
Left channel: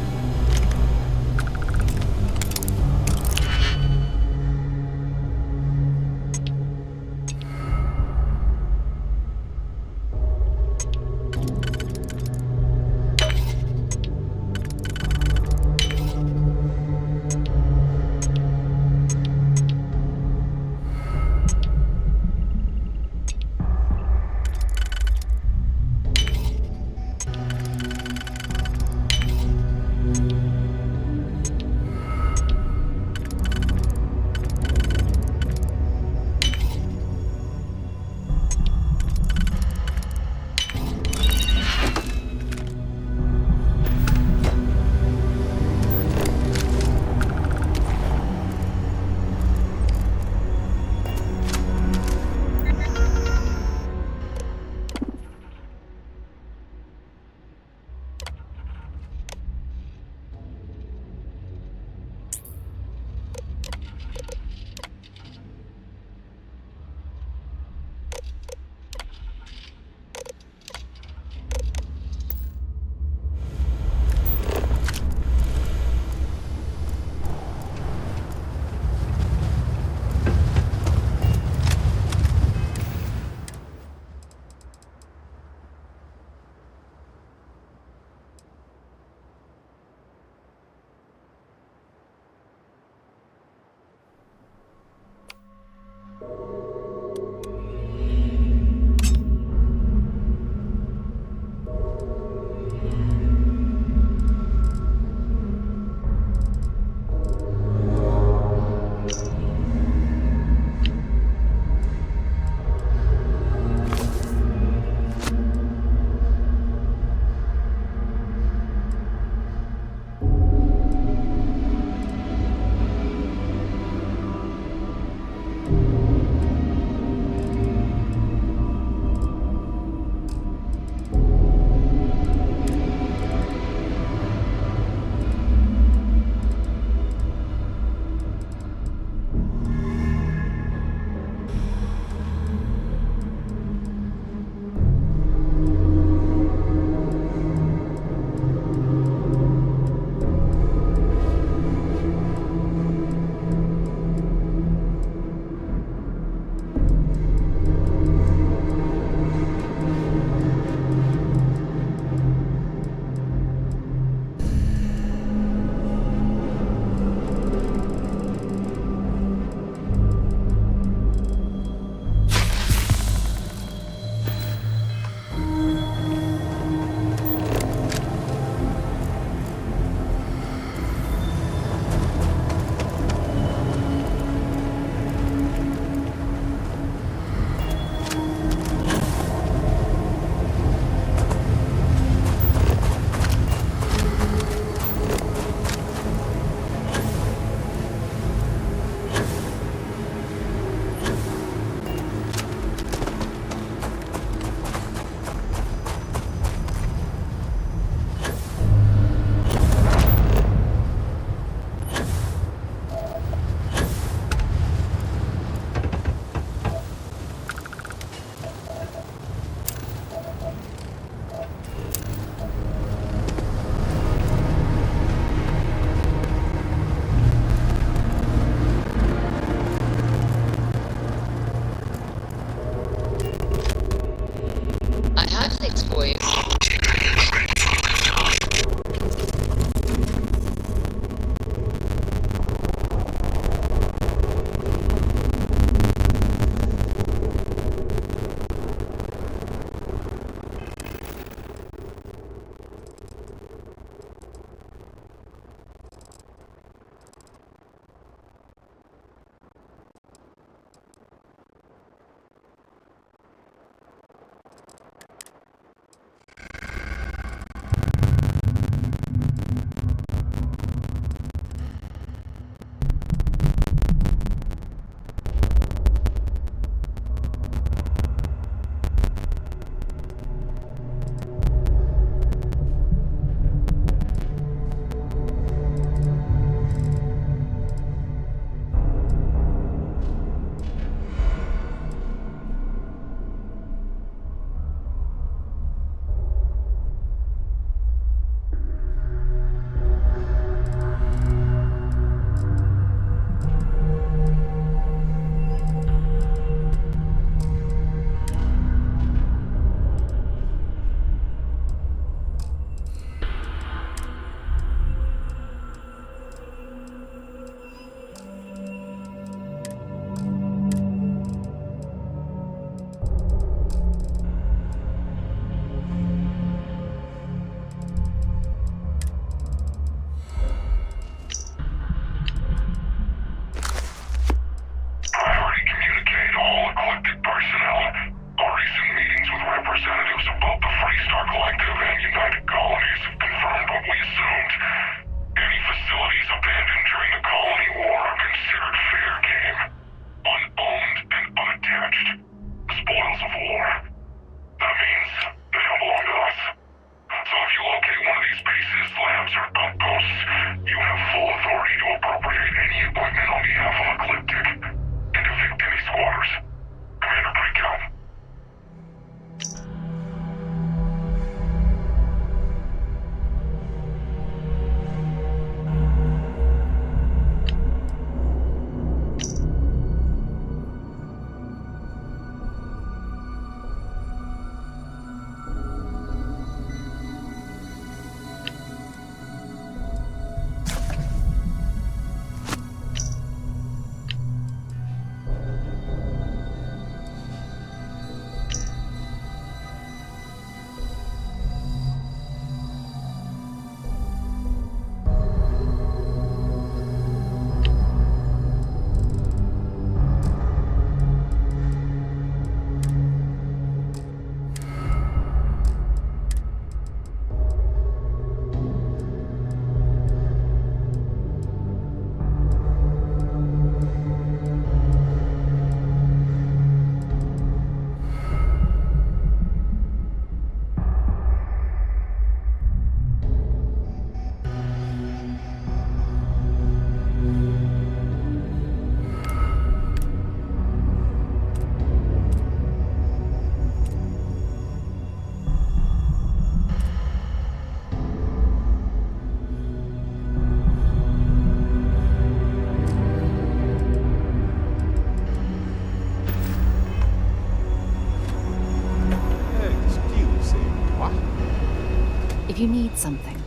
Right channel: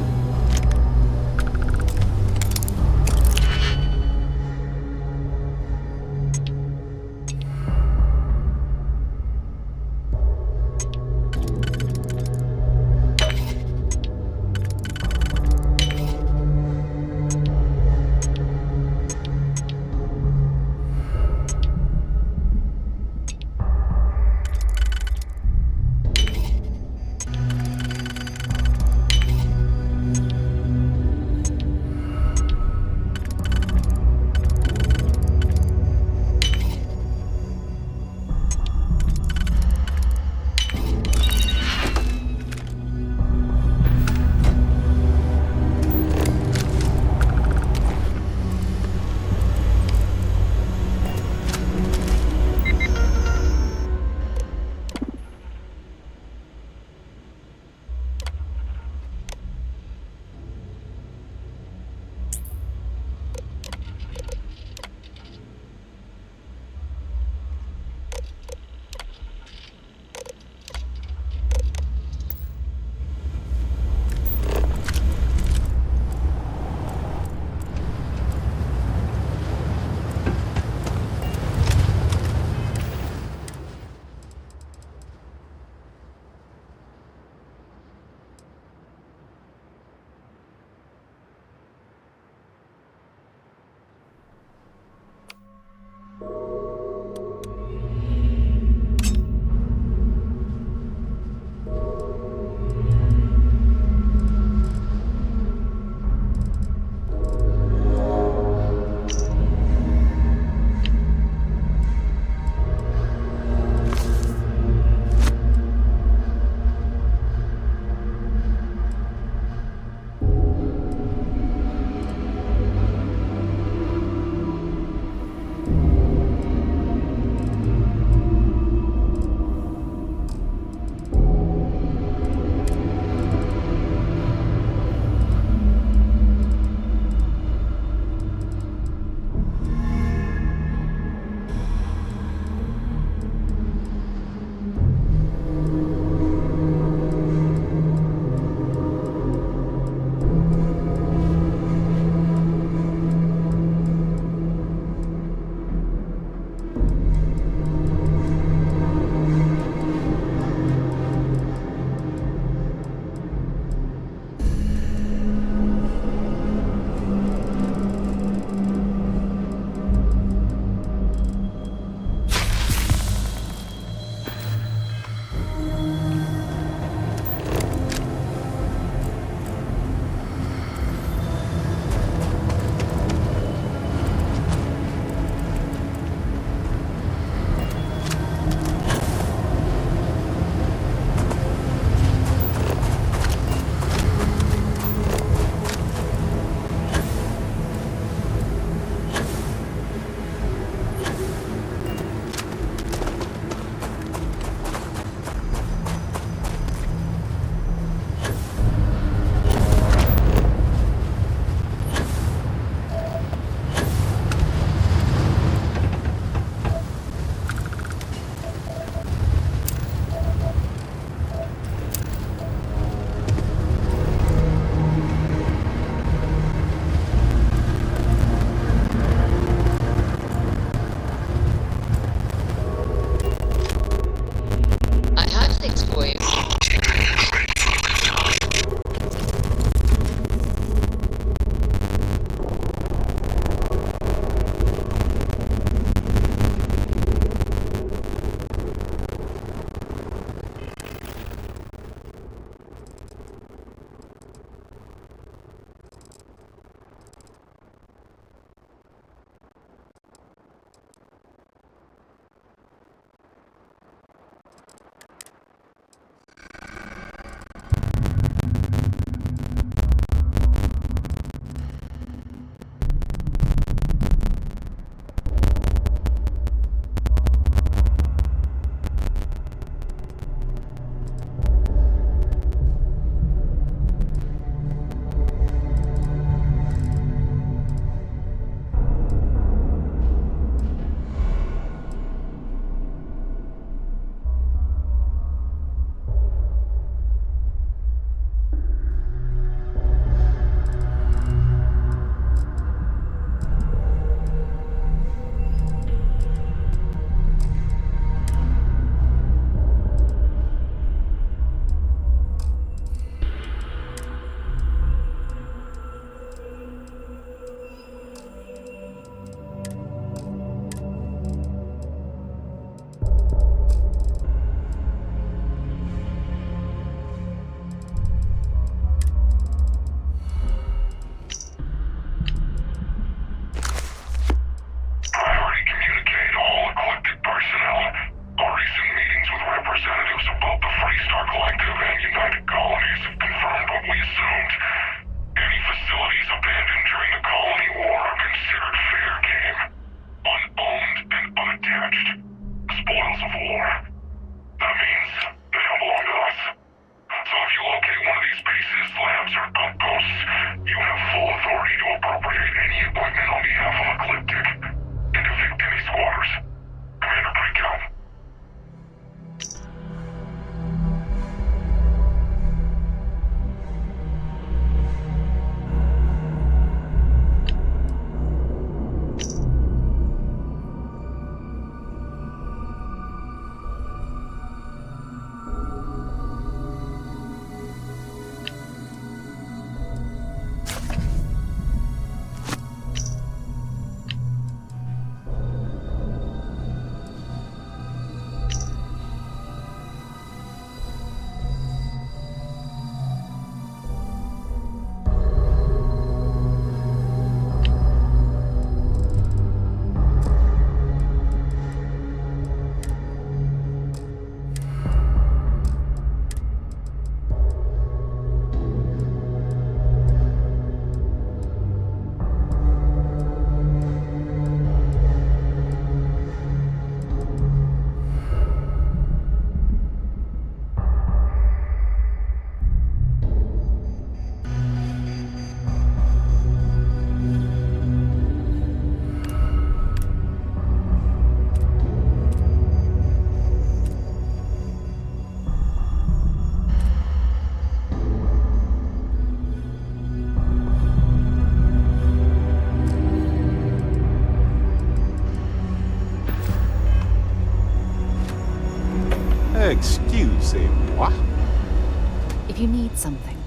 you need something,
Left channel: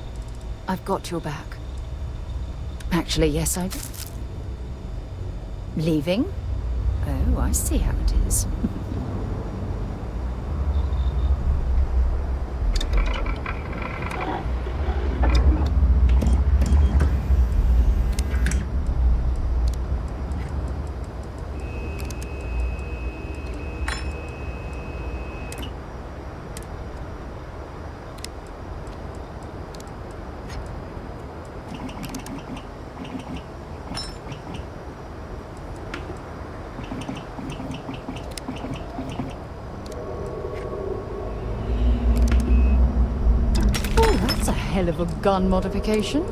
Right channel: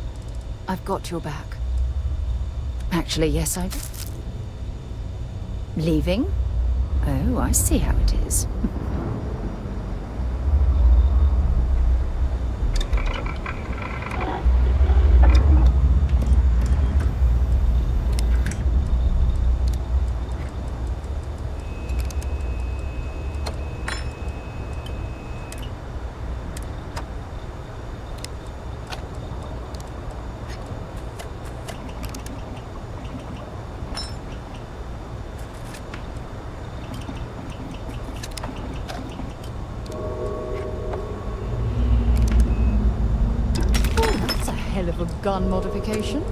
I've got your back. Actually, yes, I do. Leaving? Oh, I see how it is. That's a hell of a gun modification.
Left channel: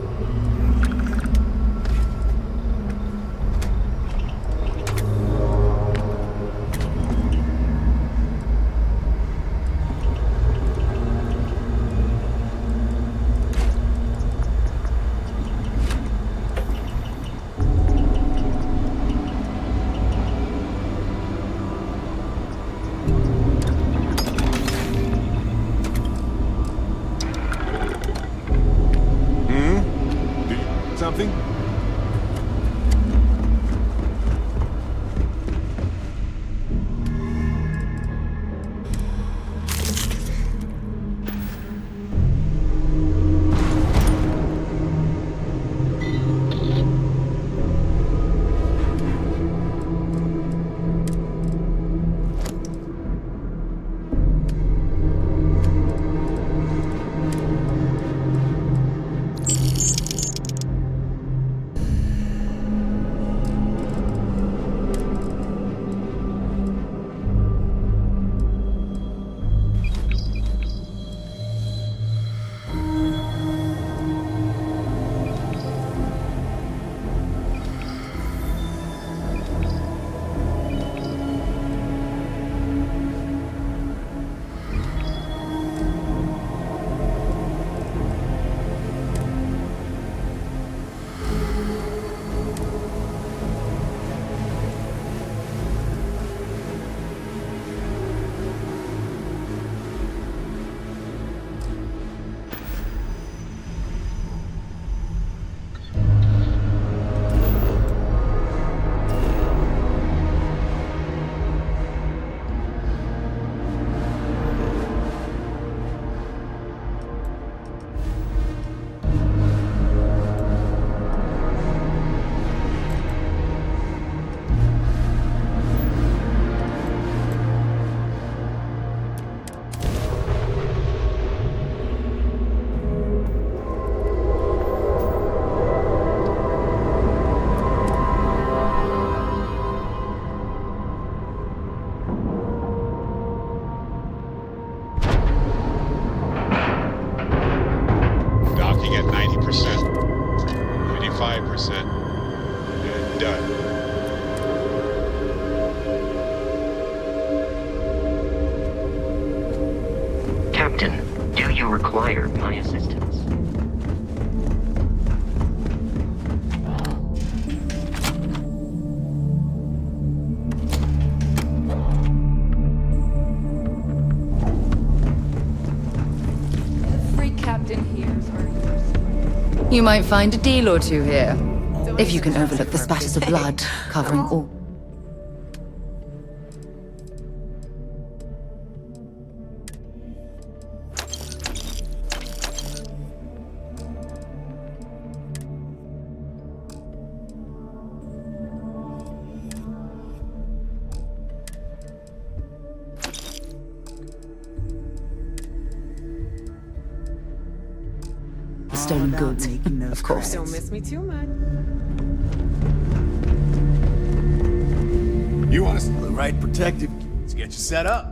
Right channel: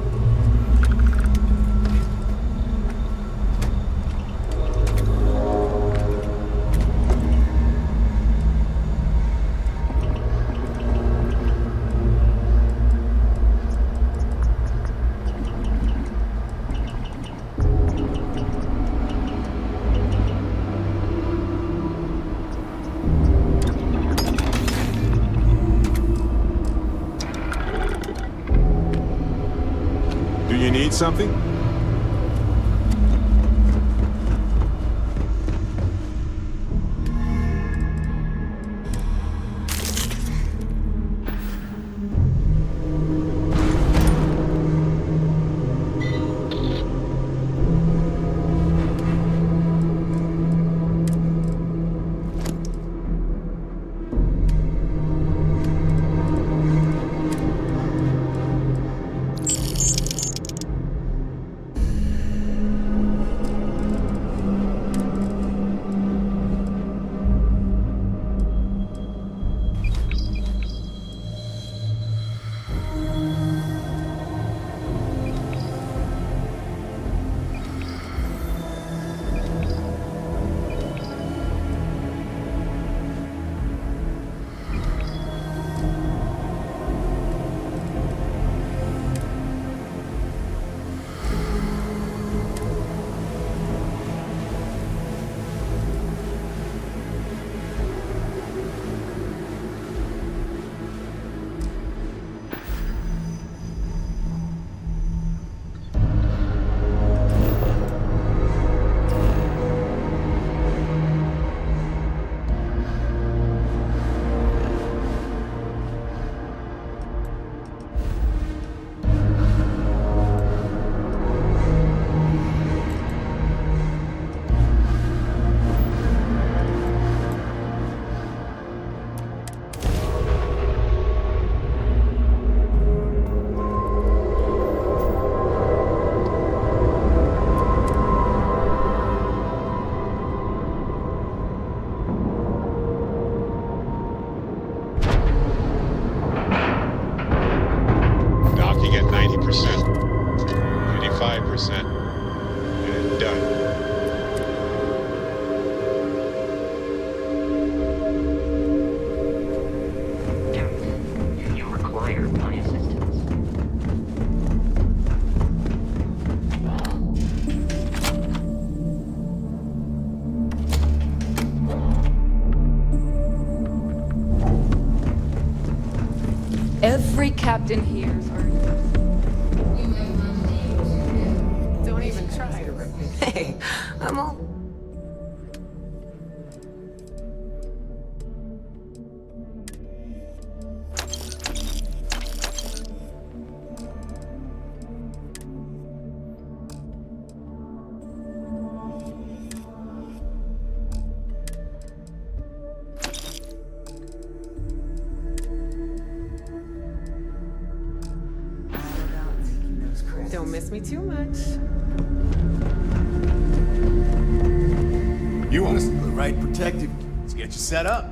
Do you need something? Docking at 90%, 95%, and done. Captain, do you require my assistance? Every captain here's hurt. You might find a deal or two here. If you can overlook the spatters of blood covering all. Staying good, of course. Don't miss me too much. You want us to the right protective? Let's get you set up.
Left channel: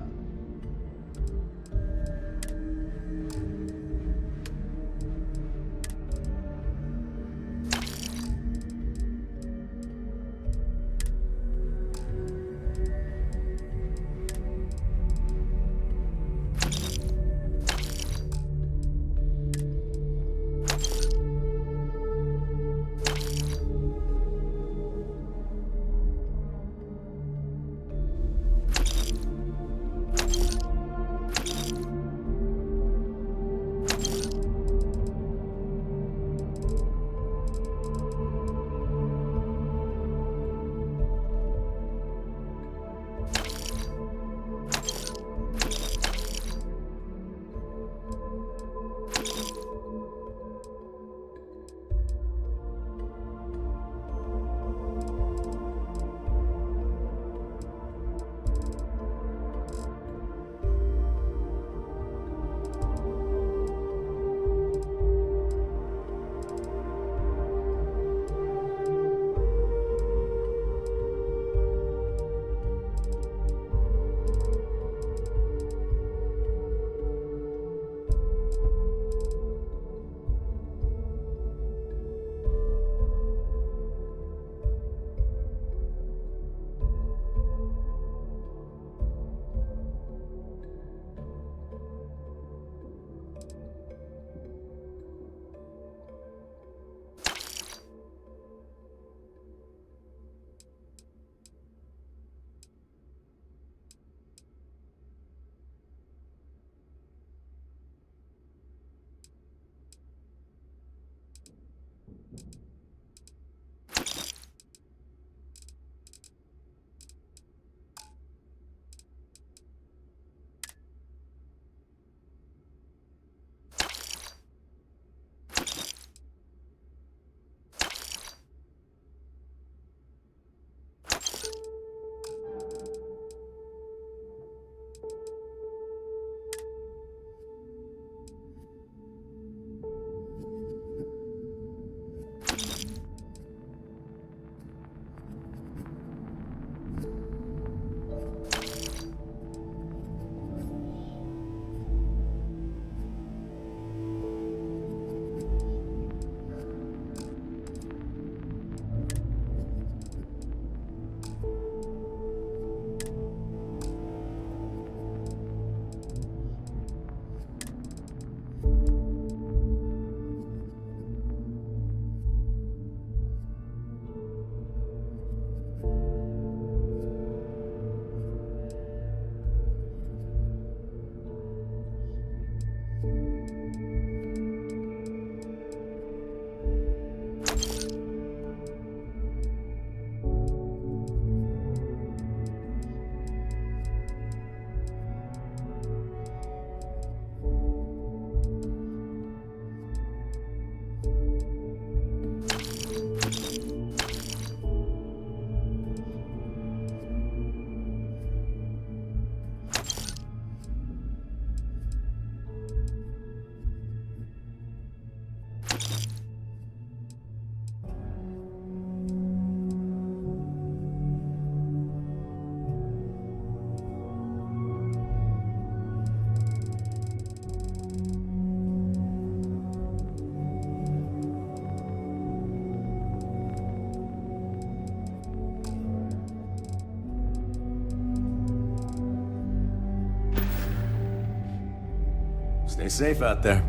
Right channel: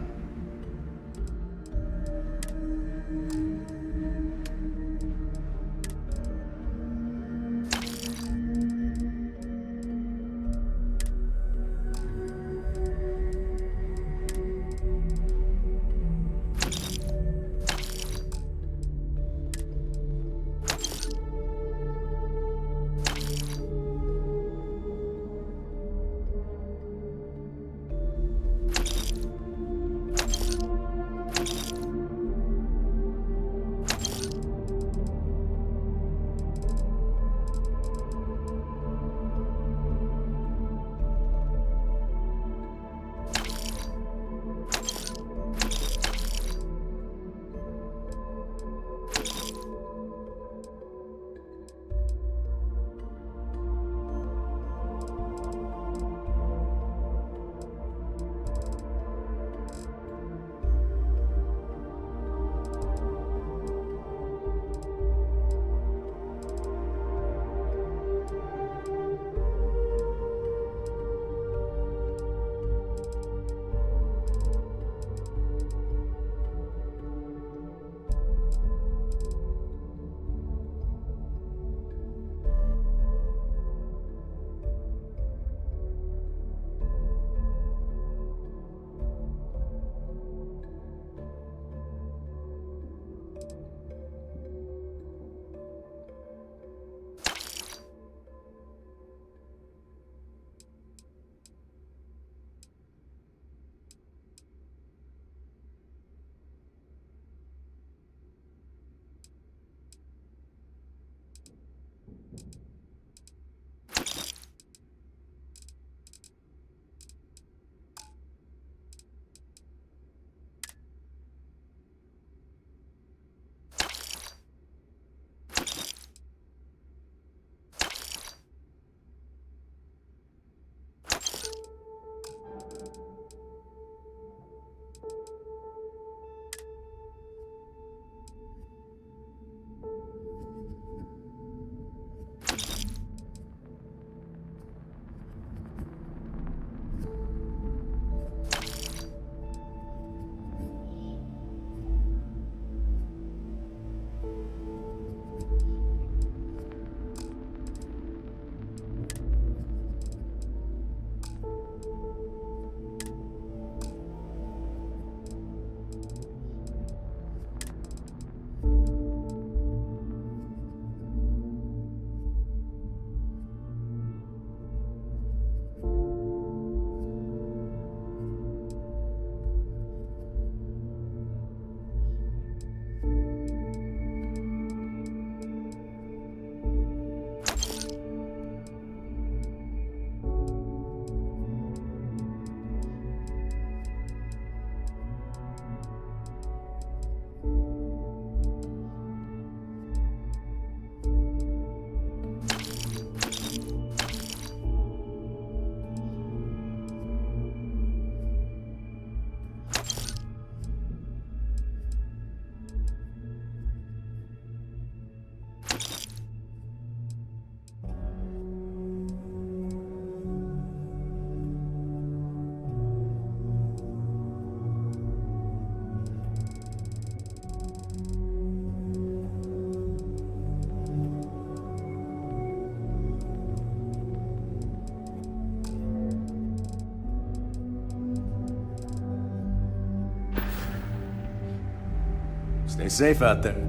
Stay safe out there.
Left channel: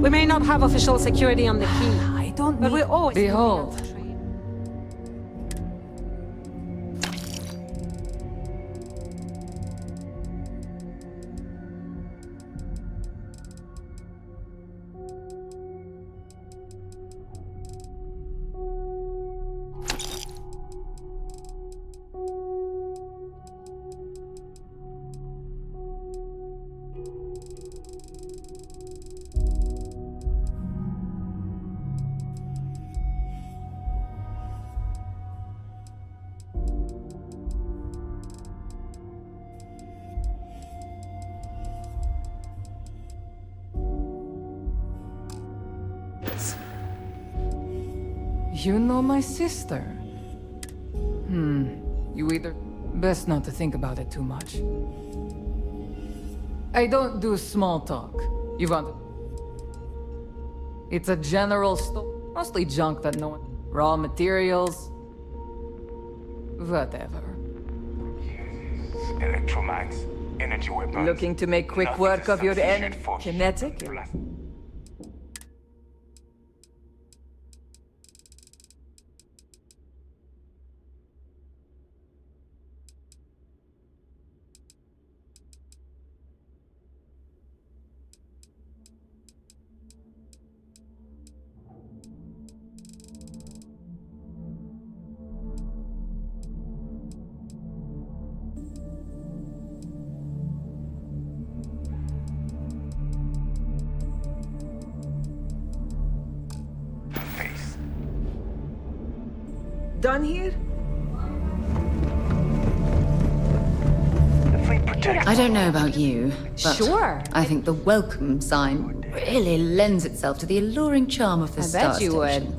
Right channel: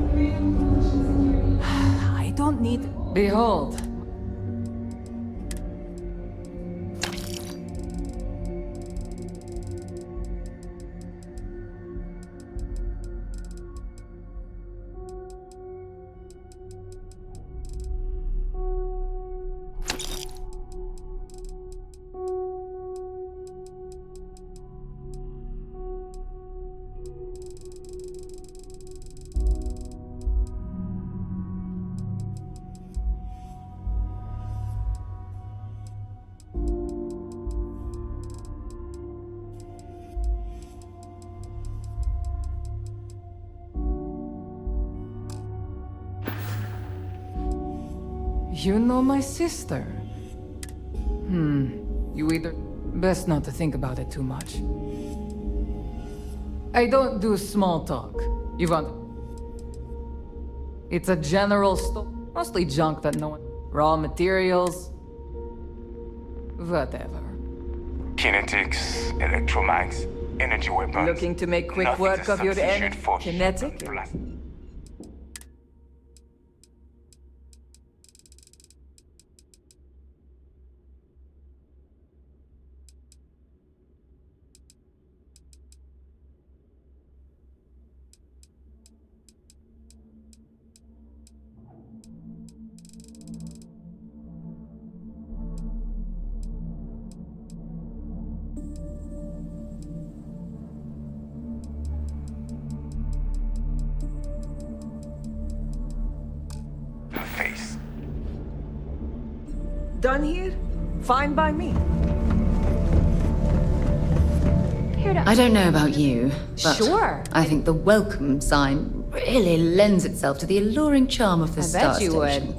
We may not have official security on the key. I don't But need... we always... Behold. You know my sister? You either... Best not to think about it too much. I don't do small talk. You want... It's a general store. Mostly junk that no one... Raw materials... Whatever. Kinetics, electromags, energy weapons. Looking to make quick Nothing work to of your substitute for kinetic? Face. Done here? Fine by me. I don't know about you, but Sure. I think the welcome sign really lends itself to the alluring charm of the I star bet you would. station.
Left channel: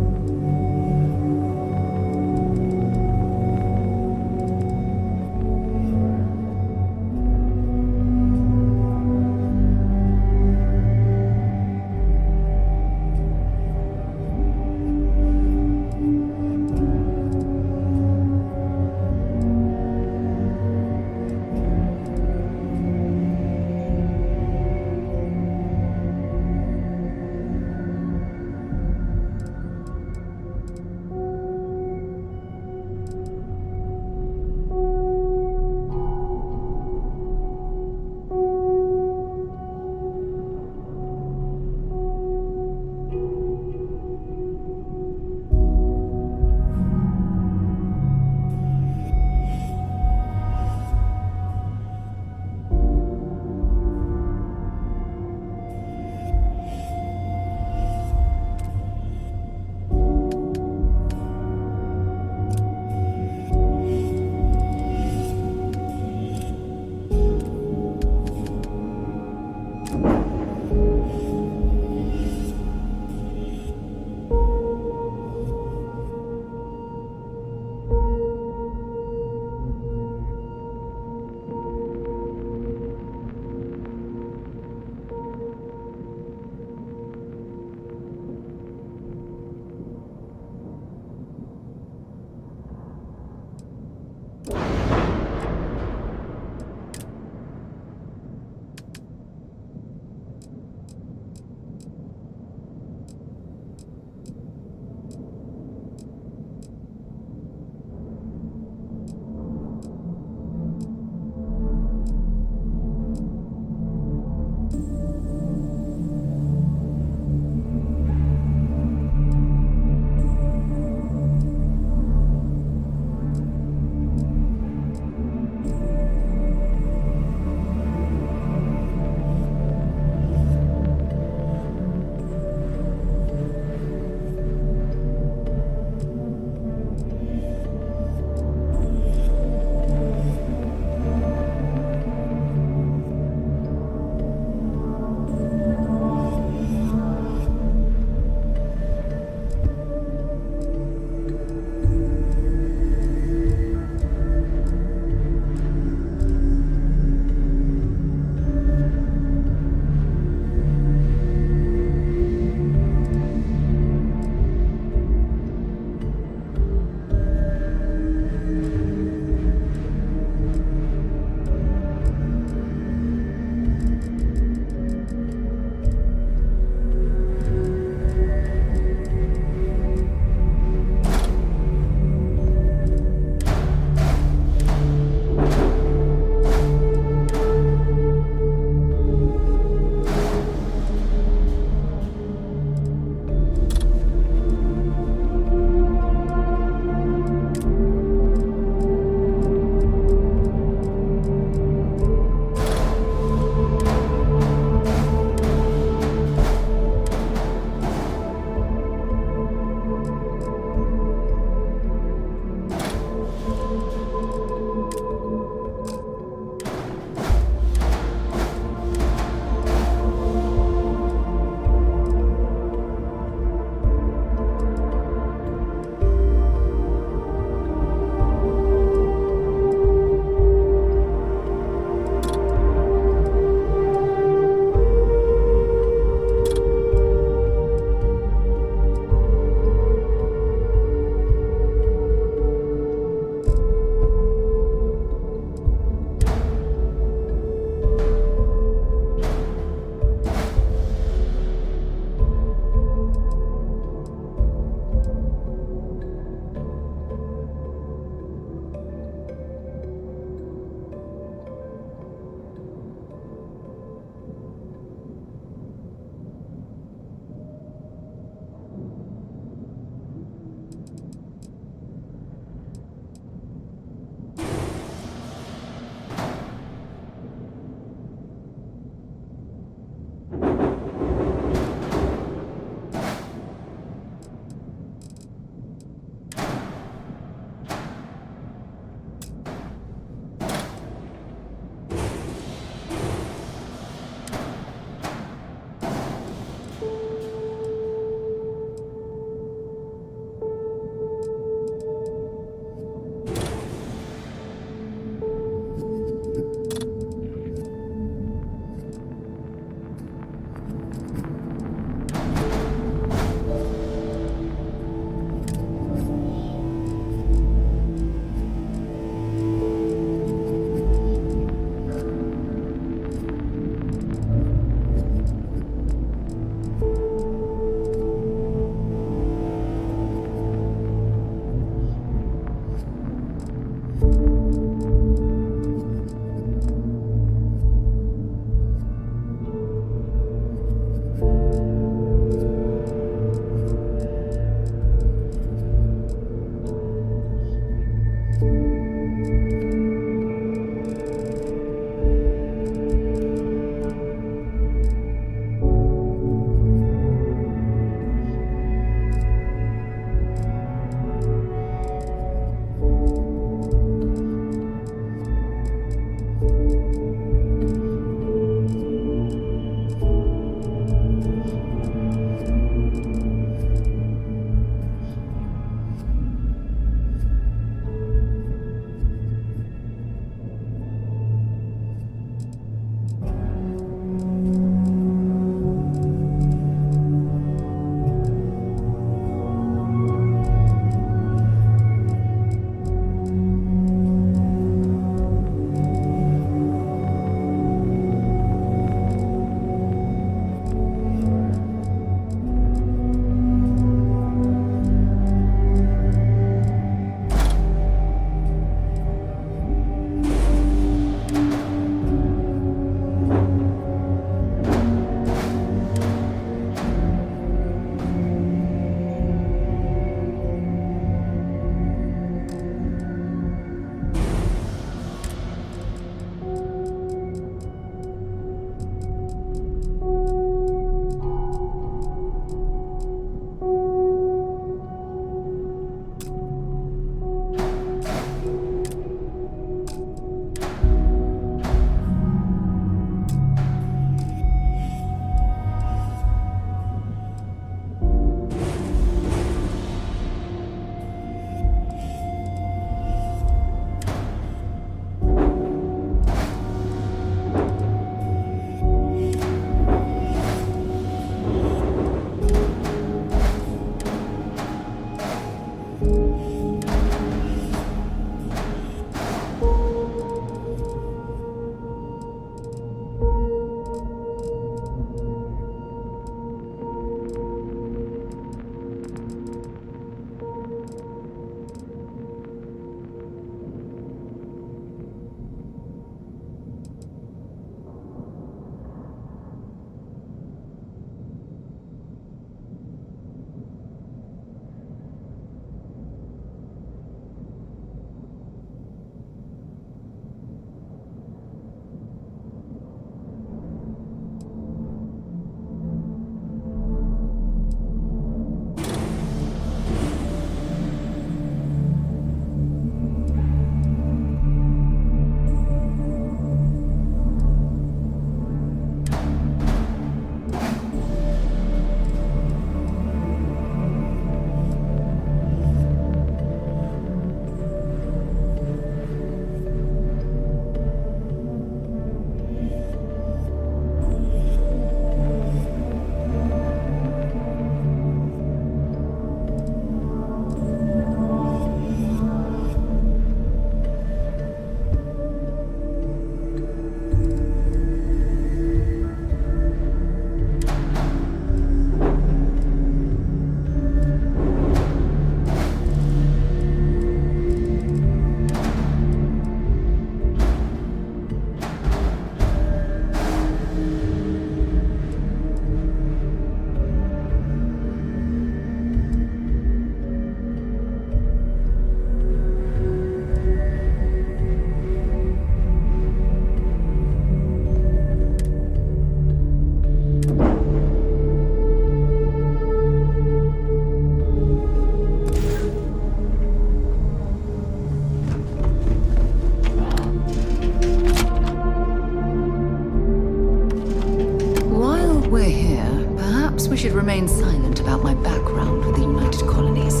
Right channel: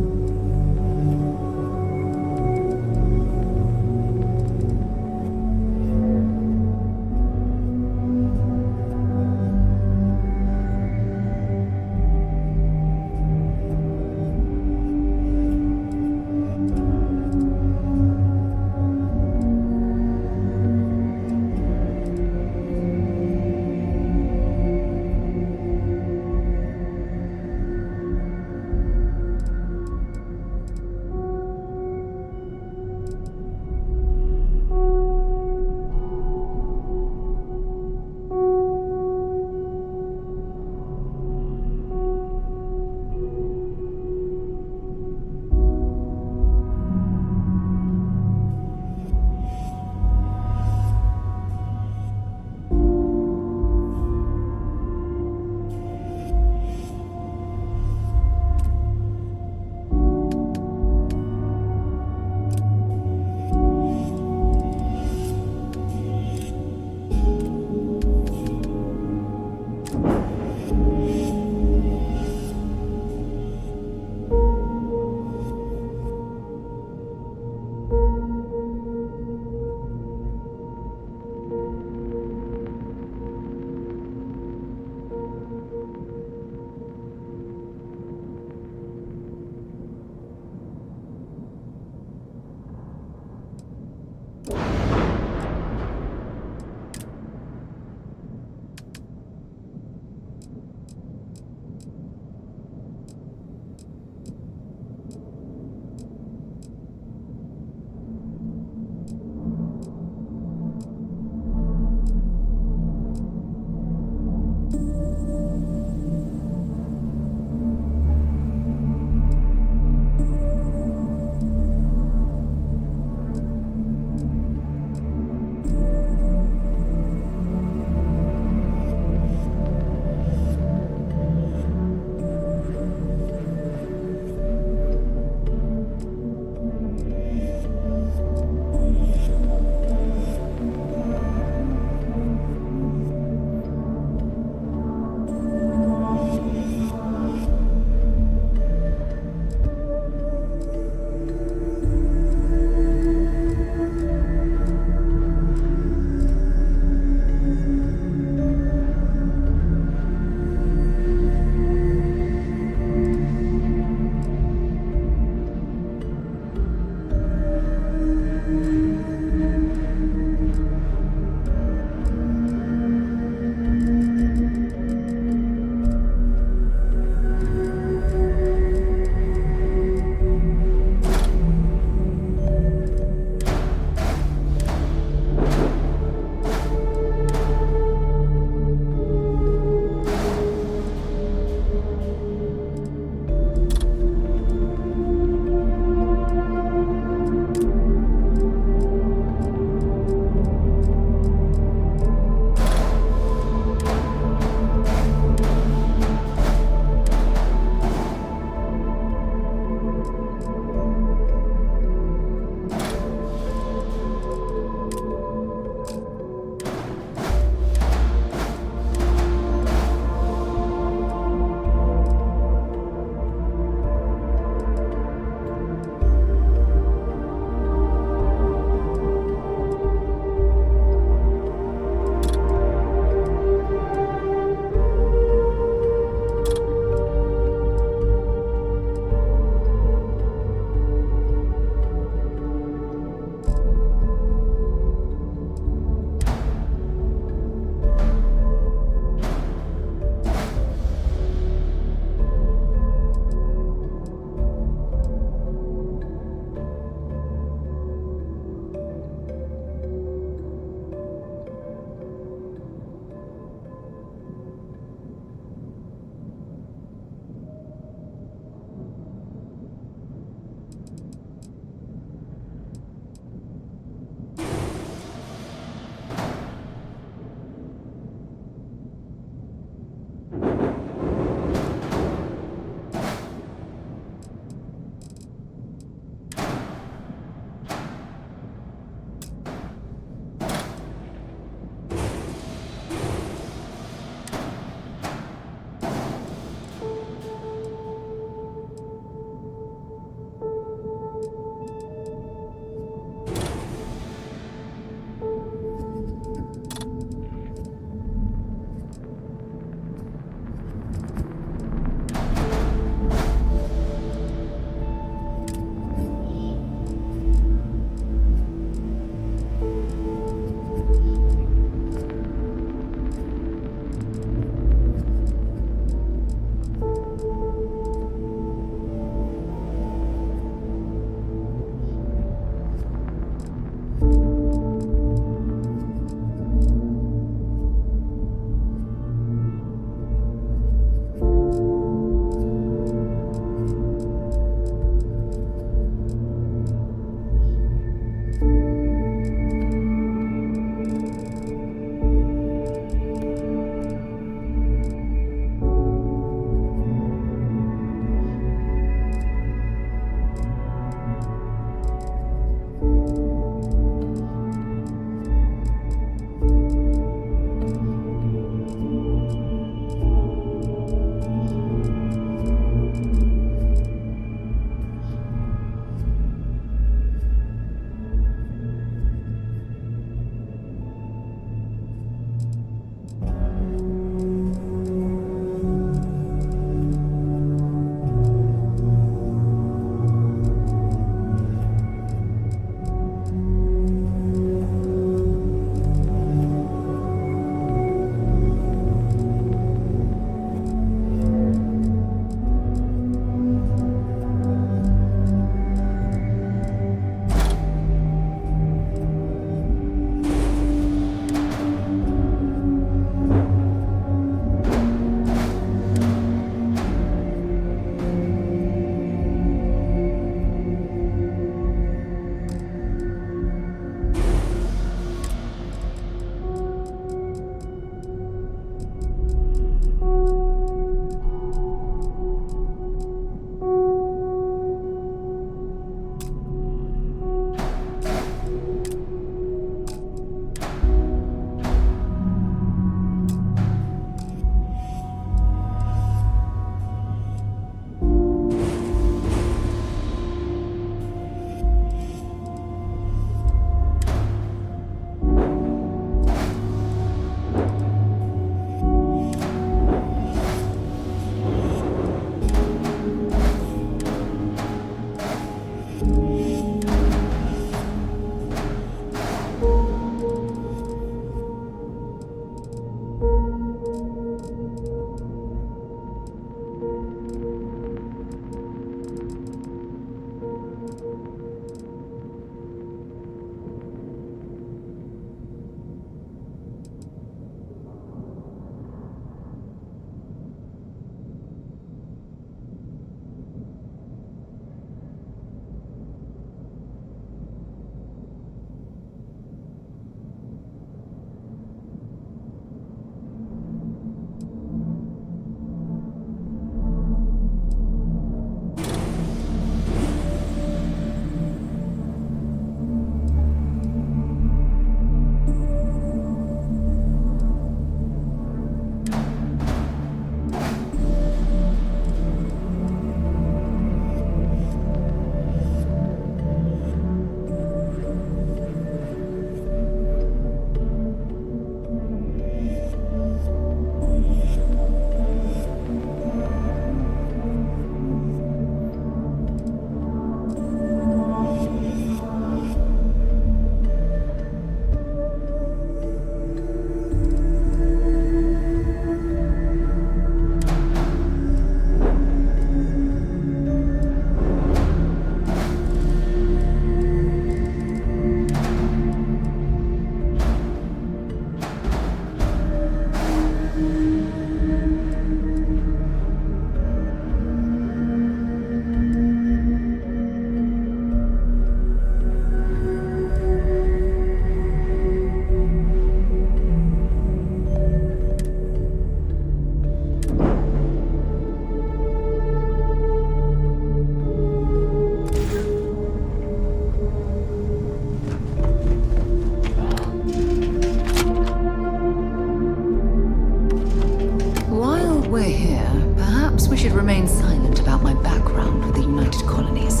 we're here, perhaps we should remain silent about my background with the United Colonies.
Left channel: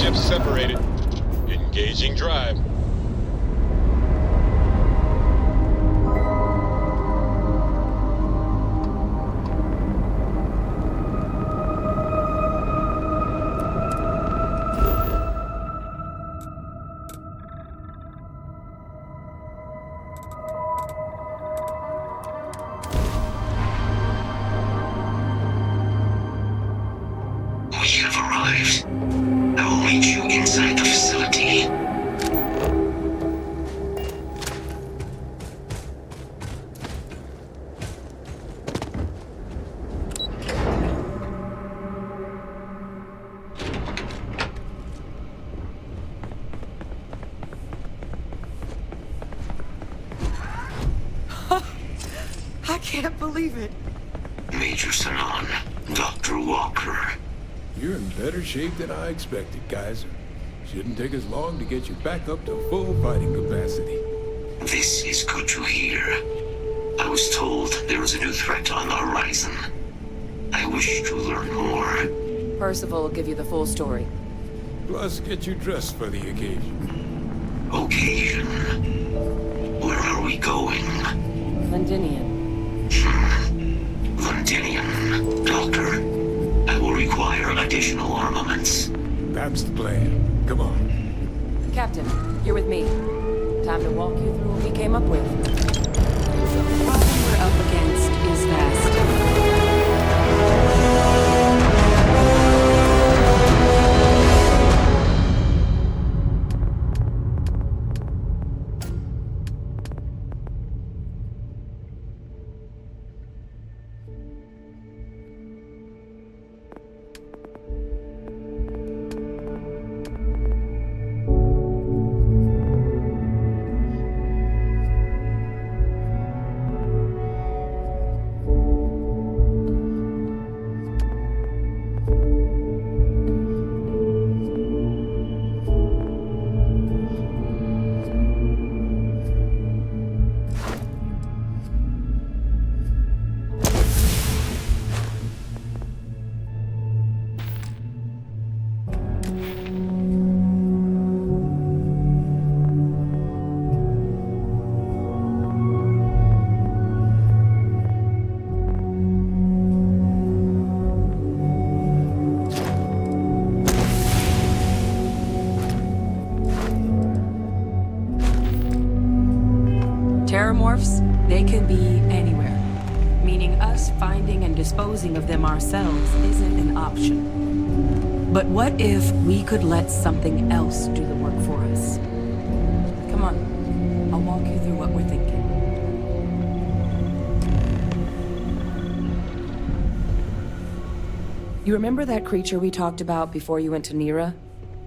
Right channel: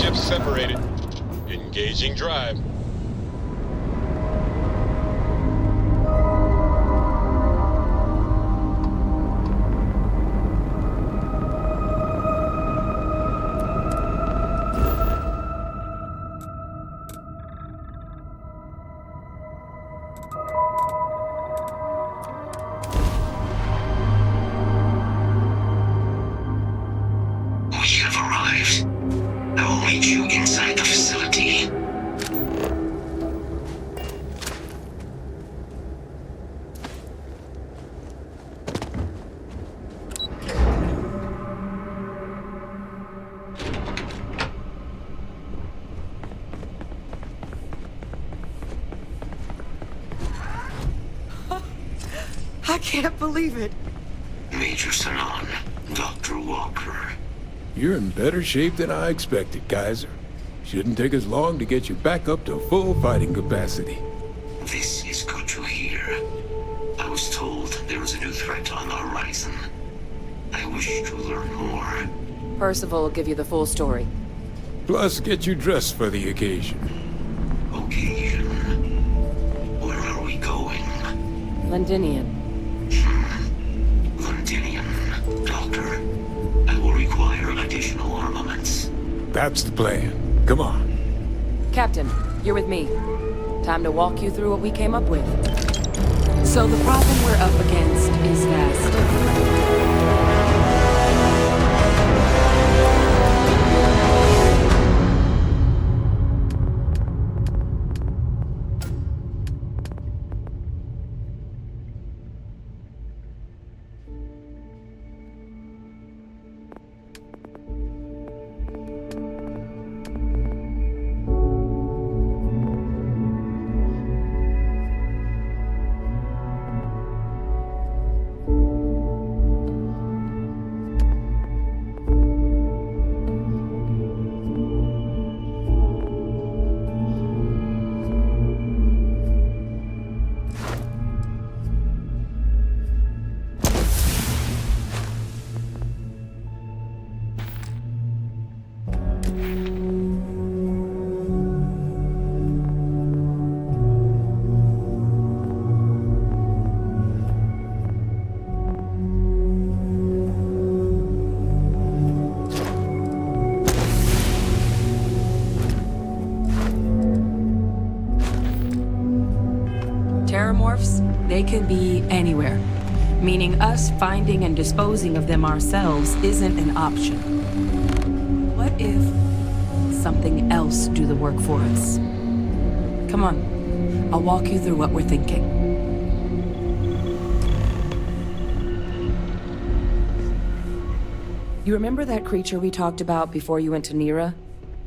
Ships separated. Engaging drive. We have arrived. I will meet you inside the facility. I can't believe it. Major Sanan, Dr. Walker. You're in better shape than I expected, Kaiser. Shouldn't take us long to get you back up to full fighting capacity. This is good to hear. I was told there was a new threat on the horizon. I wish to learn more. Percival will give you the full story. Plus, get you dressed for the occasion. Occasion? Where are we going? Londinian. Londinian. Doctor, I will require additional armaments. That's the plan. Come on. Captain, you're with me. Time to walk you through what we came up with. So the problem we're up against is vast. Terramorphs, they can be anywhere, meaning us finding and disposing of them ourselves isn't an option. But what if we could let something else do the work for us? Come on, I'll walk you through what we're thinking. You remember that creature we talked about before you went to Nira?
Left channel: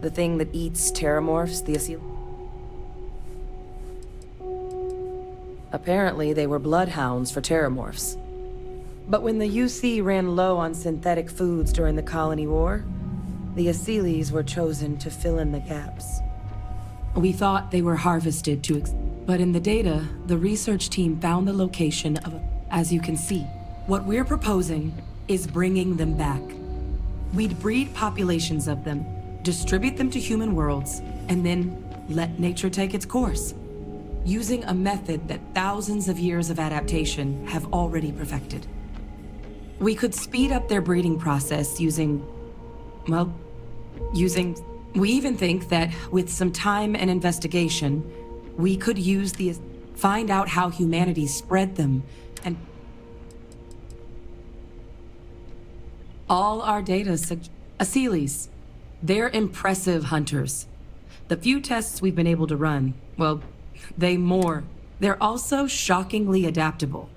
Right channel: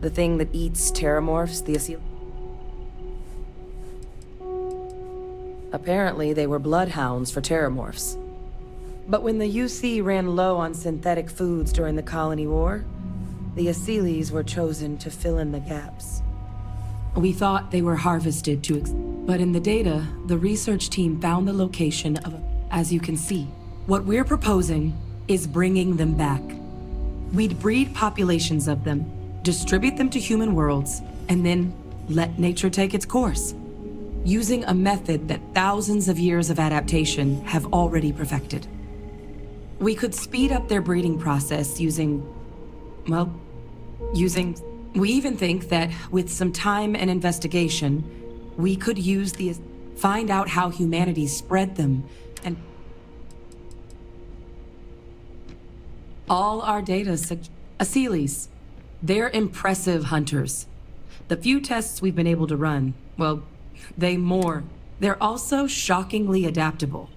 The thing that eats Terramorphs, the Asil? Apparently, they were bloodhounds for Terramorphs. But when the UC ran low on synthetic foods during the Colony War, the Asylees were chosen to fill in the gaps. We thought they were harvested but in the data, the research team found the location of as you can see. What we're proposing is bringing them back. We'd breed populations of them, distribute them to human worlds, and then let nature take its course, using a method that thousands of years of adaptation have already perfected. We could speed up their breeding process using... We even think that with some time and investigation, we could use find out how humanity spread them, and... All our data Asylees. They're impressive hunters. The few tests we've been able to run, well, they're also shockingly adaptable.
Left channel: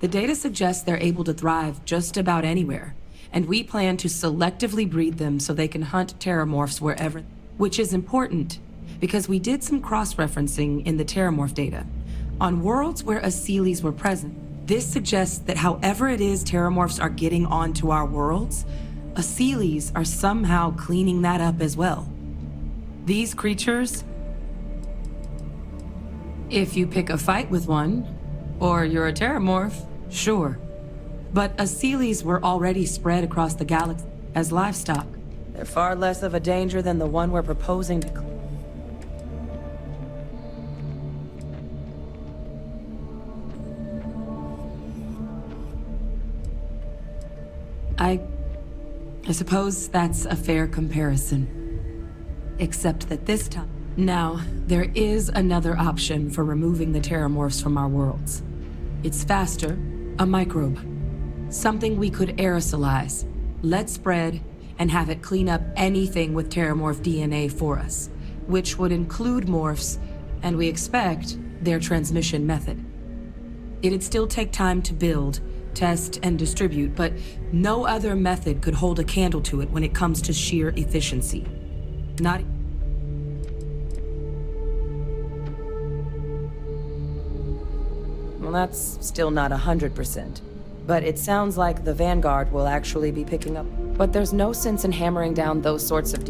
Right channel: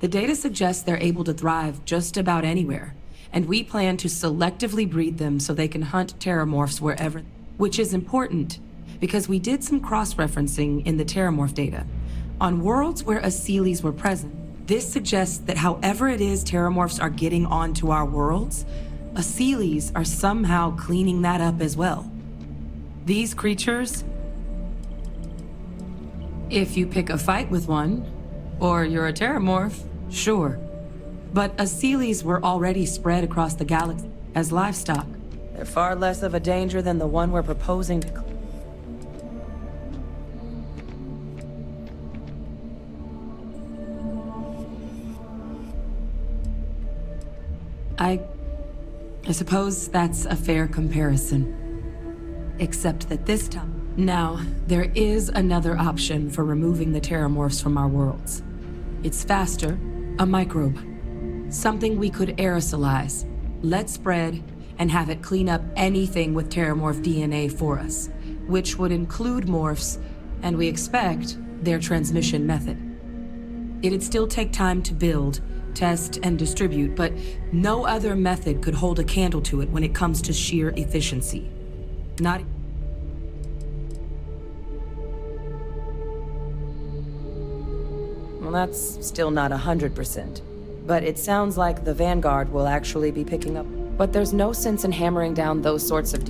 The data suggests they're able to thrive just about anywhere, and we plan to selectively breed them so they can hunt Terramorphs wherever, which is important, because we did some cross-referencing in the Terramorph data. On worlds where Asylees were present, This suggests that however it is terramorphs are getting onto our worlds, Asylees are somehow cleaning that up as well. These creatures, if you pick a fight with one, or you're a terramorph, sure. But Asylees were already spread across the galaxy as livestock. They're far less of a danger than the one we're proposing to I suppose that's a fair comparison. Except that this time... Now, there is another option for removing the terramorphs from our worlds. It's faster, a microbe. Something we could aerosolize, let spread, and have it clean up anything with terramorph DNA for us, which would include morphs, and we expect their transmission method. It'd still take time to build, test, and distribute, but no other method could hold a candle to it when it comes to sheer efficiency. Not... Well, that's still not 100%. But it sounds like the Vanguard will actually be picking up. But there's no sense in hammering down those sorts of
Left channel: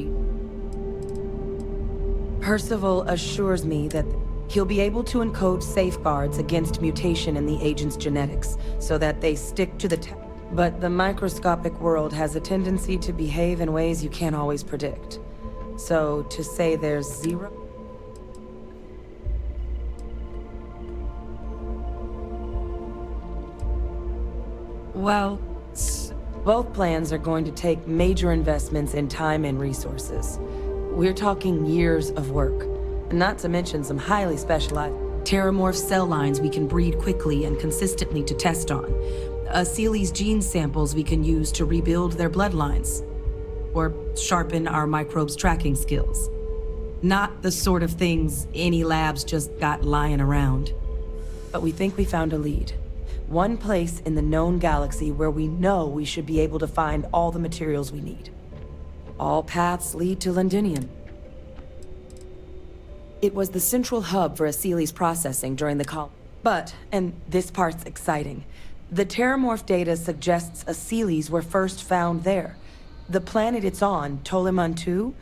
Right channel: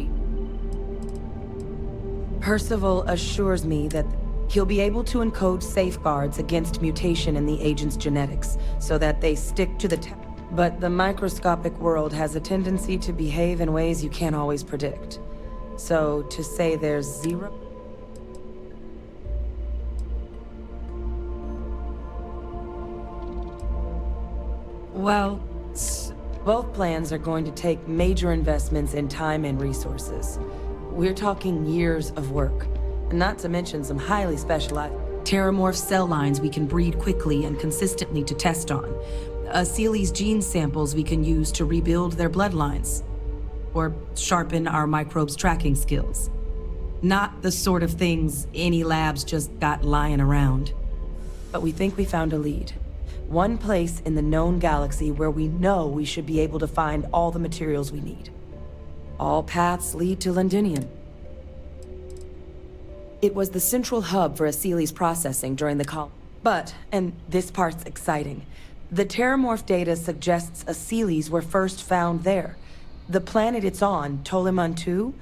Percival assures me that he'll be able to encode safeguards against mutation in the agent's genetics, so that they stick to the But the microscopic world has a tendency to behave in ways you can't always predict. So, to say there's zero... Well, both plans are going to take major investments in time and resources. We're talking years of work, not to mention some highly specialized terramorph cell lines we can breed quickly and consistently to test on. Asylees gene samples we can use to rebuild their bloodlines, or sharpen our microbes' tracking skills. Not the sort of things any labs just got lying around. But we think we found a lead. One place in the known galaxy where we know we should be able to find all the materials we need. All paths lead to Londinium. It was the central hub for Asylees processing during the call. But, and this part's exciting, the terramorph data suggests Asylees were first found there. The planet it's on, Toliman 2,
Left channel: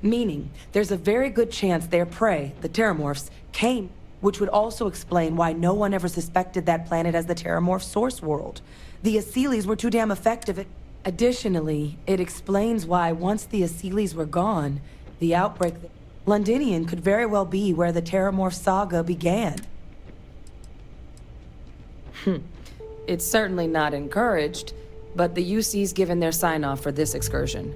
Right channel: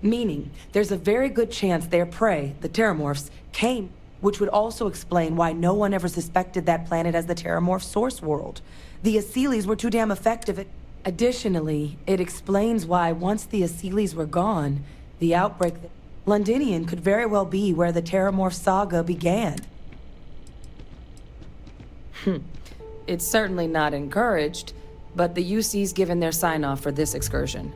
meaning there's a very good chance their prey, the terramorphs, came, which would also explain why no one ever suspected that planet as the terramorph source world. The Asylees were too damn effective at... Additionally, it explains why once the Asylees were gone, the outbreak... Londinium could very well be where the terramorph saga began. It's certainly not encouraged, but the UC's given their sign-off for this excursion.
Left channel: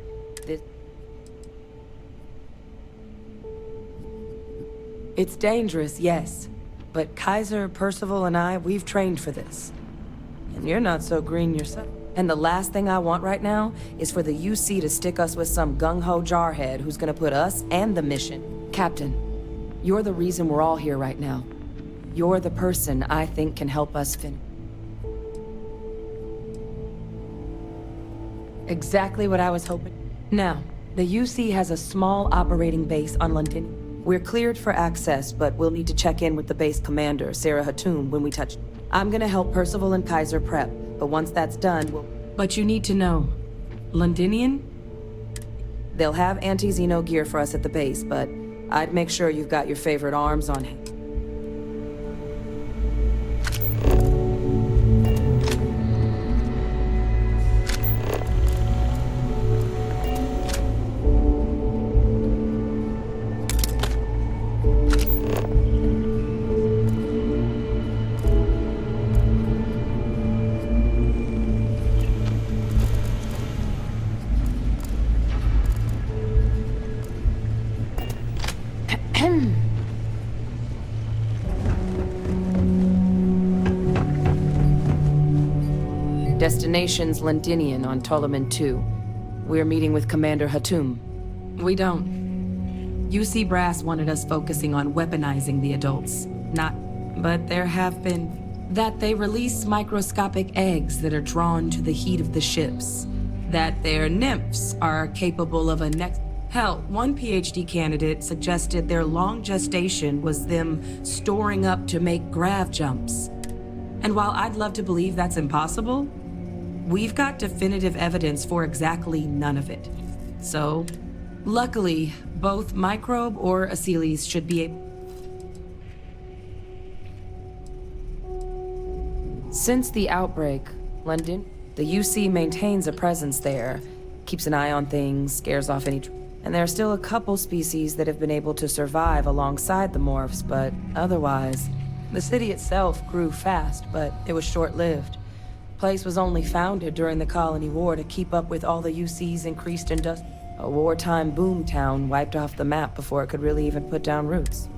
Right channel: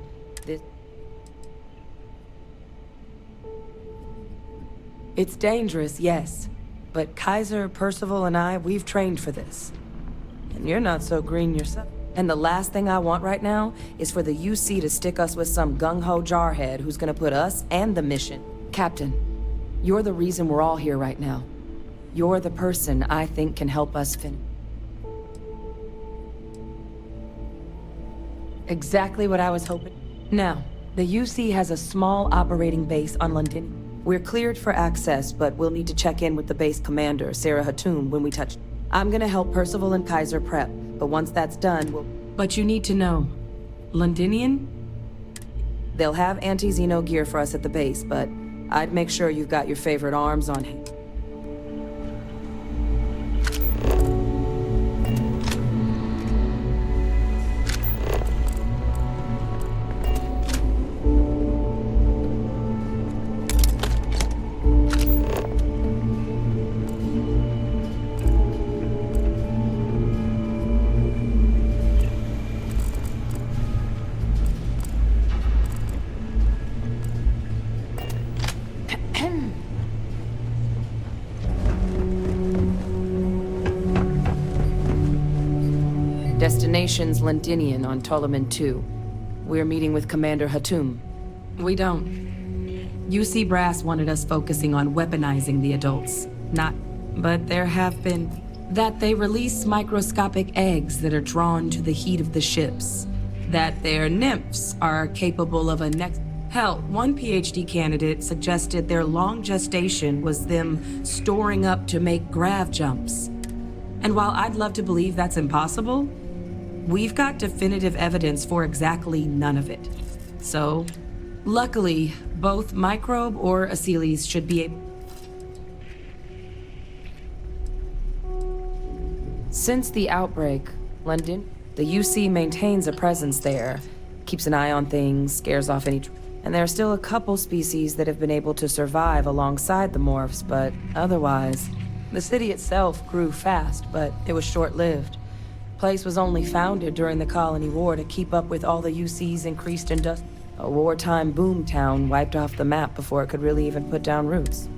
It's dangerous, yes, but Kaiser, Percival, and I, we've trained for this. And you're not so green yourself. And the last thing I want right now is for the UC to stick us with some gung-ho jarhead who's gonna put us and the mission. Captain, you're the reason we're all here right now. You're the person I think can help us finish. Exactly what I was hoping. Now, the UC has a small operating base on Londinium. We're cleared for access, but we'll need to check in with the base commander, Sarah Hatum, when we touch. I'm gonna help Percival and Kaiser prep, but once that's done, we'll... But you need to know, Londinium? They'll have anti-Xeno gear for us at the base, but I'd make sure you've got your favorite arms on hand. Destination's Londinium on Toliman 2. We're meeting with Commander Hatum. We don't. UC Brass wanted us focusing on weaponizing the adults, not... But there have been... That they release microscopic eggs that are drawn to the heat of the ships. That their nymphs are capable of a next... Hell, one PhD candidate suggested their long gestation was them storing up to make grav jumps. And while I'd love to believe that's impossible, we've got definitive evidence for exactly none of it. So, luckily, both Microbe or Aciles should be able... Since the outbreak, London, the UC maintains a presence there, keeps an eye on things, scares off any... And there are still a couple species that have been able to survive alongside the morphs, but otherwise, the city itself grew fast, but it was short-lived. Place was only founded during the Colony War to keep up with all the UC's increased industry. A wartime boom town wiped off the map before it could really even put down roots.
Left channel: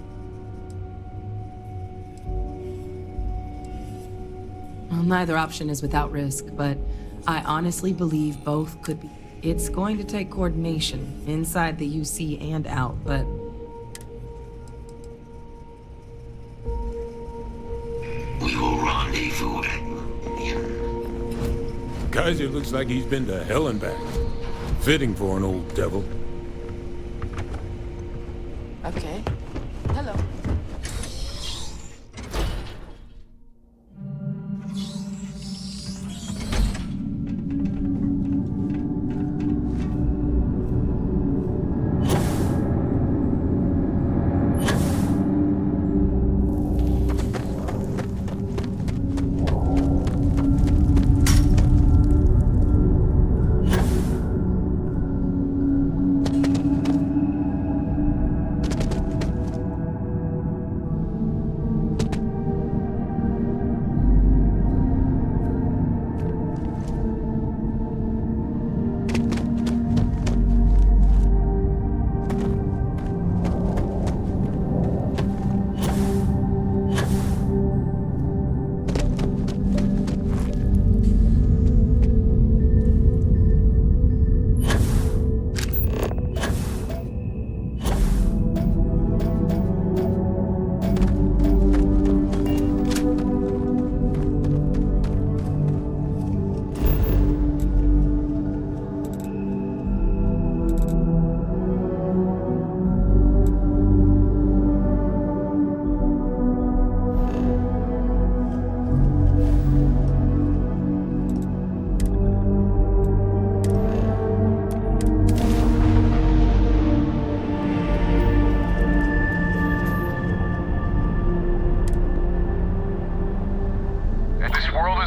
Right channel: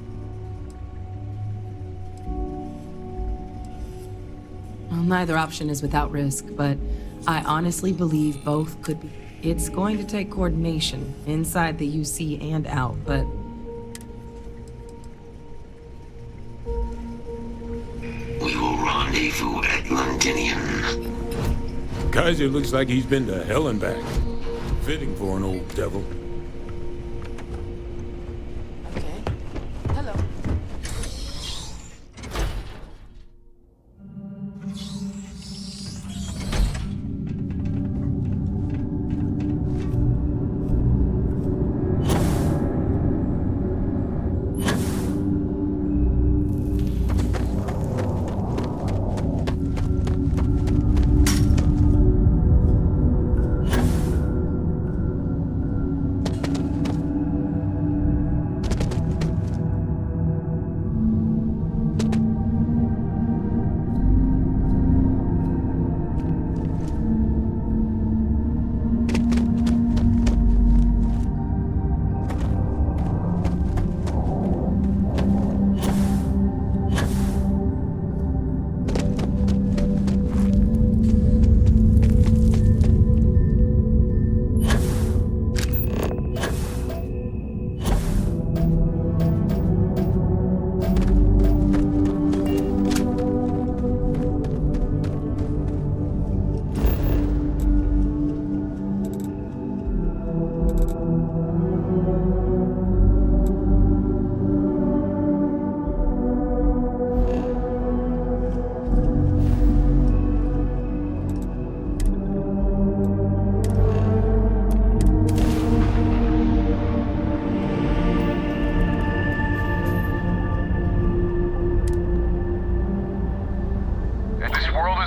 Well, neither option is without risk, but I honestly believe both could be. It's going to take coordination inside the UC and out, but... We will rendezvous at Londinium. Kaiser looks like he's been to hell and back. Fitting for an old devil. Okay. Hello.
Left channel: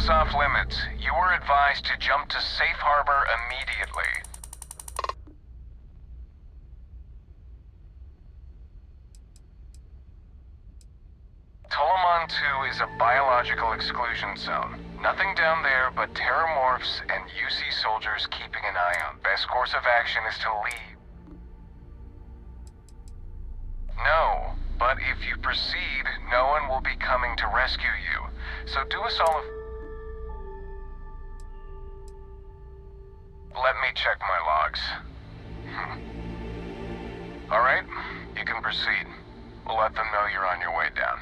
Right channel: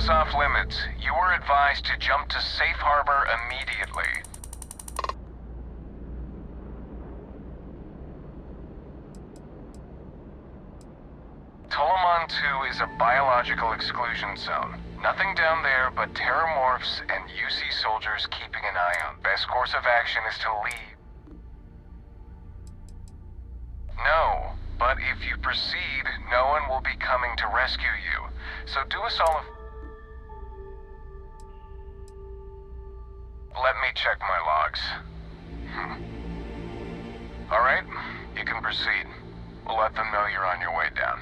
Off limits. You were advised to jump to safe harbor immediately. Tolomon 2 is a biological exclusion zone. Nothing down there but terramorphs and UC soldiers keeping an eye on. Best course of action is to leave. No, but if you proceed, no one will be coming to rescue you. So do us all a... Let me check my logs. All right, you can proceed. We'll let them know you're on your way down.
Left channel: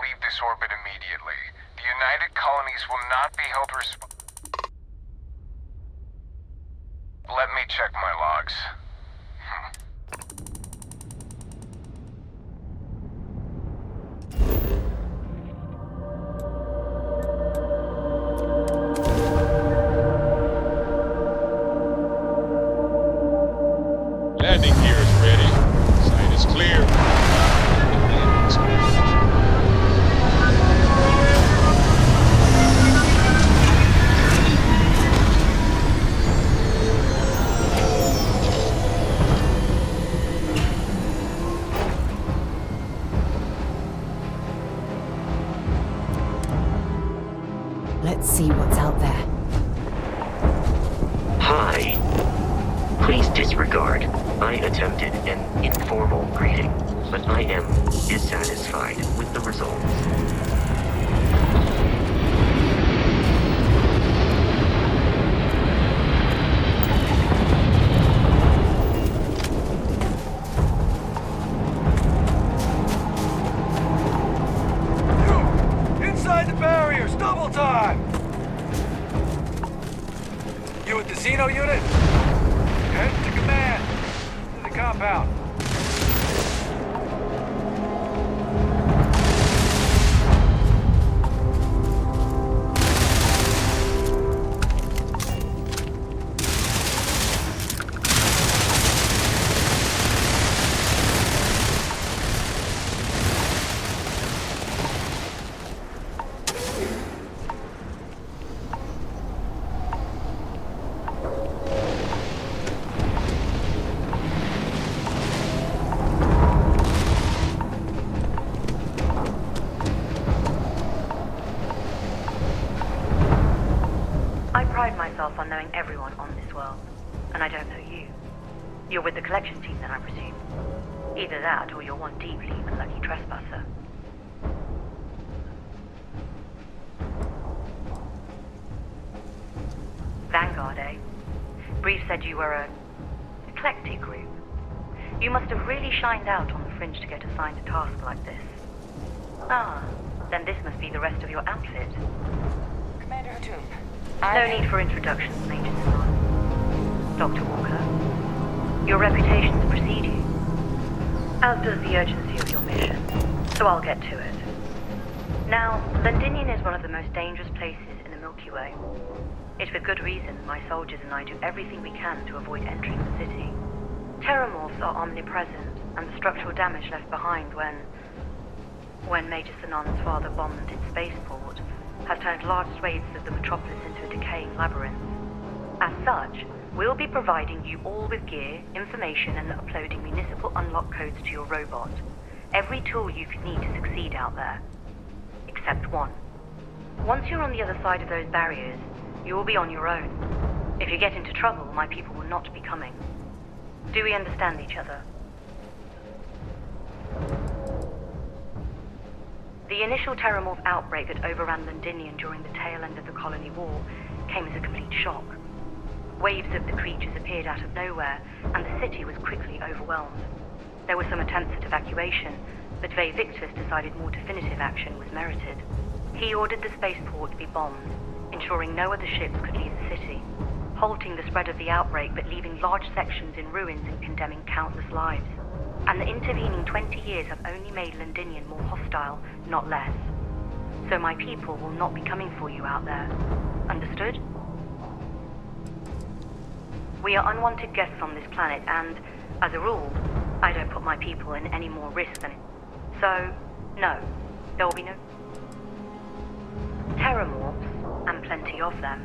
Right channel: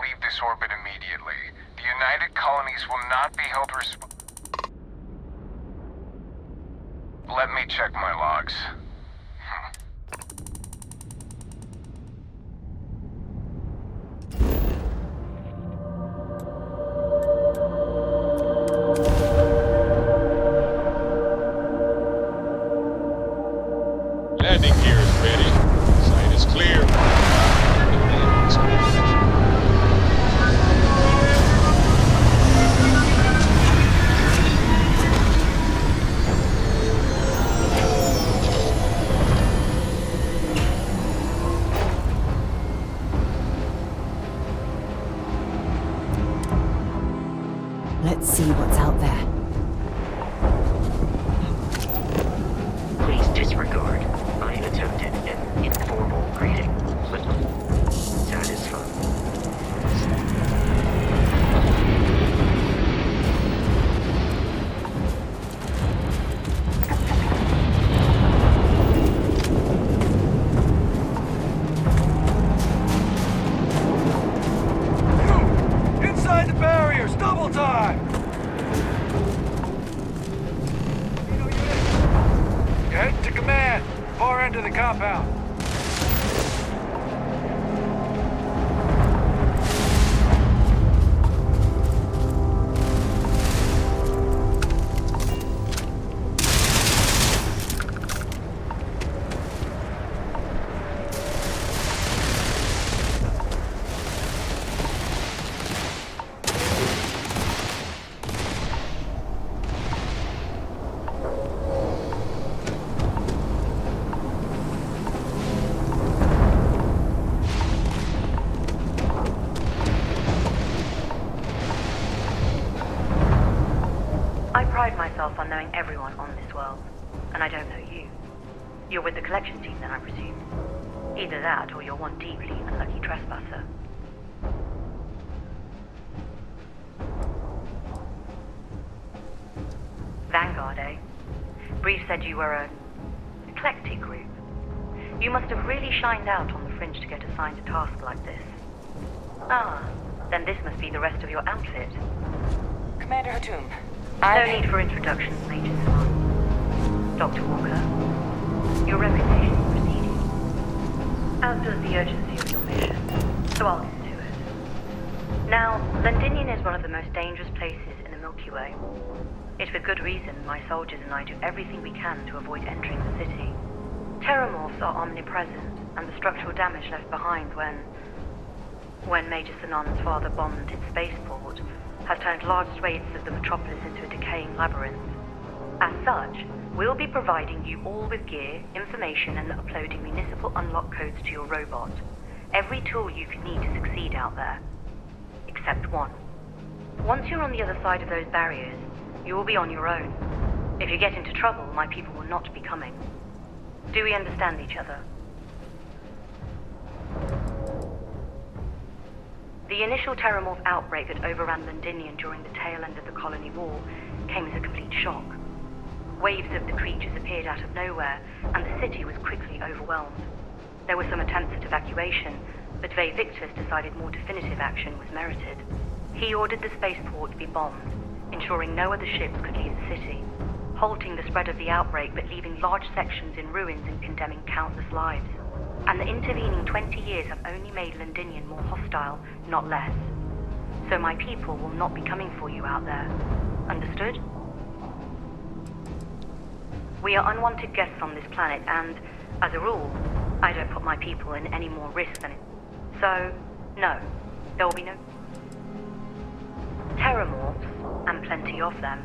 leave this orbit immediately. The United Colonies will not be held responsible. Let me check my logs. Landing gear is ready. Site is clear. Let's see what's out there. Hi. Please disregard. I attempted an informal greeting, but I am dissatisfied with the results. Inside the barriers, double time! You with the Xeno unit? Head to command, far end of the compound. I pride myself on knowing everyone on this world, and I don't know you. You're with the collection team then, I presume. Either that, or you're one deeply unlucky trespasser. Vanguard, eh? Brief said you were an eclectic group. You must have really shined out on the fringe to get assigned a task like this. Ah, then this must be the rest of your outfit. Commander Hatum. No need for introductions, Major Simon. Dr. Walker, your reputations precede you, as does the urgency of your mission, so I'll get to it. Now, Londinium is one of the most dangerous places in the Milky Way. It's with good reason my soldiers and I do everything we can to avoid entering the city. Terramorphs are omnipresent, and the structural damage left behind when Major Sinan's father bombed its spaceport has turned large swathes of the metropolis into a decaying labyrinth. As such, we'll be providing you all with gear, information, and uploading municipal unlock codes to your robot. Every tool you could need to succeed out there. Except one. Once you're on the other side of those barriers, you will be on your own. If you get into trouble, my people will not be coming. Do we understand each other? The initial Terramorph outbreak that overran Londinium during the tail end of the colony war came as a complete shock. Waves of the creatures appeared out of nowhere, and the city was quickly overwhelmed. There were some attempts at evacuation, but Ve Victus decided more definitive action was merited. He ordered the spaceport to be bombed, ensuring no other ships could leave the city, halting the spread of the outbreak but leaving large sections in ruins and condemning countless lives. And the intervening 20 years have only made Londinium more hostile, not less. So my people will not be coming for you out there. Understood? We are unwanted guests on this planet, and, as a rule, I don't put my people in any more risk than it. So, no, there will be no Terramorphs, and plenty of them.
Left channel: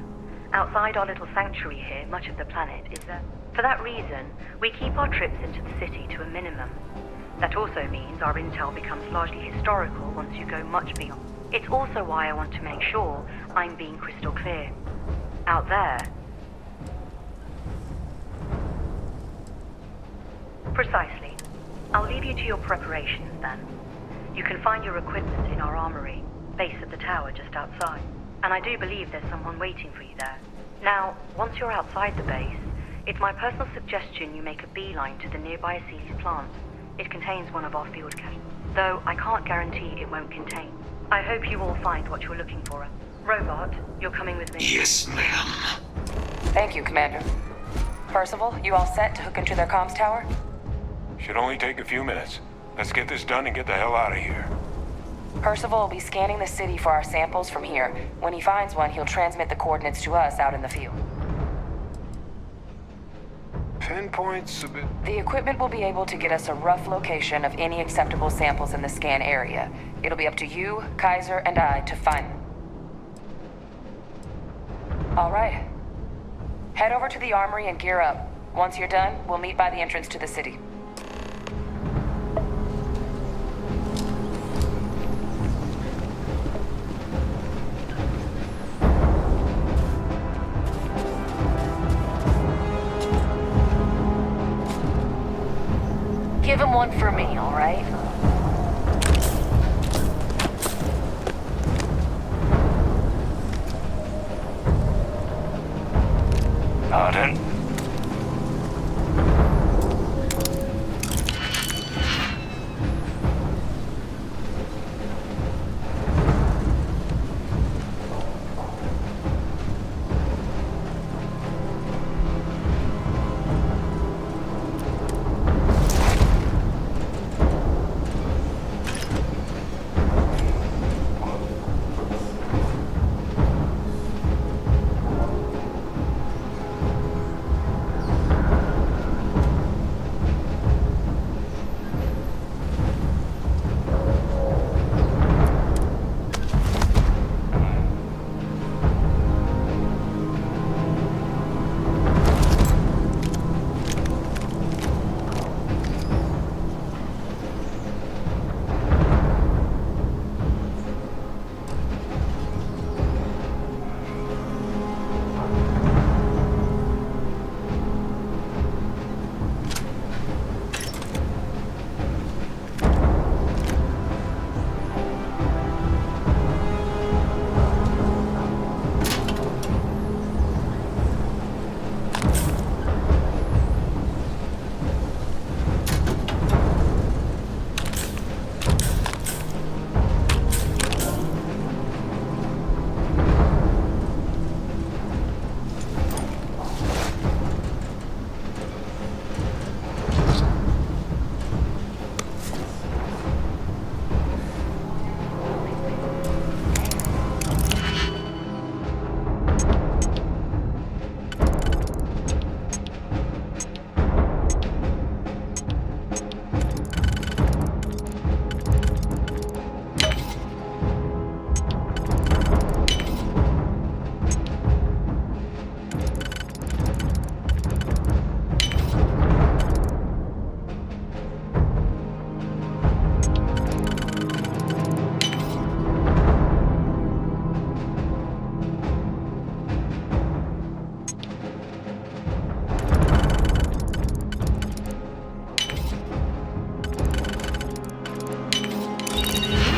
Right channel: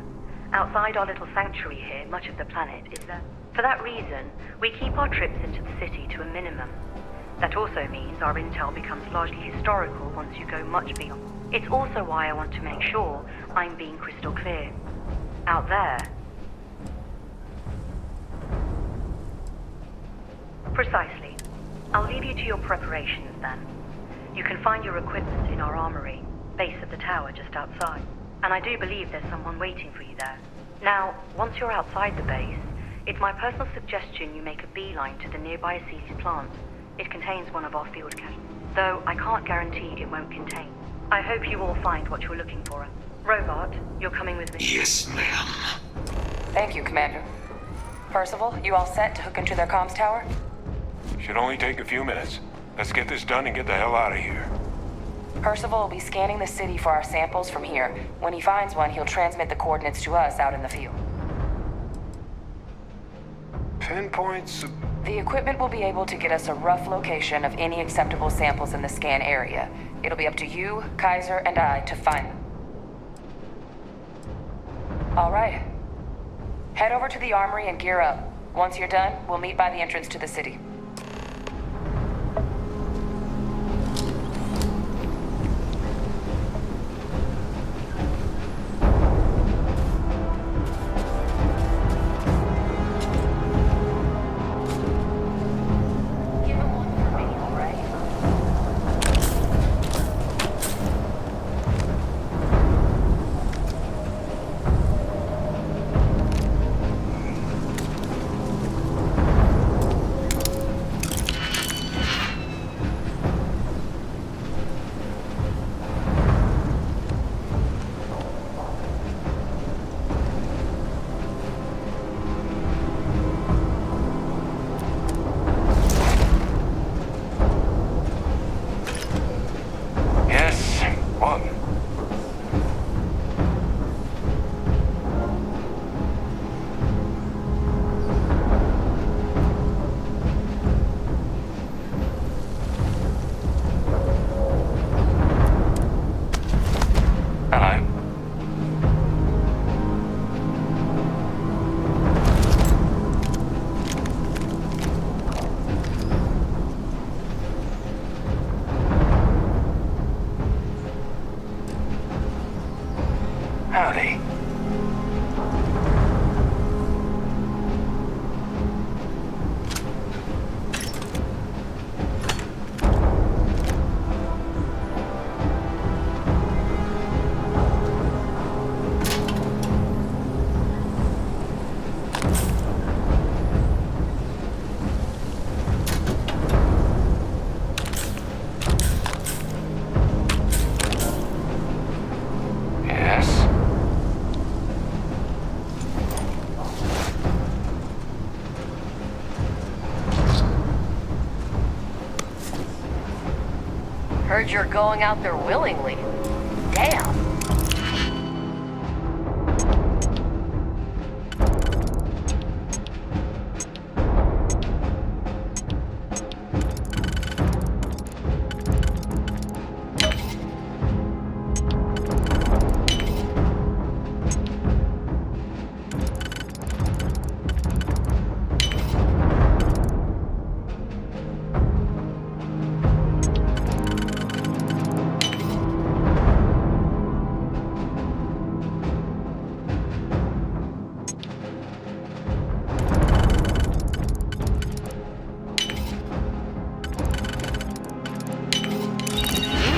Outside our little sanctuary here, much of the planet is there. For that reason, we keep our trips into the city to a minimum. That also means our intel becomes largely historical once you go much beyond. It's also why I want to make sure I'm being crystal clear. Out there. Precisely. I'll leave you to your preparations then. You can find your equipment in our armory, base of the tower just outside. And I do believe there's someone waiting for you there. Now, once you're outside the base, it's my personal suggestion you make a beeline to the nearby Aceles plant. It contains one of our field caches, though I can't guarantee it won't contain. I hope you all find what you're looking for. Robot, you're coming with me. Yes, ma'am. Thank you, Commander. Percival, you all set to hook into their comms tower? Should only take a few minutes. Let's get this done and get the hell out of here. Percival will be scanning the city for our samples from here. When he finds one, he'll transmit the coordinates to us out in the field. Pinpoints a bit. The equipment will be able to get us a rough location of any acceptable samples in the scan area. It'll be up to you, Kaiser, and I to find them. All right. Head over to the armory and gear up. Once you're done, we'll meet by the entrance to the city. Give him one for me, all right? Pardon? Howdy. Heard you're going out there willingly. Damn.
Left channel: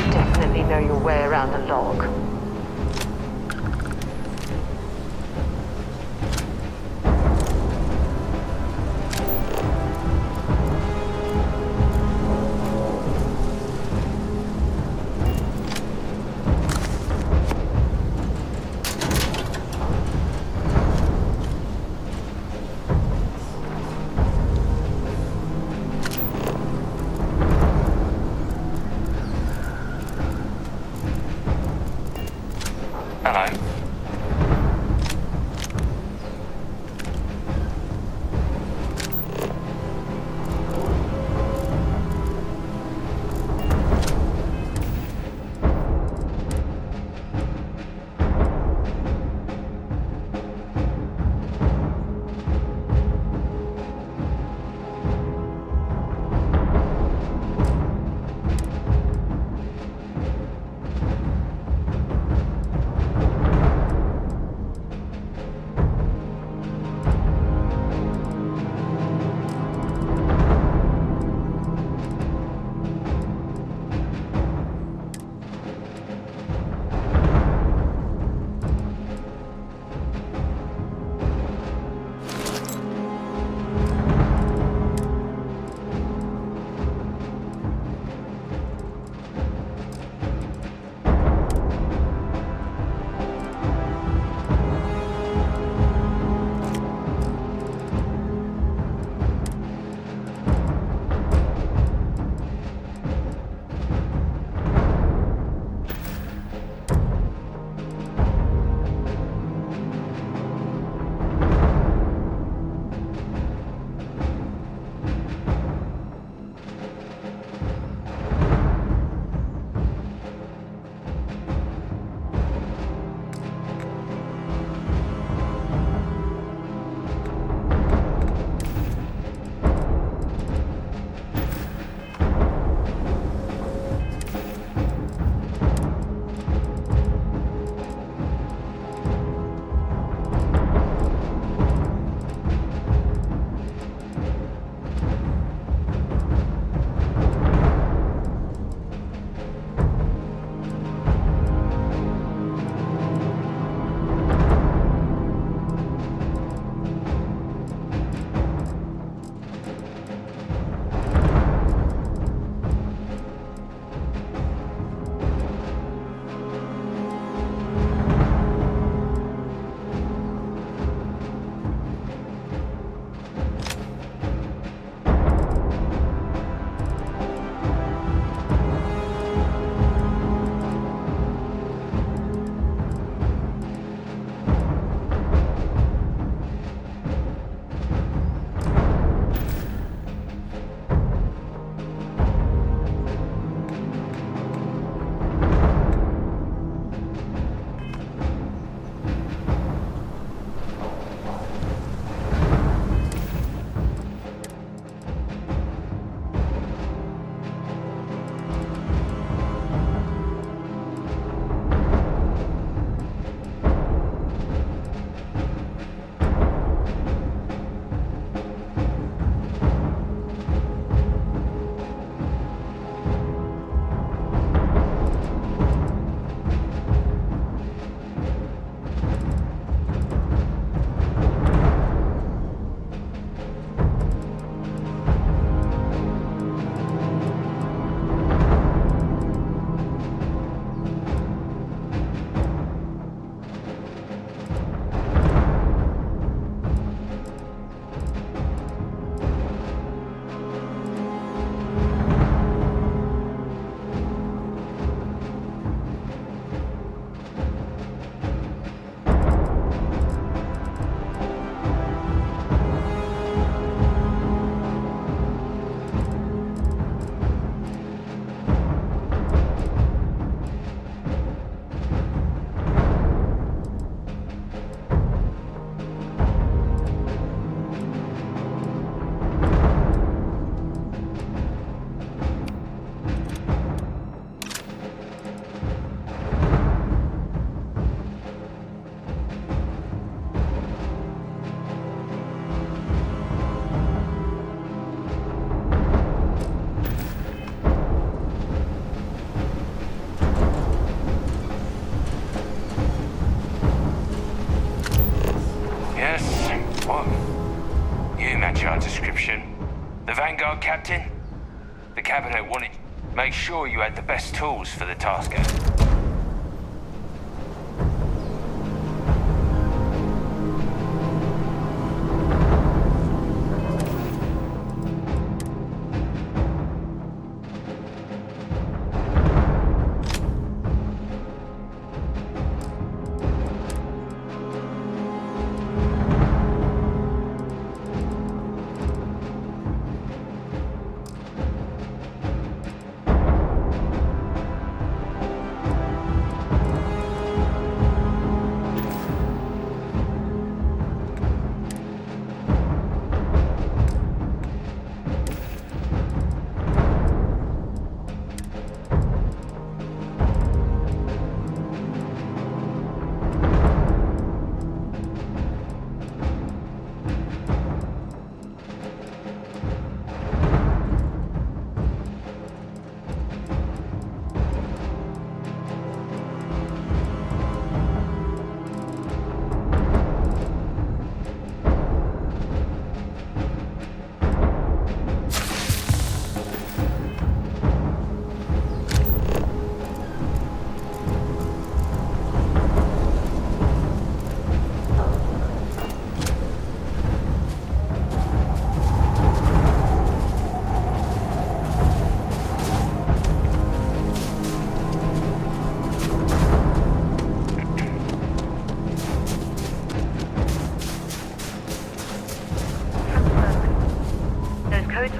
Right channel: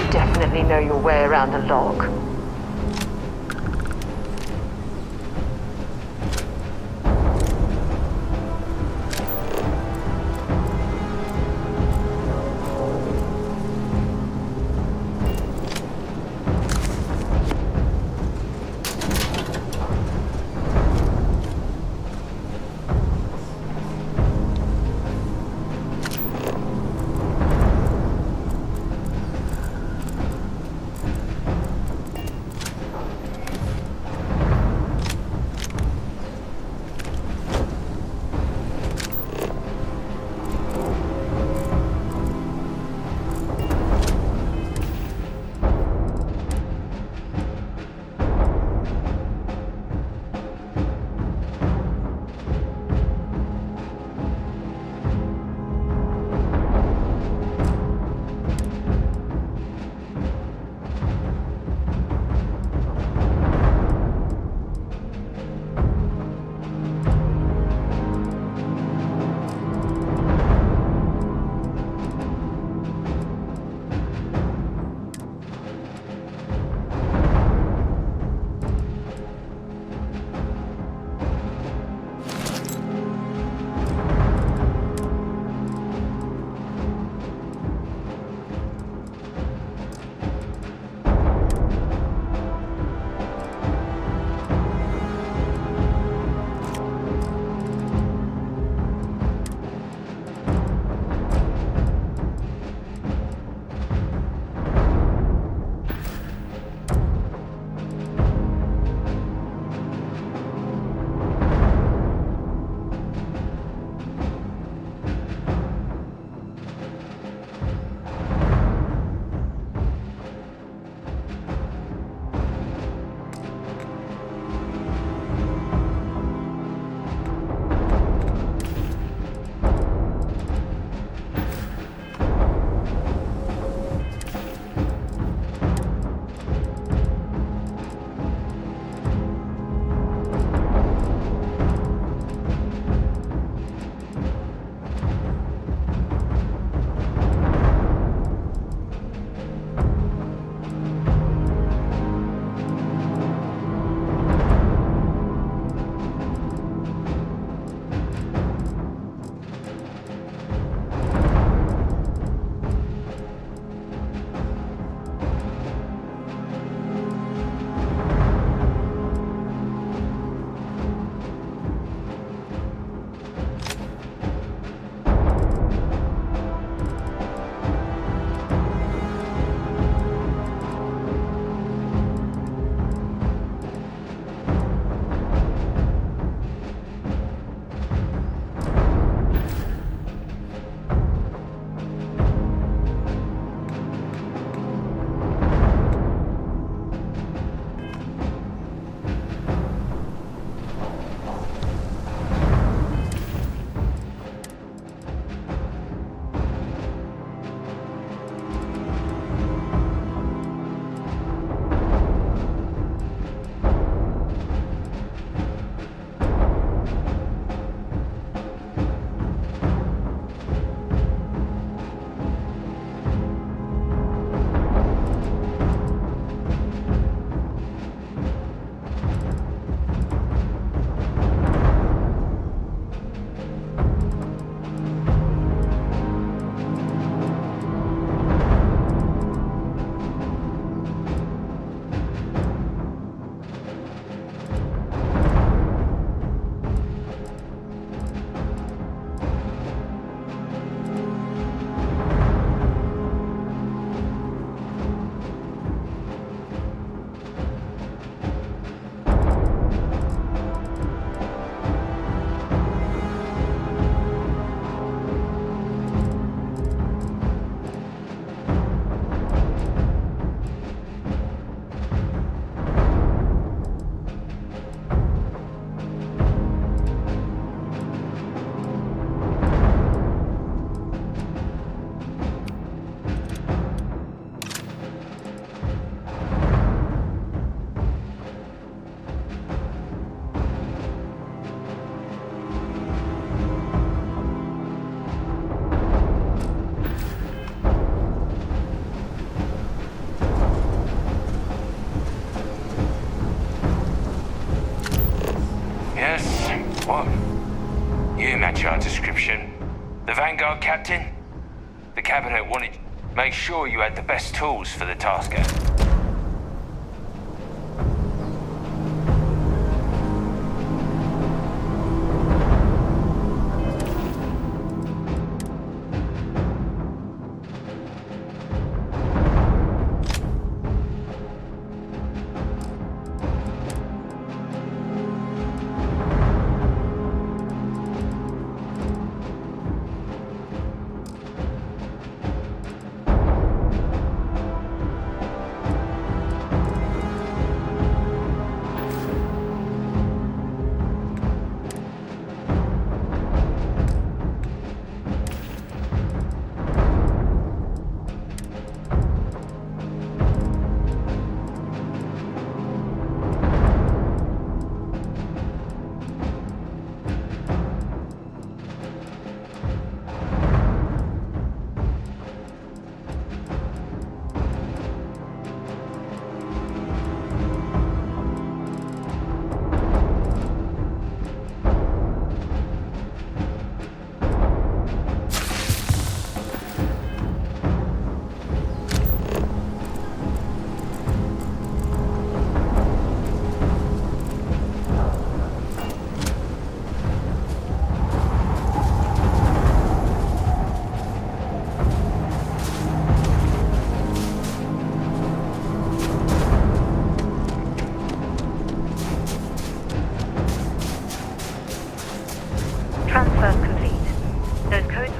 Definitely know your way around a log. What? You match our description. The Vanguard captain? The cabinet wanted to make sure you had the best tools for the task at hand.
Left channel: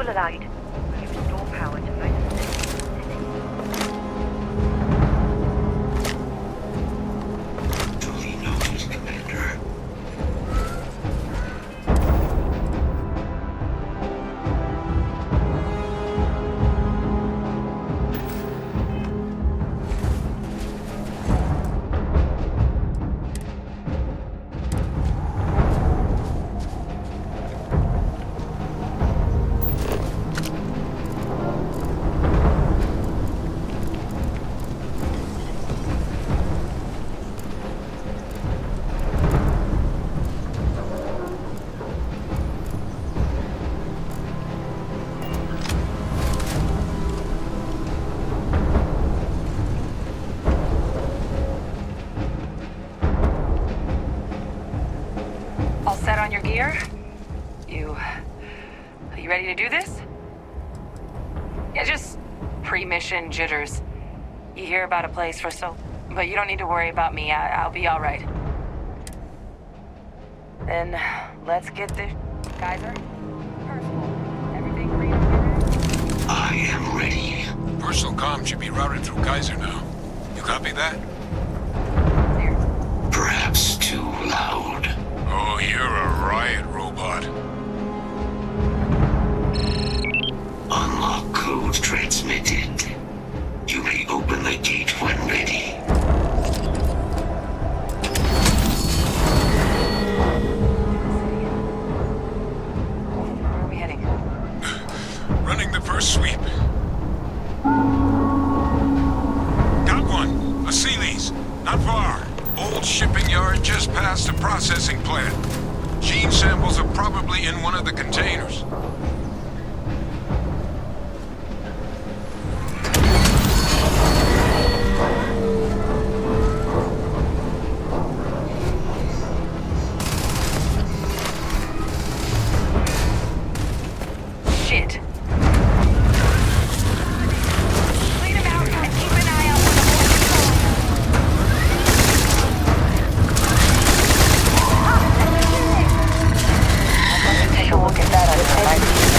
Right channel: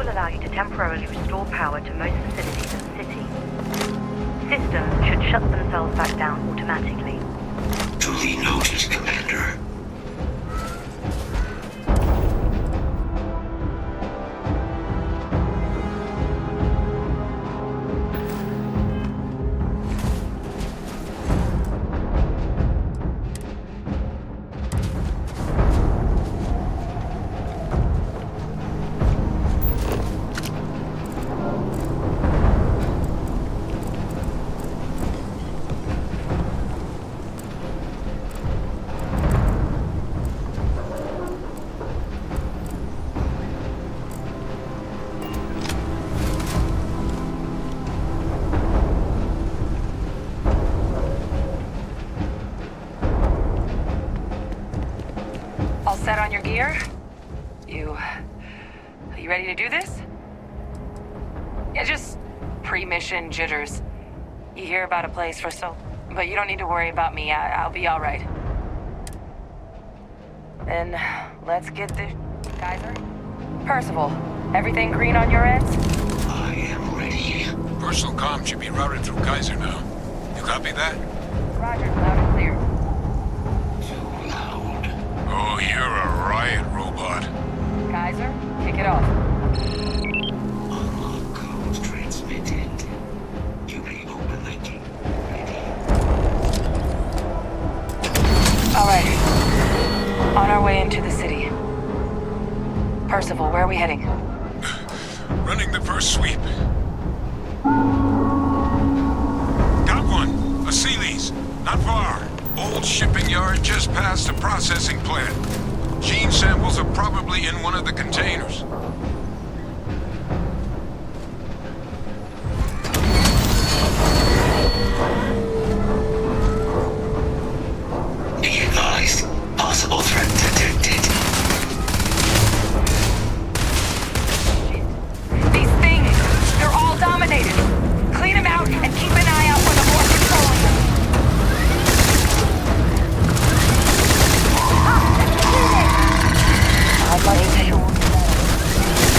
Allow you to temporarily restore power to most facilities in the city. Systems should shut themselves back down automatically. Duly noted, Commander. Set on your gear? Are you ready to do this? Yeah, just pre-mission jitters. You hear about a place for but you don't need to worry about me. I'll be all right. Then let's get this, Kaiser. Percival, everything green on your end? I am ready. Personal comm should be routed through Kaiser now. You copy that? Roger, loud and clear. Perhaps too loud. Oh, you're a riot robot. Kaiser, kick it off. Unlock code transmitted. You may open the gate when ready. Alright. On our way into the city. Percival, where are we heading? Running the first sweep. Got one. A Sealy's. Not far. Old shipping yard just past the processing plant. Gene samples are probably in one of the containers. Be advised, possible threat detected. Shit. These things, they're all dominated. Clean them out and keep an eye out for the more controlling them. I'd like to take a look at that outside.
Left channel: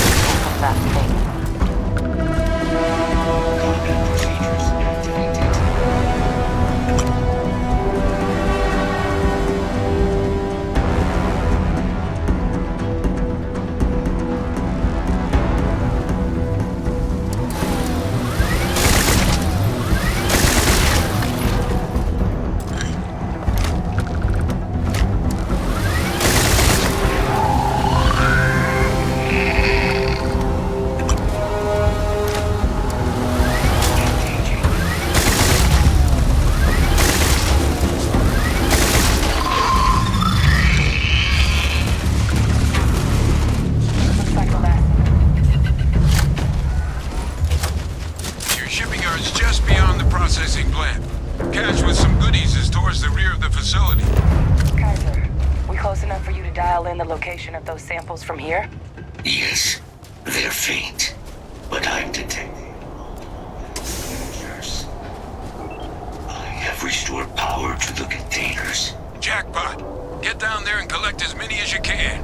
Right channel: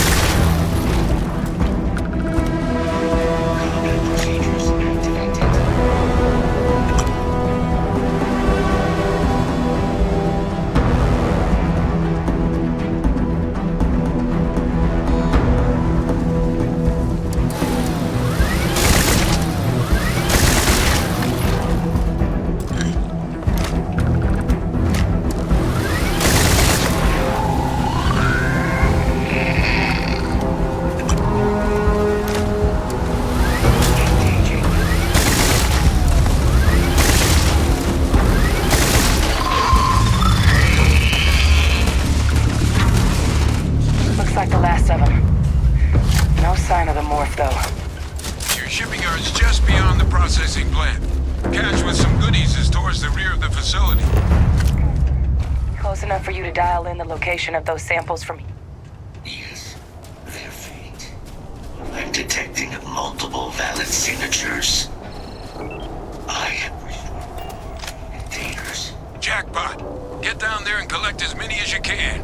cache with some goodies is towards the rear of the facility. Kaiser, we close enough for you to dial in the location of those samples from here? Yes, they're faint, but I'm detecting multiple valid signatures. I have restored power to the containers. Jackpot! Get down there and collect as many as you can.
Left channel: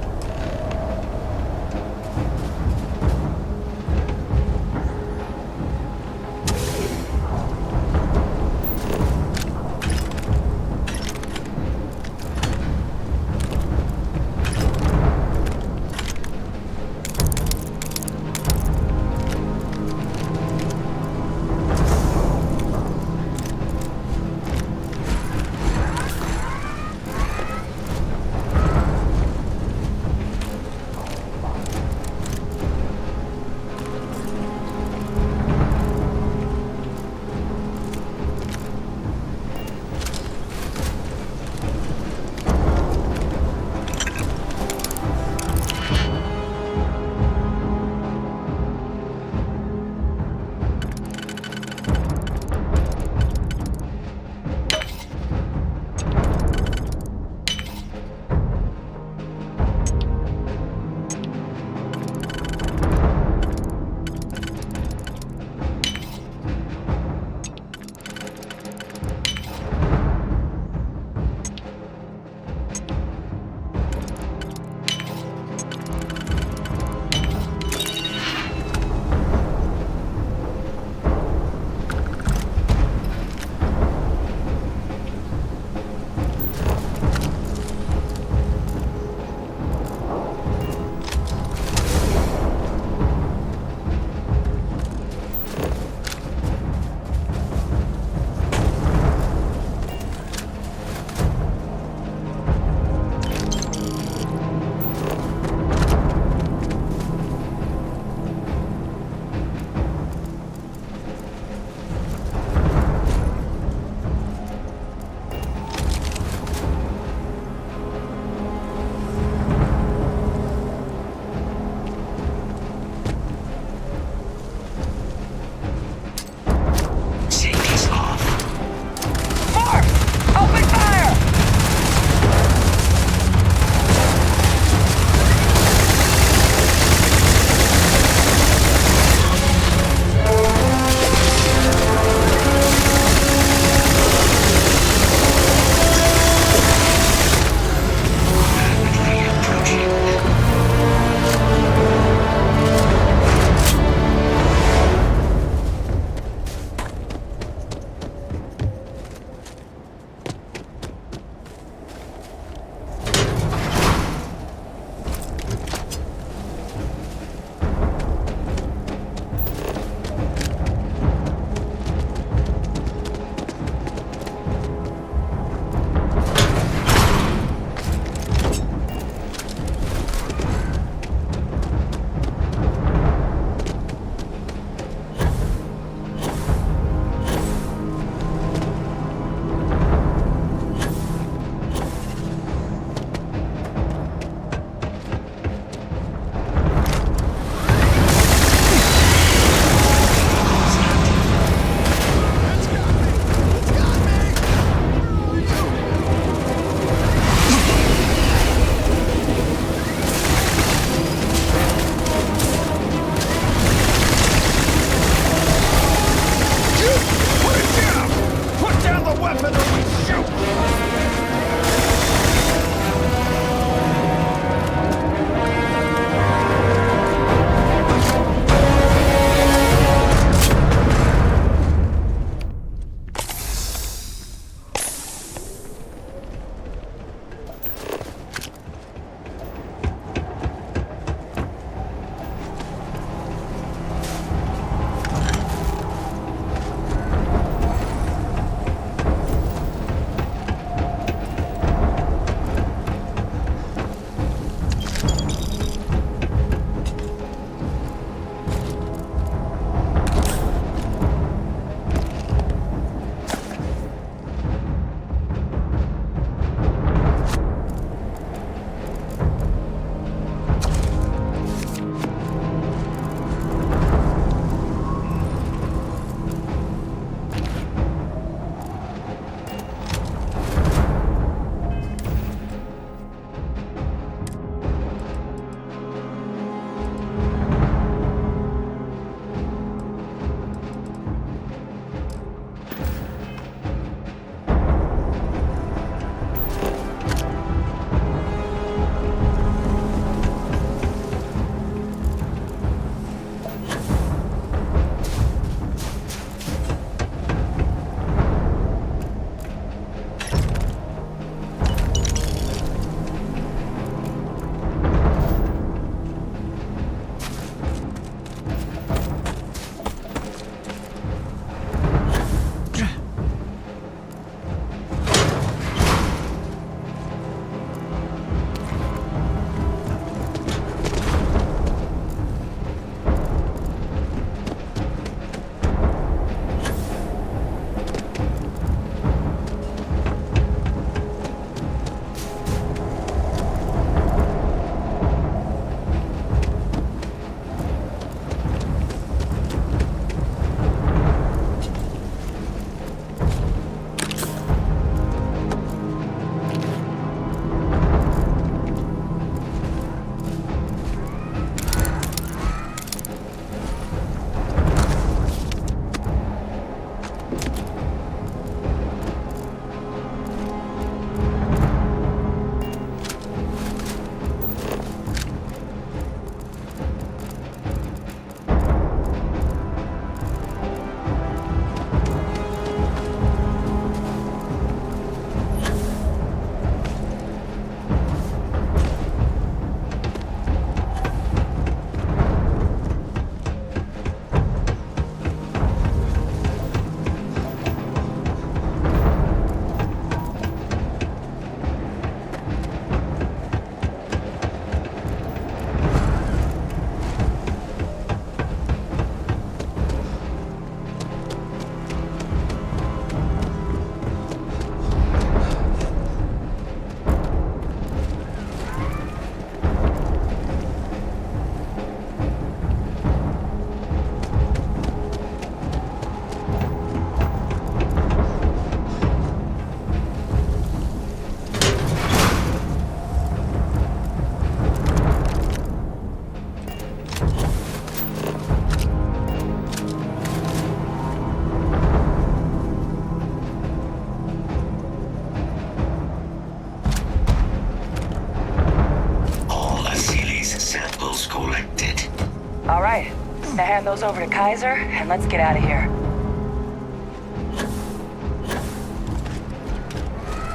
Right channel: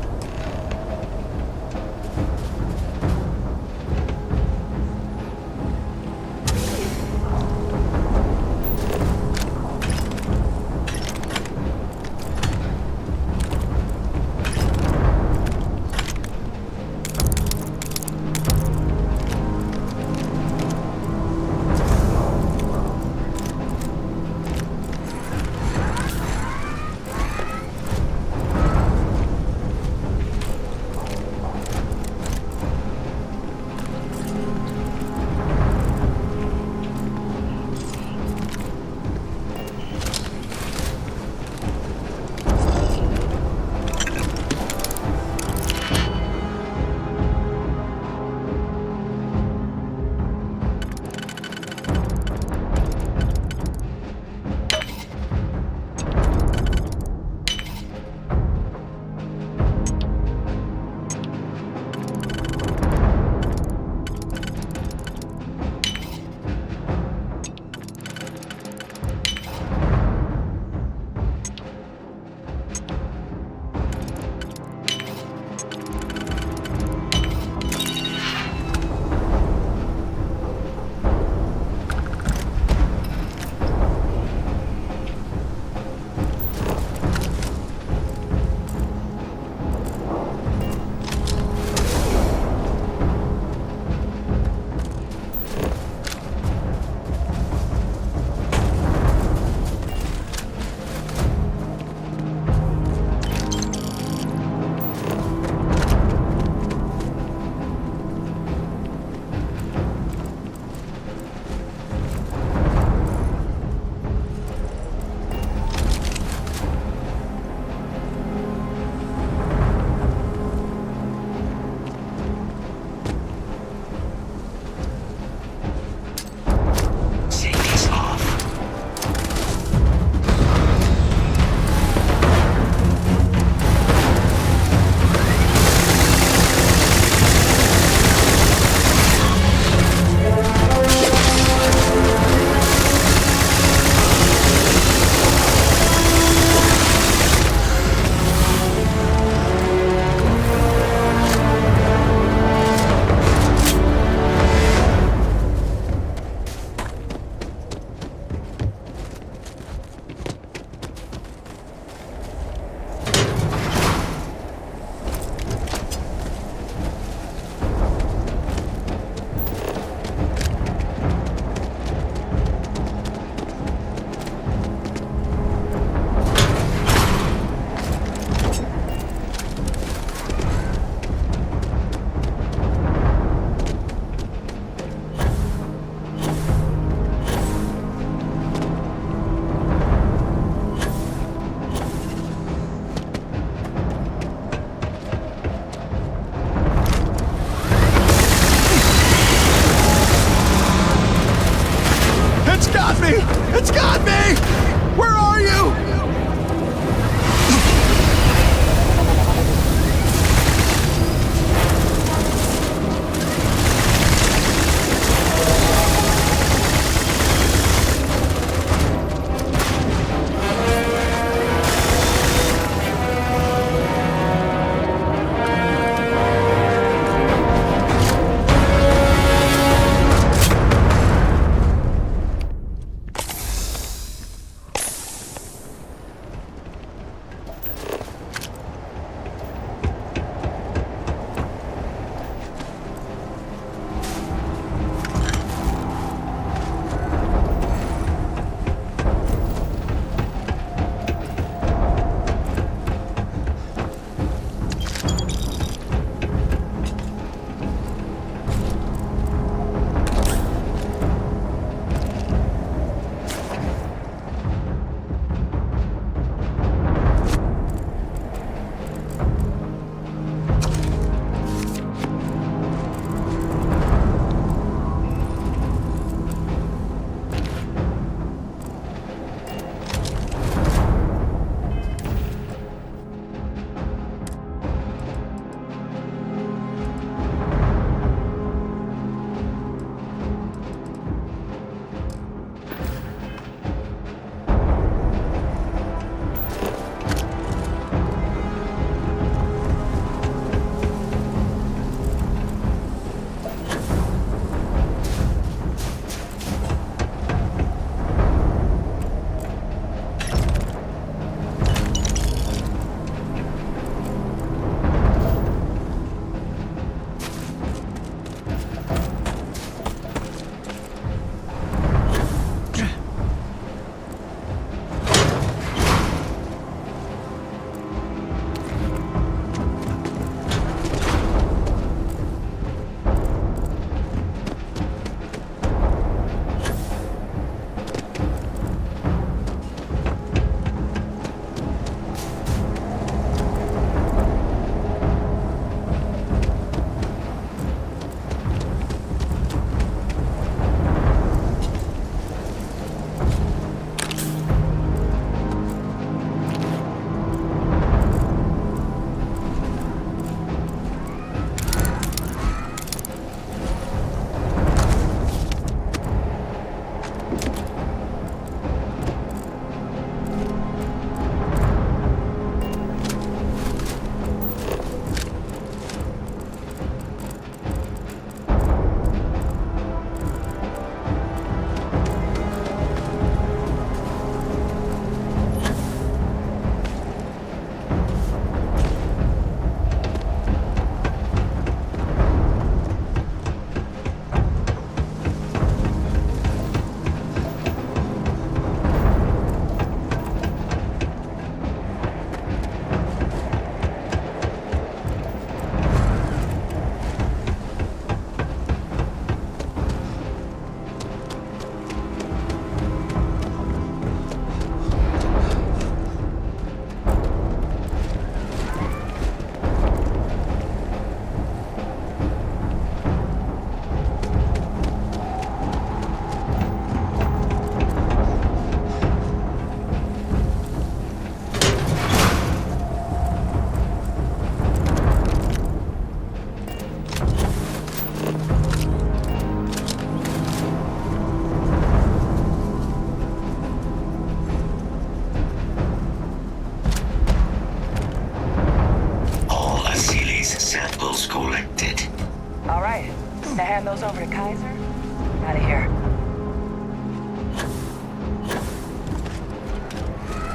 Now hand those over to Kaiser, and let's get out of here.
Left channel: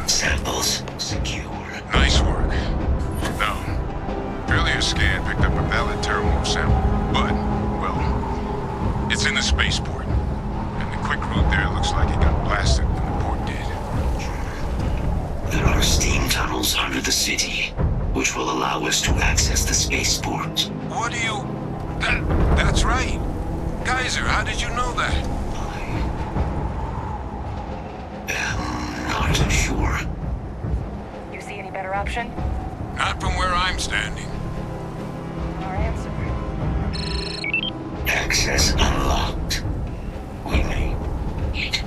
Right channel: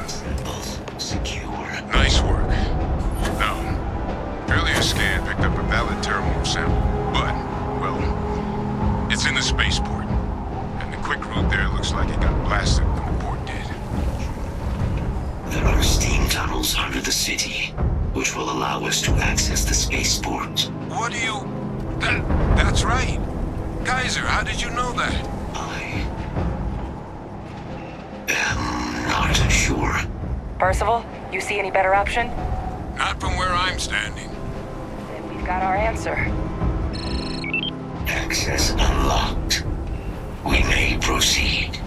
Samples secure. Nice work. Now, earlier scan picked up a valid Terramorph sample, but, well, it's in the spaceport. And the quick route there looks like it got blasted when the port did. There are steam tunnels under the city, which will allow us to access the spaceport. What do you... That's right. Kaiser, how did you know that? Not sure. Percival, you see any better option? Not from where I'm standing. We've got our answer. Access unlocked. We may proceed.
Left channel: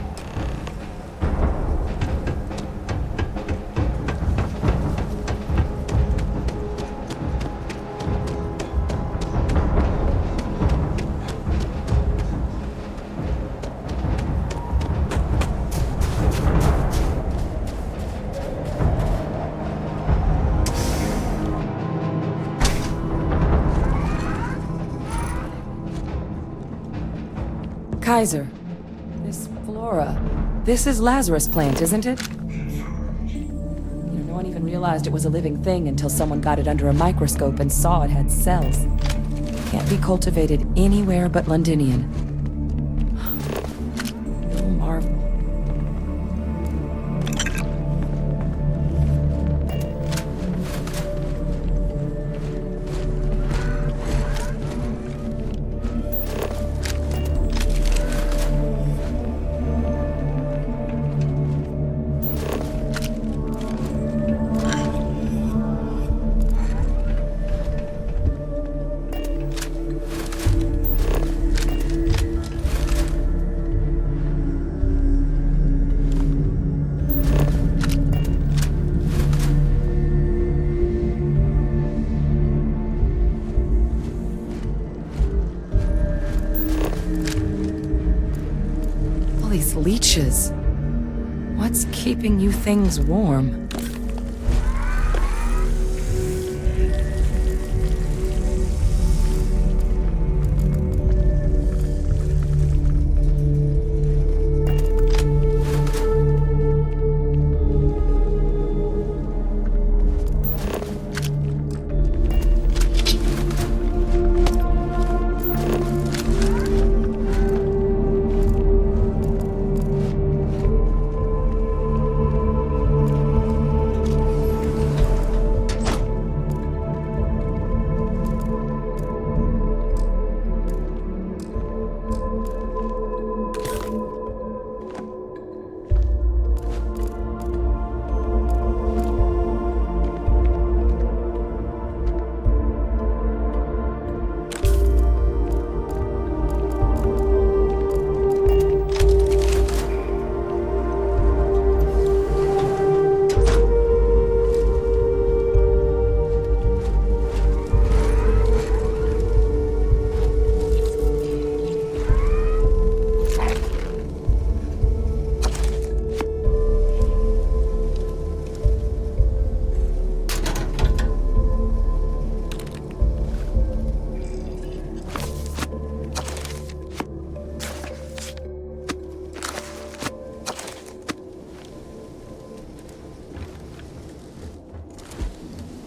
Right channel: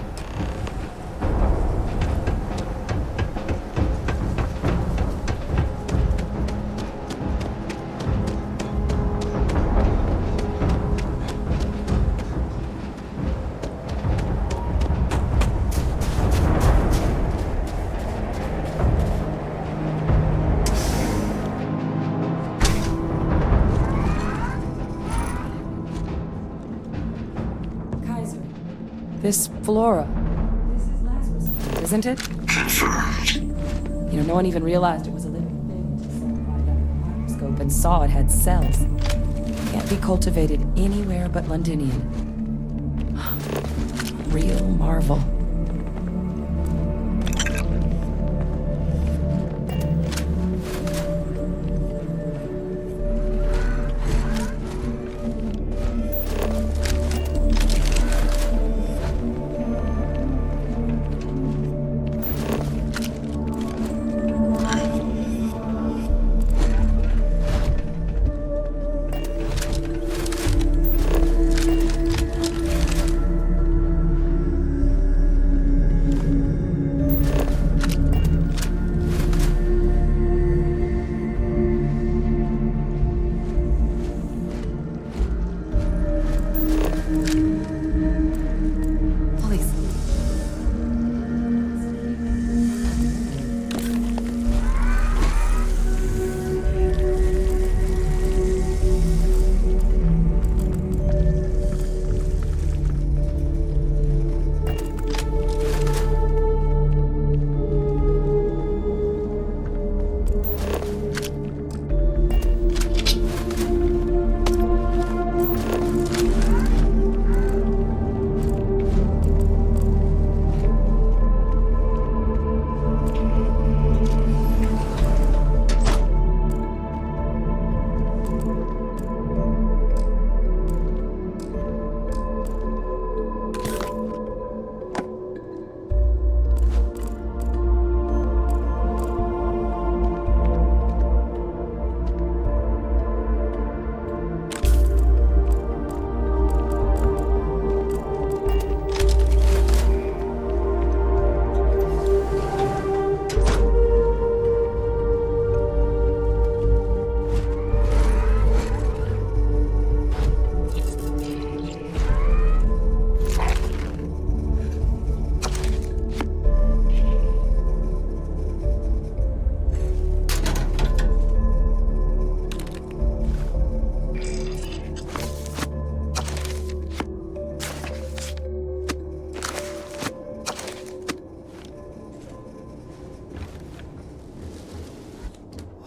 Kaiser, this flora, this is Lazarus plant, isn't it? Confirmed. You know, no one even realized it was a living thing until someone got it under a microscope and saw it had cells. Can't be cultivated anywhere but Londinian. Real marvel. These leeches. What's keeping you things warm?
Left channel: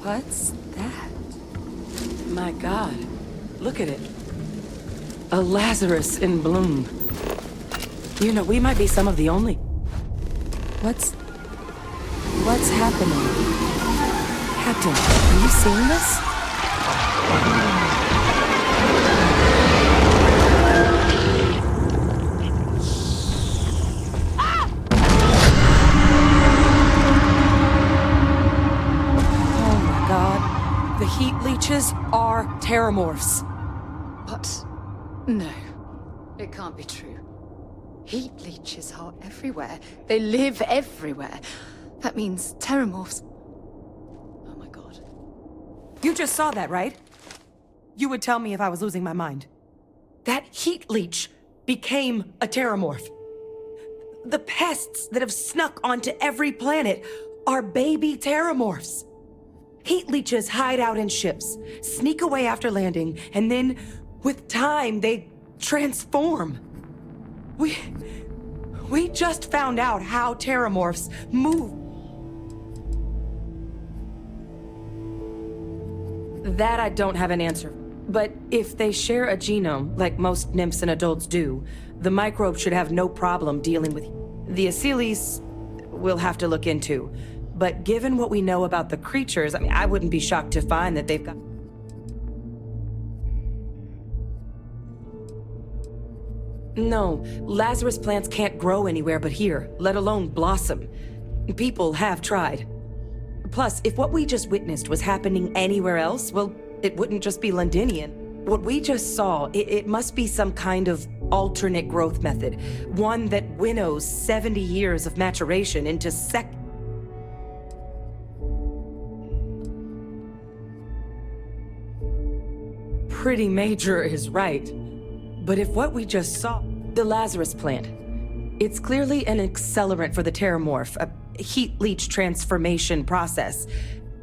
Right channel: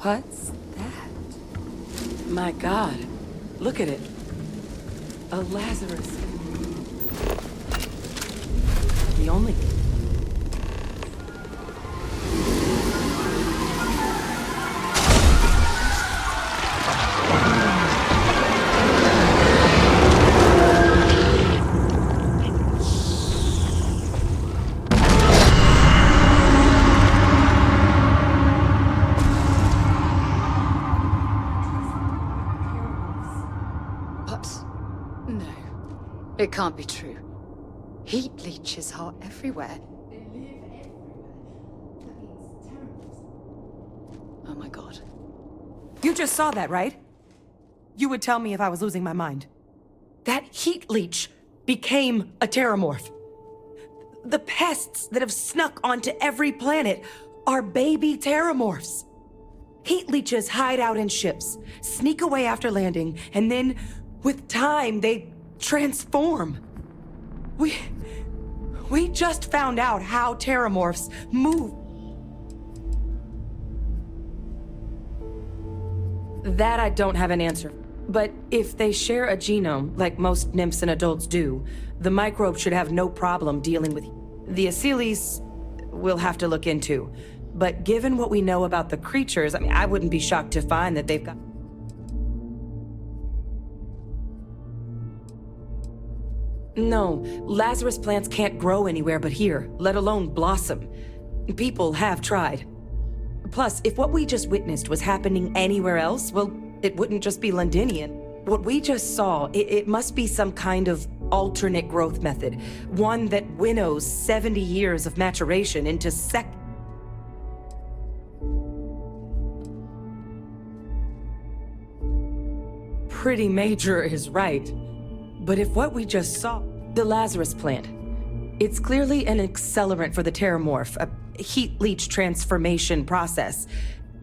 What's that? My God, look at it. A Lazarus in bloom. You know, we might be some of the only... What's happening? Captain, are you seeing this? Are terramorphs. But no, it can't be true. Heat leeches are everywhere. They live everywhere. That means terramorphs. Oh my God. You just saw that, right? You would tell me if I was losing my mind. That heat leech became a terramorph. The pests that have snuck onto every planet are baby terramorphs. Heat leeches hide out in ships, sneak away after landing, and then With time, they transform. We just found out how terramorphs move. That I don't have an answer. But if they share a genome, like most nymphs and adults do, the microbe should have no problem dealing with the Asylees. We'll have to look into. But given what we know about the creatures, I wouldn't be shocked to find that they've got... No, Lazarus plants can't grow anywhere but here, let alone blossom. People have tried. Plus, if what we just witnessed was happening anywhere else, well, it wouldn't just be Londinian. What we just saw, it must be some kind of alternate growth method. One that winnows 70 years of maturation into Pretty major is right. But if what we just saw, the Lazarus plant, it's clearly an accelerant for the terramorph, a heat leach transformation process.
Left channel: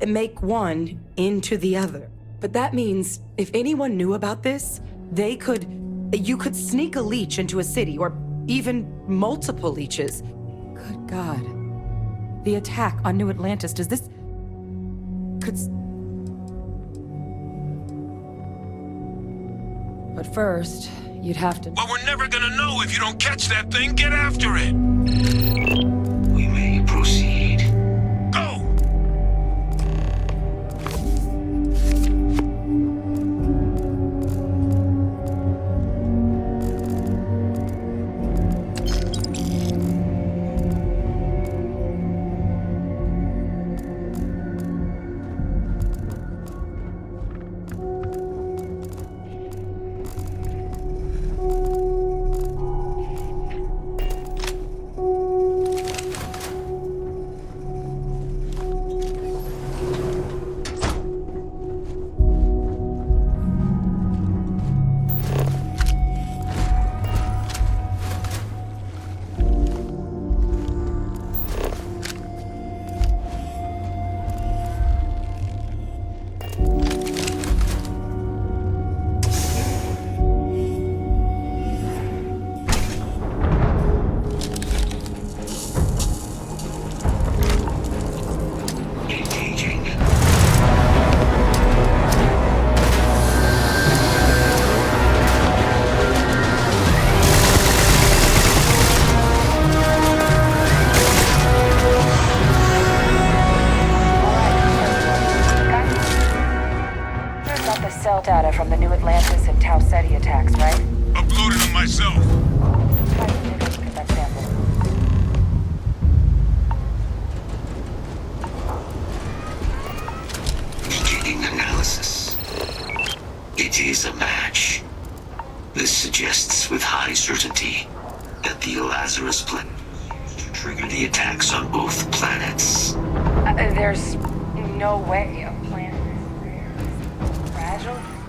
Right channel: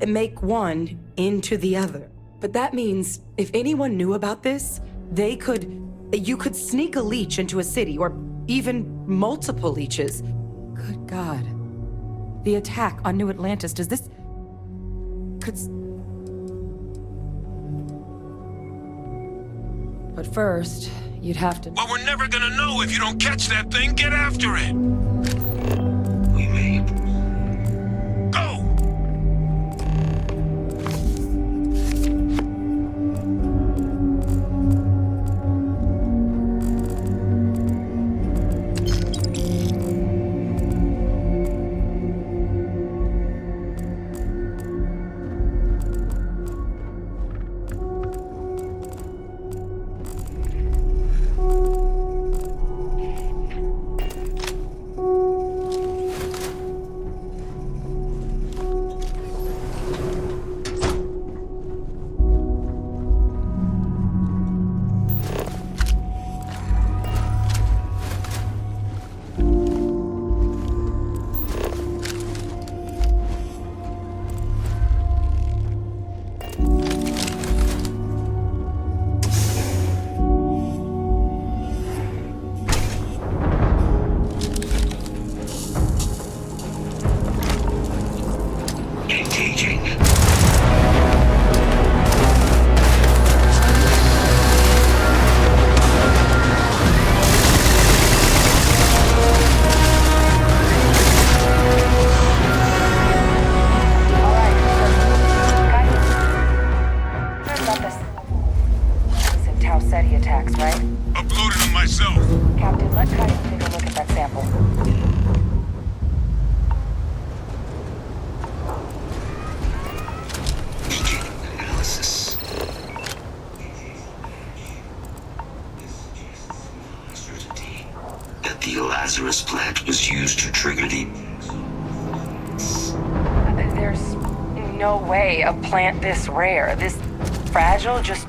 Make one into the other. But that means if anyone knew about this, you could sneak a leech into a city, or even multiple leeches. Good God. The attack on New Atlantis, does this... But first, you'd have to... Well, we're never gonna know if you don't catch that thing. Get after it! We may proceed. Go!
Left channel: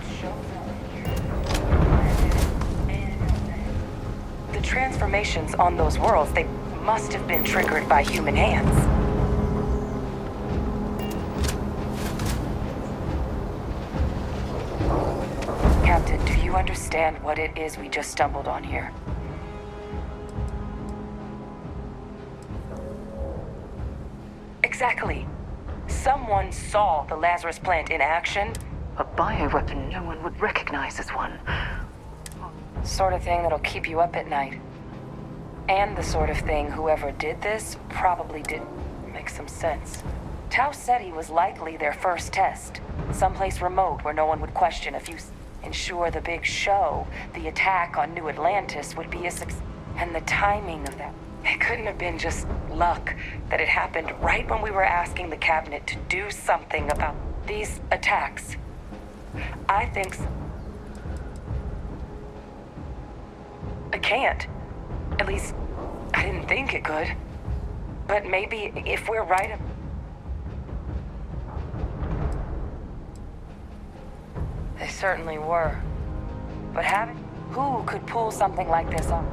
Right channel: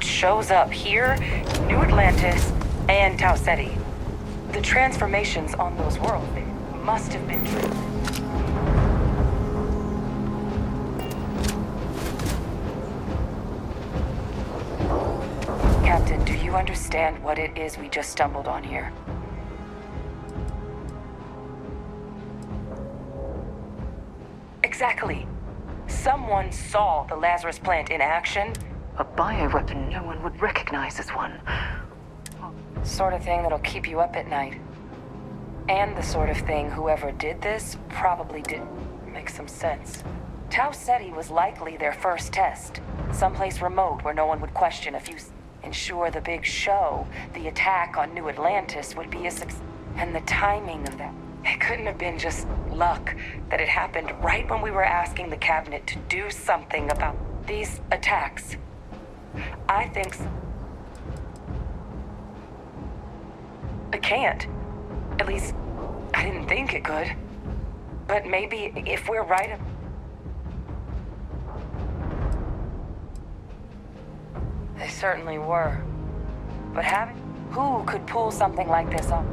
Shows up here, New Atlantis, and Tau Ceti. The transformations on those worlds, they must have been triggered by human hands. Captain, do you understand what it is we just stumbled on here? Exactly. Someone saw the Lazarus plant in action. A bioweapon no one would recognize as one. Sort of thing that'll keep you up at night. And the sort of thing whoever did this probably didn't make some sense. Tau Ceti was likely their first test. Someplace remote where no one would question if you ensure the big show, the attack on New Atlantis, would be a success. And the timing of that. It couldn't have been just luck that it happened right when we were asking the cabinet to do something about these attacks. I think so. It can't. At least, I didn't think it could. But maybe if we're right... They certainly were. But who could pull something like this off?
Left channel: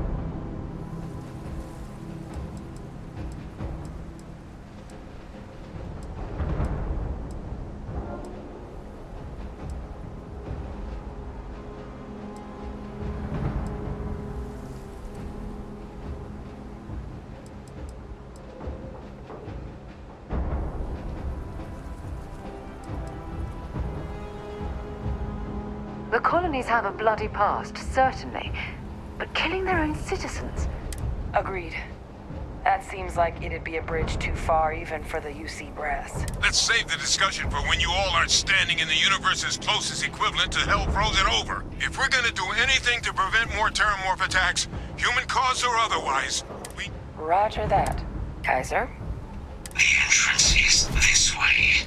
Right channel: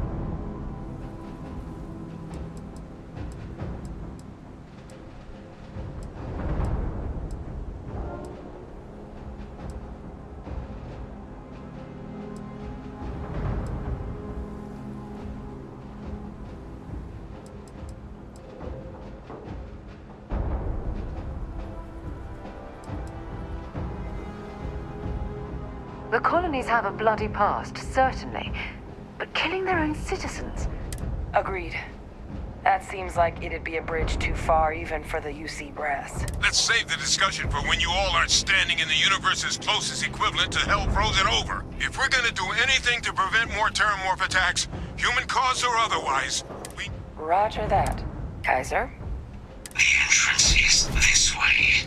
The colonies have a bloody past, certainly. But killing their own citizens? Agreed. That seems like it'd be a bridge too far even for the UC brass. Let's save the discussion for when you all aren't standing in the universe's closest equivalent to hell frozen over. If we're gonna do anything to prevent more Terramorph attacks, human cause or otherwise, we... Roger that. Kaiser? The entrance is this way.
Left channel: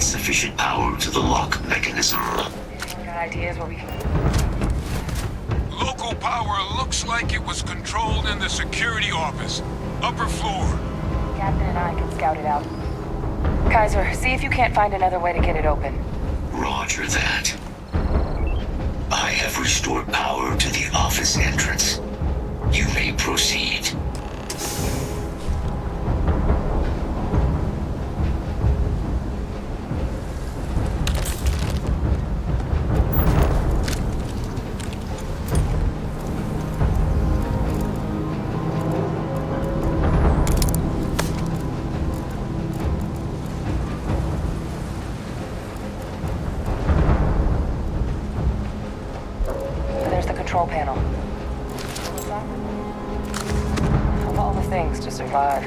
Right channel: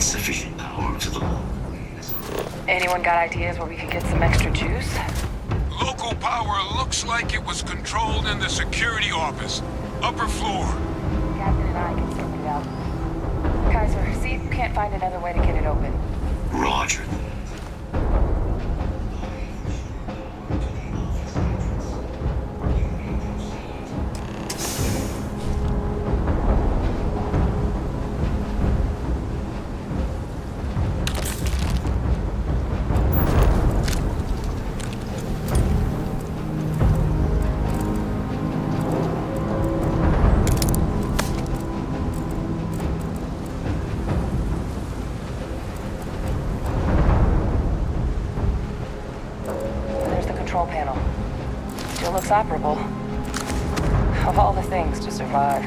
Sufficient power to the lock mechanism. Anyone got ideas where we could get some extra juice? Local power looks like it was controlled in the security office. Upper floor. Captain and I can scout it out. Kaiser, see if you can't find another way to get it open. Roger that. I have restored power to the office entrance. You may proceed. Control panel. Still looks operable. Of all the things to survive.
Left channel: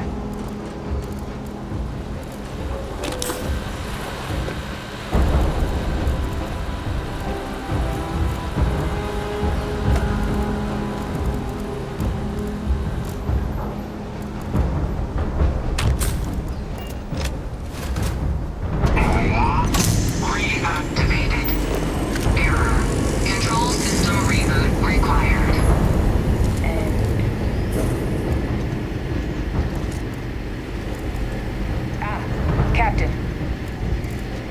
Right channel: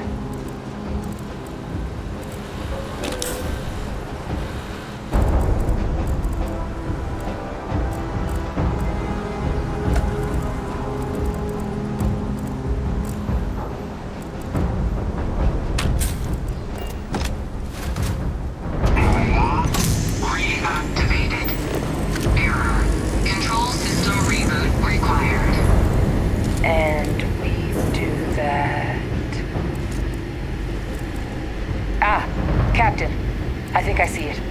Captain, I think I see it.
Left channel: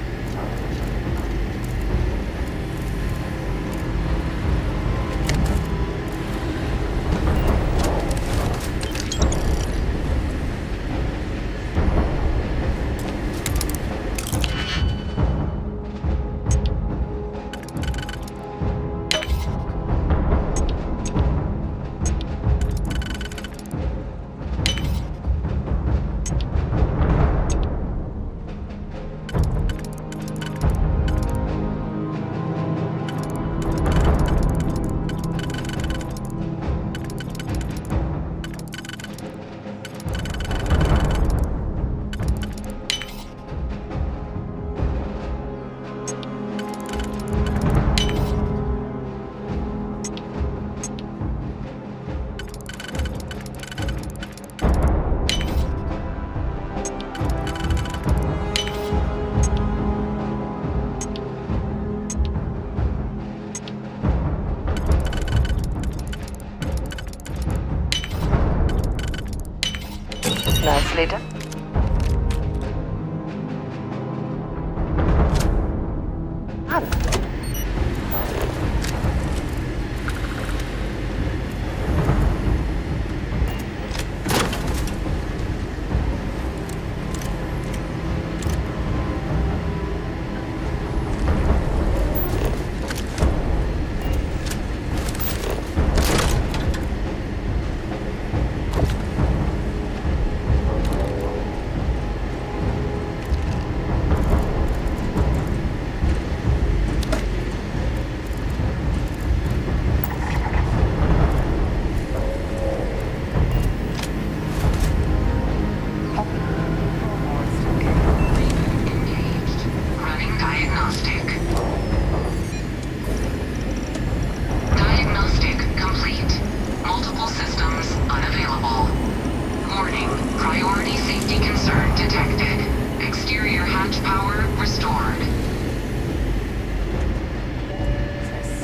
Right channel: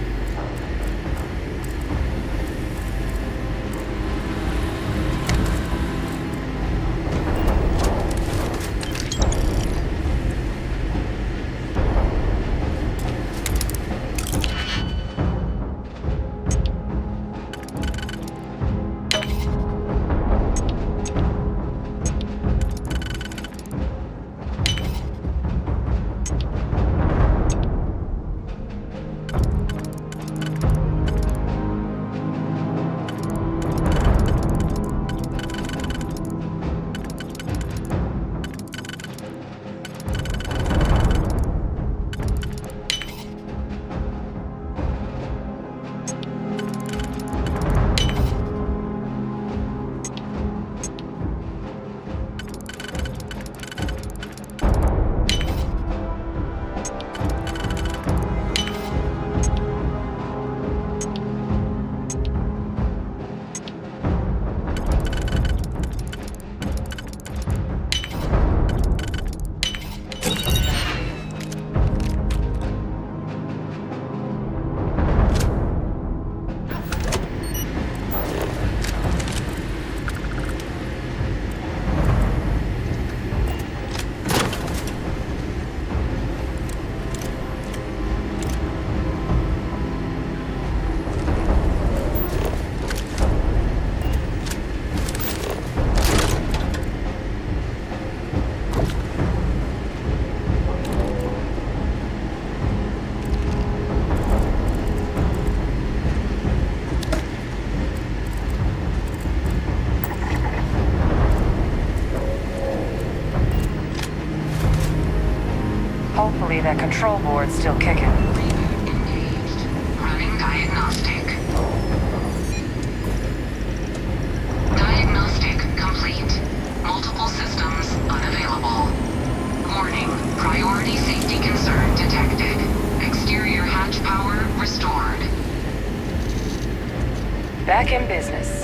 that control board's still kicking. Running diagnostic. Diagnostic complete. Multiple systems unavailable. Warning, priority safety concern detected. Exterior hatch power restored. Back in business.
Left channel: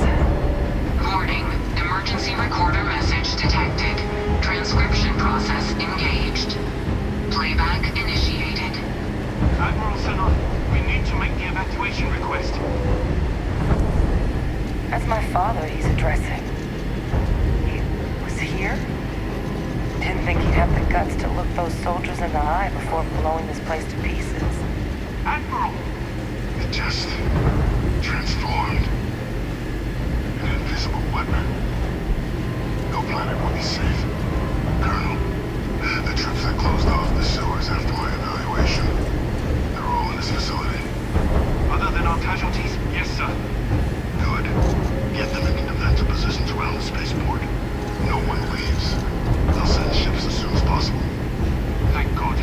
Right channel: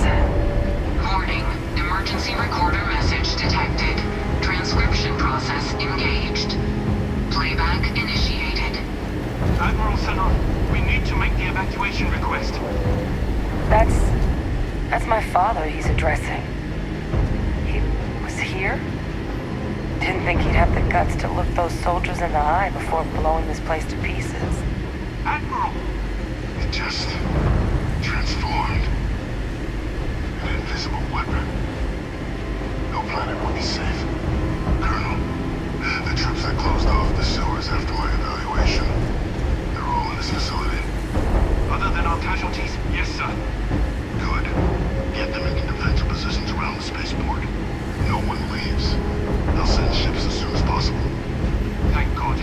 Warning, emergency recorder message detected. Transcription process engaged. Playback initiated. Admiral Senor, we need to make the evacuation request. That's my father he's addressing. He was here? Didn't think he'd have the guts to look those soldiers in the eye before blowing this place to pieces. Admiral! It just transformed. An invisible weapon. No planet will be safe. Colonel, the troops that closed off the sewers after my evaluation, they're all in this facility. Other than our casualties, yes, sir. Good. Get them into defensive positions around the spaceport. No one leaves. They'll send ships as soon as possible. Thank God.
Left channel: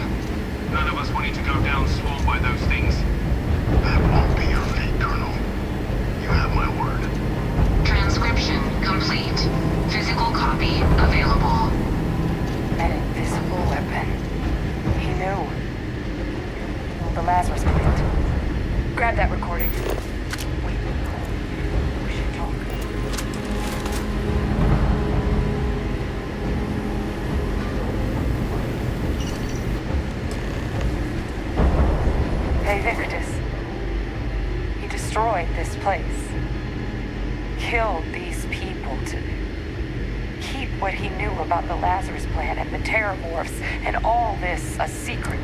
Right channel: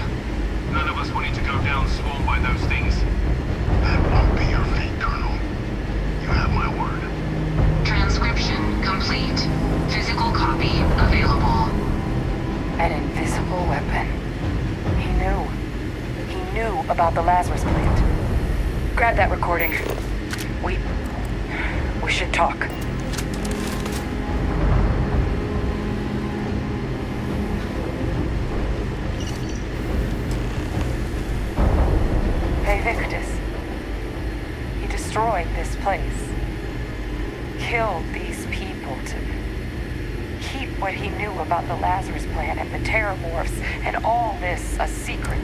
None of us wanted to go down swarmed by those things. That won't be your fate, Colonel. You have my word. Transcription complete. Physical copy available. An invisible weapon. He knew. He knew about the Lazarus plant. Grab that recording. We should talk. Hey, Victus. He destroyed this place. Killed these people to keep what he knew about the Lazarus plant and the Terramorphs and all this a secret.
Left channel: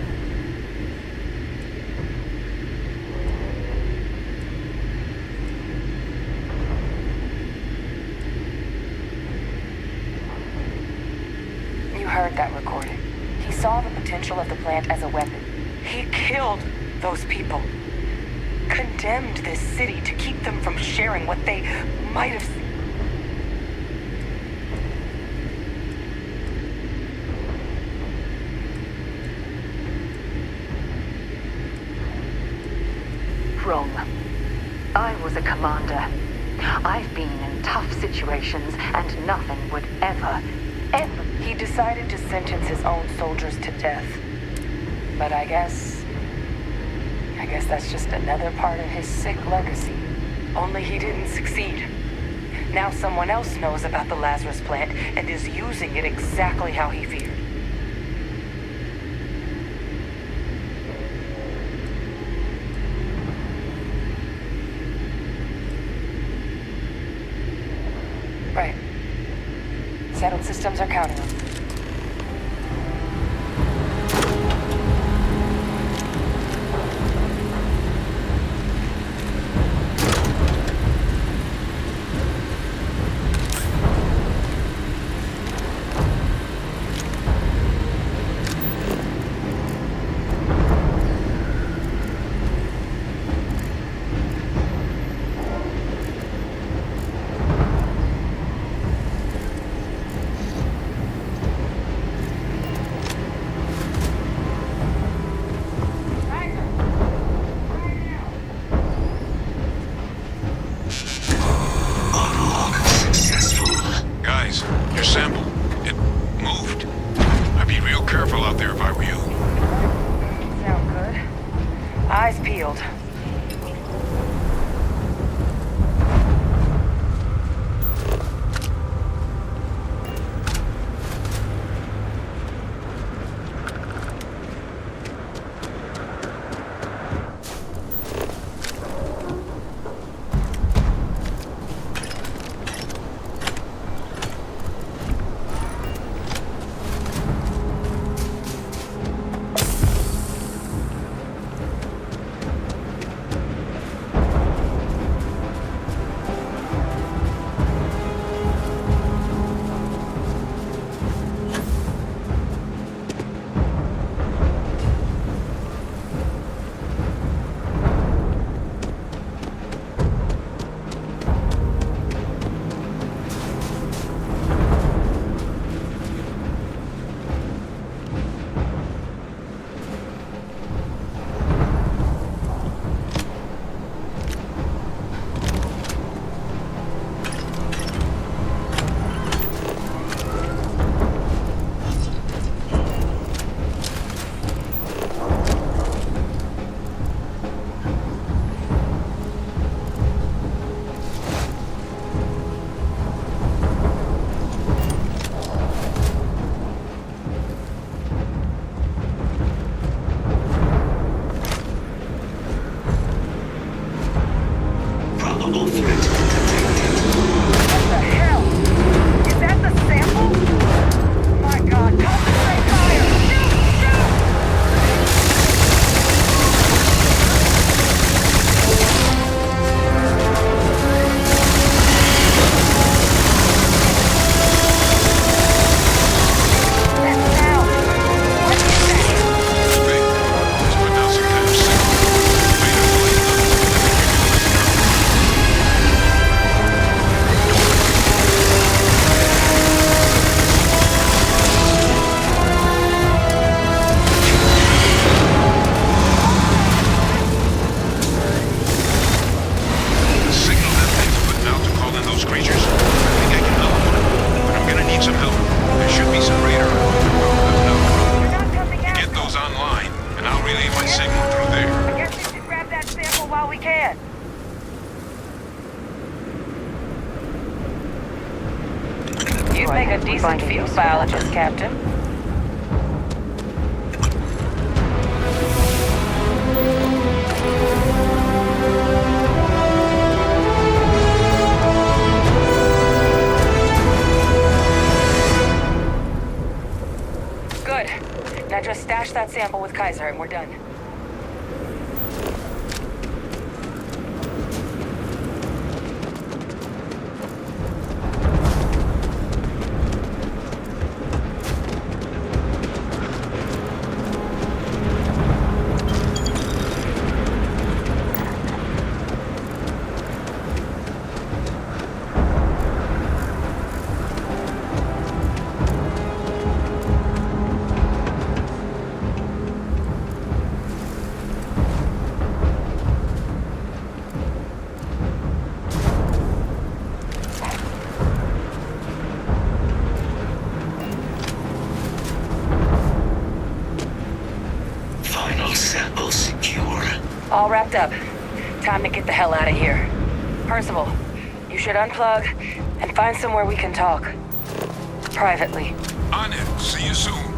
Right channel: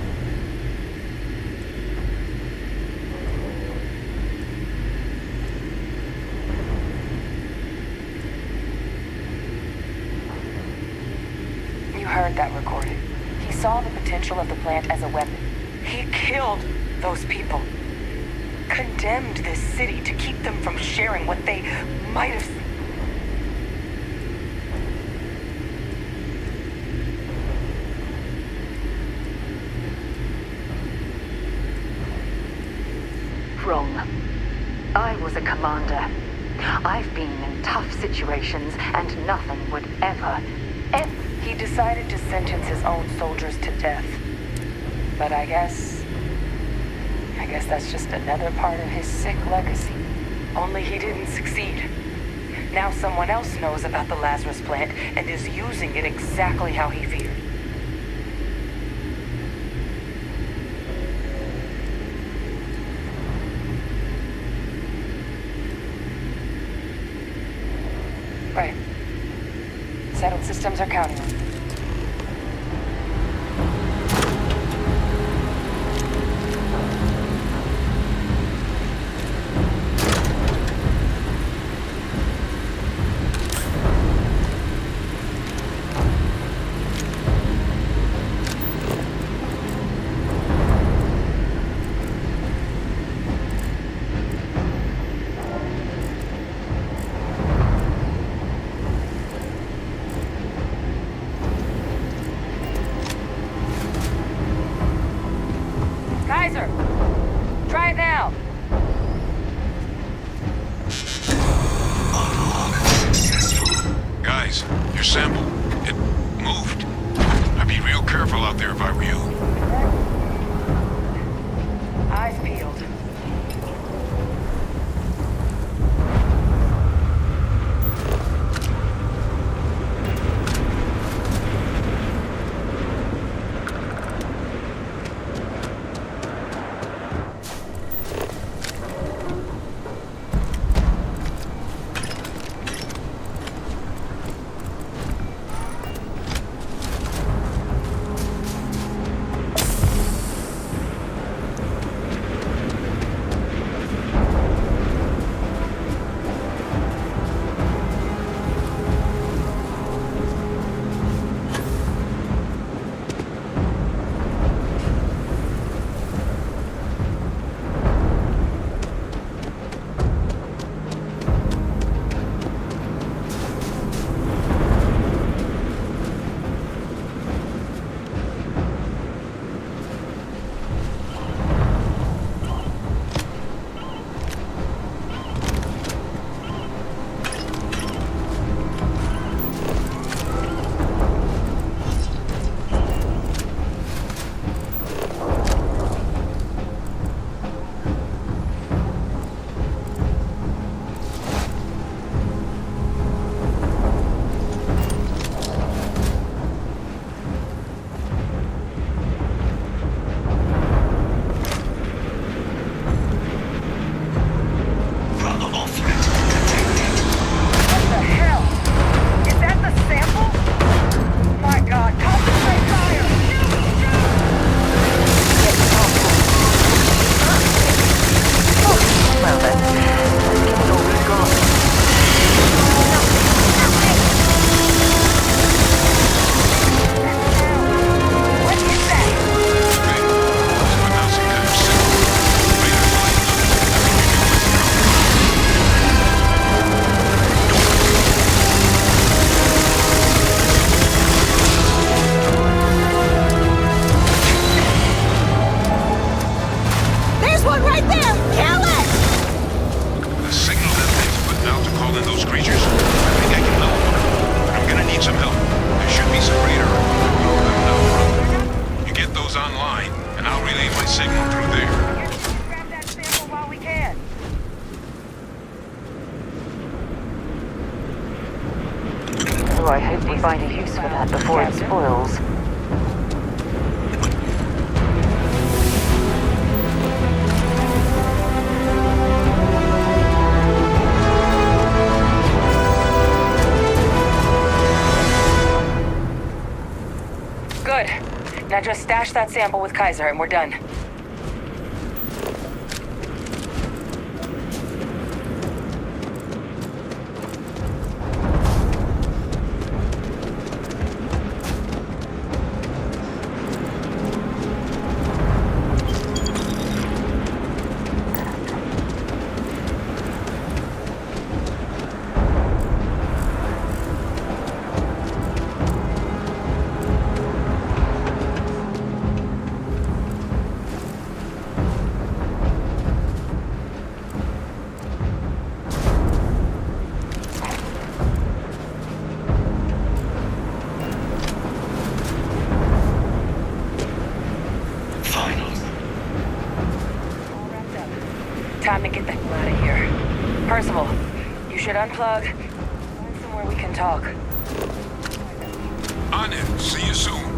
You heard that recording. He saw the potential of the plant as a weapon. He killed those people. Condemned this city to keep them from sharing what they might have seen. Wrong. I was a commander. I've been in tough situations, and nothing would ever. He decided to sentence his own soldiers to death. But I guess that's just another part of his sick legacy. Only he didn't succeed. Now someone else knows about the Lazarus plant and is using it exactly how he feared. Right. Settled systems are counting on. Try it now. Unlock successful. Guys, your sample, it moved. I'd be real careful out there if I were you. Sound good. Eyes peeled. line, and I'll relay my signal through there. I guess we should grab that sample while we can. I hope we find a use for that before it spoils. Good. Now just stash that sample with Kaiser and we're done. All wrapped up. Time to get the hell out of here. Percival, you should unplug and find somewhere we can talk. Privately. On it. See you soon.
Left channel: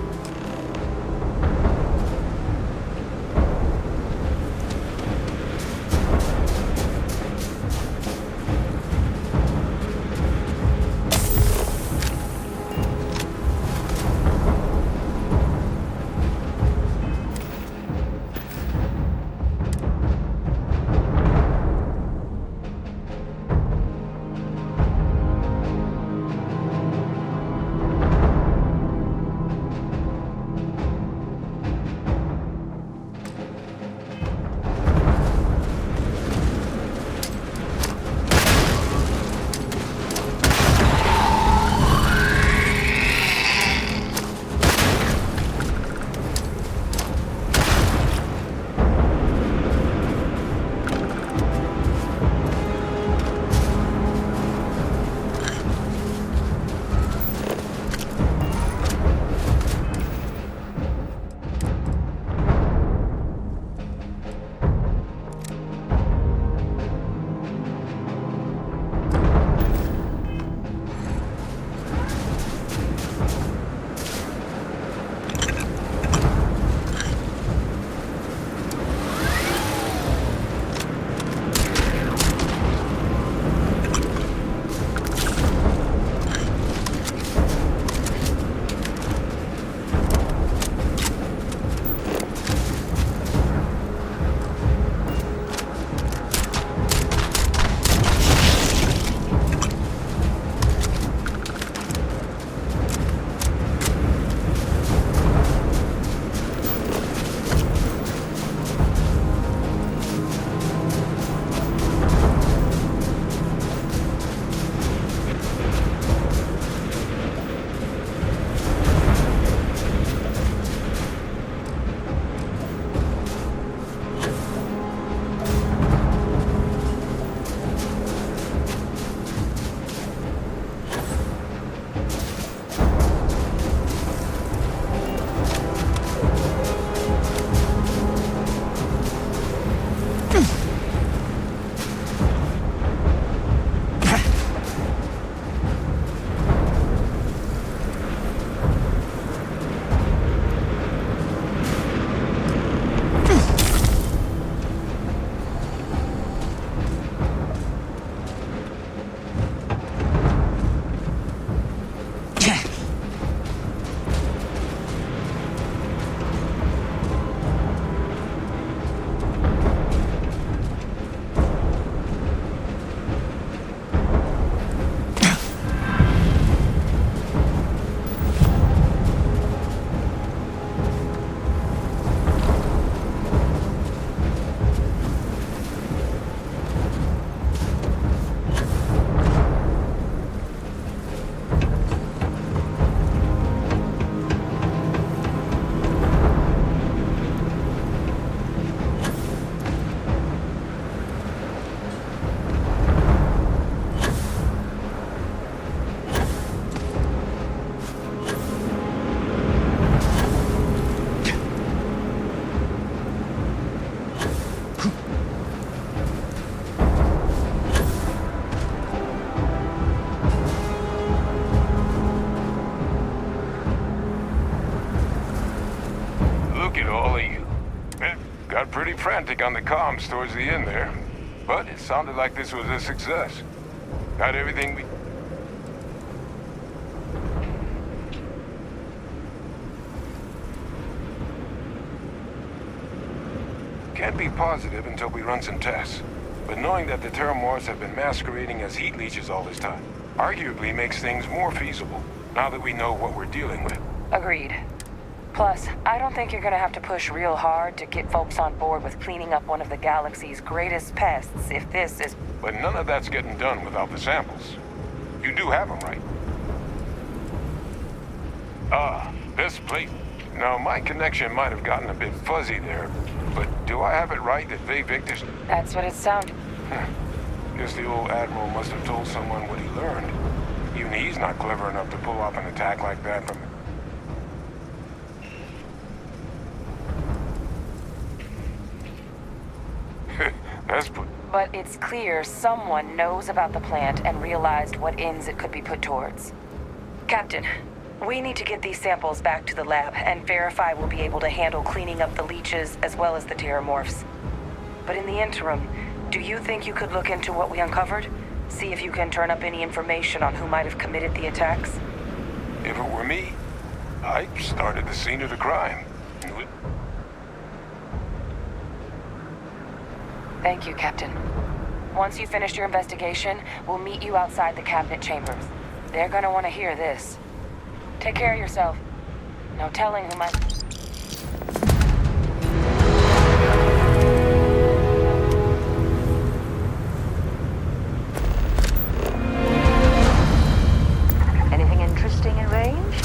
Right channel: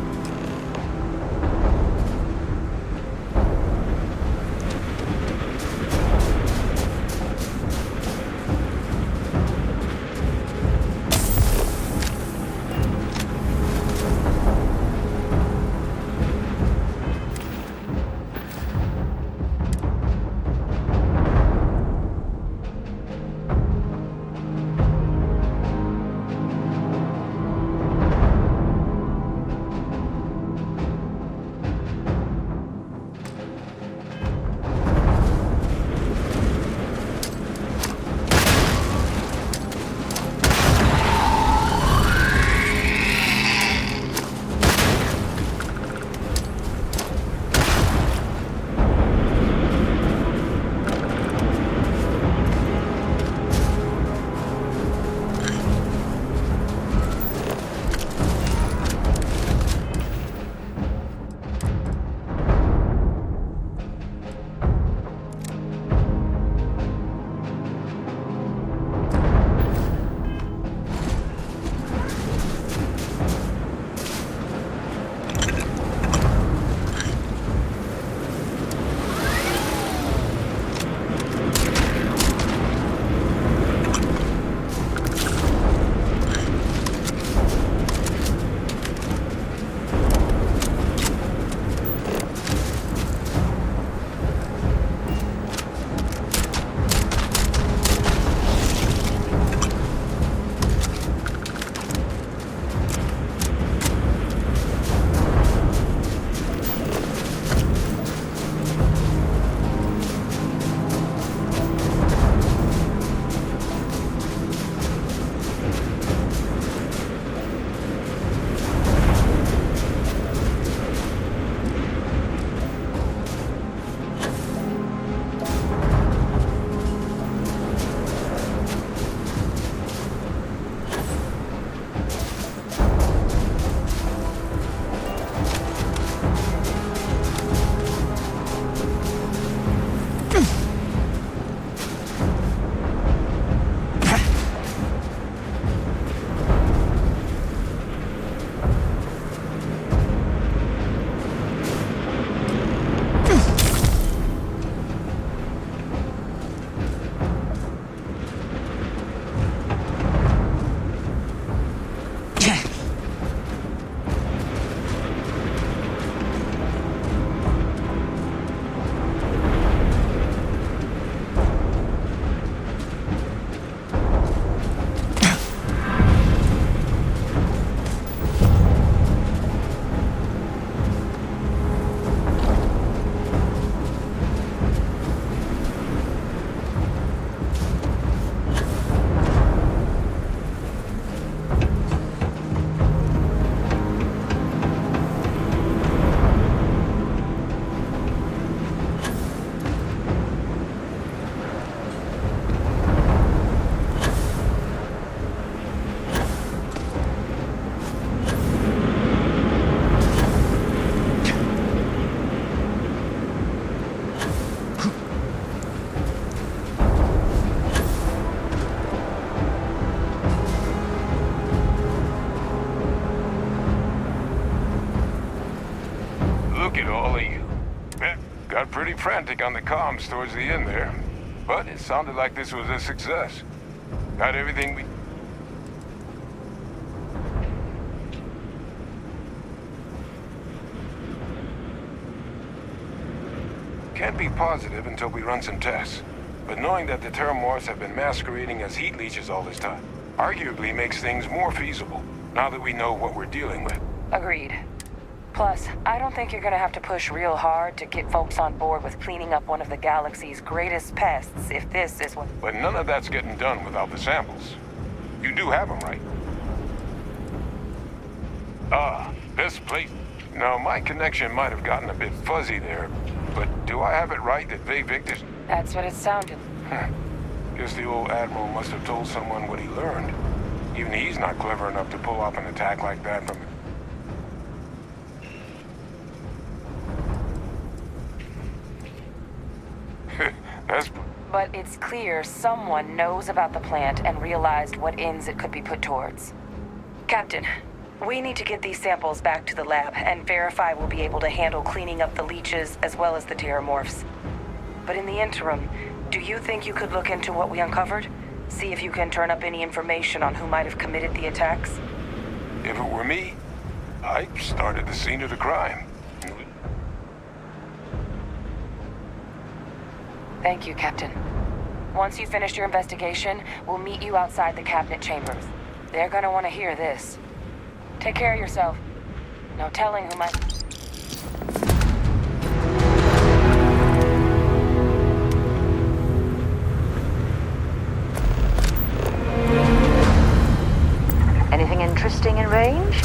Yeah, got pretty frantic on the comms towards the end there. But it sounded like this was a success. Got everything we... Can't be positive until we run some tests. But knowing that the Terramorphs have been masquerading as heat leeches all this time, arguably makes things more feasible, now that we know what we're dealing with. Agreed. Plus, I don't think you're gonna have to push real hard to get folks on board with cleaning up one of the galaxy's greatest pests if this is what... But none of that's getting done without the samples. You do have them, right? Ah, this place. Now, my connection might have gotten a bit fuzzy there, but do I have it right that Vay Victor's... That's what it sounded. Guess the old Admiral must have told someone what he learned. Even he's not clever enough to pull off an attack like that from... That's... But it's clear someone knows about the plant and realized what ends it could be put towards. Captain, we need to get these samples back to the lab and verify we'll be able to handle cleaning up the leeches as well as the Terramorphs. But in the interim, do you think you could look into what we uncovered? See if you can turn up any information on who might have committed the attacks? If it were me, I'd start at the scene of the crime. Thank you, Captain. Once you finish your investigation, we'll meet you outside the cabinet chambers. They're gonna want to hear this. Take care of yourself. No telling who might... Anything interesting in range?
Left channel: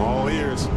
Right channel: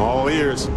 all ears.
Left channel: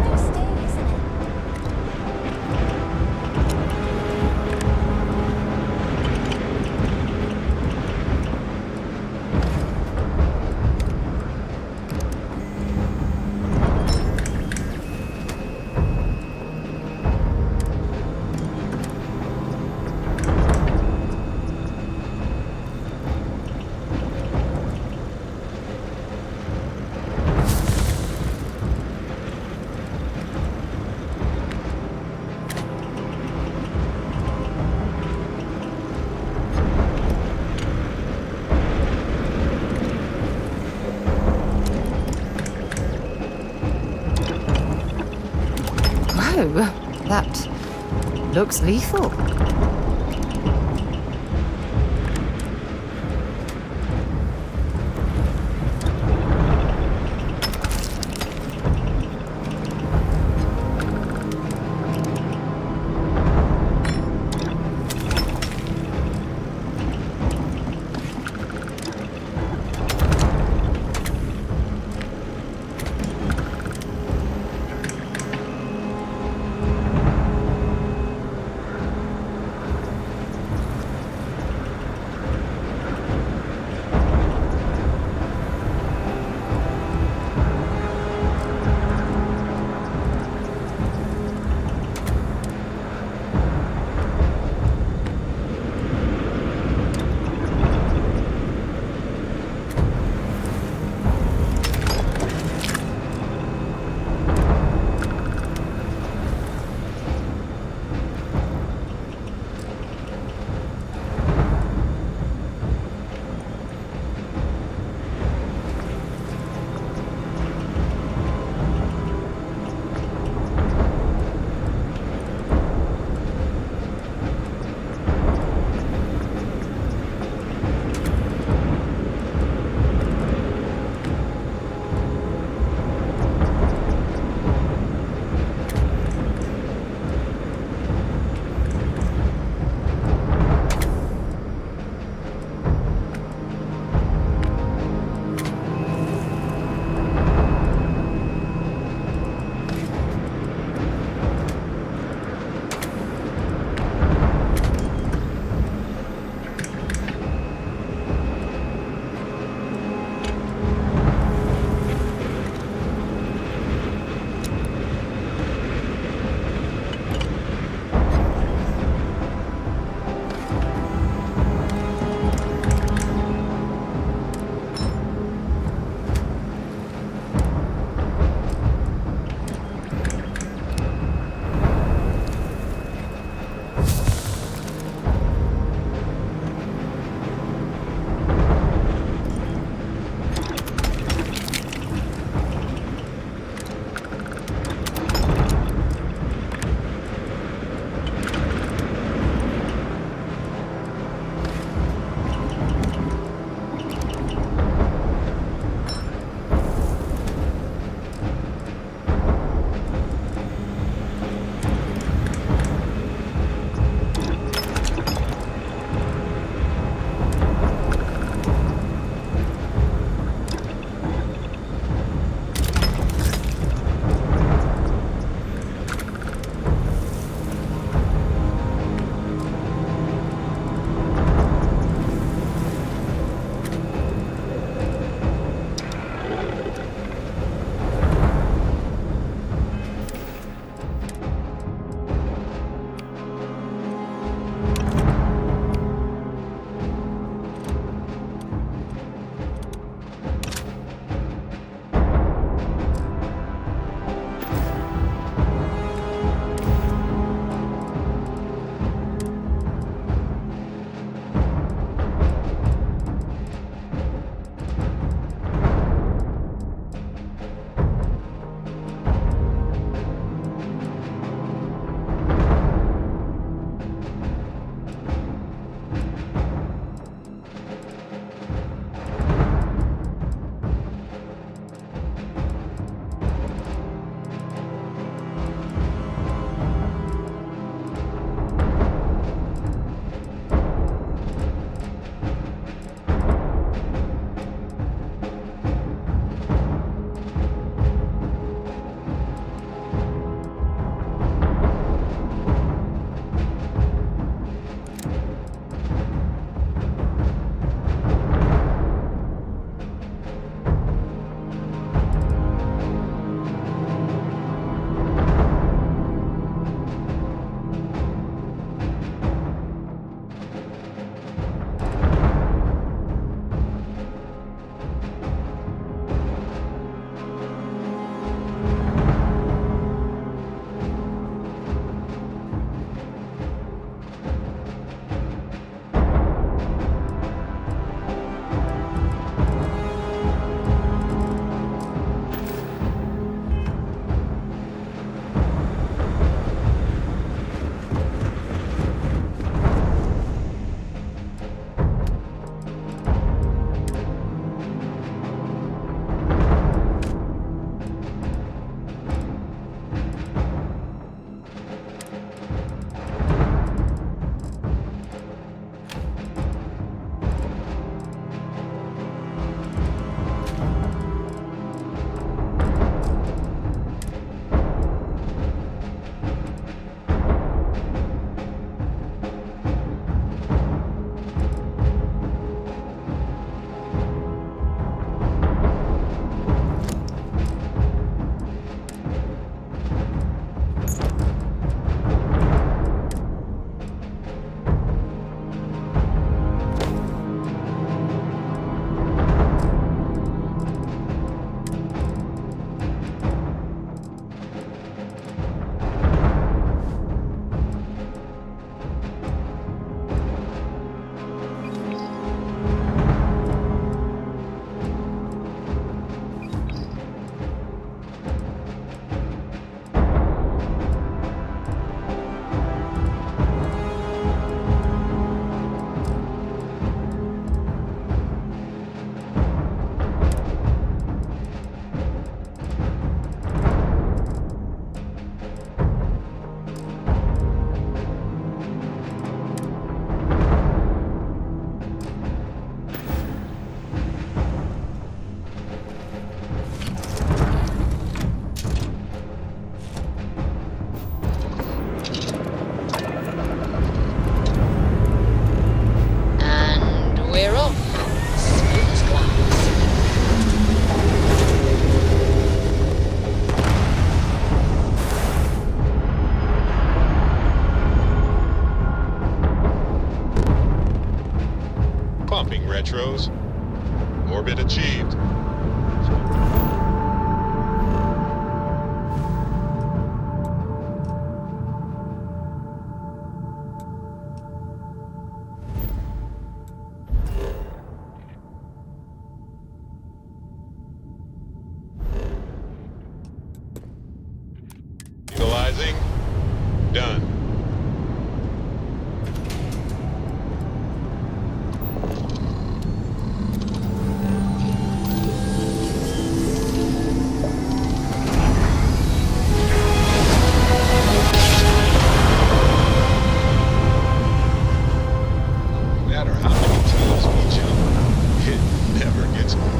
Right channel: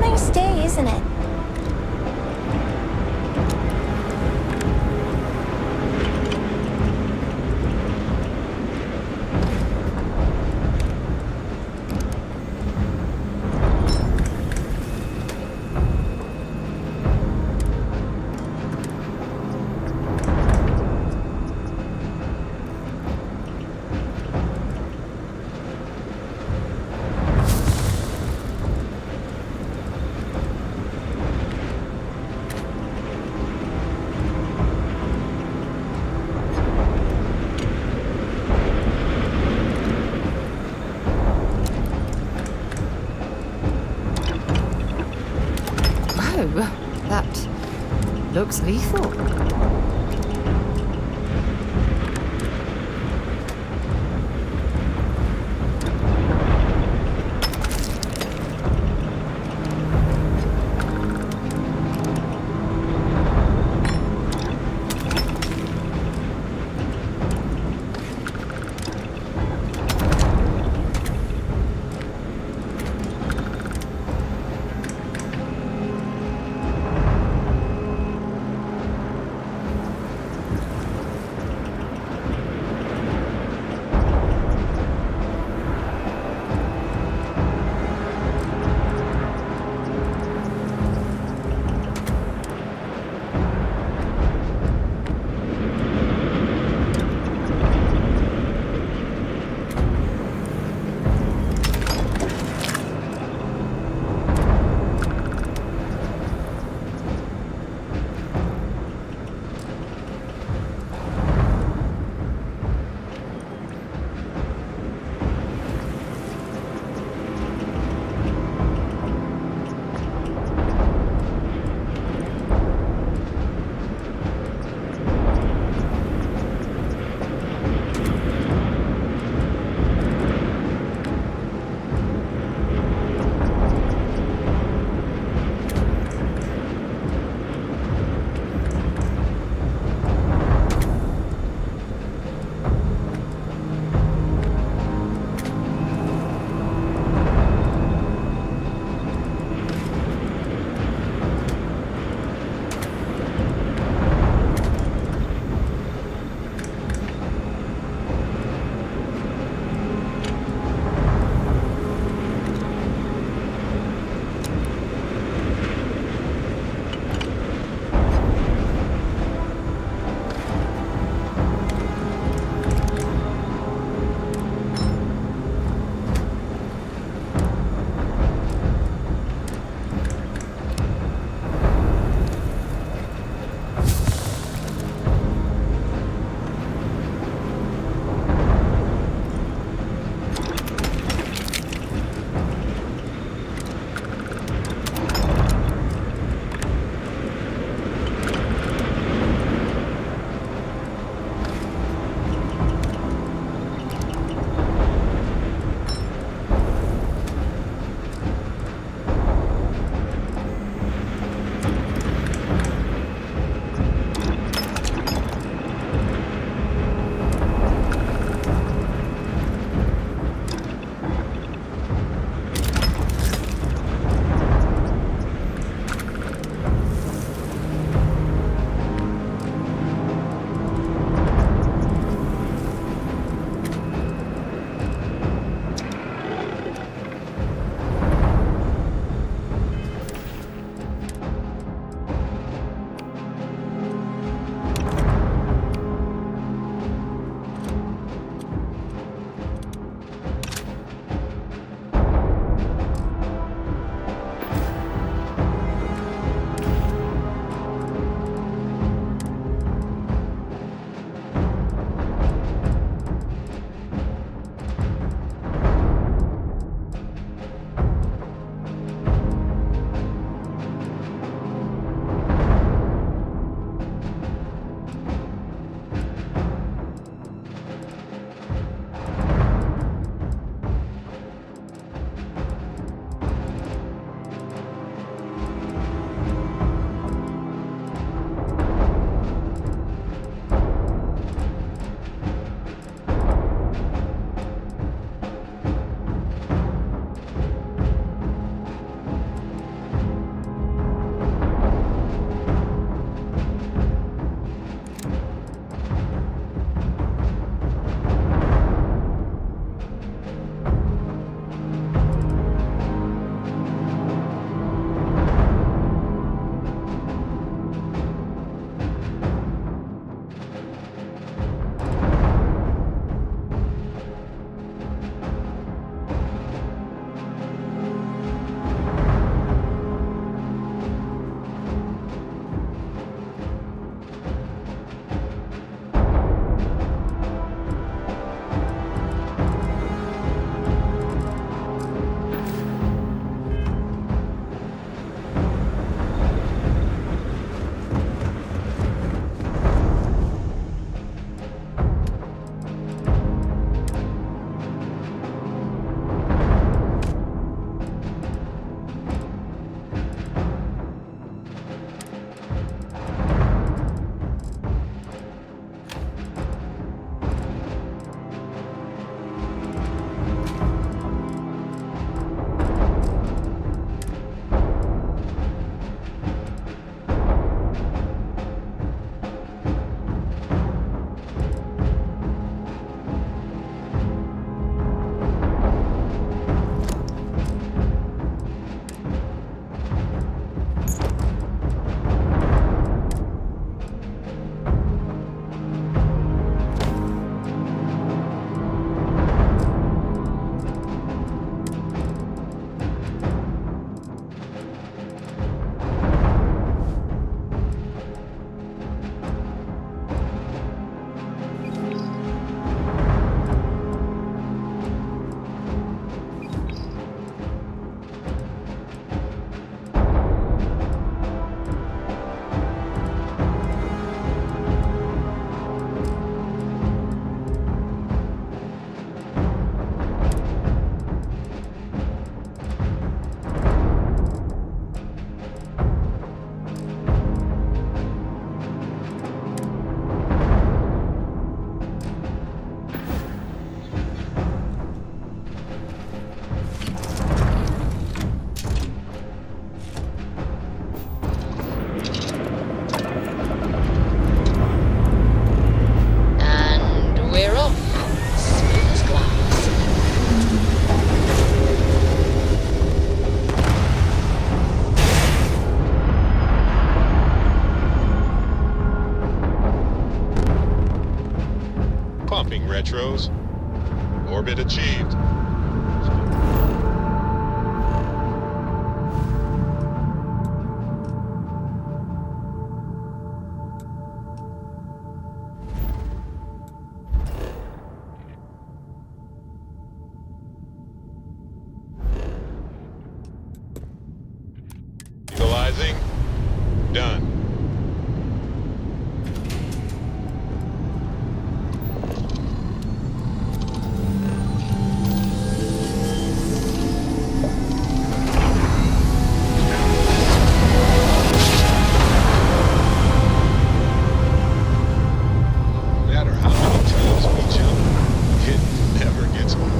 Nice day, isn't it? Whoa, that looks lethal. Metros. Orbit achieved. Equalizing. Done. No matter how many times we jump, it never gets old.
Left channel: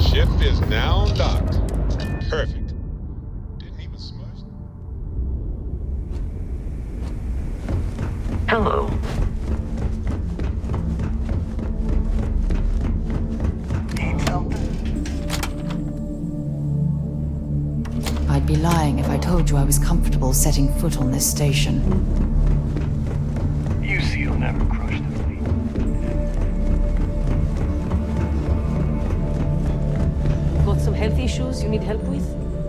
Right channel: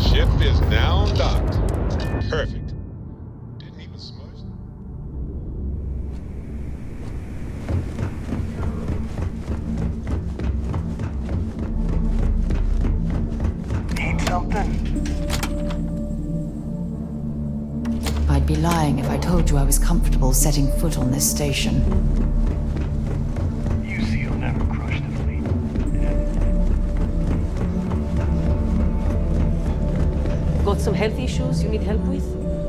Ship is now docked. Perfect. Didn't even smudge. Hello. Need something? I'd be lying if I told you I was comfortable setting foot on this station. UC'll never crush the fleet. Got some health issues you need help with?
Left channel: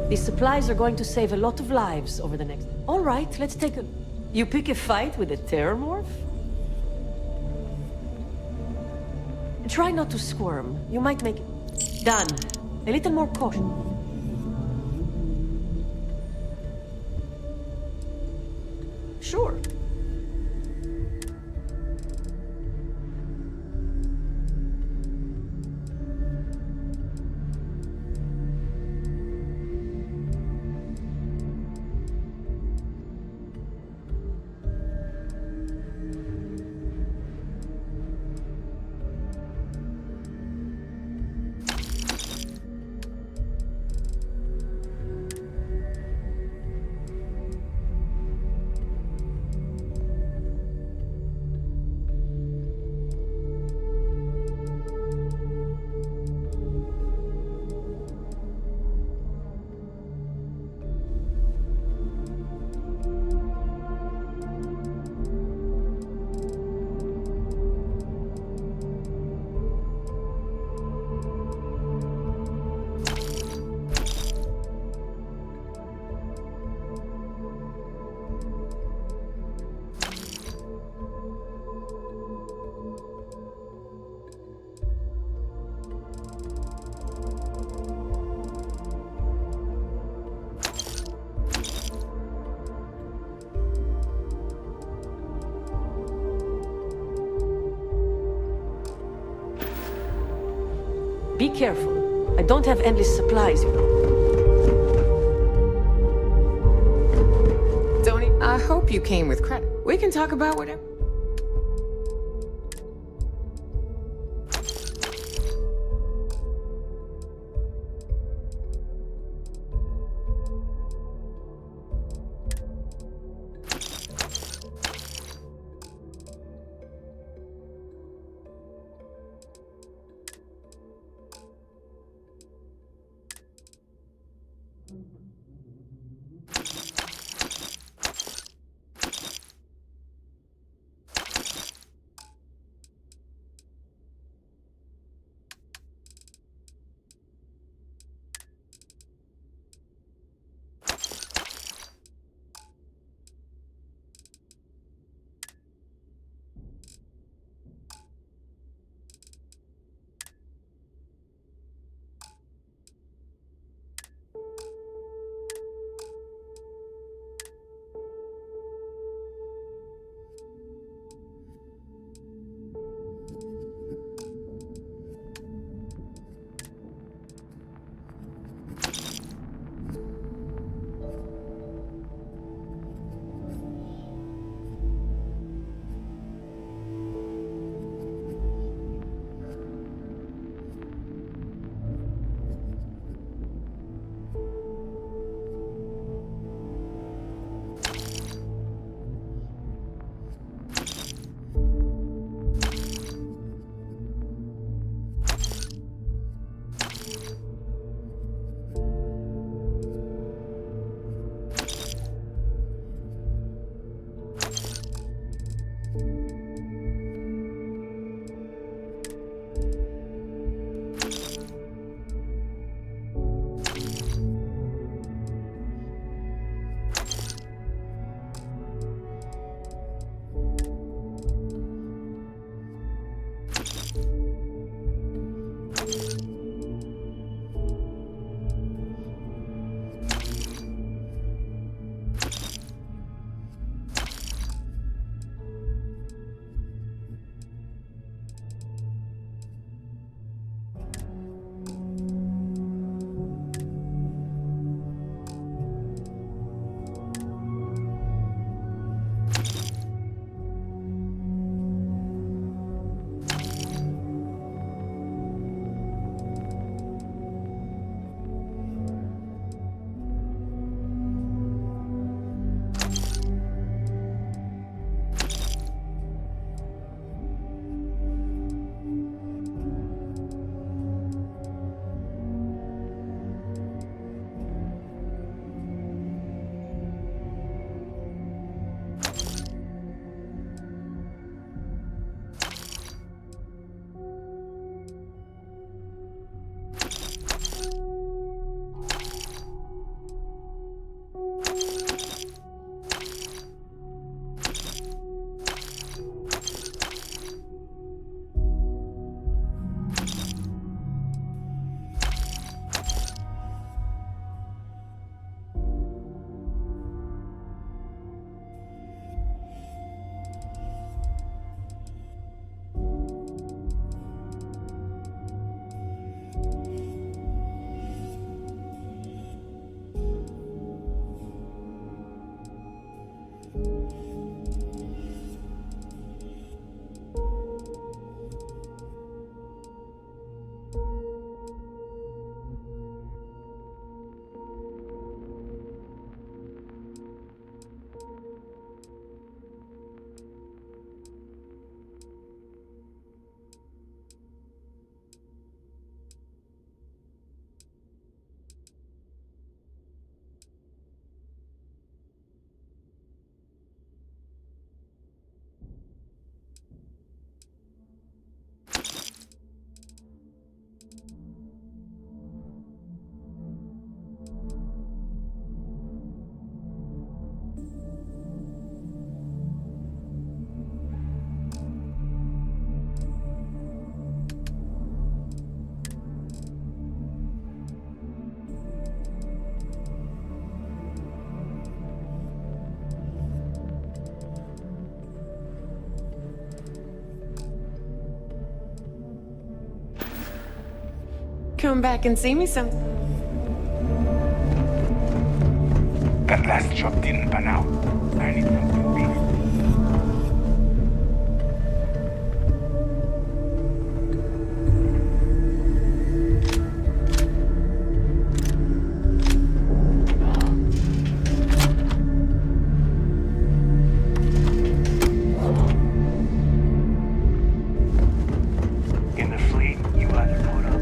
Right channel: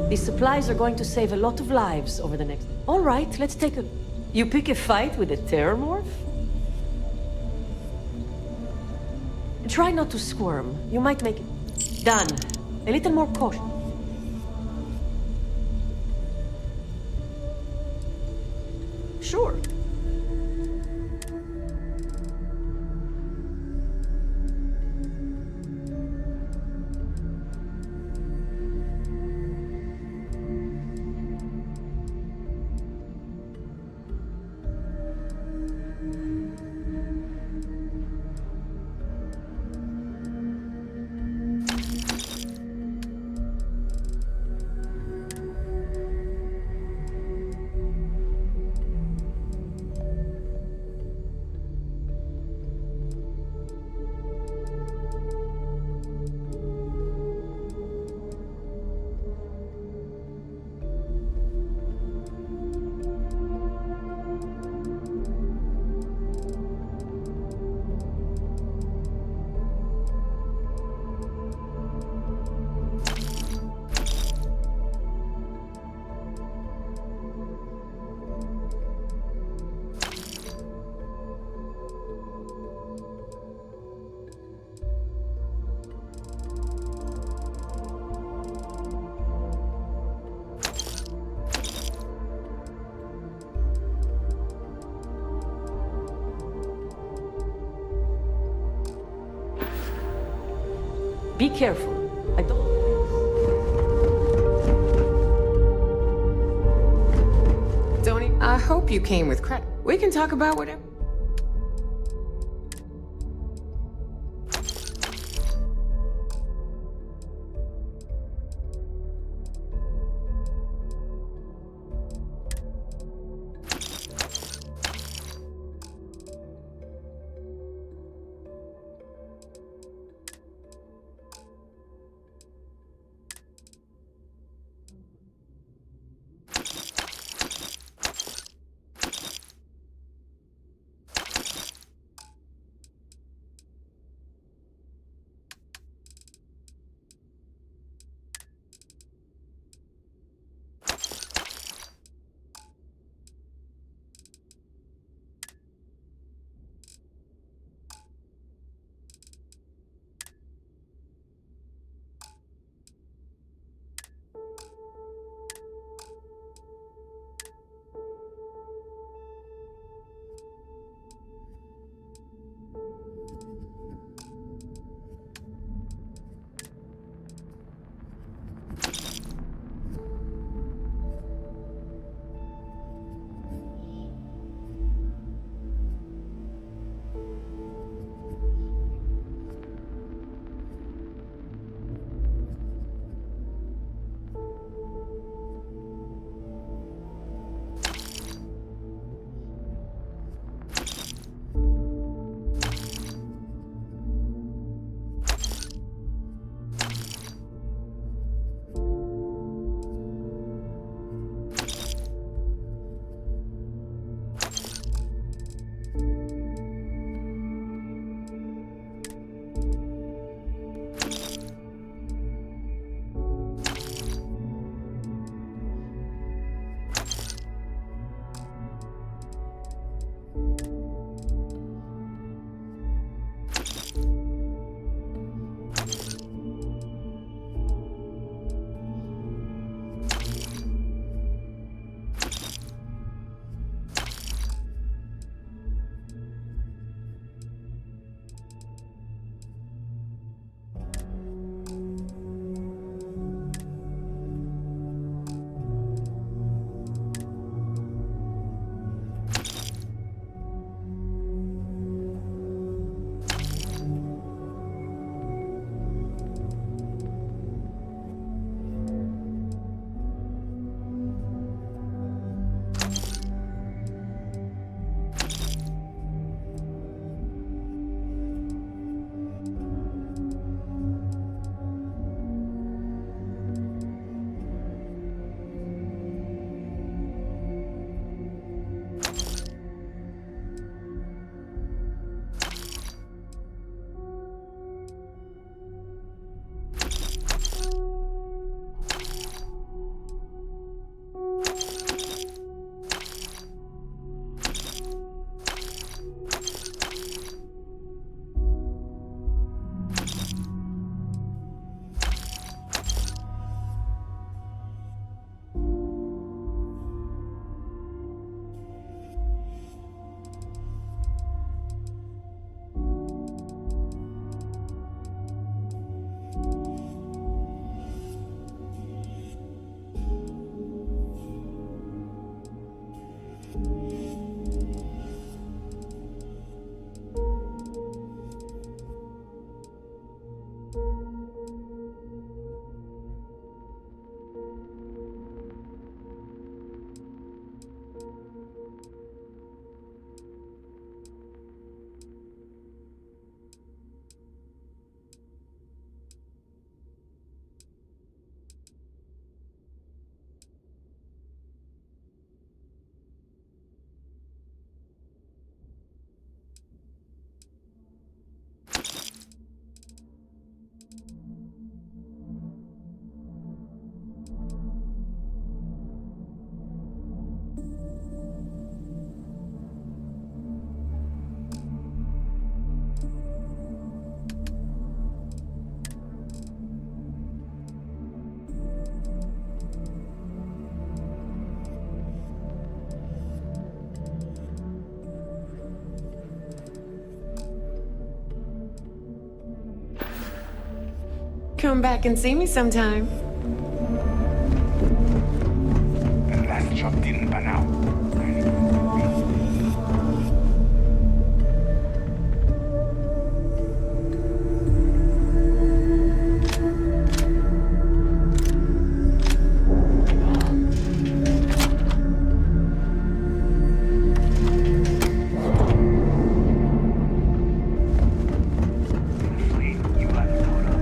These supplies are going to save a lot of lives over the next... All right, let's take a... You pick a fight with a terramorph? Try not to squirm. You might make it... Done. A little more caution. Sure. Be careful. I don't have endless supplies. Tony, I hope you came with credit. We can talk about whatever. Come back and see me sometime. That last job didn't pan out. I need one to be. In the fleet, you either put up.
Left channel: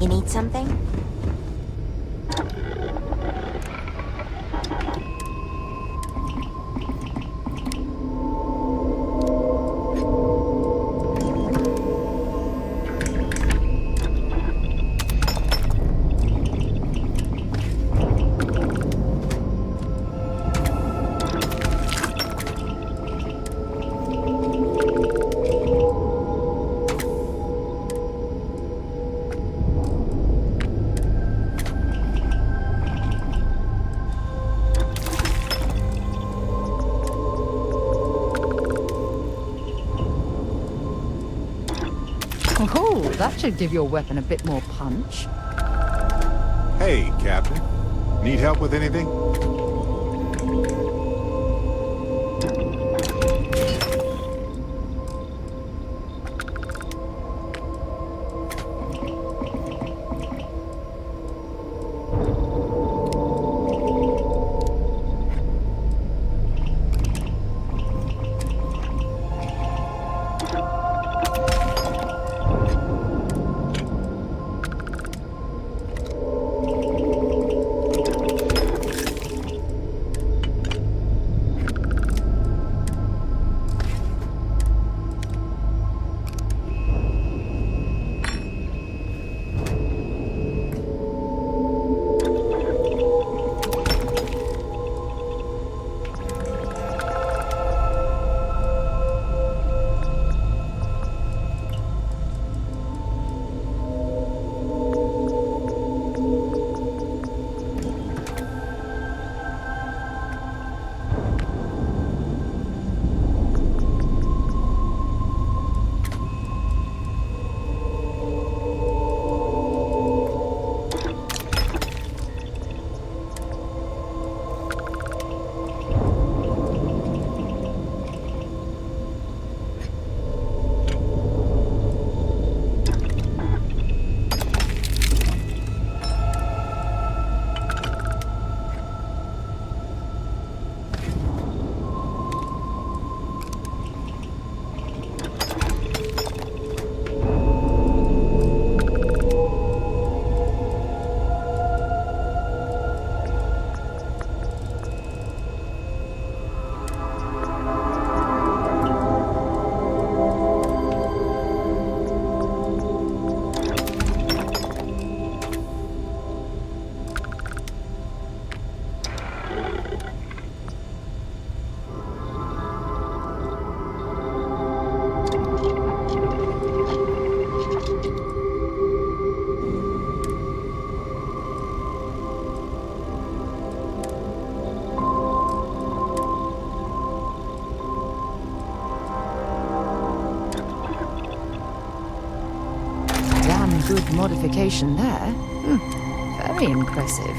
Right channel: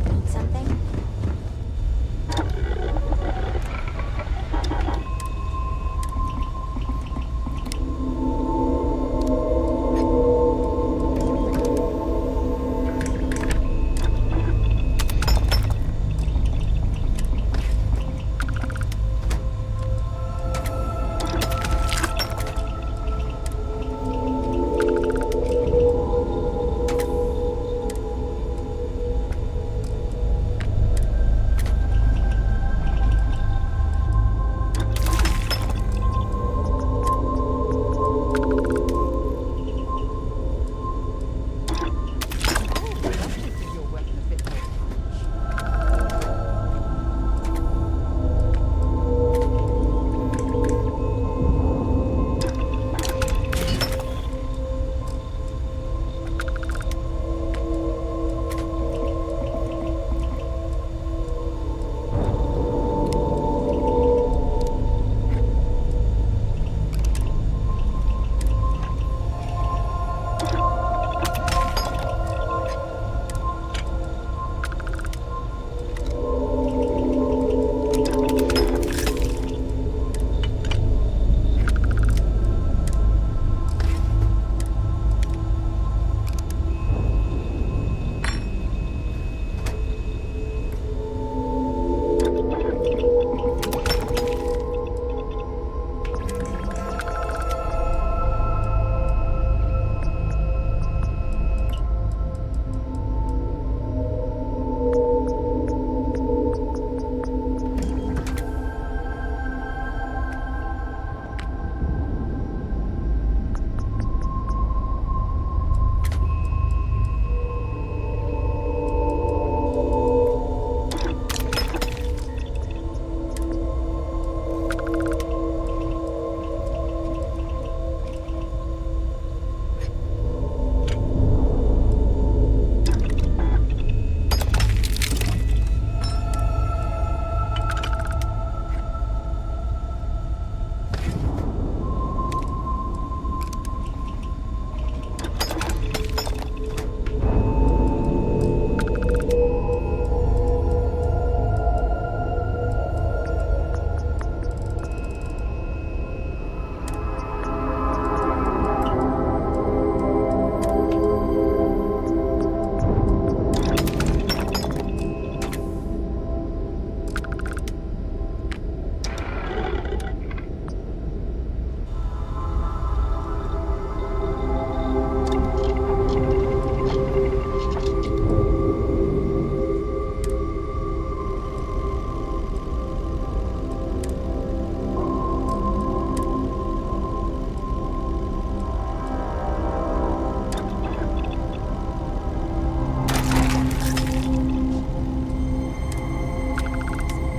You need something? Oh, that should give your weapon a bit more punch. Hey, Captain. Need help with anything? fortification there. Very impressive.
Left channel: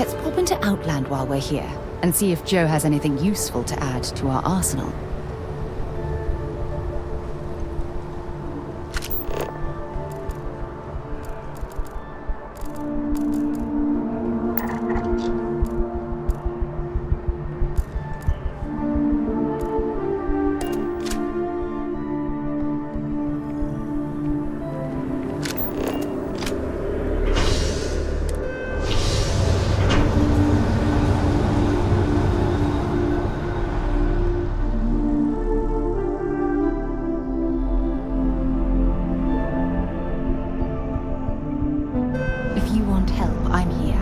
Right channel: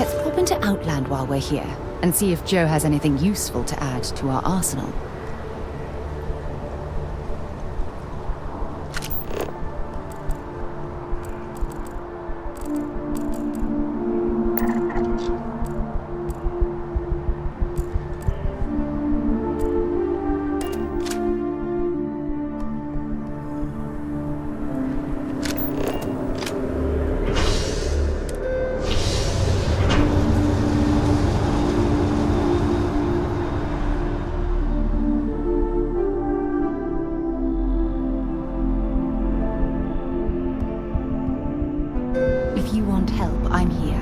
Let's pop into Outland while we're here, and see if Joe has anything useful to add to our arsenal. If you want help, I'm here.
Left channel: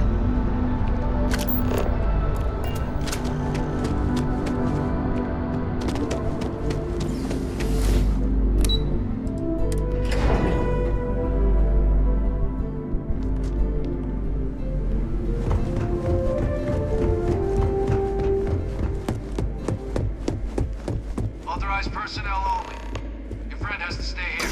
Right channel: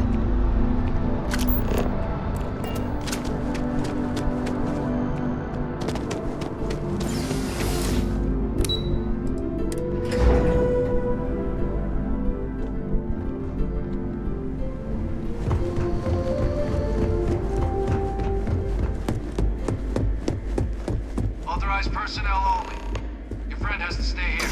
Authorized personnel only. Your friend has to stay here.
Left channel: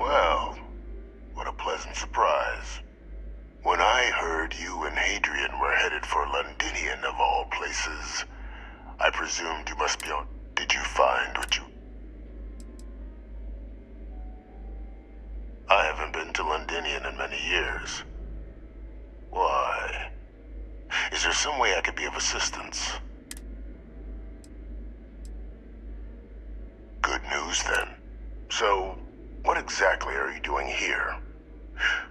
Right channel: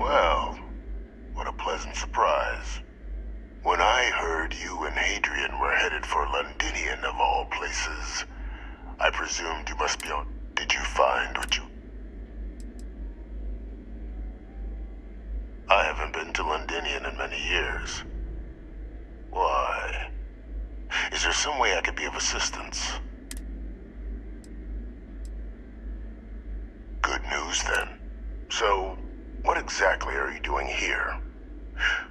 Well, what a pleasant surprise. When I heard you and Hadrian were headed for Londinian of all places, I presumed you must be on... Did you find what you... I haven't been to Londinian in many years. Why? Is there some way I could be of assistance? Good news, then. So, what exactly are you doing here?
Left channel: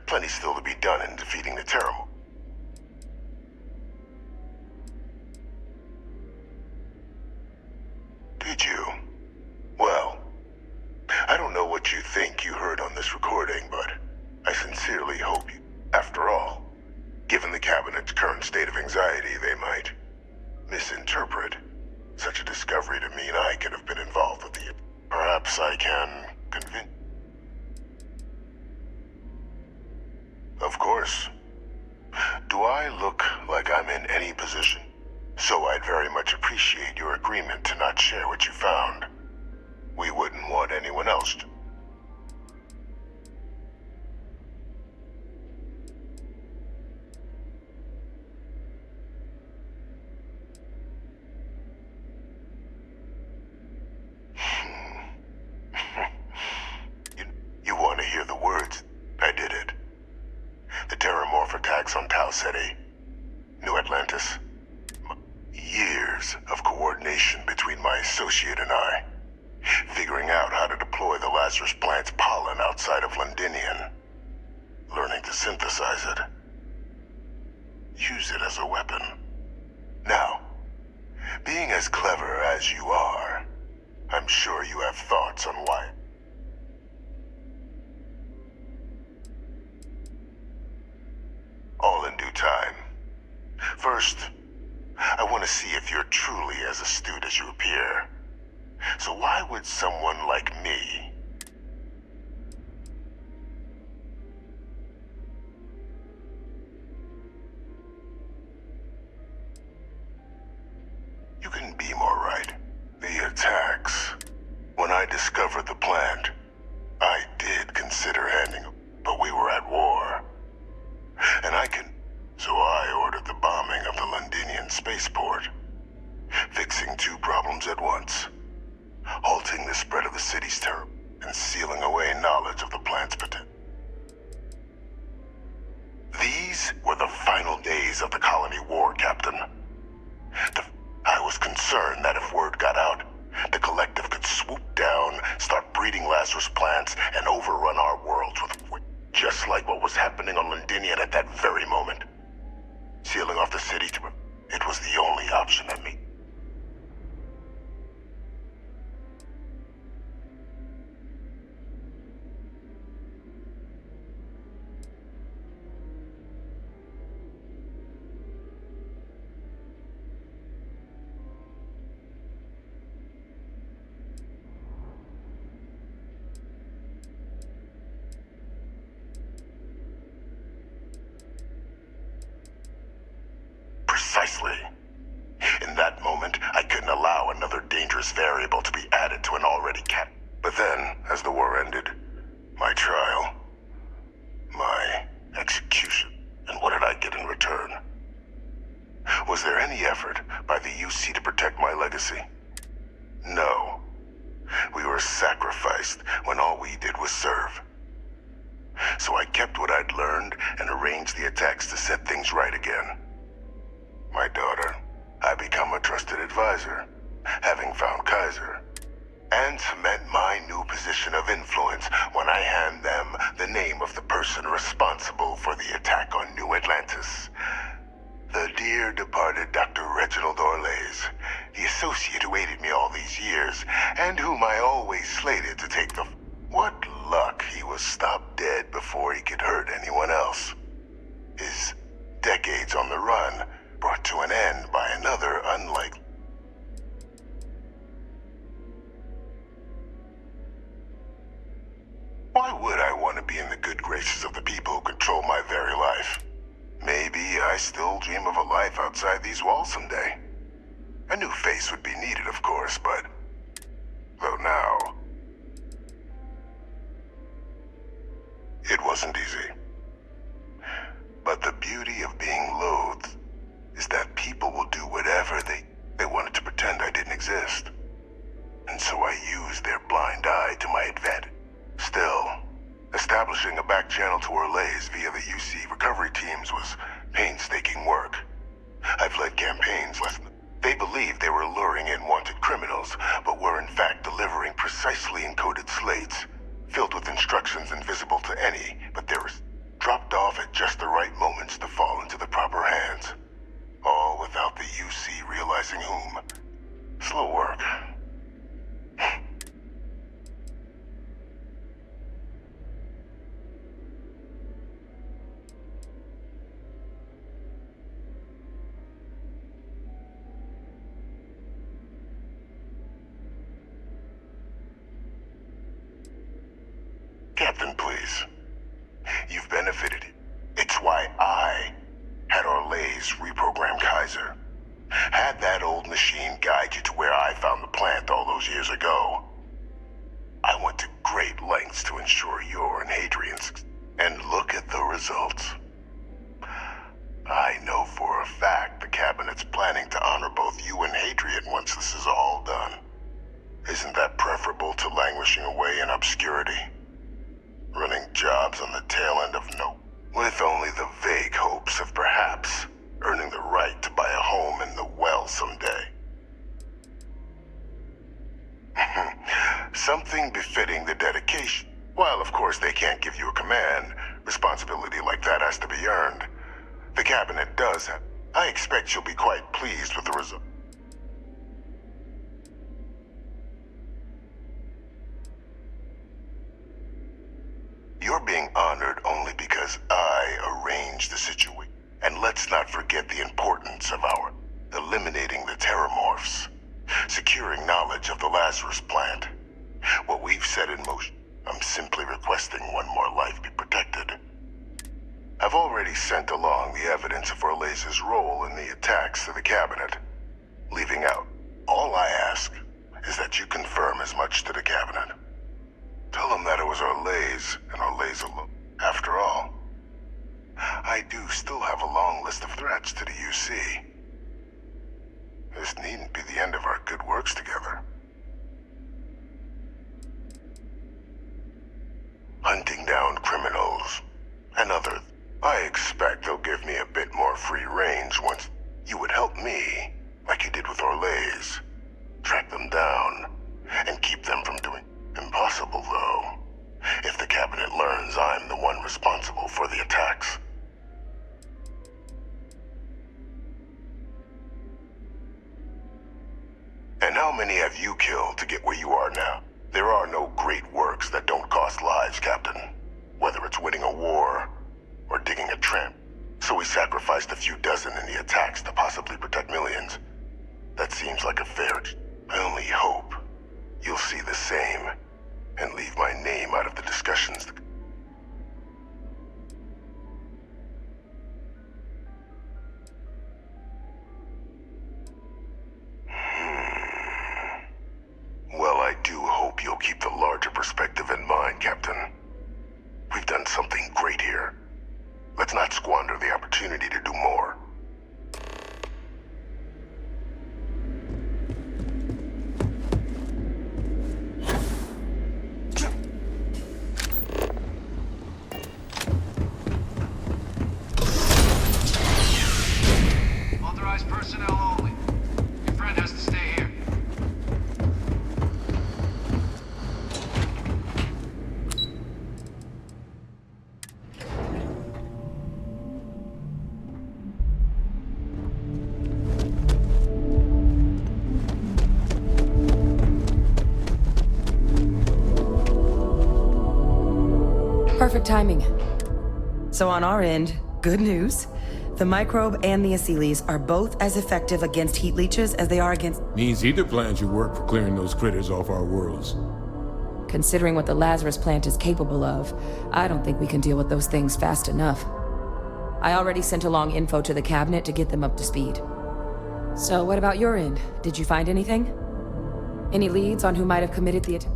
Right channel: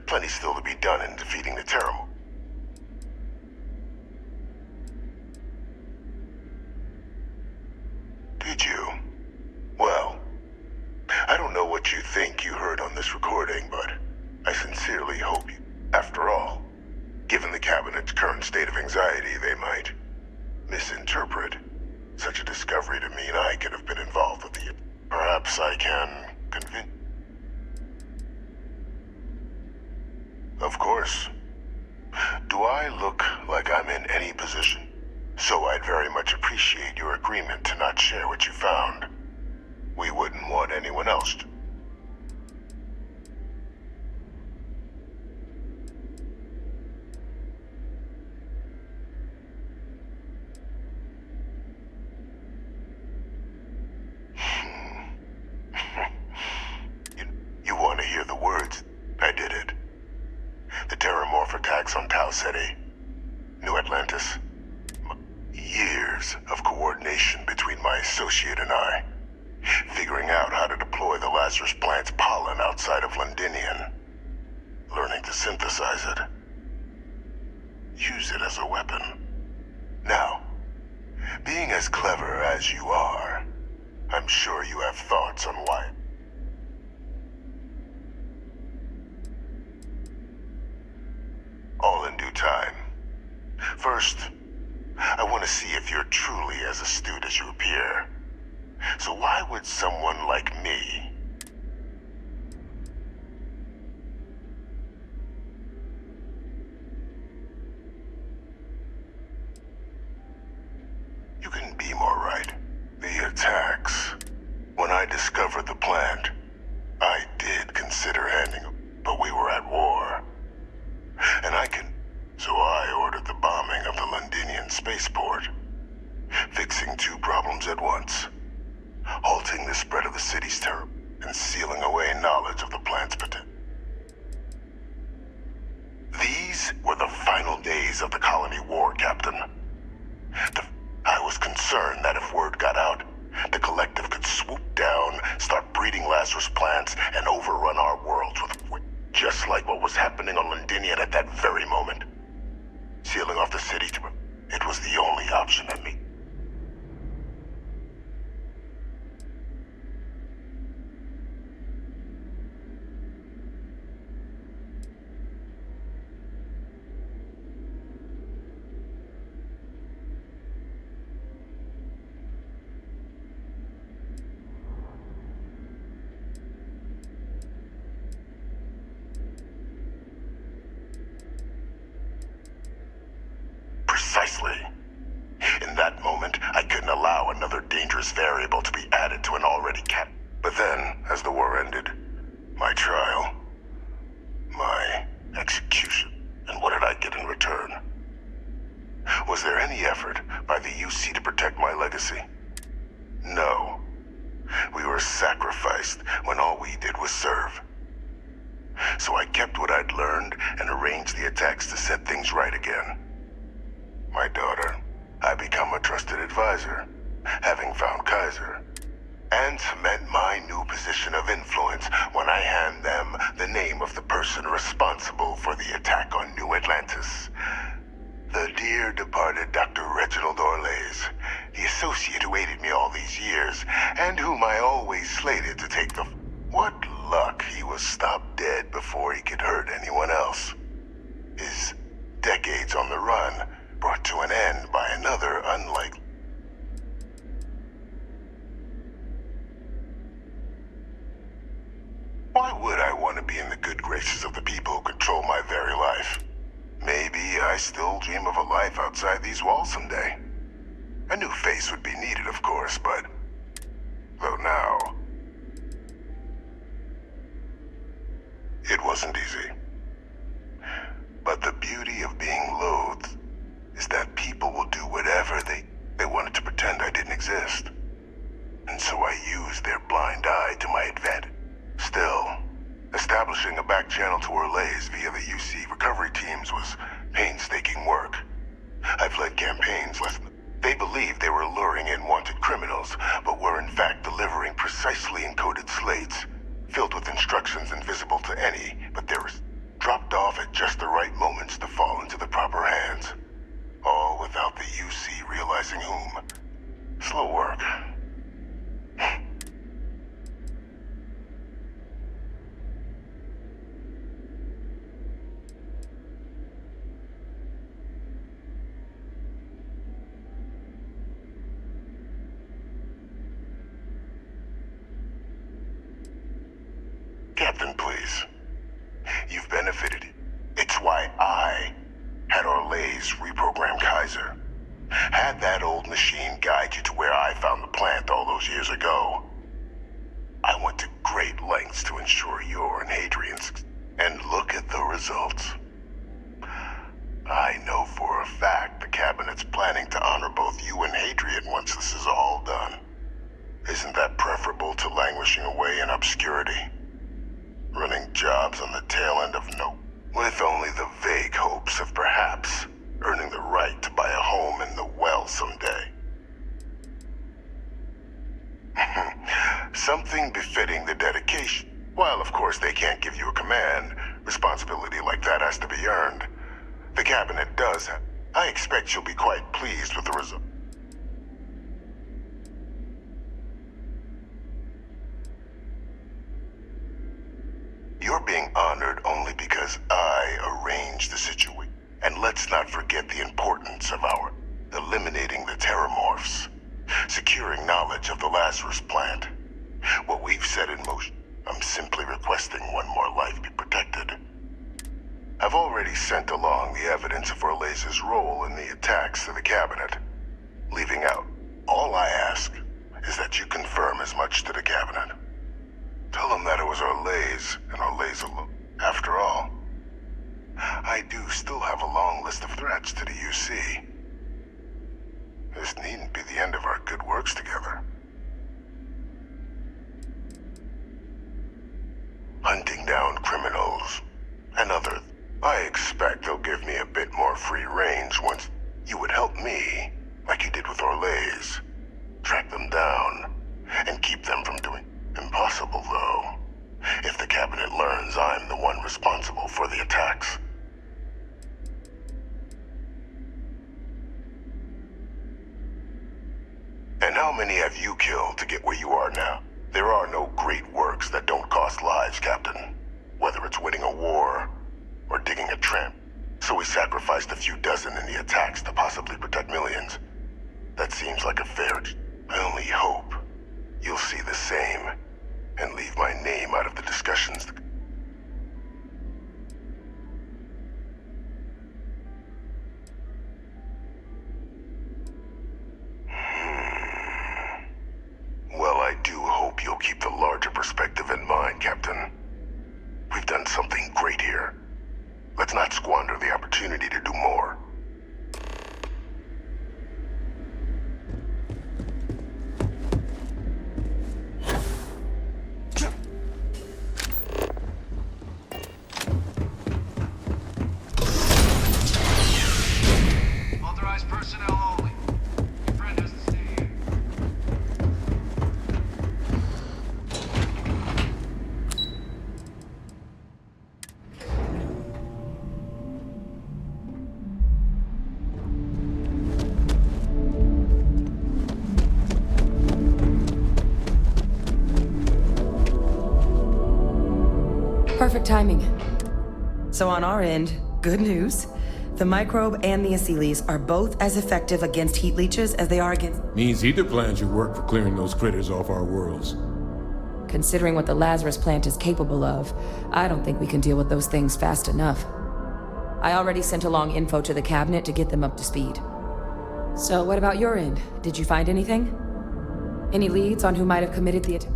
Plenty still to be done in defeating the Terramorphs. Did you? Well, I don't know what you think you heard on this recording, but I sincerely hope you... After all, given the Cabinet's current state of anxiety, they might misinterpret such a discovery to mean I could have been involved with the... Perhaps I can convince... Of course. Do I look like I'm in any position? So I'd very much appreciate your agreement to not share what you found. We wouldn't want anyone else to. You want to hear the words? I did it. The Terramorph attacks on Tau Ceti, New Atlantis. Years of coordination between my associate and I, figuring out how to deploy the Lazarus plant's pollen outside of Londinian, learning to synthesize it, use it as a weapon. Now, being as clever as you are, I'm sure you have thoughts on why. first, I want to see if you're truly as astute as you appear. So why would someone like me... You can be more right. The attacks. When I discovered the plant, I did consider handing up, but we were at war. And I can... So I ordered the bombing of the Londinian spaceport, fixing two problems at once. Halting the spread of the city's terror and sealing away knowledge of the plant's potential. These were the final days of the colony war, Captain. I was concerned that if word got out, the Collective could swoop down, start breeding Lazarus plants, and overrun our worlds with... Just like what was happening on Londinian at that very moment. Sealing off the city to... It was the only option at me. Precisely. In that moment, I couldn't allow another dangerous variable to be added to an already But then, as the war ended, my trial, my execution, and what did I get in return? Was there any effort by the UC to protect my legacy? No. We were sacrificed when all we did was serve. So I kept what I'd learned and arranged the attacks to set things right again. My daughter, I become a trusted advisor, having found Kaiser, and cement my new position of influence when I hand them the name of the person responsible for the attack on New Atlantis. The dear departed Dr. Reginald Orlays, the associate who aided me all these years, and whom I always slated to take the... What luck he was stopped dead before he could hurt anyone else. His decades on the run brought to an end by another unlikely... Why would I want to be in the good graces of the people who control my very life? Maybe I still dream of a life outside these walls someday. A new face would be needed, of course, but... Though now... It wasn't easy. But the beauty of being loathed is that people will do whatever they wanted to pretend I didn't exist. And so I used their blind eye to my advantage. Still, establishing a back channel to Orlays via the UC recovery teams was painstaking work. I've led campaigns less than... They believed they were luring in wanted criminals, but were in fact delivering precisely encoded slates, filled with instructions invisible to any, but they were dropped off at just the right moments to fall into the proper hands. All without the UC realizing whom. Slow work. Captain, please. You've benefited. It's why I had Orlays reprogram Kaiser. Had that old machine guide you to where I found the plant all those years ago. I went to great lengths to ensure your and Hadrian's... And look at the results. I know for a fact the Cabinet's planning to honor both you and Hadrian once this is all done. Isn't that preferable to languishing away in obscurity? Running jobs on the tail end of with only the vague hopes of perhaps earning the right to buy a home in the well someday. Something befitting the dedication. While of course they can't give you a command, responsibility like that has to be earned. The Cabinet does have. I expect you'll be quite pleased with the result. You're being honored only because I arranged the situation. And let's not forget the importance of our eliminating the terramorphs, securing knowledge of the Lazarus plant. What we've set in motion, I'm simply requesting one more life be protected. I've already sent along the evidence of Orleza's role in the attacks to the cabinet, leaving out. All I ask is that you confirm as much to the cabinet. Tell them that it was Orlez and Orlez alone. After all, I do still have a long list of threats to the UC. This needn't be the end of our good works together. Hunting down criminals and others. I expect they'll give me a bit more free range once you would help me, like you did with Orlez. Track them down and keep them from doing. Impossible, though, if the cabinet learns I'm the one responsible for the attacks. And how many have you killed to get where you are now? There are no great works that don't cost lives, Captain. Whether it's winning a war or digging a trench. So we sacrificed a few dozen in the attacks to possibly protect millions. That seems like a fair... I only hope you'll see the same and leave my name out of the discussions. Well, I do hope you'll keep the larger perspective in mind, Captain. We've done something great here. Let's not squander the opportunity to do more. Authorized personnel only. Your friend has to stay here. Perfect timing. So on our end, good news. The microbe and the Aciles are both as effective against heat leeches as they are against... Means either plan should work for clearing those critters off our worlds. Considering what the Lazarus plant is capable of, I don't think we can deal with those things fast enough. I already sent along info to the cabinet to get them up to speed. So what about your end? Did you find anything? Any leads on who might have committed the attack?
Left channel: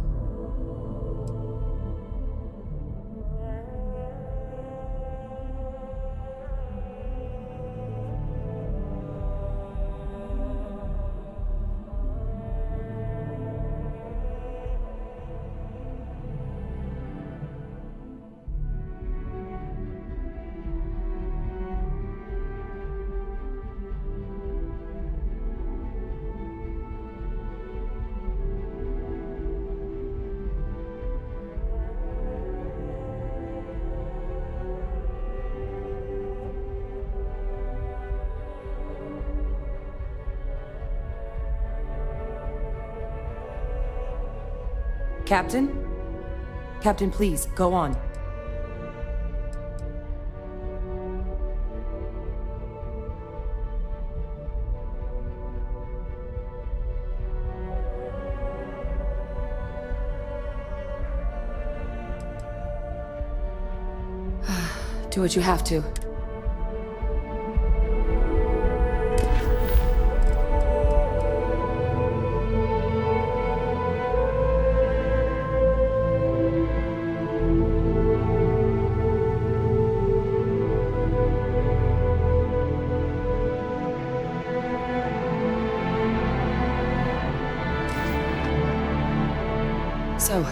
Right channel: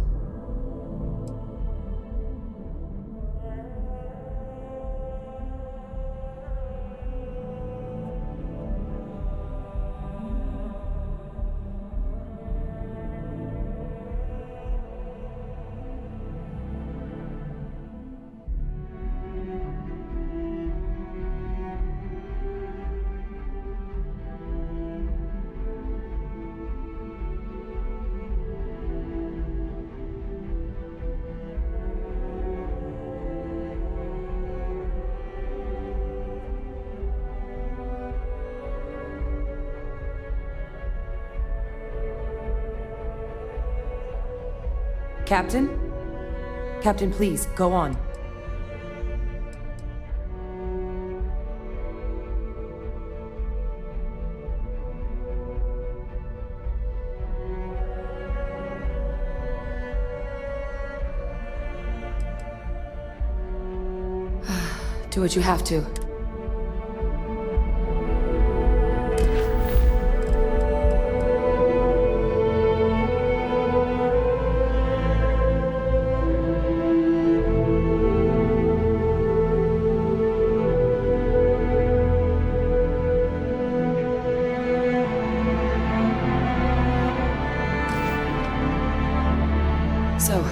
Captain? Captain, please, go on. Do what you have to. So,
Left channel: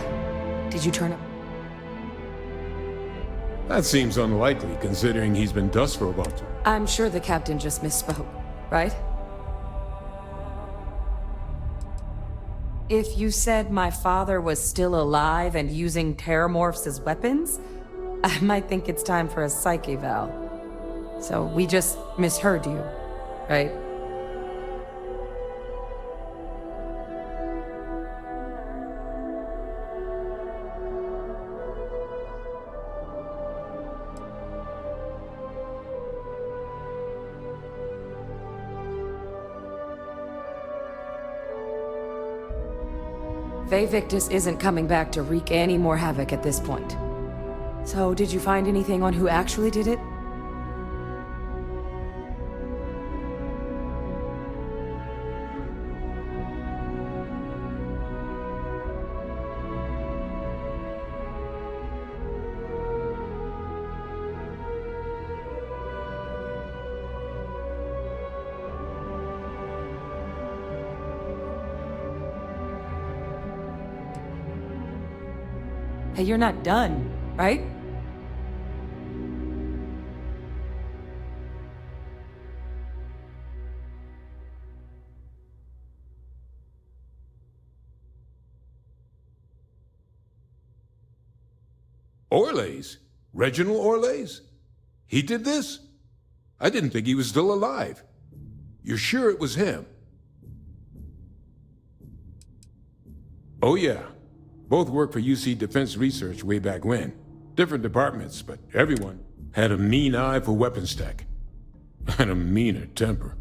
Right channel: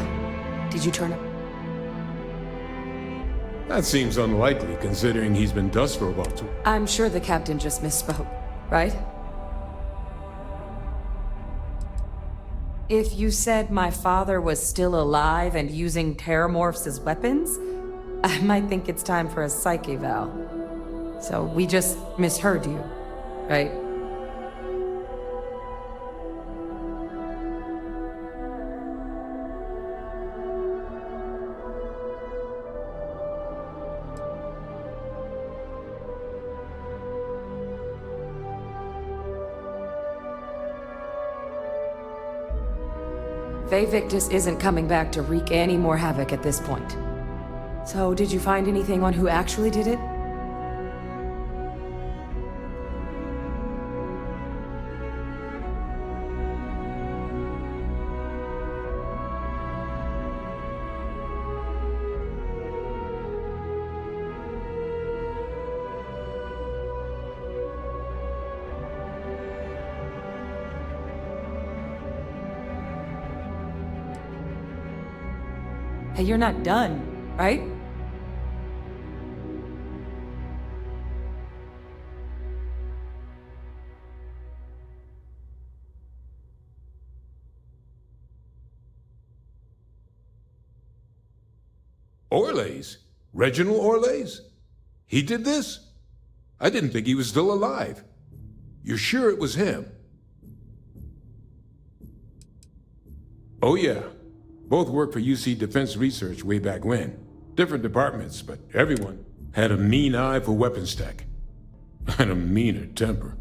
did you turn up? That seems unlikely, considering he's been dust for about 2. I'm sure the captain just misspoke, right? If you said my father was still alive and using terramorphs as weapons, I might think it's time for a psych eval. So we just misheard you, right? Faye Victus isn't coming back to wreak any more havoc at this point. So, did you find anything on who actually did it? Hey, you're not done, right? Orlays? Reginald Orlays? He did this? I didn't think he was still alive. You're sure it was him? Oh yeah. Both worked for UC Defense Research way back when. Different departments, but everyone had a mean eye for weapons tech. And a meaner temper.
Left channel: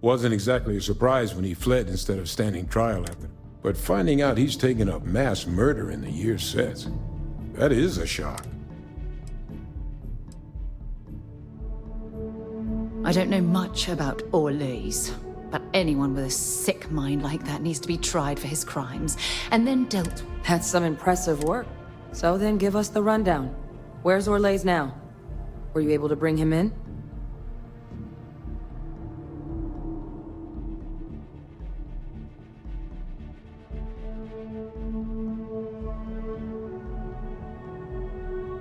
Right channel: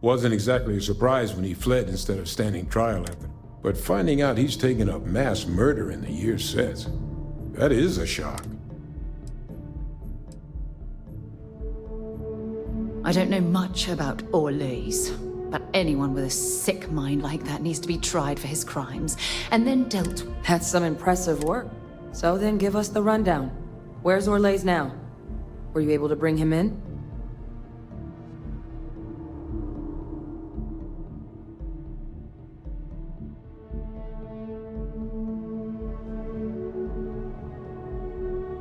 Wasn't exactly a surprise when he fled instead of standing trial after. But finding out he's taken up mass murder in the years since, that is a shock. I don't know much about Orlays, but anyone with a sick mind like that needs to be tried for his crimes, and then dealt with. That's some impressive work. So then give us the rundown. Where's Orlays now? Were you able to bring him in?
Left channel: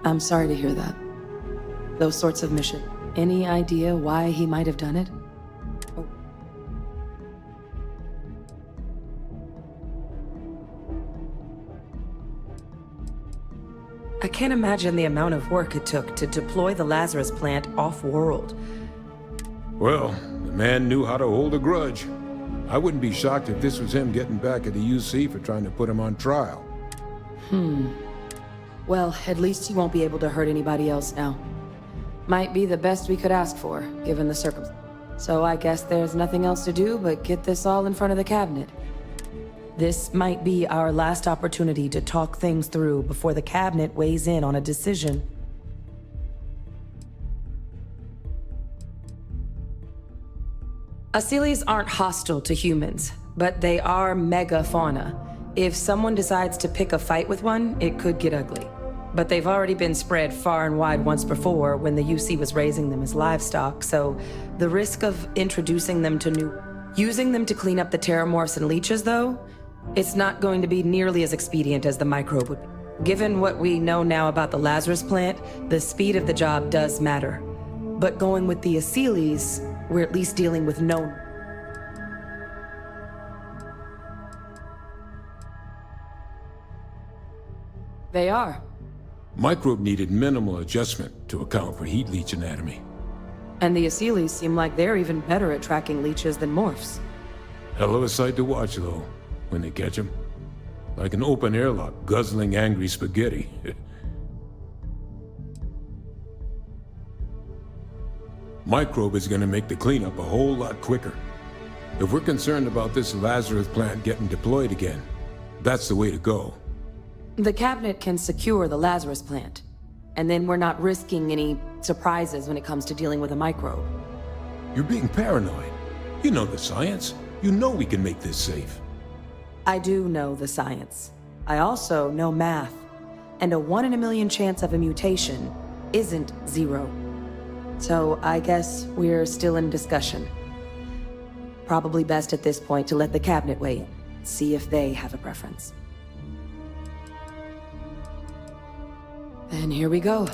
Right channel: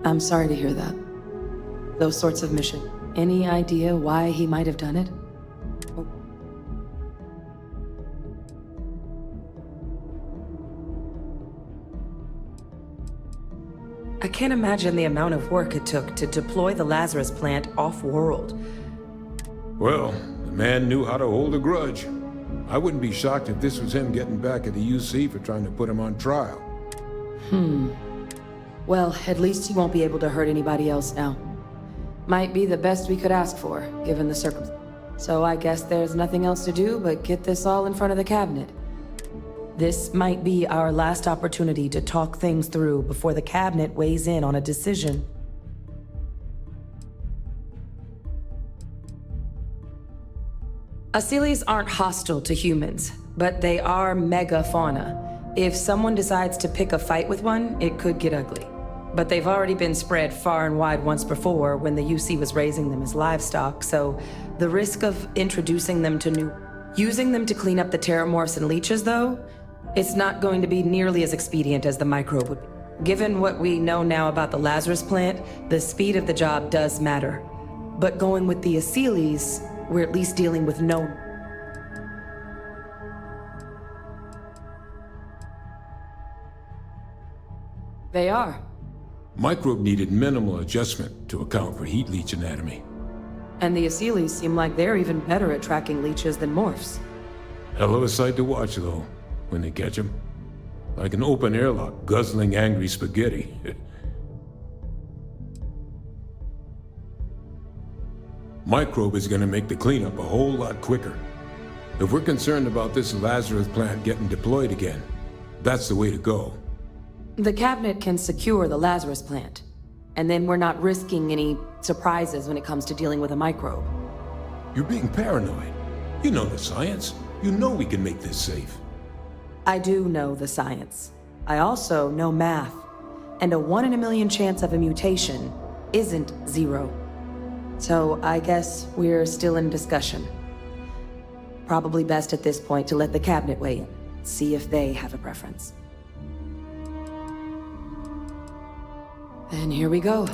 I'm sorry to hear that. Those sorts of missions. Any idea why he might have done it? Oh. I can't imagine the amount of work it took to deploy the Lazarus plant off-world. Well, the man knew how to hold a grudge. I wouldn't be shocked if this was him getting back at the UC for trying to put him on trial. Well, at least he won't be able to hurt anybody else now. Might be the best we could ask for, given the circumstances. So I guess there's nothing else to do but get this all in front of the cabinet. This might be our last opportunity to talk things through before the cabinet weighs in on a decision. Asylees aren't hostile to humans, but they are megafauna. If someone decides to pick a fight with one, it could get ugly. But they've already been spread far and wide once before when the UC was raising them as livestock, so the risk of introducing them to using them to clean up the terramorphs and leeches, though, it's not going to be nearly as expedient as the microbe would be. Given what we know now about the Lazarus plant, the speed of the job does matter. But going with the Asylees, we're at least dealing with known. They are. Microbe needed minimal adjustment to account for heat leech anatomy. And the Asylees seem like they're even better at tracking leeches than morphs. Hell of a sight to watch, though, when they catch them. Like an open airlock guzzling angry spaghetti. Microbe is gonna make the cleanup a whole lot quicker. If we're concerned about this Lazarus plant getting deployed again, that's the way to go. The cabinet can secure the Lazarus plant, and then we're not risking any surprises when it comes to dealing with a microbe. You're being paranoid. You know the science. You know we can make this safe. I do know the science. I also know math, and a 1 in a million chance of a mutation isn't 0. So I guess we're still in discussion. Probably best at this point to let the cabinet weigh in, see if they have a preference. Then here we go.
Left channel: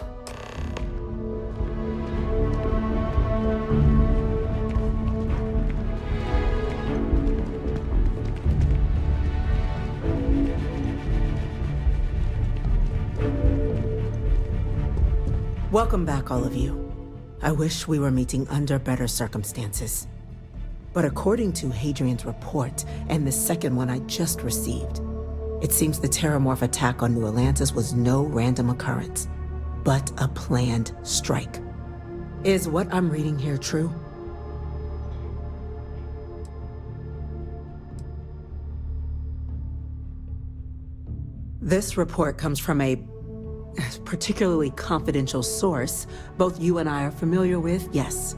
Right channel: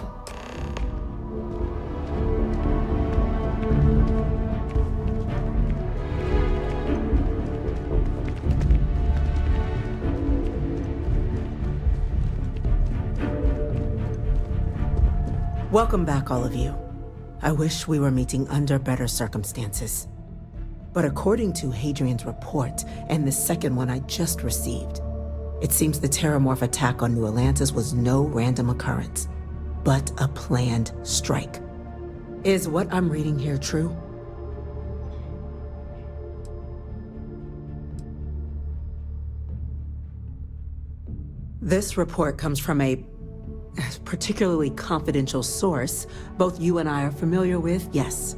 Welcome back, all of you. I wish we were meeting under better circumstances. But according to Hadrian's report, and the second one I just received, it seems the Terramorph attack on New Atlantis was no random occurrence, but a planned strike. Is what I'm reading here true? This report comes from a particularly confidential source both you and I are familiar with, yes.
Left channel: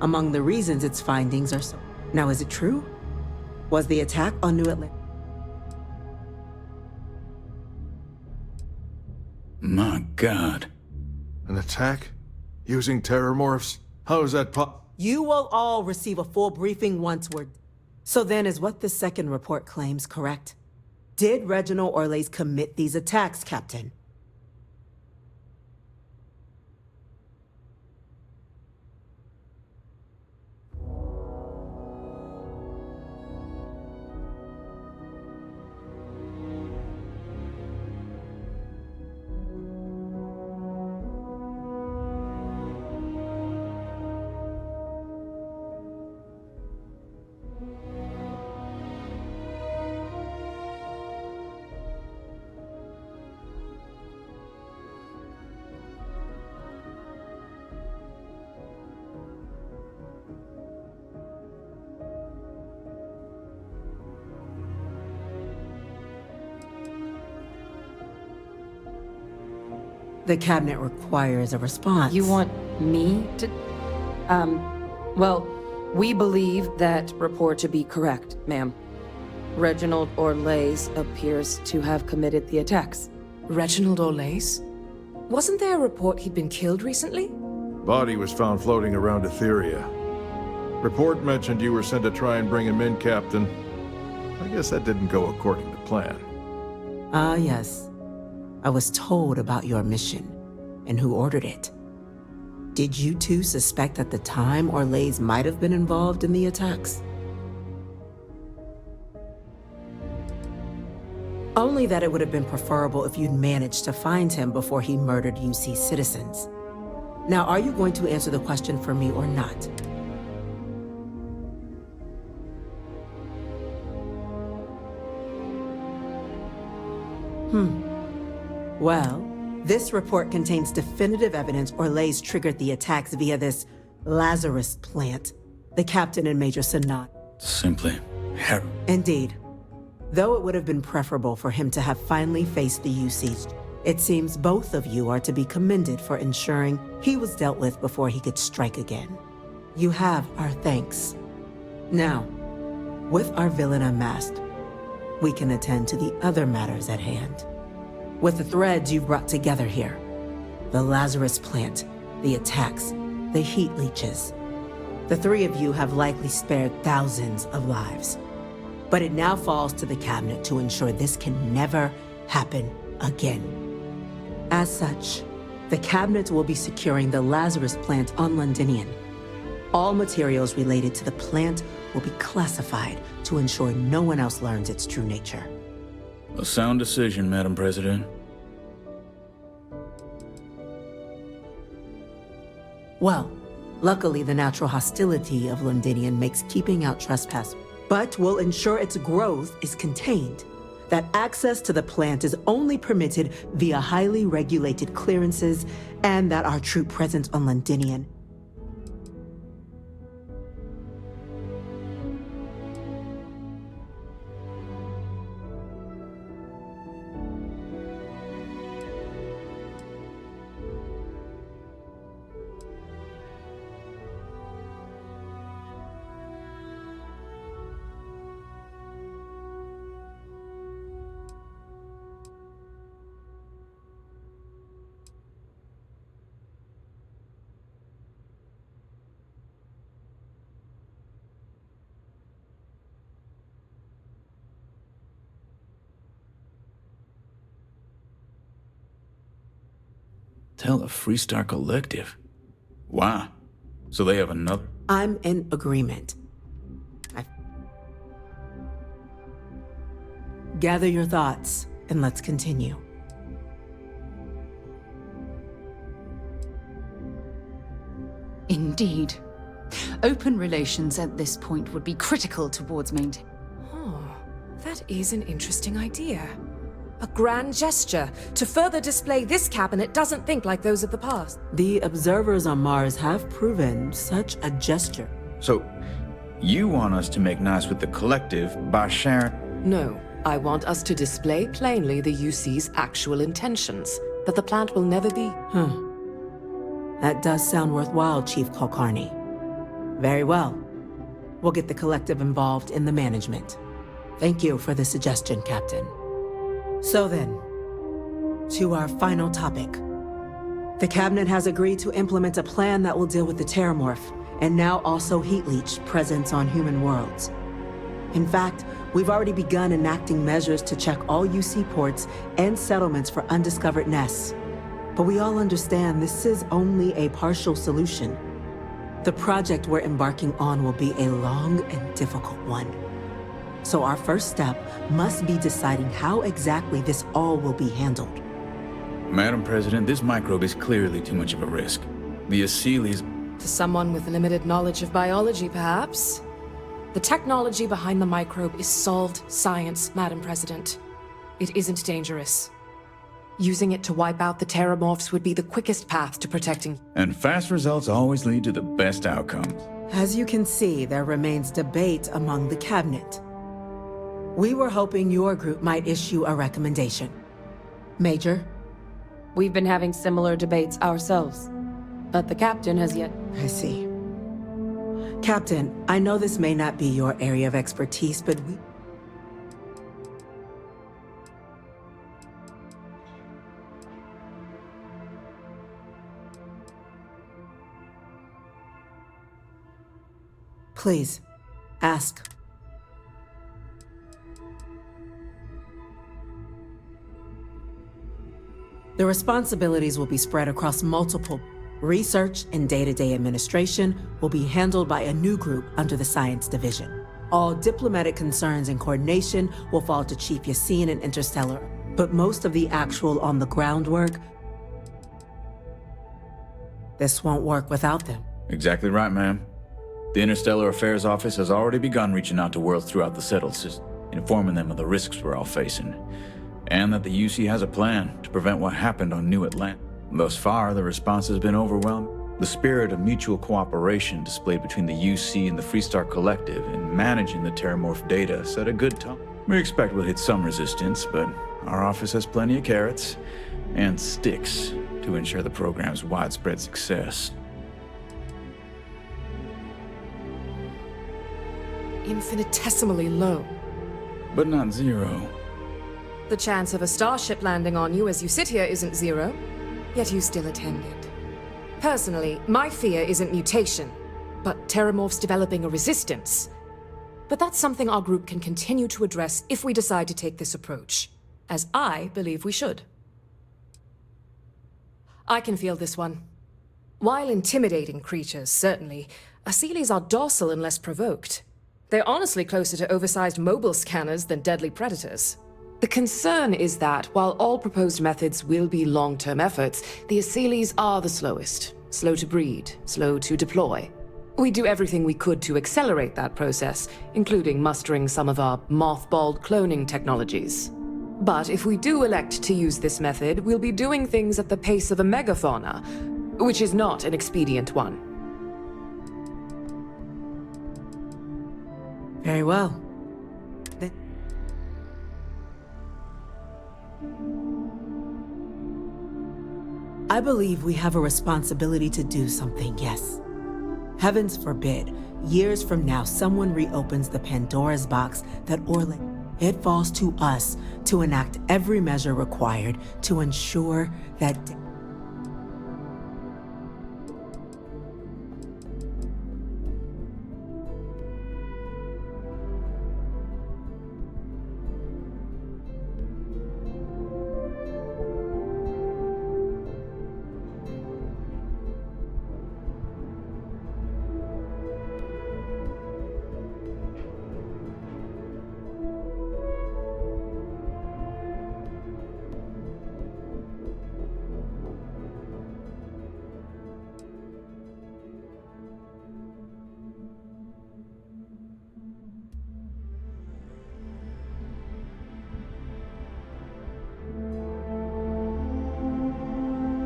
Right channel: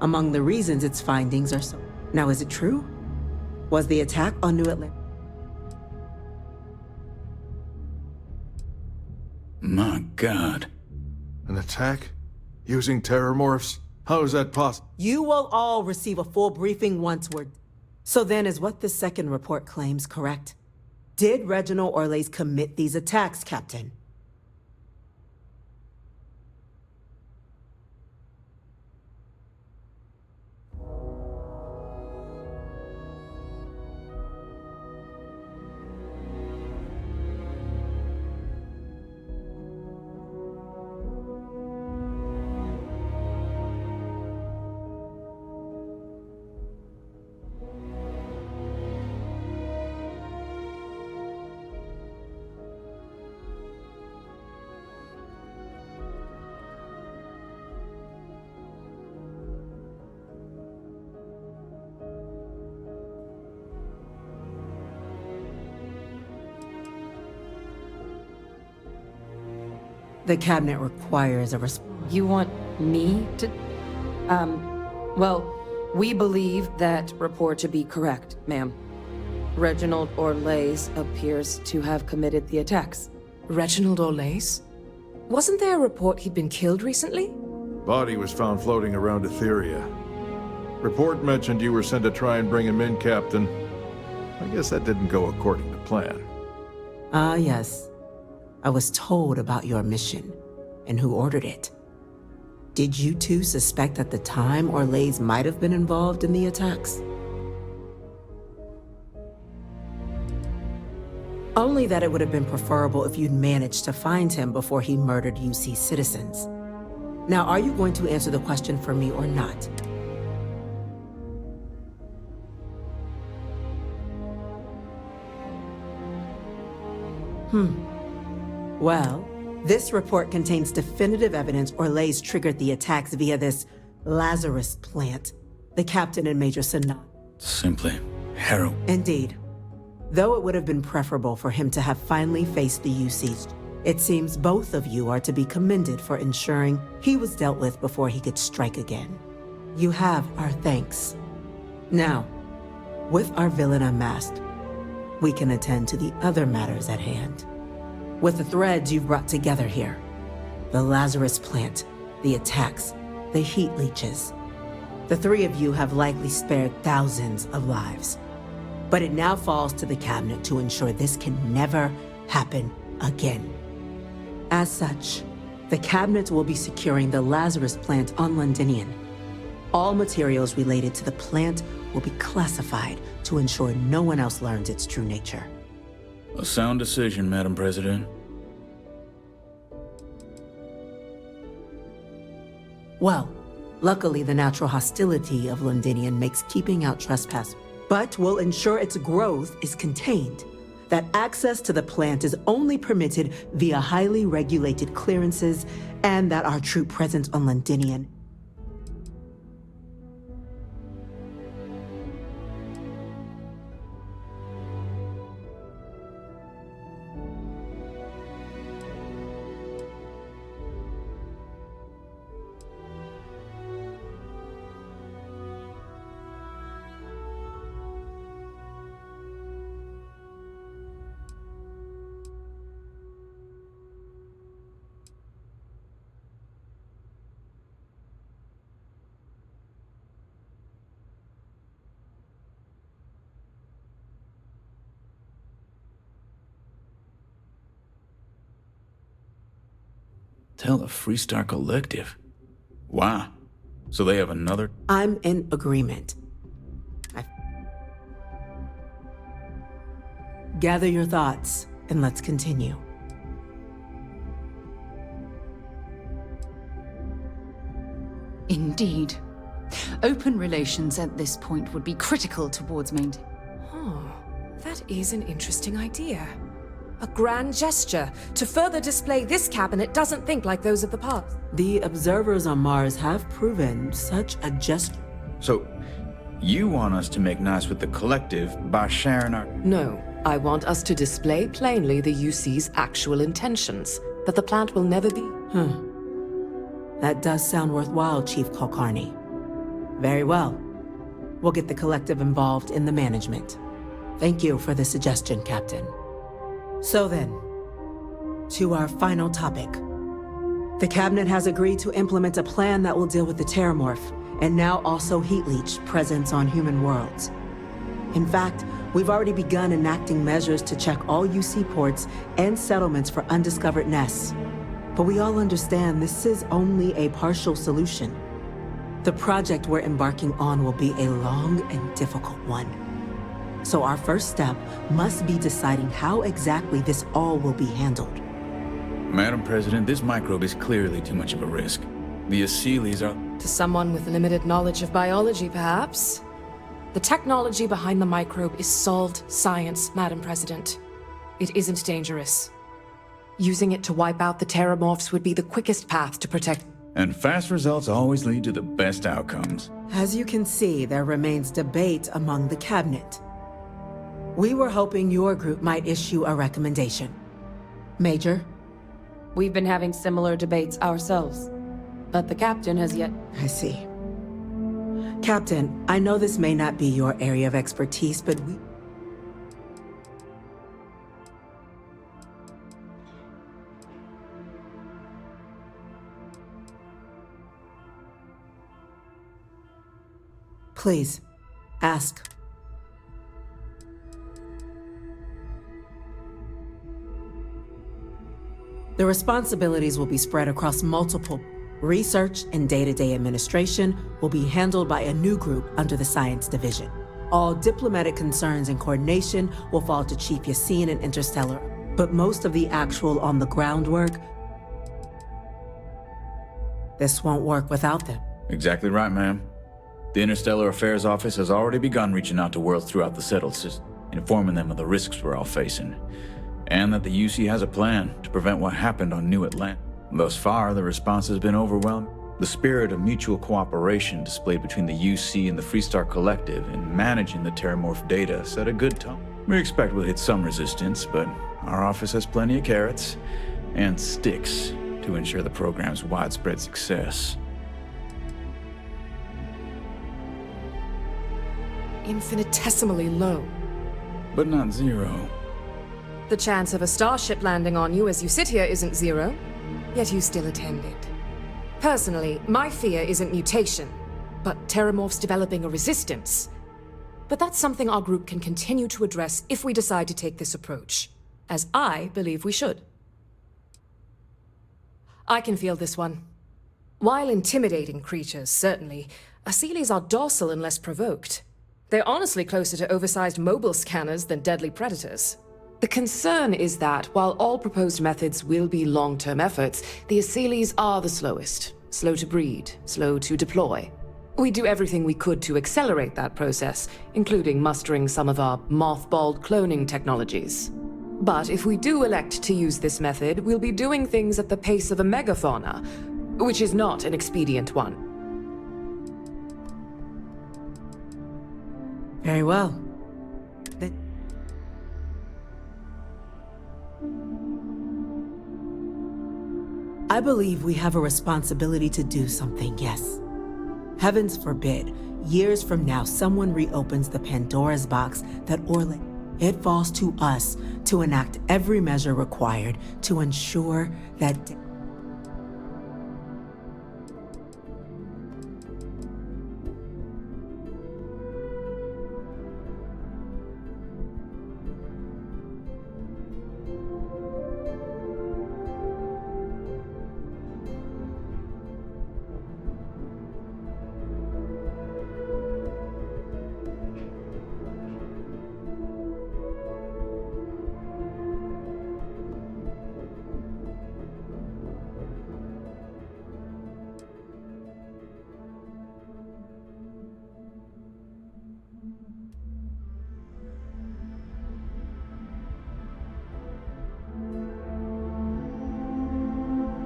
Among the reasons its findings are so... Now, is it true? Was the attack on New Atlantis? My God. An attack? Using terramorphs? How is that possible? You will all receive a full briefing once we're... So then, is what the second report claims correct? Did Reginald Orlays commit these attacks, Captain? The cabinet requires a response. You want me to... Well, we believe that report to be correct, ma'am. Reginald Orlays appears to have committed the attacks. Reginald Orlays? Wasn't there a report he'd been killed recently? Body was found floating around Etheria. Report mentioned you were sent to try and bring him in, Captain. I guess that didn't go according to plan. Ah, yes. I was told about your mission and who ordered it. Did you two suspect at the time Orlays might have been involved in the attacks? Only that it would have been preferable if you'd managed to find him before he murdered UC citizens. Now, are you going to answer the question for me or not? Well, this report contains definitive evidence Orlays triggered the attacks via this Lazarus plant, the captain and Major Sanan. Simply harrowing. Indeed. Though it would have been preferable for him to have finally faced the UCs, it seems both of you are to be commended for ensuring he was dealt with before he could strike again. You have our thanks. Now, with our villain unmasked, we can attend to the other matters at hand. With the threads you've brought together here, the Lazarus plant, the attacks, the heat leeches, the three of you have likely spared thousands of lives. But it now falls to the cabinet to ensure this can never happen again. As such, the cabinet will be securing the Lazarus plant on Londinian. All materials related to the plant will be classified to ensure no one else learns its true nature. A sound decision, Madam President. Well, luckily the natural hostility of Londinian makes keeping out trespass, but will ensure its growth is contained, that access to the plant is only permitted via highly regulated clearances, and that our troop presence on Londinian Tell the Freestar Collective. Wow. So they have another... I'm in agreement. Gather your thoughts, and let's continue. Indeed. Open relations at this point would be critical towards maintaining. Oh, that is an interesting idea. A grand gesture to further display this cabinet doesn't think like those of the past. The observers on Mars have proven such a gesture. So, you want us to make nice with the collective by sharing our... No, I want us to display plainly the UC's actual intentions, that the plant will never be. That does sound worthwhile, Chief Kulkarni. Very well. We'll get the collective involved in the management. Thank you for the suggestion, Captain. So then, to our final topic. The Cabinet has agreed to implement a plan that will deal with the Terramorph, and now also Heat Leech presence on human worlds. In fact, we've already begun enacting measures to check all UC ports and settlements for undiscovered nests. But we all understand this is only a partial solution. The project we're embarking on will be a long and difficult one. So our first step must be deciding how exactly this all will be handled. Madam President, this microbe is clearly too much of a risk. The Aseles are... To someone with limited knowledge of biology, perhaps? The technology behind the microbe is solved science, Madam President. It isn't dangerous. Using it to wipe out the Terramorphs would be the quickest path to protecting. And fast results always lead to the best outcomes. As you can see, there remains debate among the Cabinet. We were hoping your group might issue a recommendation. Major? We've been having similar debates ourselves, but the Captain has yet... I see. Captain, I know this may not be your area of expertise, but we... Please, ask. The responsibilities will be spread across multiple. Research and day-to-day administration will be handled by a new group under the Science Division. All diplomatic concerns and coordination will fall to Chief Yassine and Interstellar, but most of the actual on-the-ground work... This won't work without them. Exactly right, ma'am. The Interstellar Affairs Office has already begun reaching out to worlds throughout the settled system, informing them of the risks we're all facing, and that the UC has a plan to prevent what happened on New Atlantis. Thus far, the response has been overwhelming. The spirit of mutual cooperation displayed between the UC and the Freestar Collective in managing the Terramorph data set a good tone. We expect we'll hit some resistance, but our office has plenty of carrots and sticks to ensure the program's widespread success. Infinitesimally low. But not zero. The chance of a starship landing on you as you sit here isn't zero, yet you still attended. Personally, my fear isn't mutation, but Terramorphs developing a resistance. But that's something our group can continue to address if we decide to take this approach, as I believe we should. I can feel this one. While intimidating creatures, certainly, Aseles are docile unless provoked. They're honestly closer to oversized mobile scanners than deadly predators. The concern is that, while all proposed methods will be long-term efforts, the Aseles are the slowest. Slow to breed, slow to deploy. We do everything we could to accelerate that process, including mustering some of our mothballed cloning technologies. But if we do elect to use this method, we'll be doing things at the pace of a megafauna, which is not an expedient one. Very well. I believe we have a responsibility to do something, yes. Heavens forbid, years from now someone reopens the Pandora's box that Orlek. It falls to us to enact every measure required to ensure that...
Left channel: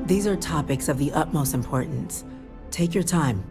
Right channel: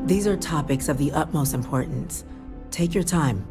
These are topics of the utmost importance. Take your time.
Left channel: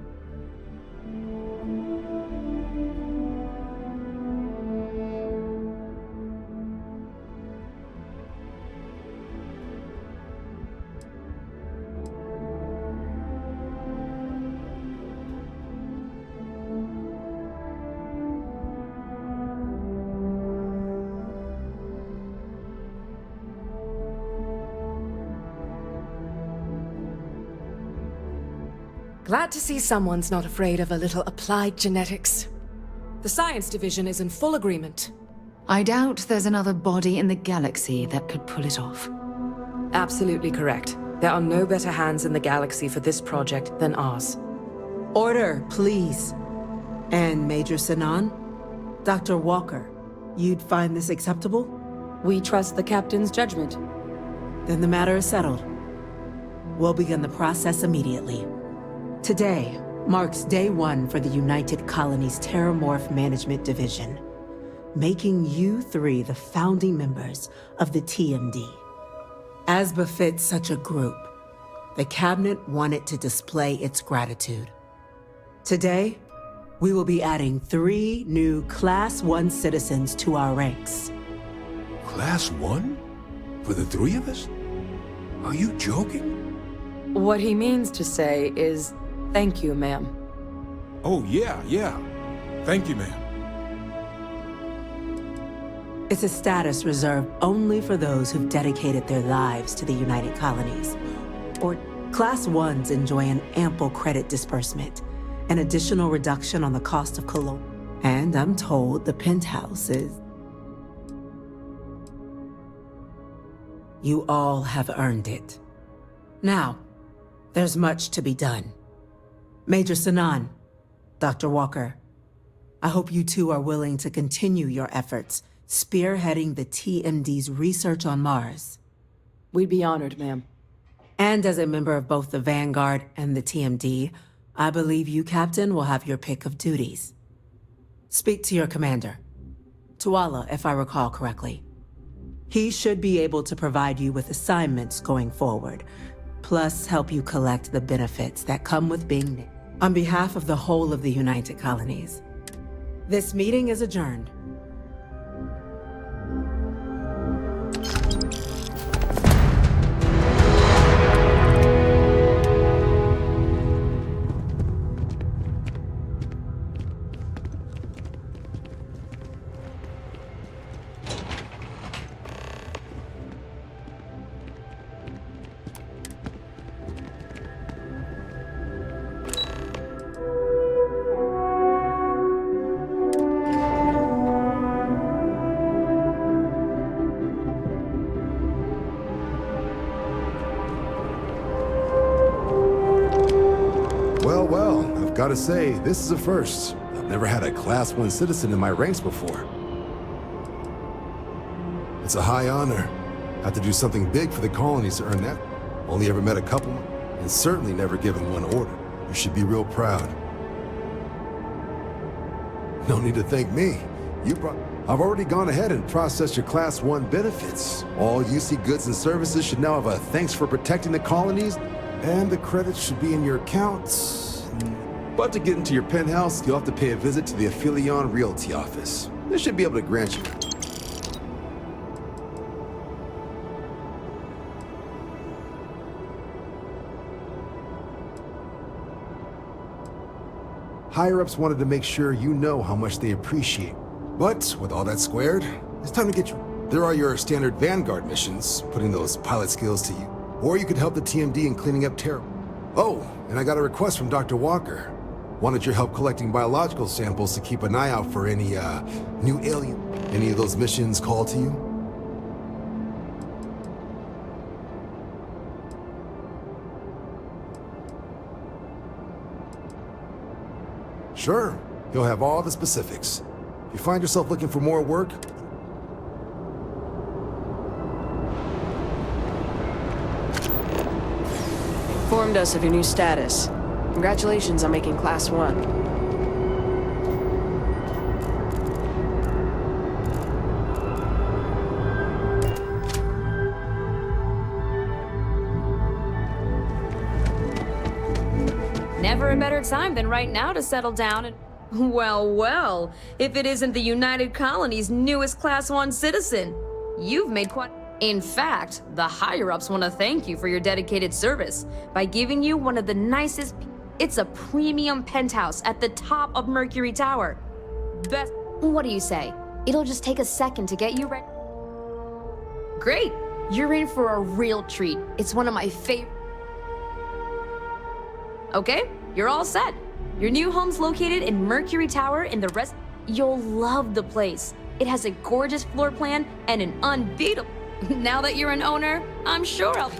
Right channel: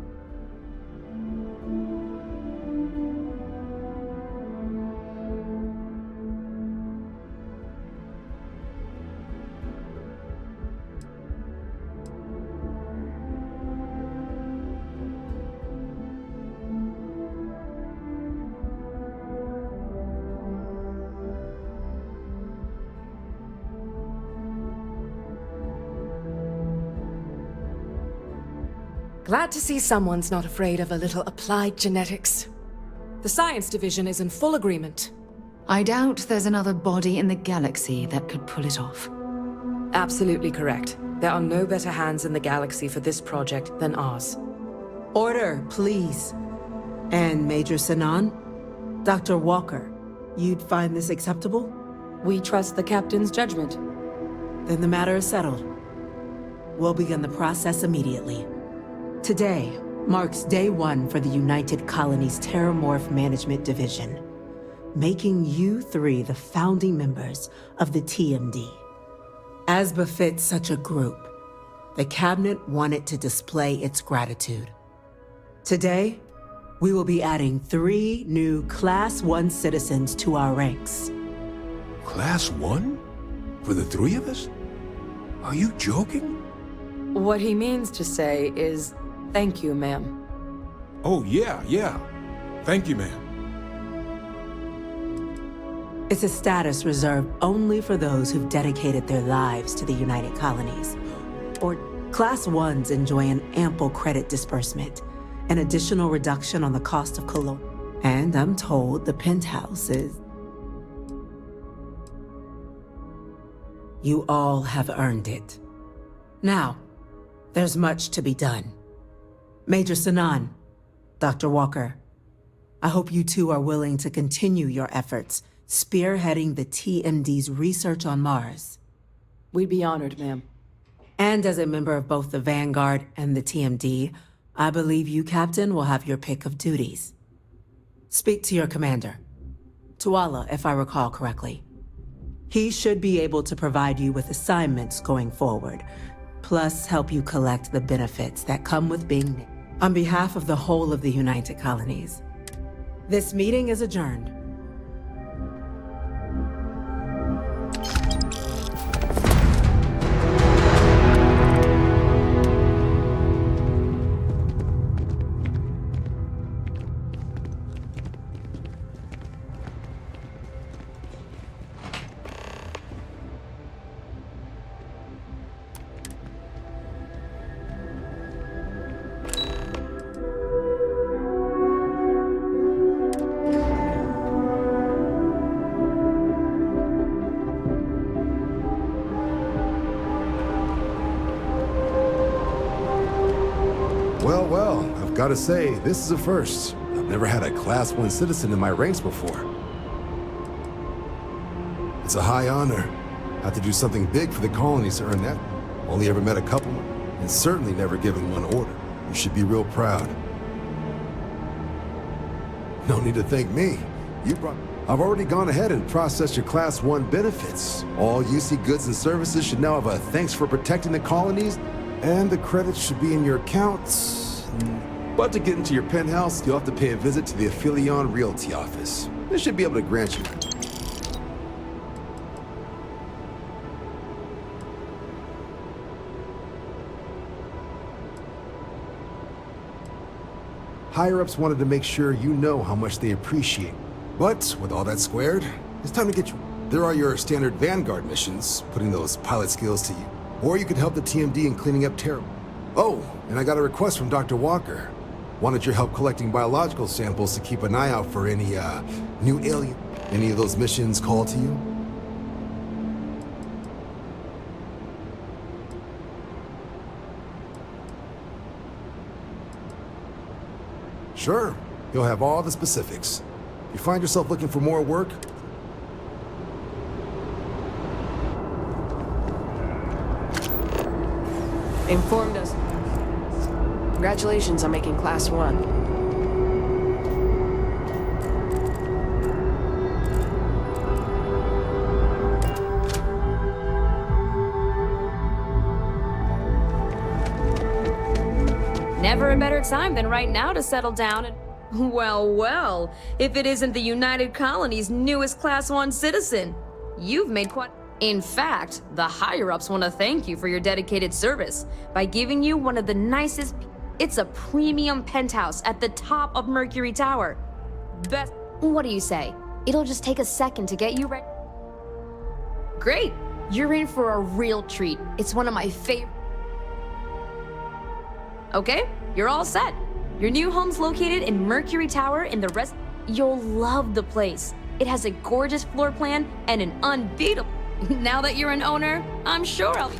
Glad to see someone's not afraid of a little applied genetics. The science division is in full agreement. I doubt there's another body in the galaxy that could pull it off. Absolutely correct. There are no better hands in the galaxy for this project than ours. Order, please. And Major Sinan? Dr. Walker, you'd find this acceptable? We trust the captain's judgment. Then the matter is settled. We'll begin the process immediately. Today marks day one for the United Colonies Terramorph Management Division, making you three the founding members of the TMD. As befits such a group, the Cabinet wanted to display its gratitude. Today, we will be adding 3 new Class 1 citizens to our ranks. Class 1? For the 3 of us? Are you joking? What he means to say is, thank you, ma'am. Oh, yeah. Thank you, ma'am. It's a status reserved only for those who've dedicated their lives to the United Colonies. Or Class 1s enjoy an ample credit disbursement, an additional reduction on the cost of cologne. And I'm told the penthouse is... You all have earned it. Now, there's much to be done. Major Sinan, Dr. Walker, I hope you two are willing to continue your efforts spearheading the TMD's research on Mars. We'd be honored, ma'am. And as a member of both the Vanguard and the TMD, I believe you, Captain, will have your pick of duties. Speak to your commander, Tuala, if I recall correctly. He should be able to provide you with assignments going forward, plus help you collect the benefits that come with being named. On behalf of the whole of the United Colonies, this meeting is adjourned. Well, I've got to say, this is a first. I've never had a Class 1 citizen in my ranks before. It's a high honor. Have to do something big for the colonies to earn that. Only ever met a couple, and certainly never given one order. You should be real proud. No need to thank me. I've already gone ahead and processed your Class 1 benefits. All UC goods and services should now have a thanks for protecting the colonies, and the credits should be in your accounts. But to get into your penthouse, you'll have to pay a visit to the Aphelion Realty office. They should be able to grant you. Higher-ups wanted to make sure you know how much they appreciate. But with all that squared, it's time to get you. There are your standard Vanguard missions, putting those pilot skills to you. Or you could help the TMD in cleaning up terror. Oh, and I got a request from Dr. Walker. Wanted your help collecting biological samples to keep an eye out for any, new alien. Any of those missions call to you? Sure, he'll have all the specifics. If you find yourself looking for more work, Informed us of your new status. Congratulations on making Class 1. Never a better time than right now to settle down and... Well, if it isn't the United Colony's newest Class 1 citizen. You've made quite... In fact, the higher-ups want to thank you for your dedicated service by giving you one of the nicest... It's a premium penthouse at the top of Mercury Tower. Best... What do you say? It'll just take a second to get you ready. Great! You're in for a real treat. It's one of my favorite... Okay, You're all set. Your new home's located in Mercury Tower in the rest. You'll love the place. It has a gorgeous floor plan and an unbeatable. Now that you're an owner, I'm sure I'll.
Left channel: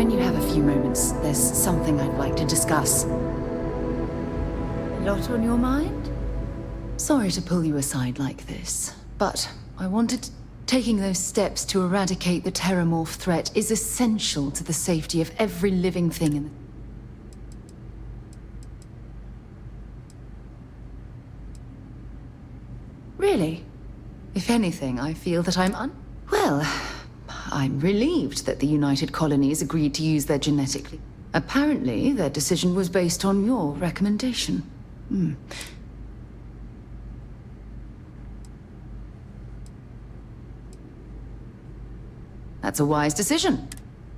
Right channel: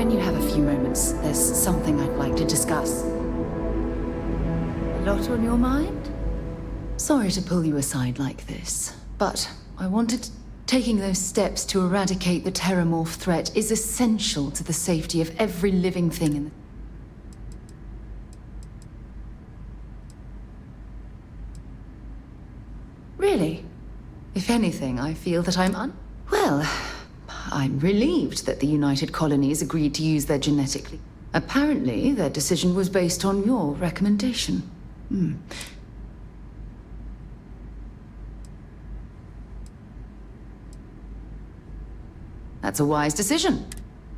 When you have a few moments, there's something I'd like to discuss. A lot on your mind? Sorry to pull you aside like this, but I wanted to... Taking those steps to eradicate the Terramorph threat is essential to the safety of every living thing in the... Really? If anything, I feel that Well, I'm relieved that the United Colonies agreed to use their genetically... Apparently, their decision was based on your recommendation. That's a wise decision.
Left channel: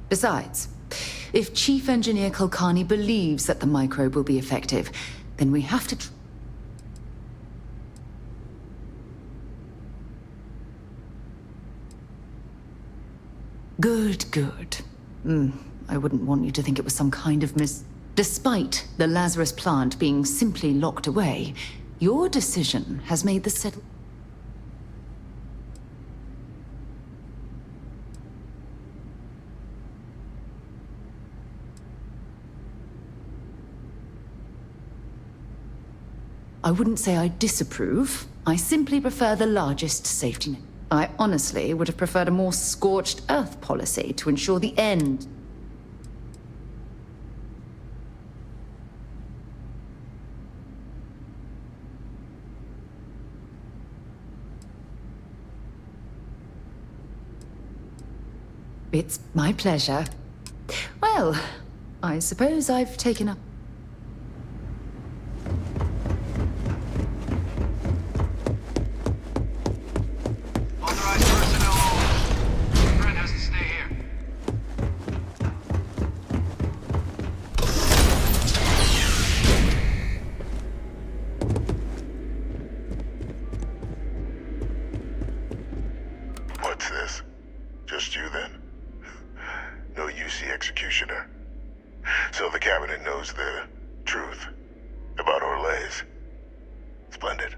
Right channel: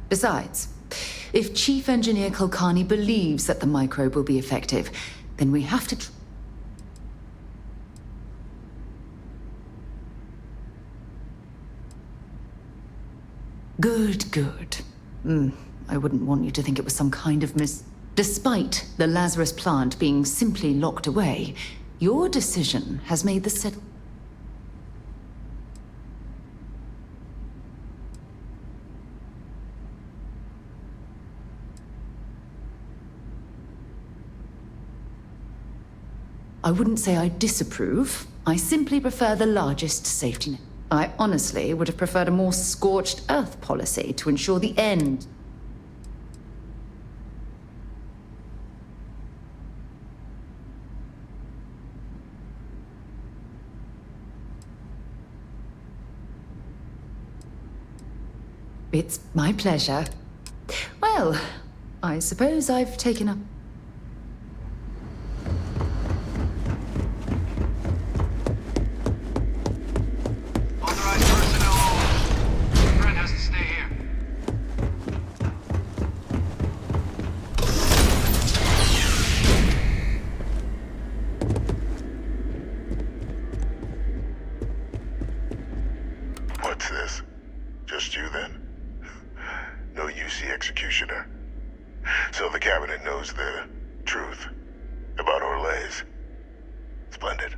Besides, if Chief Engineer Kulkarni believes that the microbe will be effective, then we have to... Good. I wouldn't want you to think it was some kind of Despite the Lazarus plant being simply locked away, your decision has made the settle... I wouldn't say I disapprove. I simply prefer the largest safety net. I honestly would have preferred a more scorched earth policy to ensure the end. It's my pleasure. Well, I suppose I've taken up... Authorized personnel only. Brent has to stay here. What's this? Just you then? No UC executioner. So the cabinet knows the truth about Orlays. Splendid.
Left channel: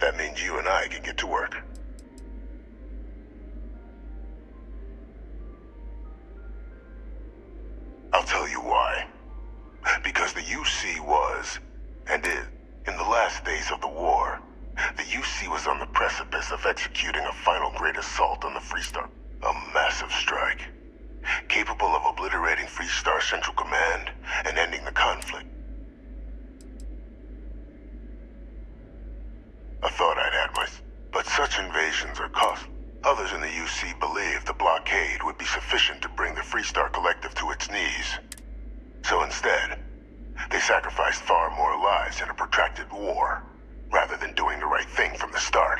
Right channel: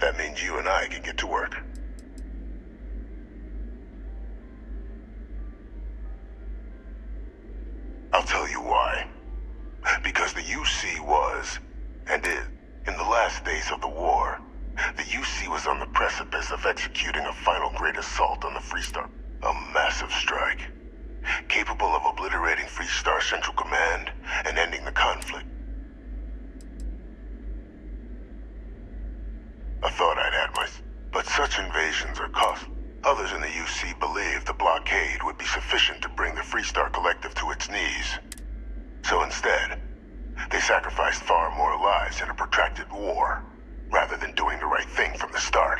That means you and I can get to work. I'll tell you why. Because the UC was, and is, in the last days of the war, the UC was on the precipice of executing a final great assault on the Freestar. A massive strike, capable of obliterating Freestar Central Command and ending the conflict. I thought I'd had my... But such invasions are costly. Others in the UC believed the blockade would be sufficient to bring the Freestar Collective to its knees. So instead, they sacrificed far more lives in a protracted war, rather than doing the right thing from the start,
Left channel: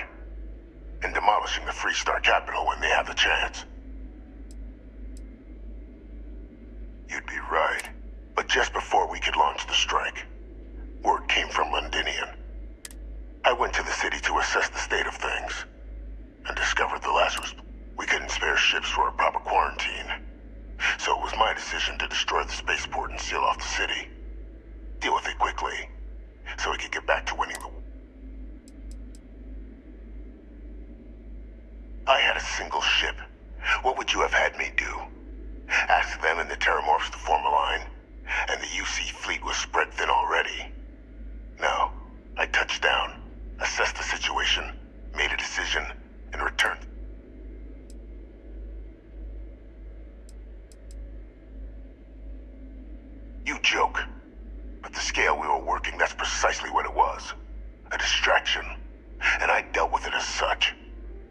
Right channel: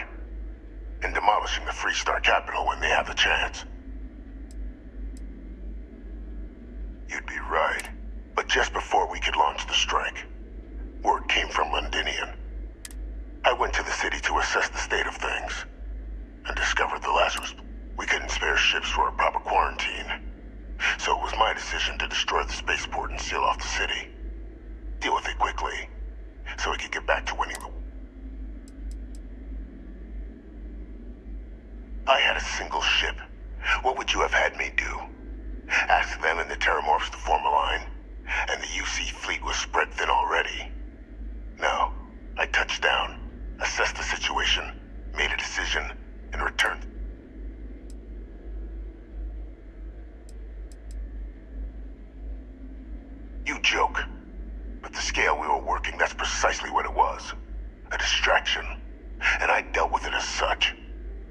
and demolishing the Freestar capital when they have the chance. You'd be right, but just before we could launch the strike, word came from Londinian. I went to the city to assess the state of things, and discovered the Lazarus. We couldn't spare ships for a proper quarantine, so it was my decision to destroy the spaceport and seal off the city. Deal with it quickly, so we could get back to winning the war. I had a single ship. What would you have had me do? Ask them and the Terramorphs to form a line, and the UC fleet was spread thin already. No, I touched down, assessed the situation, made a decision, and returned. You joke, but the scale we were working, that's precisely what it was. A distraction, and I dealt with it as such.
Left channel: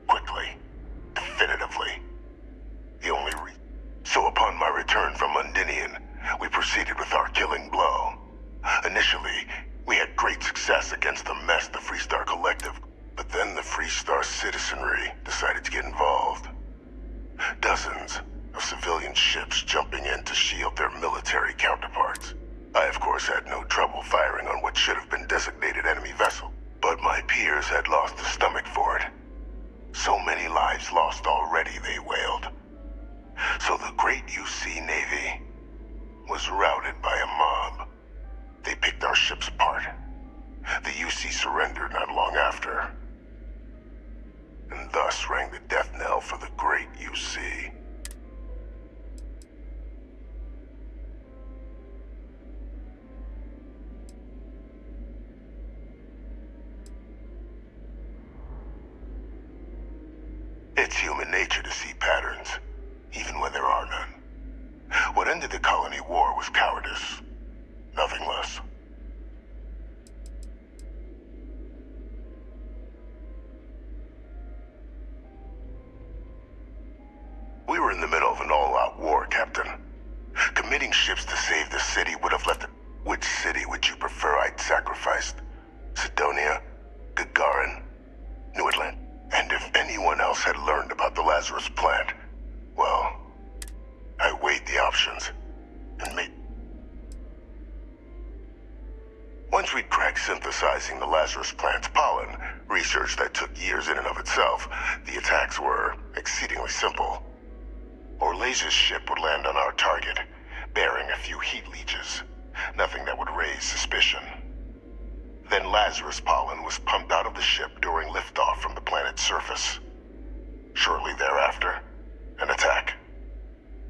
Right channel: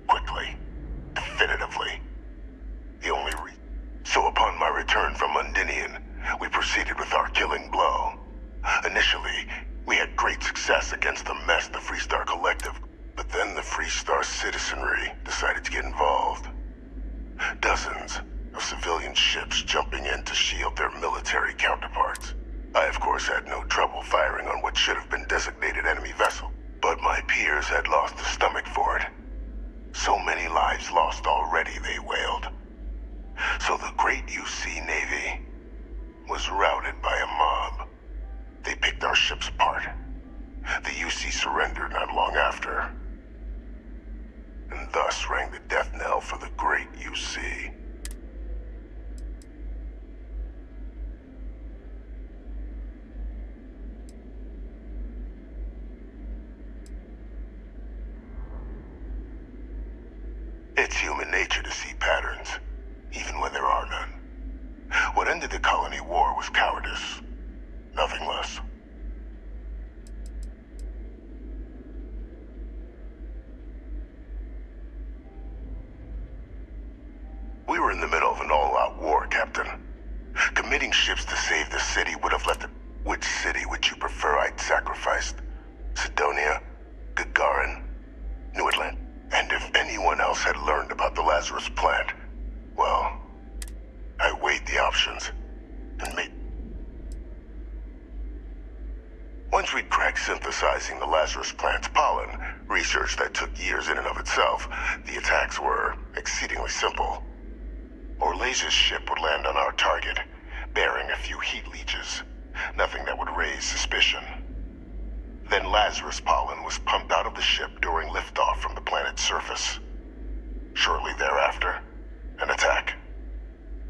Quickly. Definitively. The only reason. So upon my return from Londinian, we proceeded with our killing blow. Initially, we had great success against the mess the Freestar Collective, but then the Freestar citizenry decided to get involved. Dozens of civilian ships jumping in to shield their military counterparts. I, of course, had no trouble firing on what should have been designated enemy vessel, but my peers had lost the stomach for it. So many lives lost already, they wailed. So the great UC Navy was routed by a mob. They picked our ships apart. The UC surrendered not long after, and thus rang the death knell for the great UC. It's human nature to see patterns, even when there are none. What ended the colony war was cowardice, nothing less. We were in the middle of an all-out war, Captain. Committing ships to save the city would have left it. Which city would you prefer I'd sacrificed? Sidonia? Gagarin? New Atlantis? And if anyone else had learned about the Lazarus plant, well, I weighed the options and made... Once we'd cracked synthesizing the Lazarus plant's pollen, research that took years in and of itself, the attacks were exceedingly simple. Orlays' ship would land on our target, bearing a few heat leeches, nothing that would raise suspicion. Then Lazarus pollen was pumped out of the ship during liftoff from the planet's surface. Shortly thereafter, an attack.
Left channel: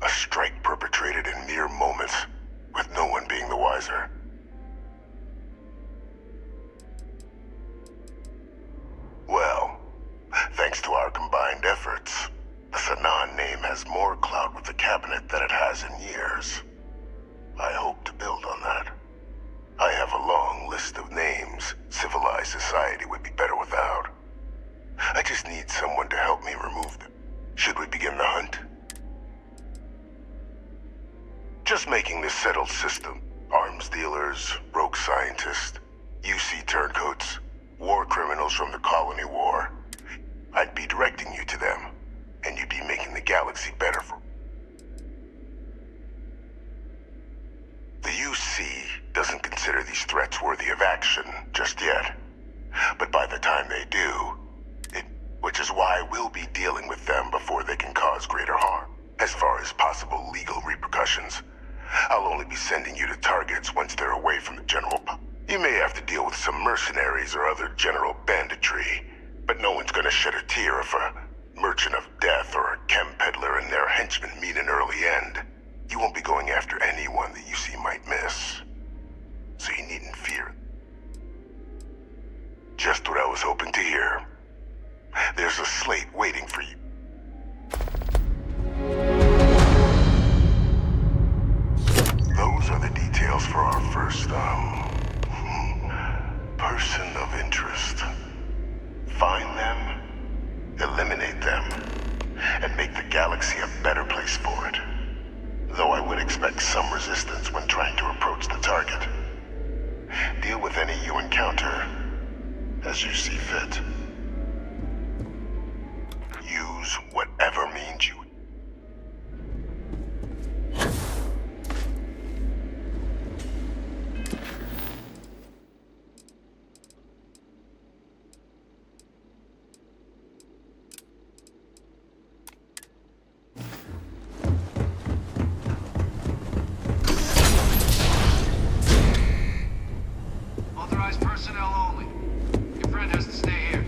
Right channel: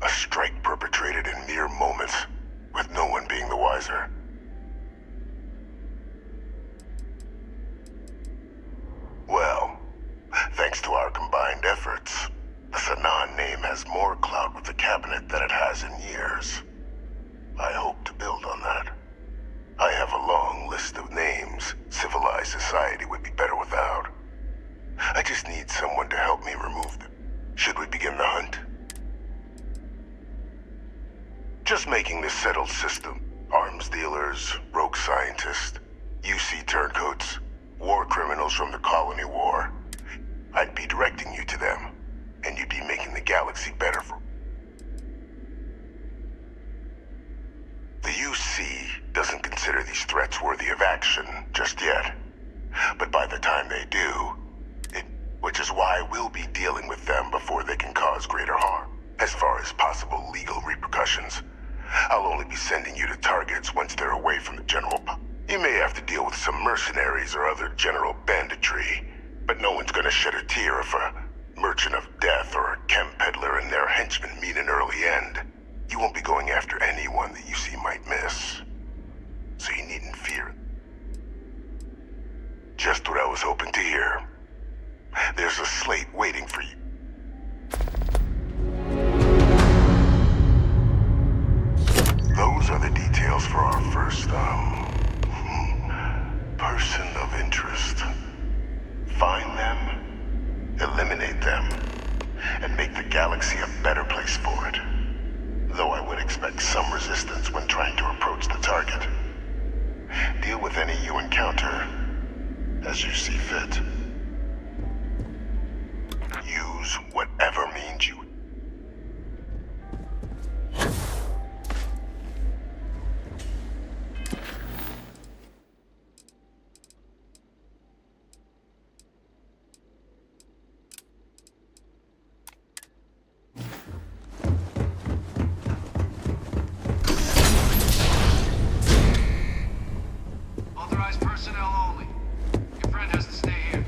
A strike perpetrated in mere moments, with no one being the wiser. Well, thanks to our combined efforts, the Sanan name has more clout with the cabinet than it has in years. I hope to build on that. I have a long list of names civilized society would be better without. I just need someone to help me remove them. Should we begin the hunt? Just making this settled system. Arms dealers, rogue scientists, UC turncoats, war criminals from the Colony War. I'd be directing you to them, and you'd be making the galaxy better for... The UC doesn't consider these threats worthy of action just yet. But by the time they do, which is why we'll be dealing with them before they can cause greater harm. As far as possible legal repercussions, I'll only be sending you to targets once they're away from the general public. You may have to deal with some mercenaries or other general banditry, but no one's gonna shed a tear if a merchant of death or a chem peddler and their henchmen meet an early end. You won't be going after anyone that you see might miss. So you needn't fear. Just what I was hoping to hear. There's a slate waiting for you. Those are the details for our first, person of interest. Find them, eliminate them, and make the galaxy a better place for it. Though I would expect some resistance when trying to approach the target. Deal with any you encounter as you see fit. Use whatever means you... Authorized personnel only. Your friend has to stay here.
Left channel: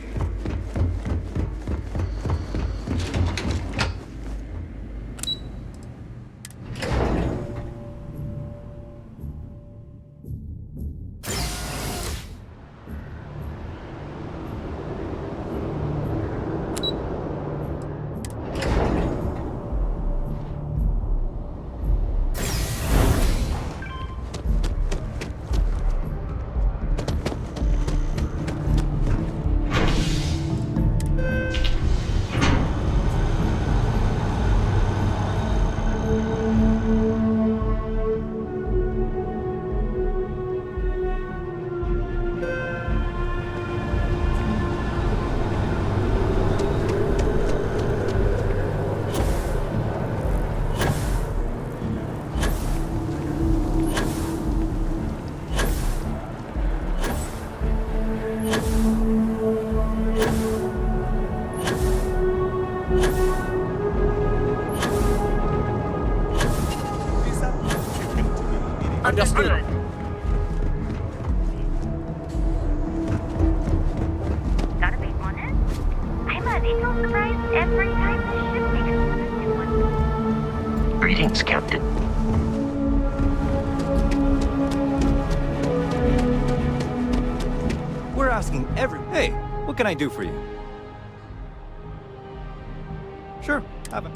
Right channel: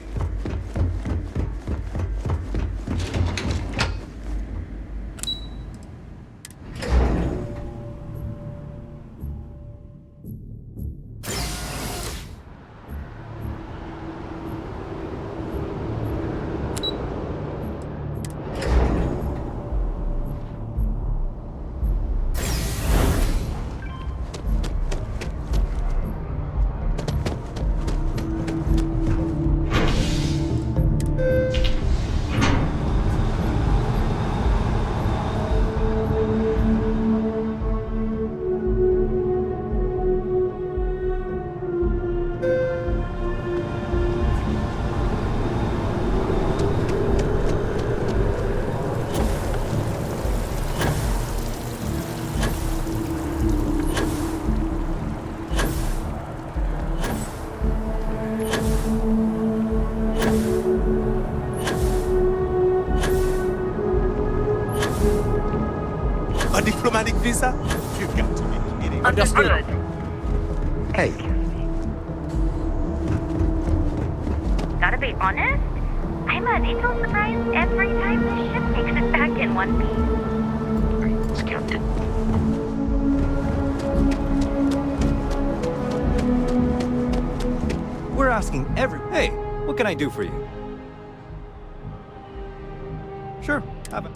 Understood. Hey. Gotta be honest, I'm a little surprised every time this ship makes it back in one piece. Greetings, Captain. We're asking every... Hey, what can I do for you? Sure, have it.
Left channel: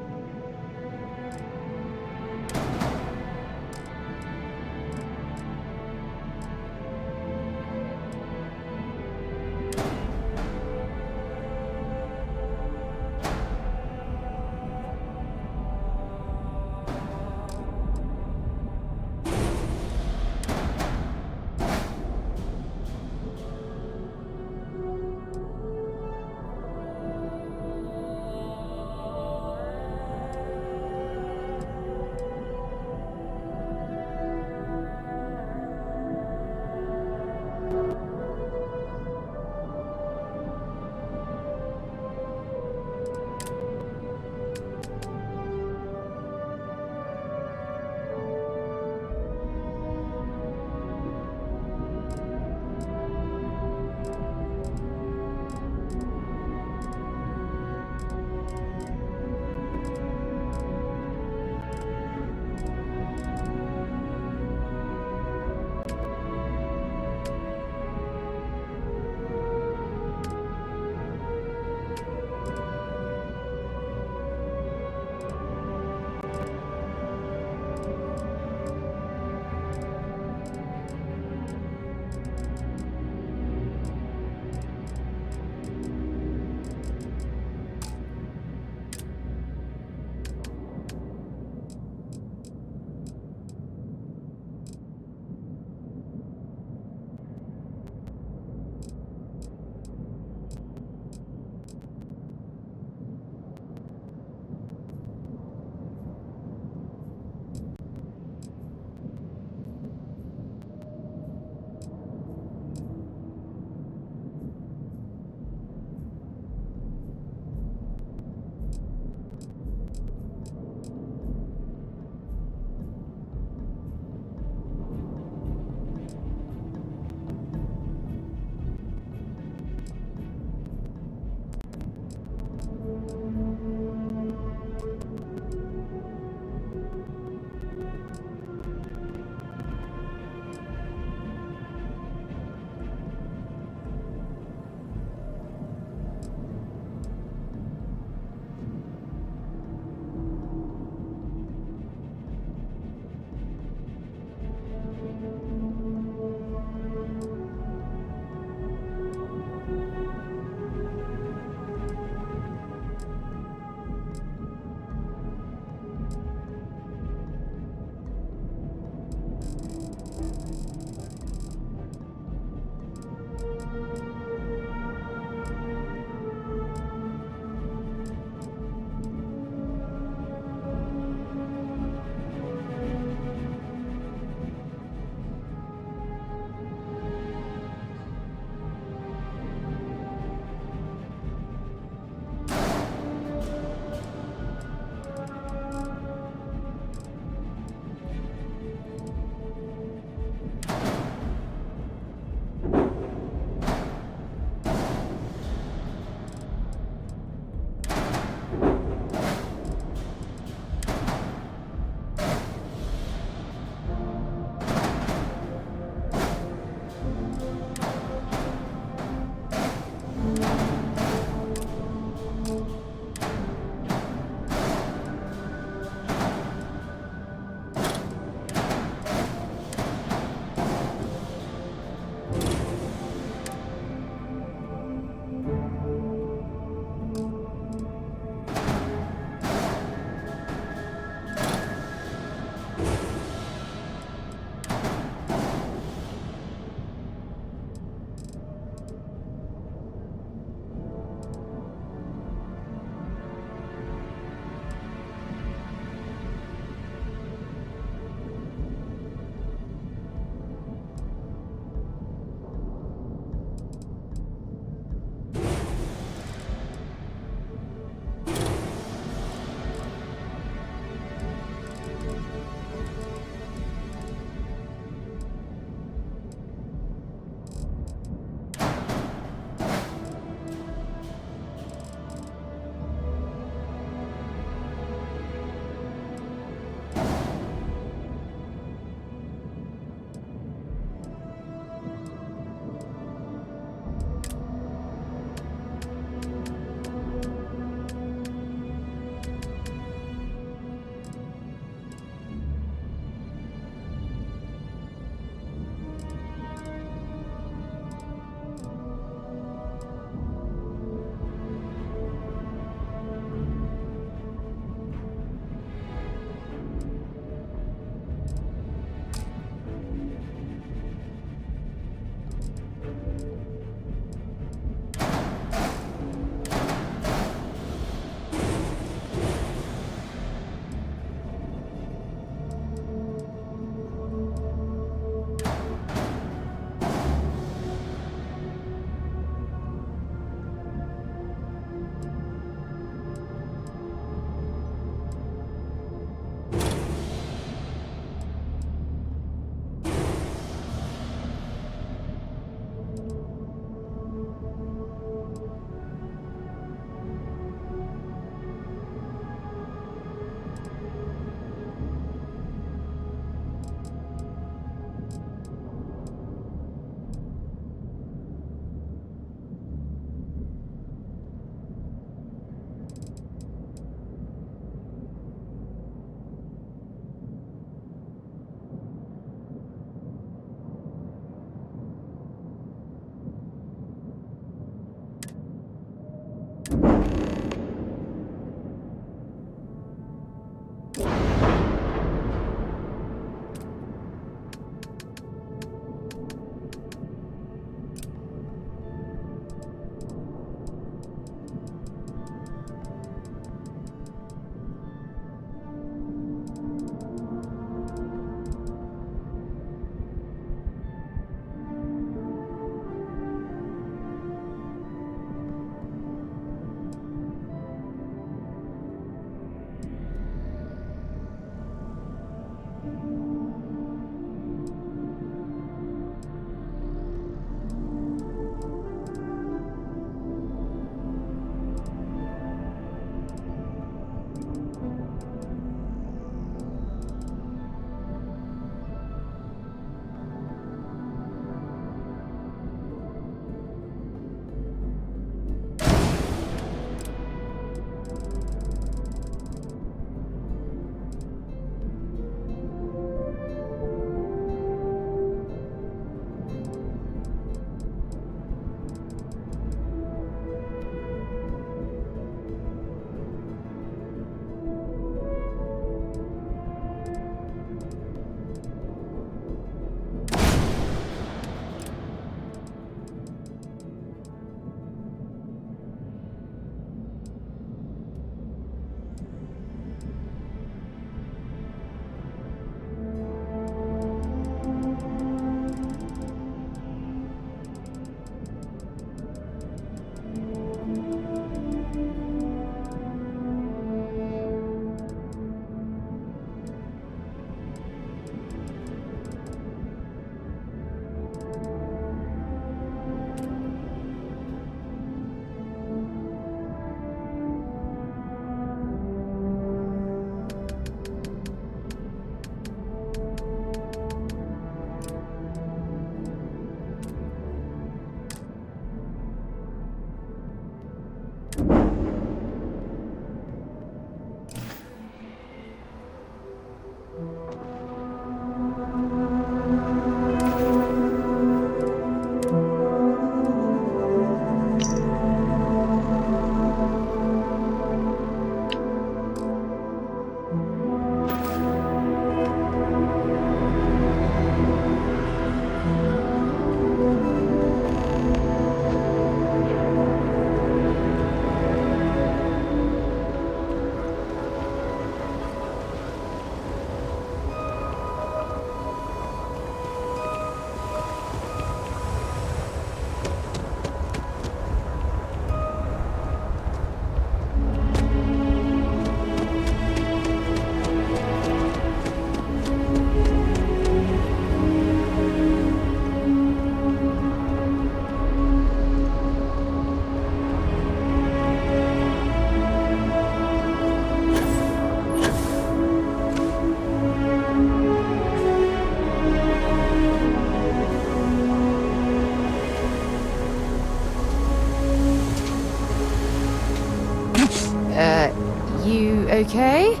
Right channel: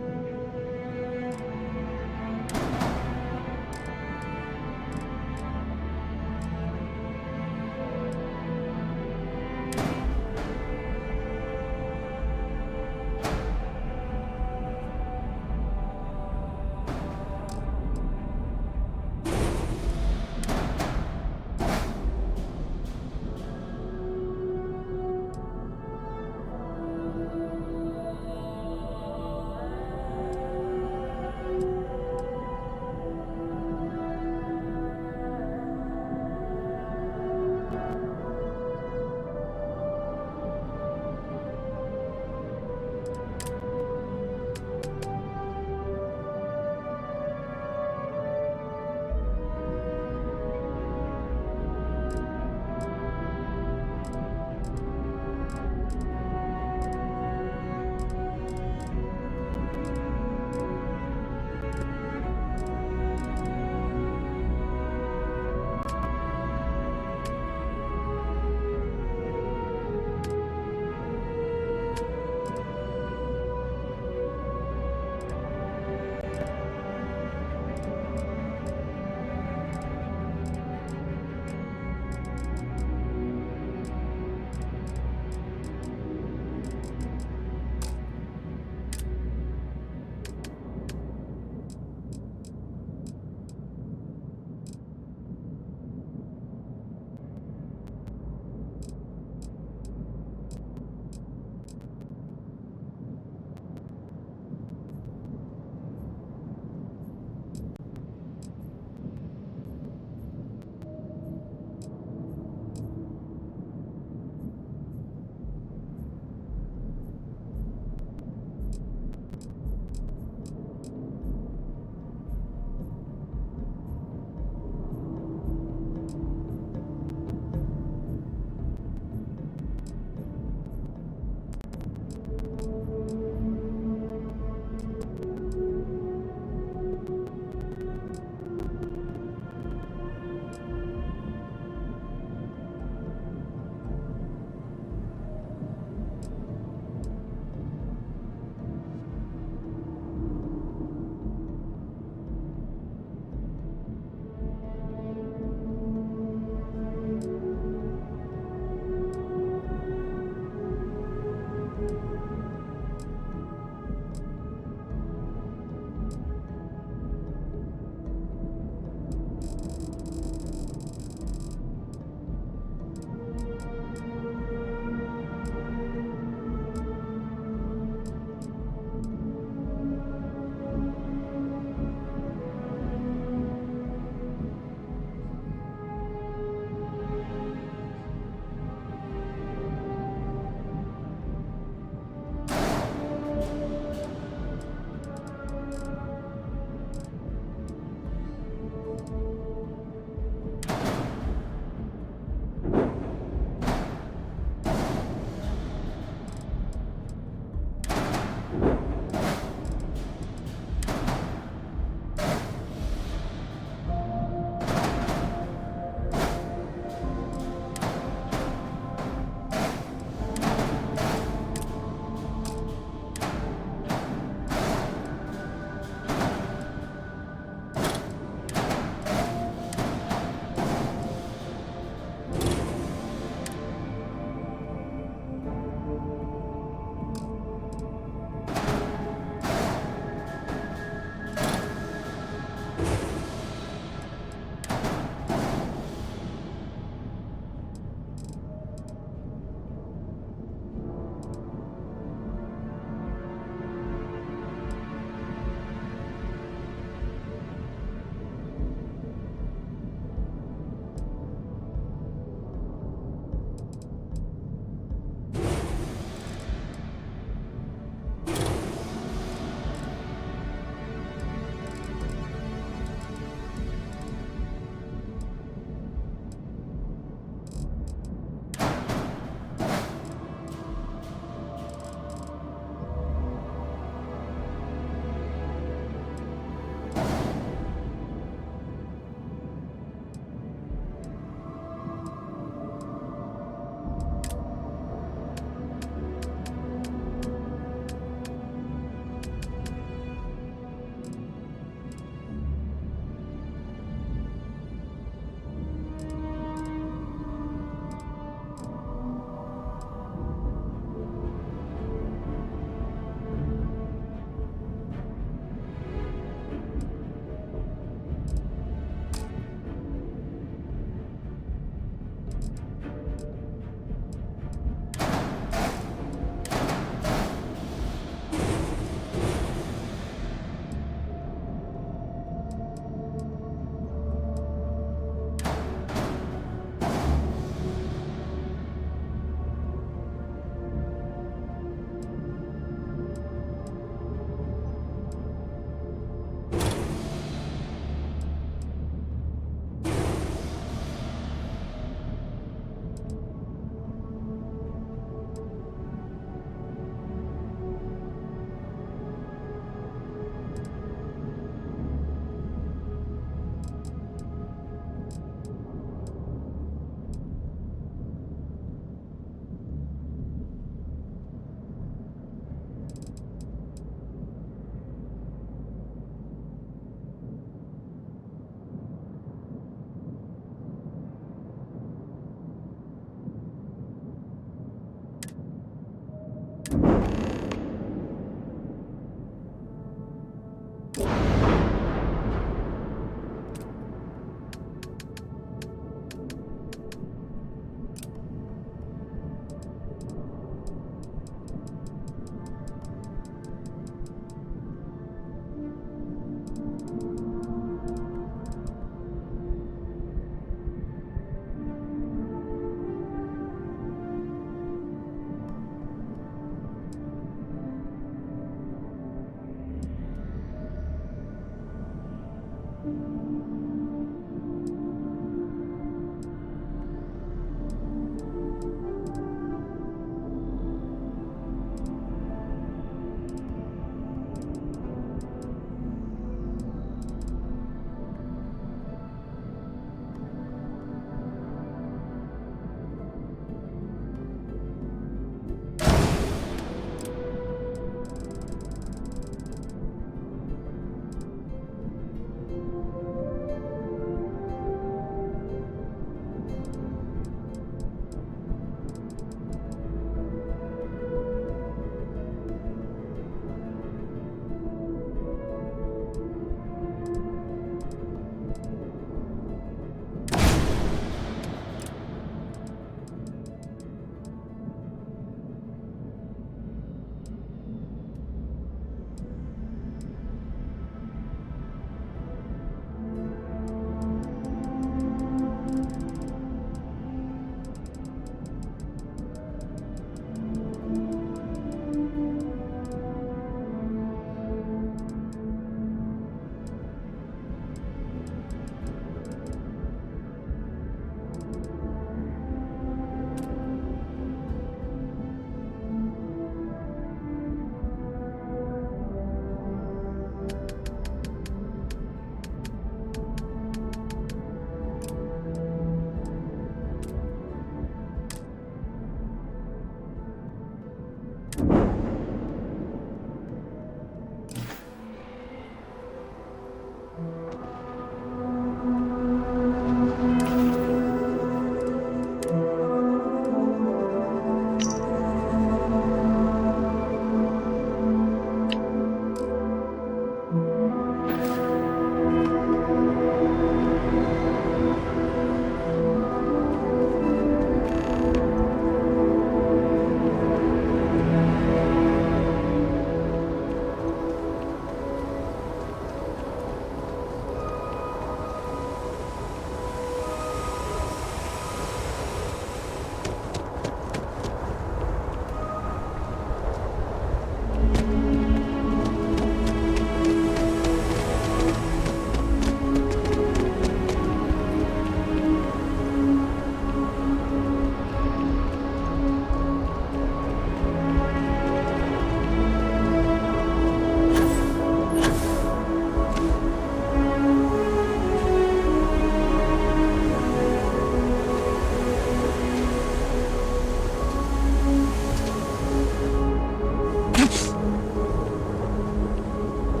okay?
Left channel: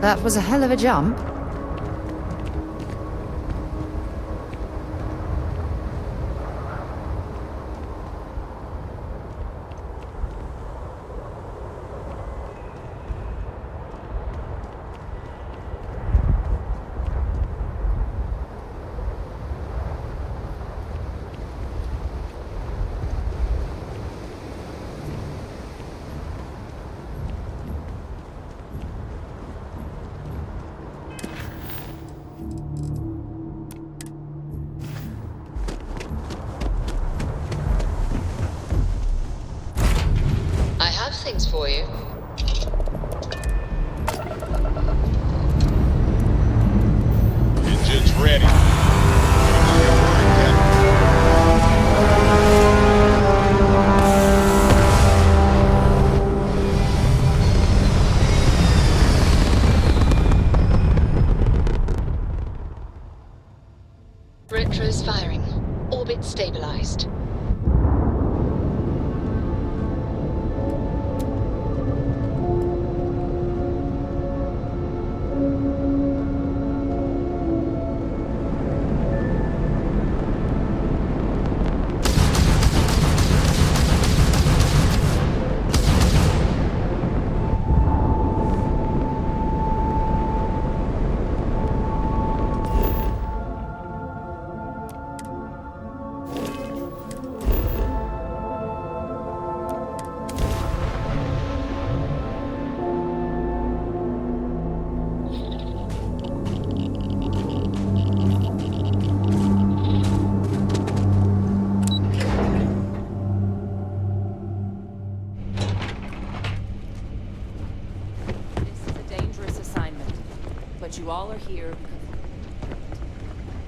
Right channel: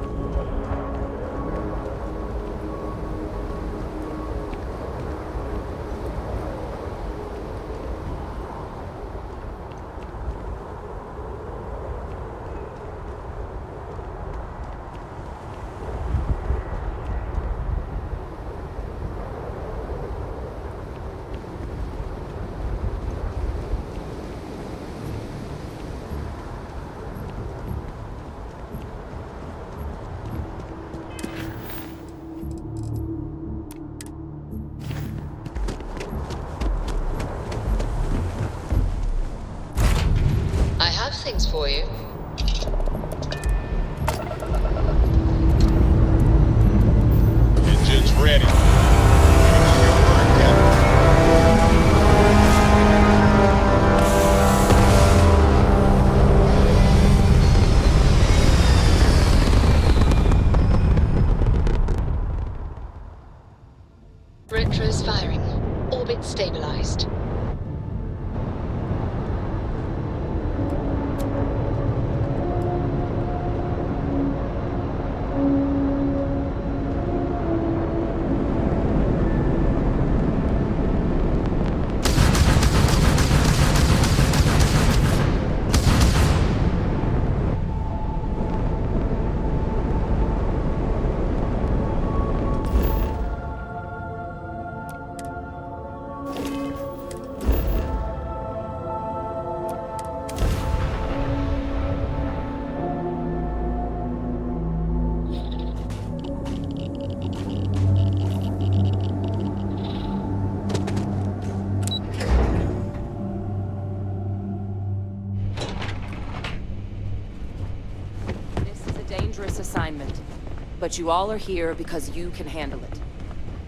That was a hell of a jump. I have things for you. Engine's ready. Your word, Retros firing. Orbit stabilized. But you all are here because you can handle it.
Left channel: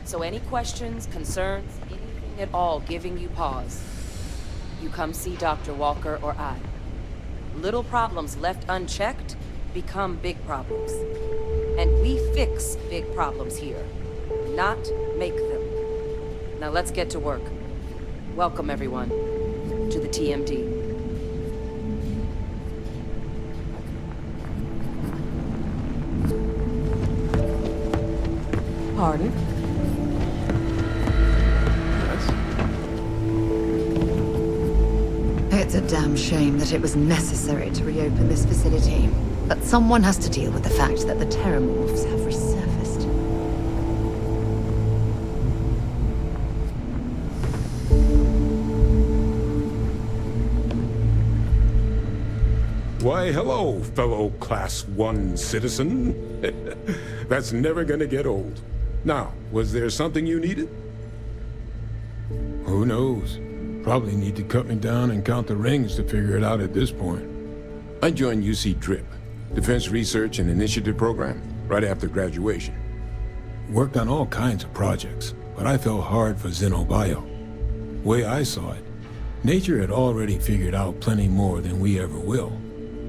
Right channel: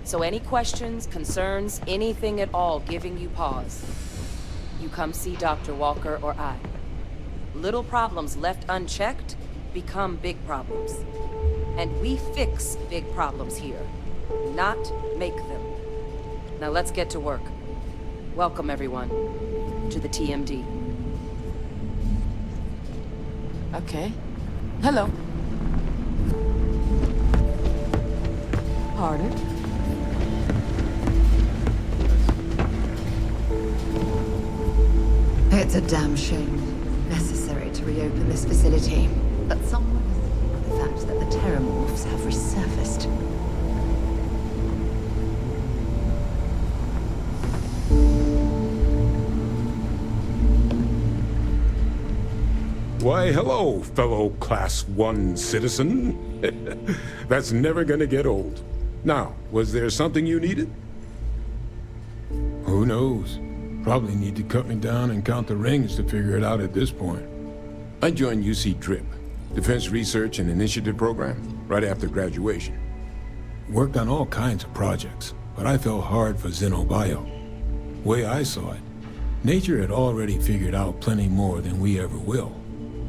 So any questions, concerns, anything at all giving you pause, you come see Dr. Walker or I. Little problems left unchecked become big problems. And we fix big problems here, not make them. Now let's get to work. Welcome everyone to the TMD. Okay. Hello. Pardon? It's a damn shame that it was necessary to reopen this facility. But someone has to deal with the fact that the Terramorphs have resurfaced. Why, hello, fellow Class 1 citizen. That's never gonna get old. Now, was there something you needed? Who knows? Probably need to cut me down and count the rings to figure it out at this point. I joined UC DRIP, Defense Research and Initiative Program, right after graduation. Worked on all kinds of projects, but I fell hard for Xenobio. Way I saw it, nature had already figured out plenty more than we ever will.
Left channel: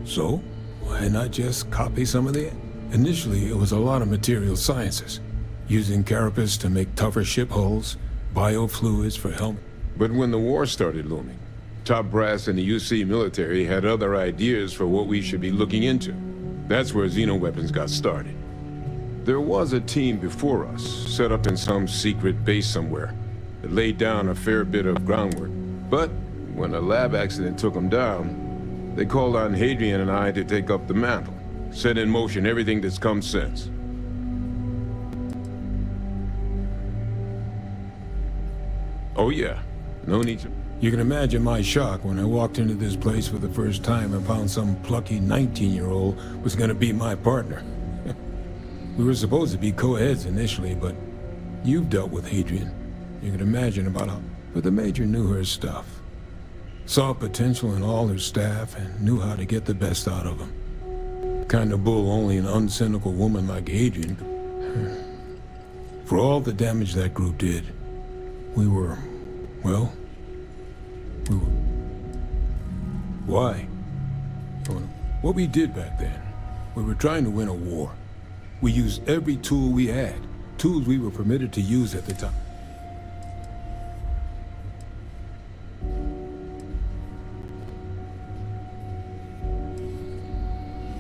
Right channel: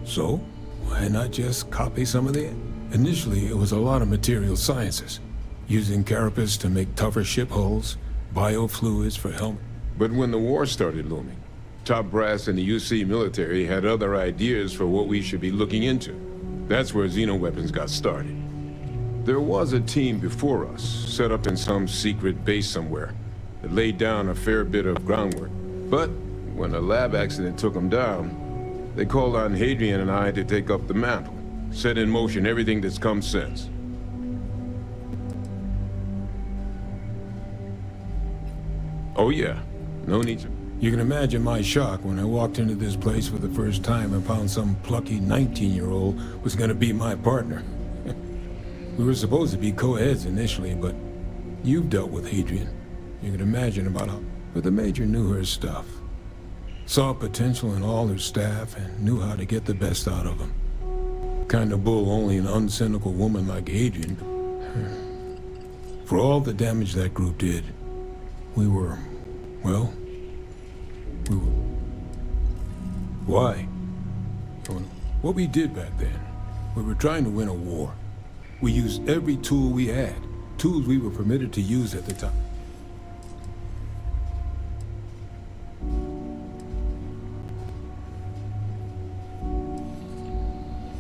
So, why not just copy some of that? Initially, it was a lot of material sciences, using carapace to make tougher ship hulls, biofluids for helmets. But when the war started looming, top brass in the UC military had other ideas for what we should be looking into. That's where xenoweapons got started. There was a team before us, set up in some secret base somewhere, that laid down a fair bit of groundwork. But when a lab accident took them down, they called on Hadrian and I to take up the mantle, set in motion everything that's come since. Oh yeah, no need to... You can imagine my shock when I walked into this place for the first time and found some plucky 19-year-old was gonna be my partner. We were supposed to be co-heads initially, but you've dealt with Hadrian. You can imagine about how... But the Major knew her stuff. Saw potential in all her staff and knew how to get the best out of them. Kind of bull only an uncynical woman like Hadrian could... For all the damage that group did, we were... well... we were... Why? What we did back then, we were trying to win a war. We used every tool we had, tools we were permitted to use at the time.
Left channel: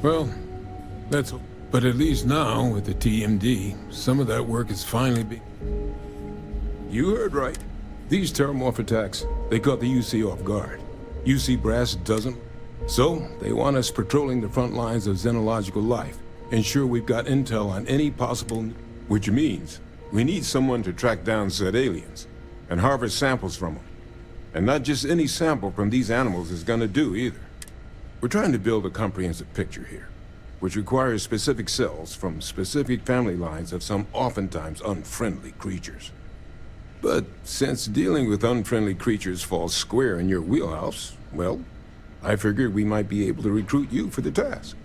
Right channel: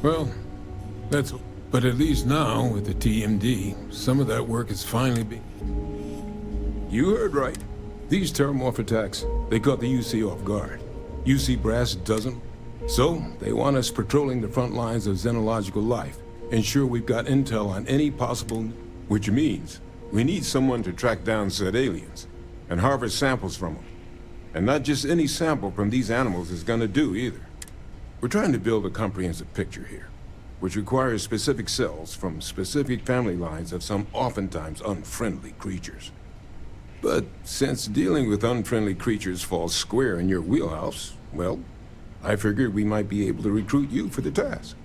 Well, But at least now, with the TMD, some of that work is finally being... You heard right. These terramorph attacks, they caught the UC off guard. UC brass doesn't... So, they want us patrolling the front lines of xenological life, ensure we've got intel on any possible... Which means, we need someone to track down said aliens, and harvest samples from them. And not just any sample from these animals is gonna do, either. We're trying to build a comprehensive picture here, which requires specific cells from specific family lines of some oftentimes unfriendly creatures. But since dealing with unfriendly creatures falls square in your wheelhouse, well, I figured we might be able to recruit you for the task.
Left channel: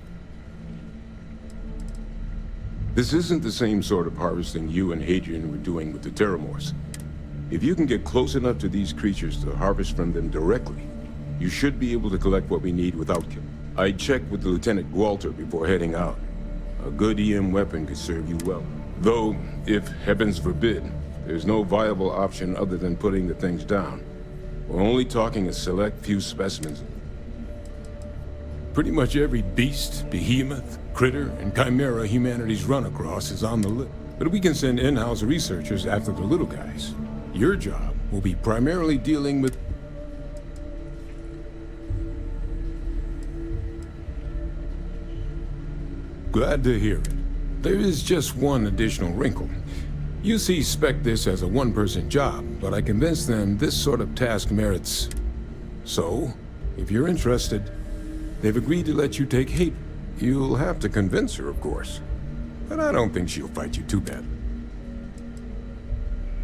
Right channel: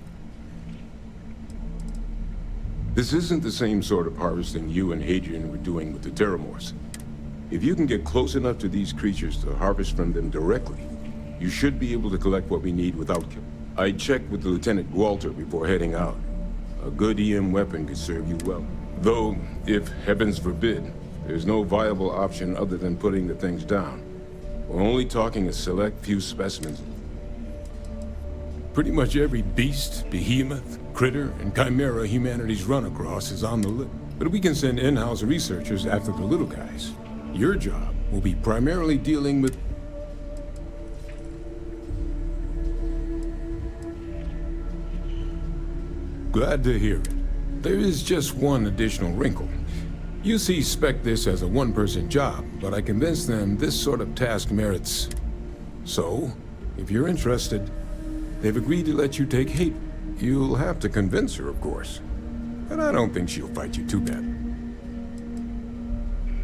This isn't the same sort of harvesting you and Hadrian were doing with the Terramorphs. If you can get close enough to these creatures to harvest from them directly, you should be able to collect what we need without killing. I checked with Lieutenant Walter before heading out. A good EM weapon could serve you well. Though, if heavens forbid, there's no viable option other than putting the things down. We're only talking a select few specimens. Pretty much every beast, behemoth, critter, and chimera humanity's run across is on the list. But we can send in-house researchers after the little guys. Your job will be primarily dealing with... Glad to hear it. There is just one additional wrinkle. UC spec this as a one-person job, but I convinced them this sort of task merits... So, if you're interested, they've agreed to let you take Hate. You'll have to convince her, of course. But I don't think she'll fight you too bad.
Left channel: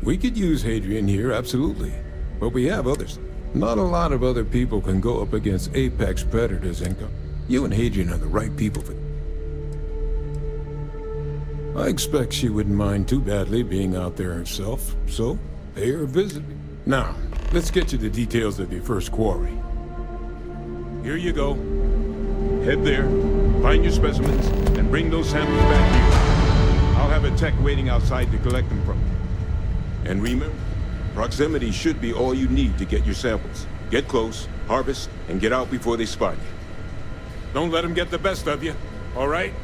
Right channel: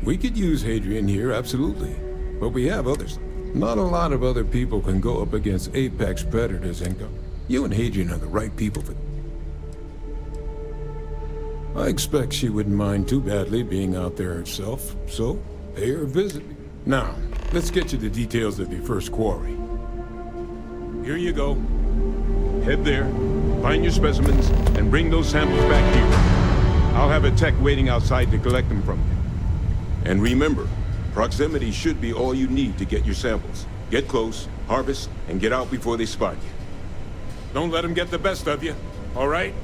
We could use Hadrian here, absolutely. But we have others. Not a lot of other people can go up against apex predators and go. You and Hadrian are the right people for... I expect she wouldn't mind too badly being out there herself, so pay her a visit. Now, let's get you the details of your first quarry. Here you go. Head there, find your specimens, and bring those samples back here. I'll have a tech waiting outside to collect them from you. And remember, proximity should be all you need to get your samples. Get close, harvest, and get out before they spot you. Don't let them get the best of you, all right?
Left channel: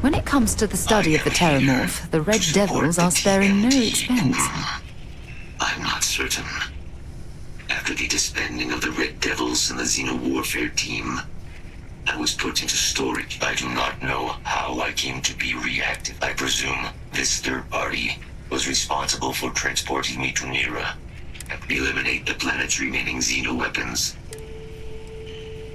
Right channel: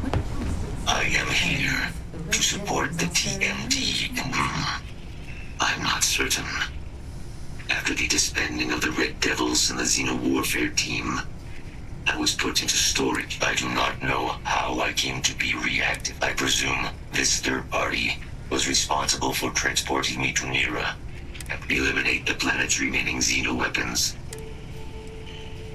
When it comes to the study of the Terramorph, the Red Devils are sparing no expense. I'm not certain. After the disbanding of the Red Devils and the Xeno Warfare team, I was put into storage. I do not know how I came to be reactive. I presume this third party was responsible for transporting me to Nira and eliminate the planet's remaining Xeno weapons.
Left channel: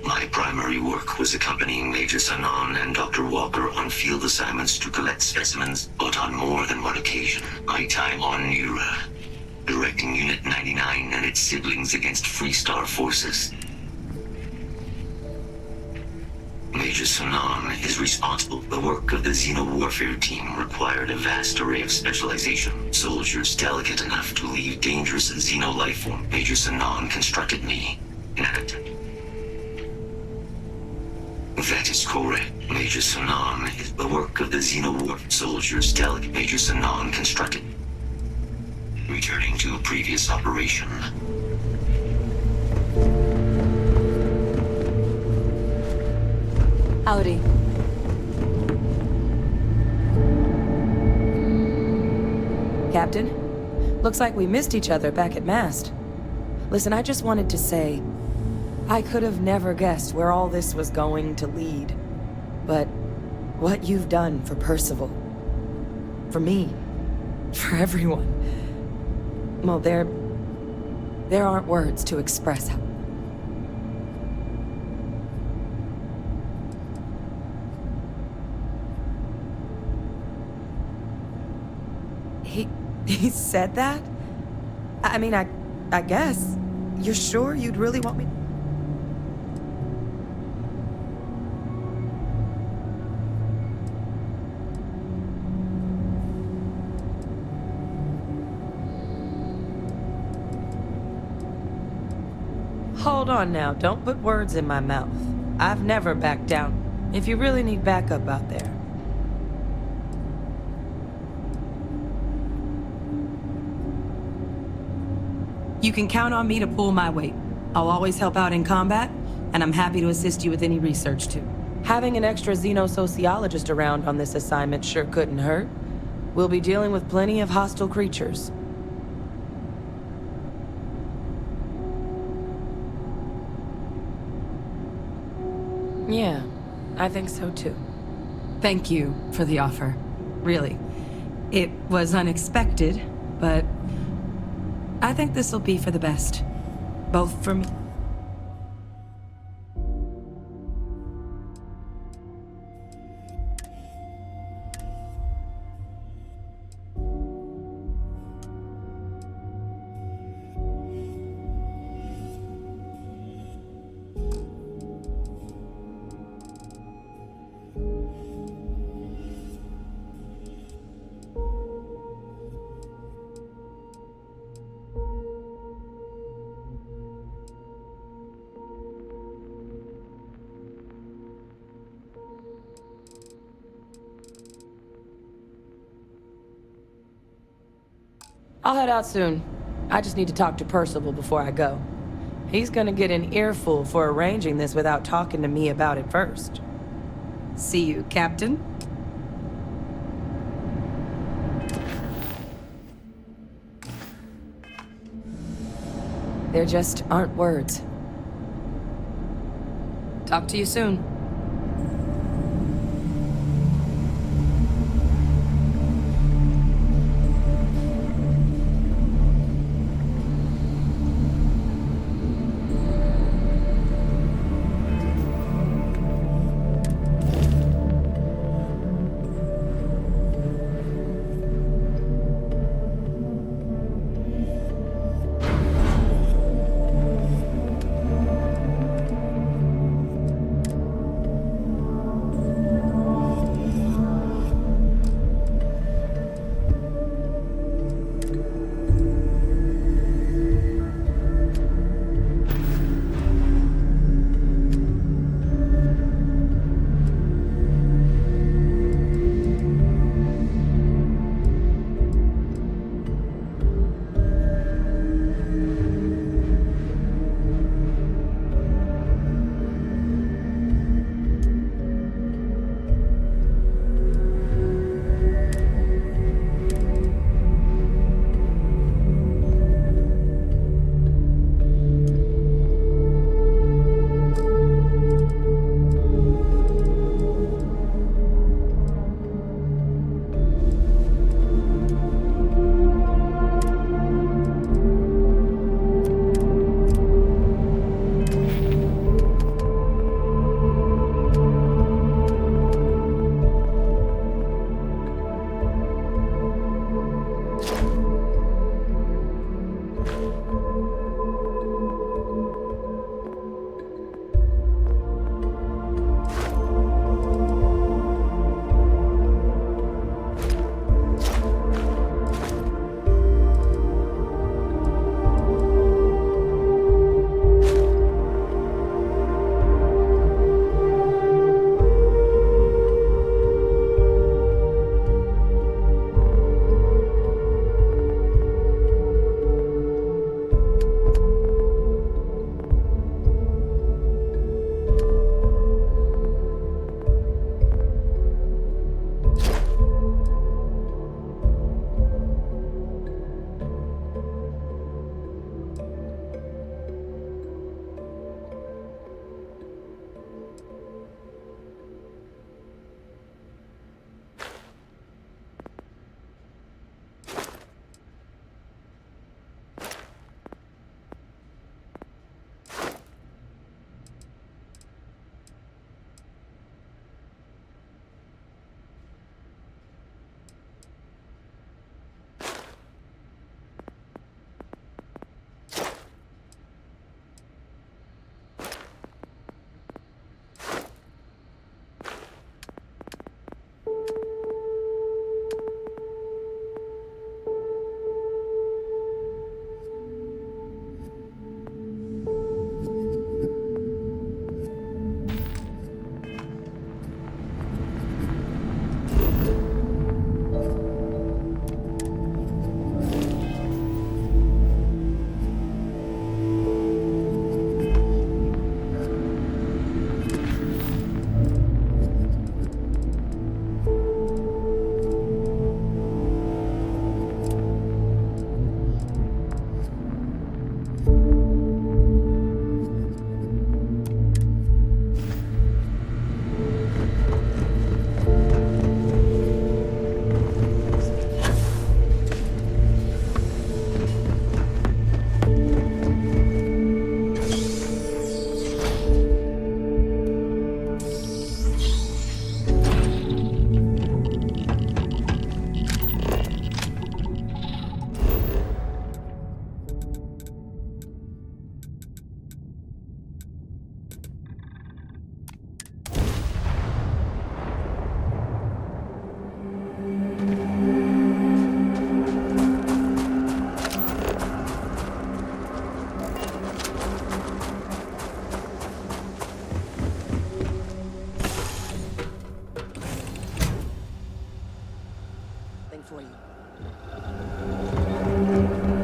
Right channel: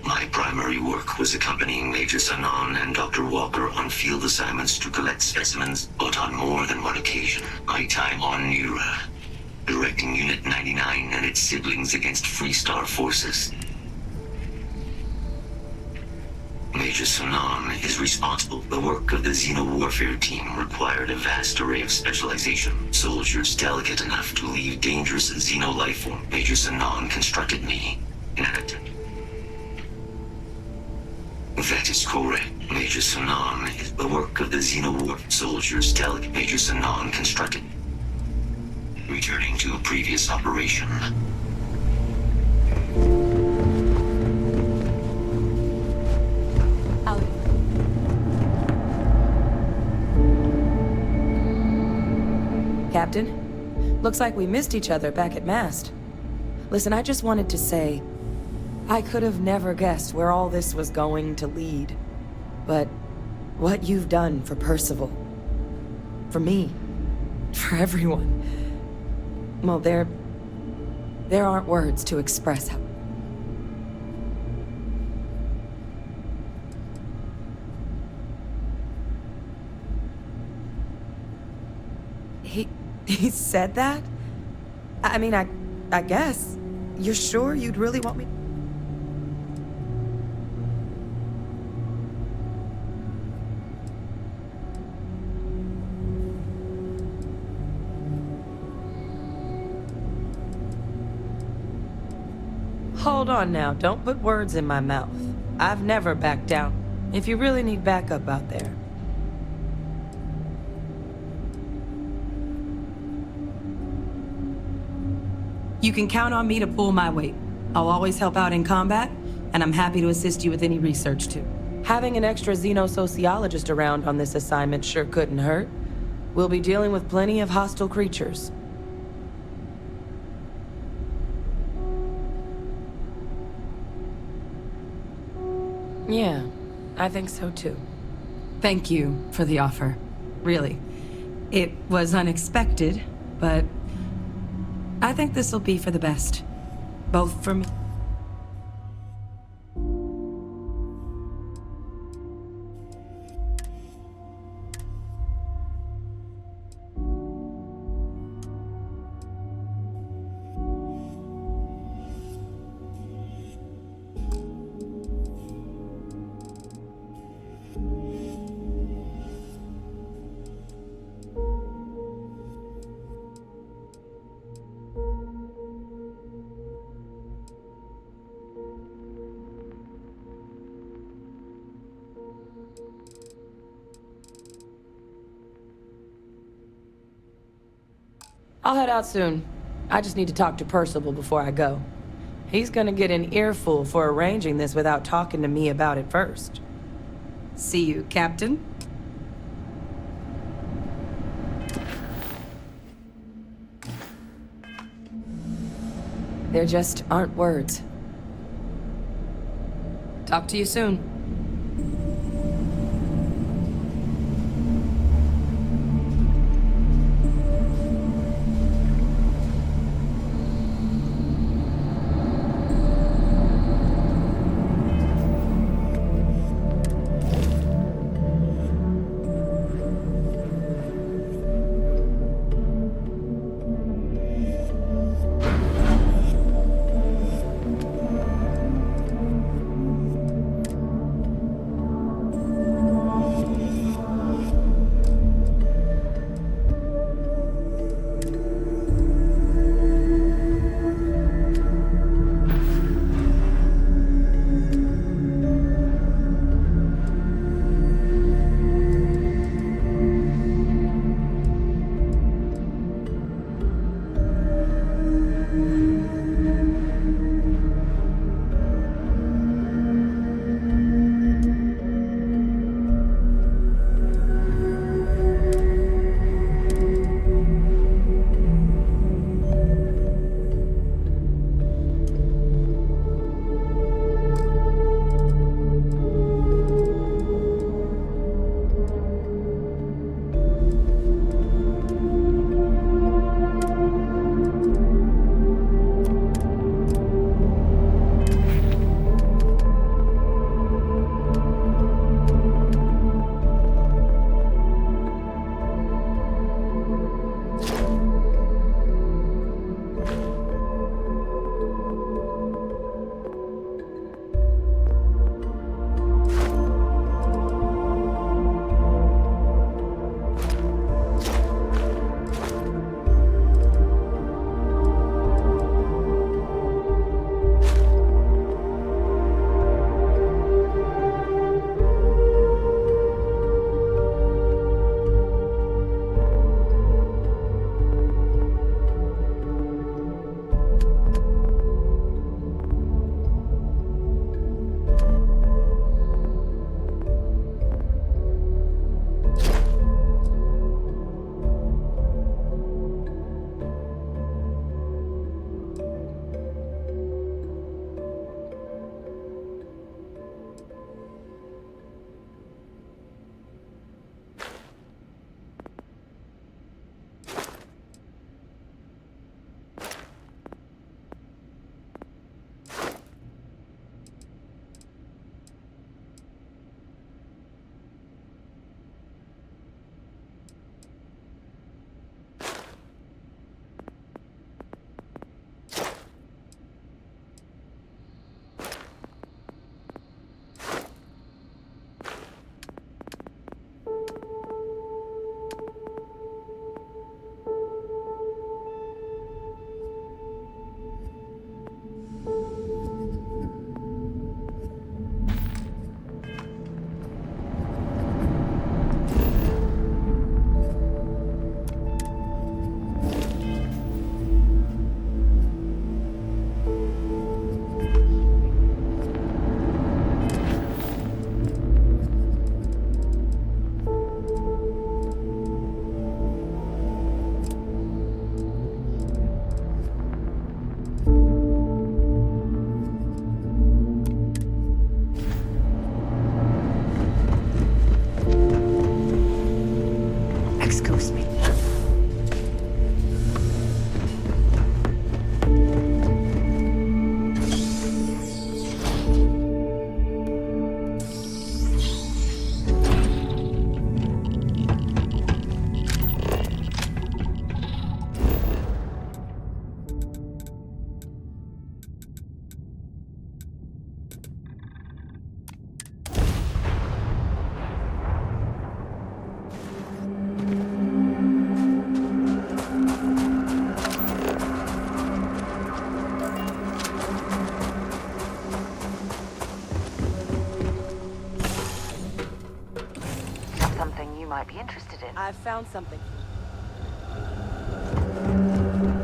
My primary work was accompanying Major Sanan and Dr. Walker on field assignments to collect specimens, but on more than one occasion, my time on Nira, directing Unit 99 and its siblings against Freestar forces. Major Sanan is responsible. The work of the Xeno Warfare team required a vast array of specialization. Soldiers delicate enough to leave dangerous Xeno lifeform. Major Sanan constructed me in an attempt. That is correct. Major Sanan is the work of the Xeno War soldiers delegate. Major Sanan constructed. Returning to a previous operation. Howdy. Captain? Looks like we missed each other back at Mast. Listen, I just wanted to say, I could have never guessed where all this was going to lead. But what you've done for Percival, for me, for everyone. Well, there aren't words to express how... He said that? I mean, I guess. You're sure you'd really want me... Hold on now, don't put words in my mouth. I've never backed down. If you really need backup out there. You can count on me to pull my weight. I'll always help out in combat, and I'm happy to assist you with any research too. Having an extra xenosociologist around on this assignment sure couldn't hurt. We'll be dealing with plenty of hostile creatures. Yeah, I think so too. Thank you for the offer. Really. It was unexpected, but I think this'll be for the best. Both for me. I'll head out soon. I just need to talk to Percival before I go. He's gonna get an earful for arranging this without talking to me about it first. See you, Captain. There just aren't words. Talk to you soon.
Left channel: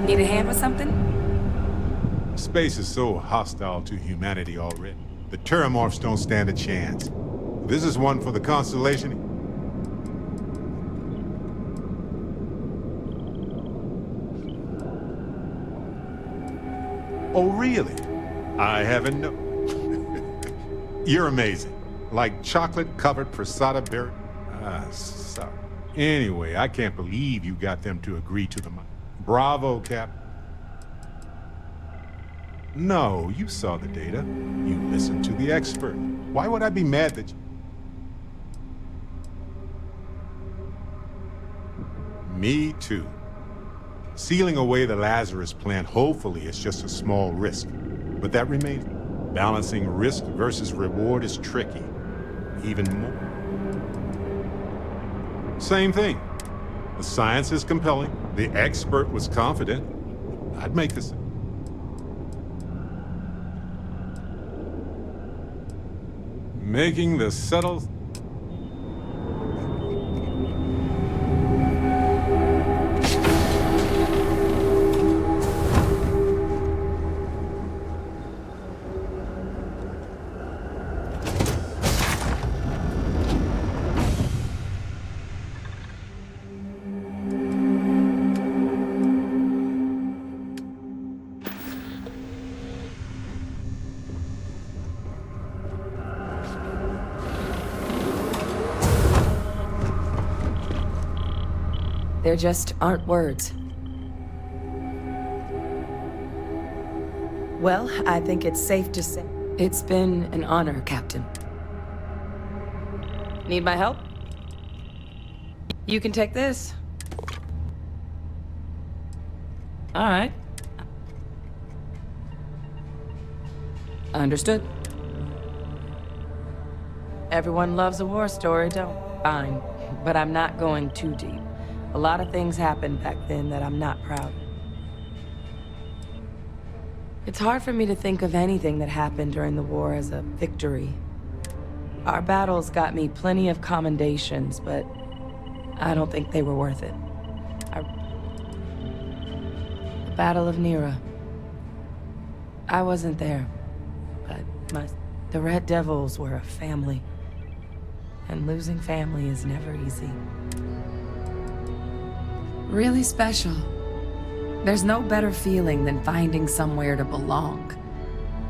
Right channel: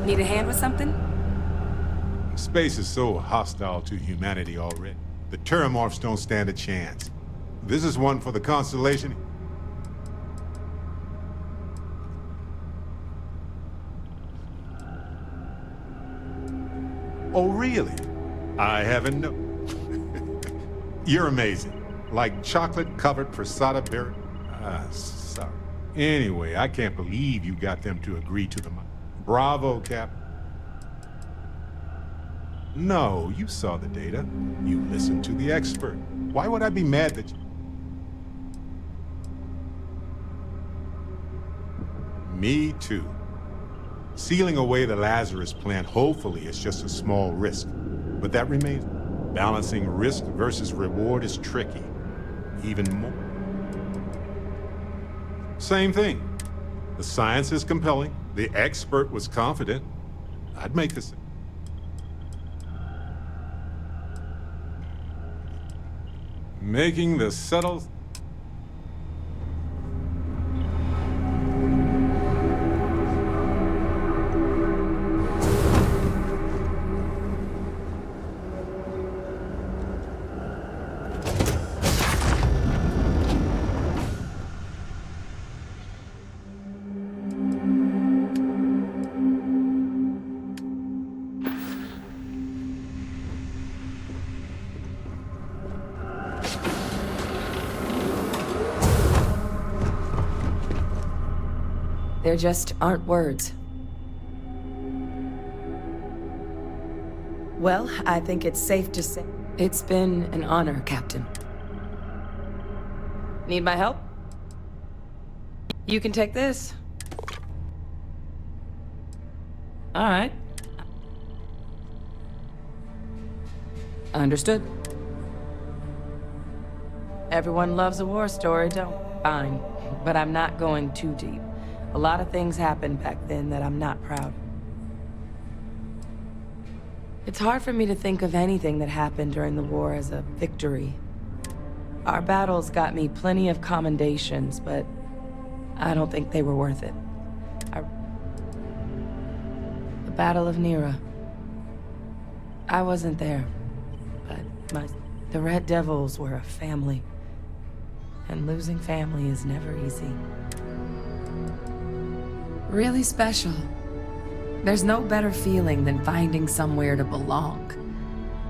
Need a hand with something? Space is so hostile to humanity already. The Terramorphs don't stand a chance. This is one for the Constellation. Oh, really? I haven't known. You're amazing. Like chocolate-covered prasada berry. Sorry. Anyway, I can't believe you got them to agree to the... Bravo, Cap. No, you saw the data. You listened to the expert. Why would I be mad that you... Me too. Sealing away the Lazarus plant hopefully is just a small risk. But that remains... Balancing risk versus reward is tricky. Even more. Same thing. The science is compelling. The expert was confident. I'd make the same. Making the subtle... There just aren't words. Well, I think it's safe to say it's been an honor, Captain. Need my help? You can take this. All right. Understood. Everyone loves a war story, don't? Fine, but I'm not going too deep. A lot of things happened back then that I'm not proud of. It's hard for me to think of anything that happened during the war as a victory. Our battles got me plenty of commendations, but I don't think they were worth it. The Battle of Nera. I wasn't there, but the Red Devils were a family. And losing family is never easy. Really special. There's no better feeling than finding somewhere to belong.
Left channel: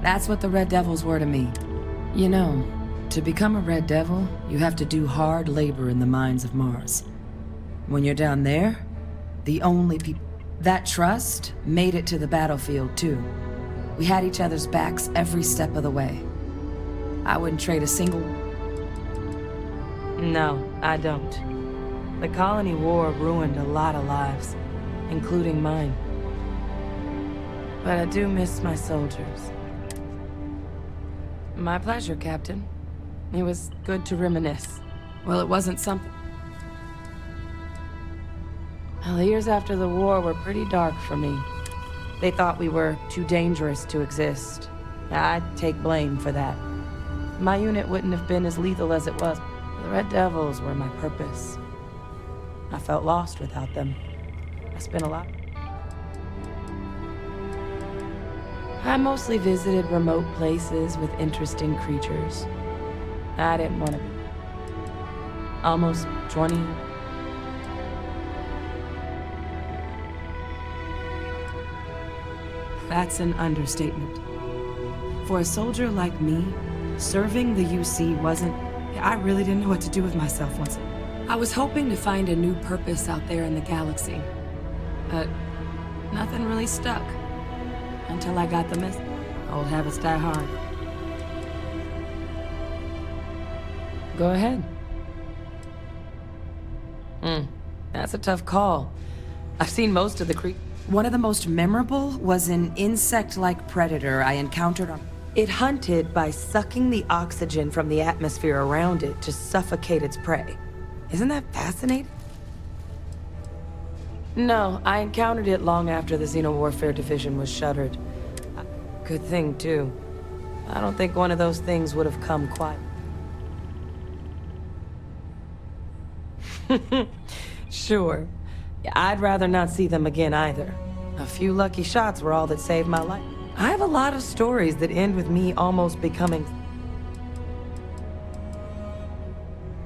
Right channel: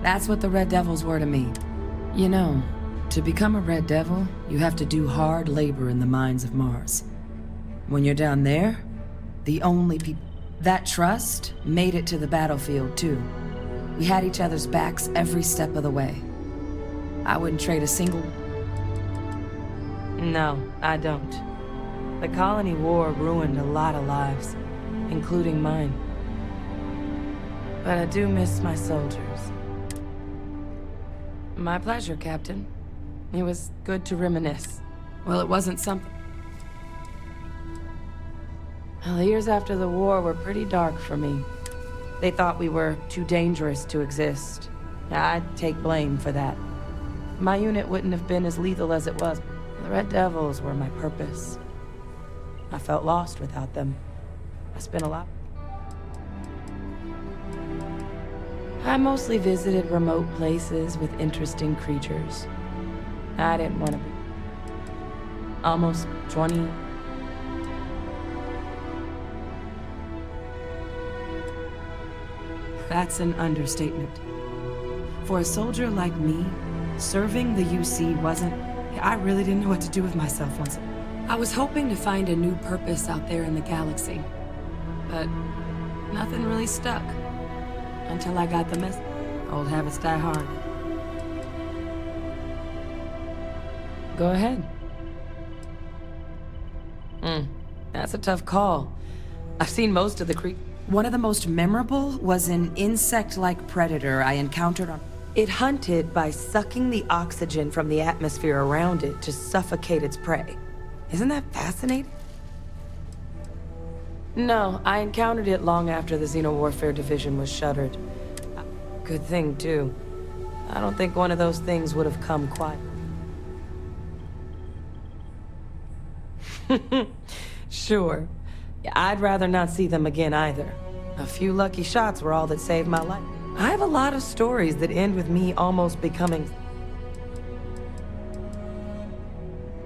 That's what the Red Devils were to me. You know, to become a Red Devil, you have to do hard labor in the mines of Mars. When you're down there, the only people... That trust made it to the battlefield, too. We had each other's backs every step of the way. I wouldn't trade a single... No, I don't. The Colony War ruined a lot of lives, including mine. But I do miss my soldiers. My pleasure, Captain. It was good to reminisce. Well, it wasn't something... Well, the years after the war were pretty dark for me. They thought we were too dangerous to exist. I'd take blame for that. My unit wouldn't have been as lethal as it was. The Red Devils were my purpose. I felt lost without them. I spent a lot. I mostly visited remote places with interesting creatures. I didn't want to be. Almost 20. That's an understatement. For a soldier like me, serving the UC wasn't... I really didn't know what to do with myself once. I was hoping to find a new purpose out there in the galaxy, but nothing really stuck until I got the message. Old habits die hard. Go ahead. That's a tough call. I've seen most of the creatures. One of the most memorable was an insect-like predator I encountered on... It hunted by sucking the oxygen from the atmosphere around it to suffocate its prey. Isn't that fascinating? No, I encountered it long after the Xenowarfare Division was shuttered. Good thing, too. I don't think one of those things would have come quiet. Sure. I'd rather not see them again either. A few lucky shots were all that saved my life. I have a lot of stories that end with me almost becoming...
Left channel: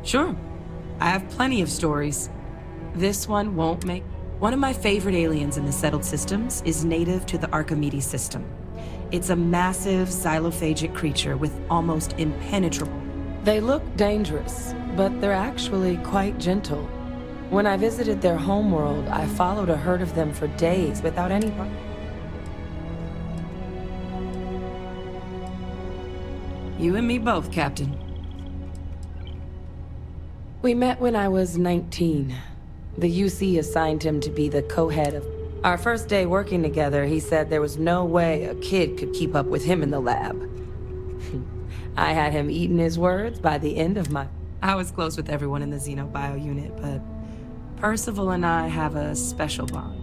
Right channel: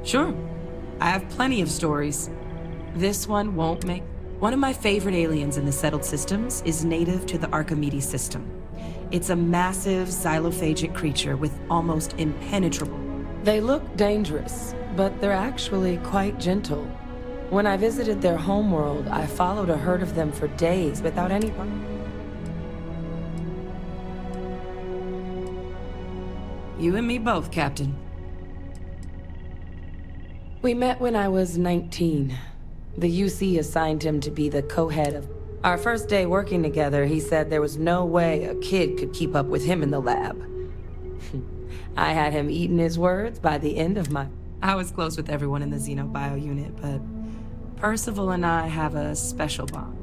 Sure. I have plenty of stories. This one won't make... One of my favorite aliens in the settled systems is native to the Archimedes system. It's a massive xylophagic creature with almost impenetrable... They look dangerous, but they're actually quite gentle. When I visited their homeworld, I followed a herd of them for days without any... You and me both, Captain. We met when I was 19. The UC assigned him to be the co-head of... Our first day working together, he said there was no way a kid could keep up with him in the lab. I had him eating his words by the end of my... I was close with everyone in the Xenobio unit, but Percival and I have a special bond.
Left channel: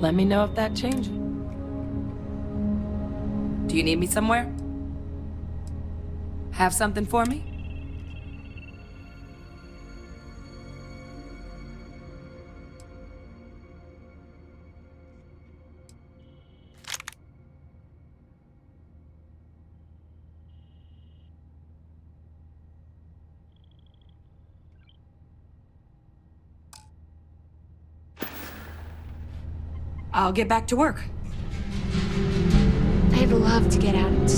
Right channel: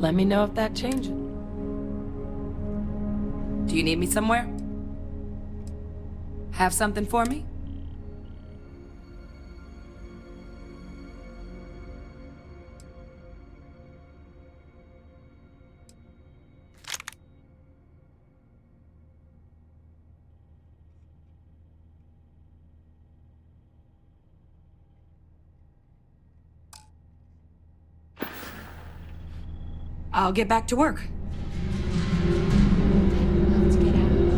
Let me know if that changes. Do you need me somewhere? Have something for me? I'll get back to work. I'd love to get out into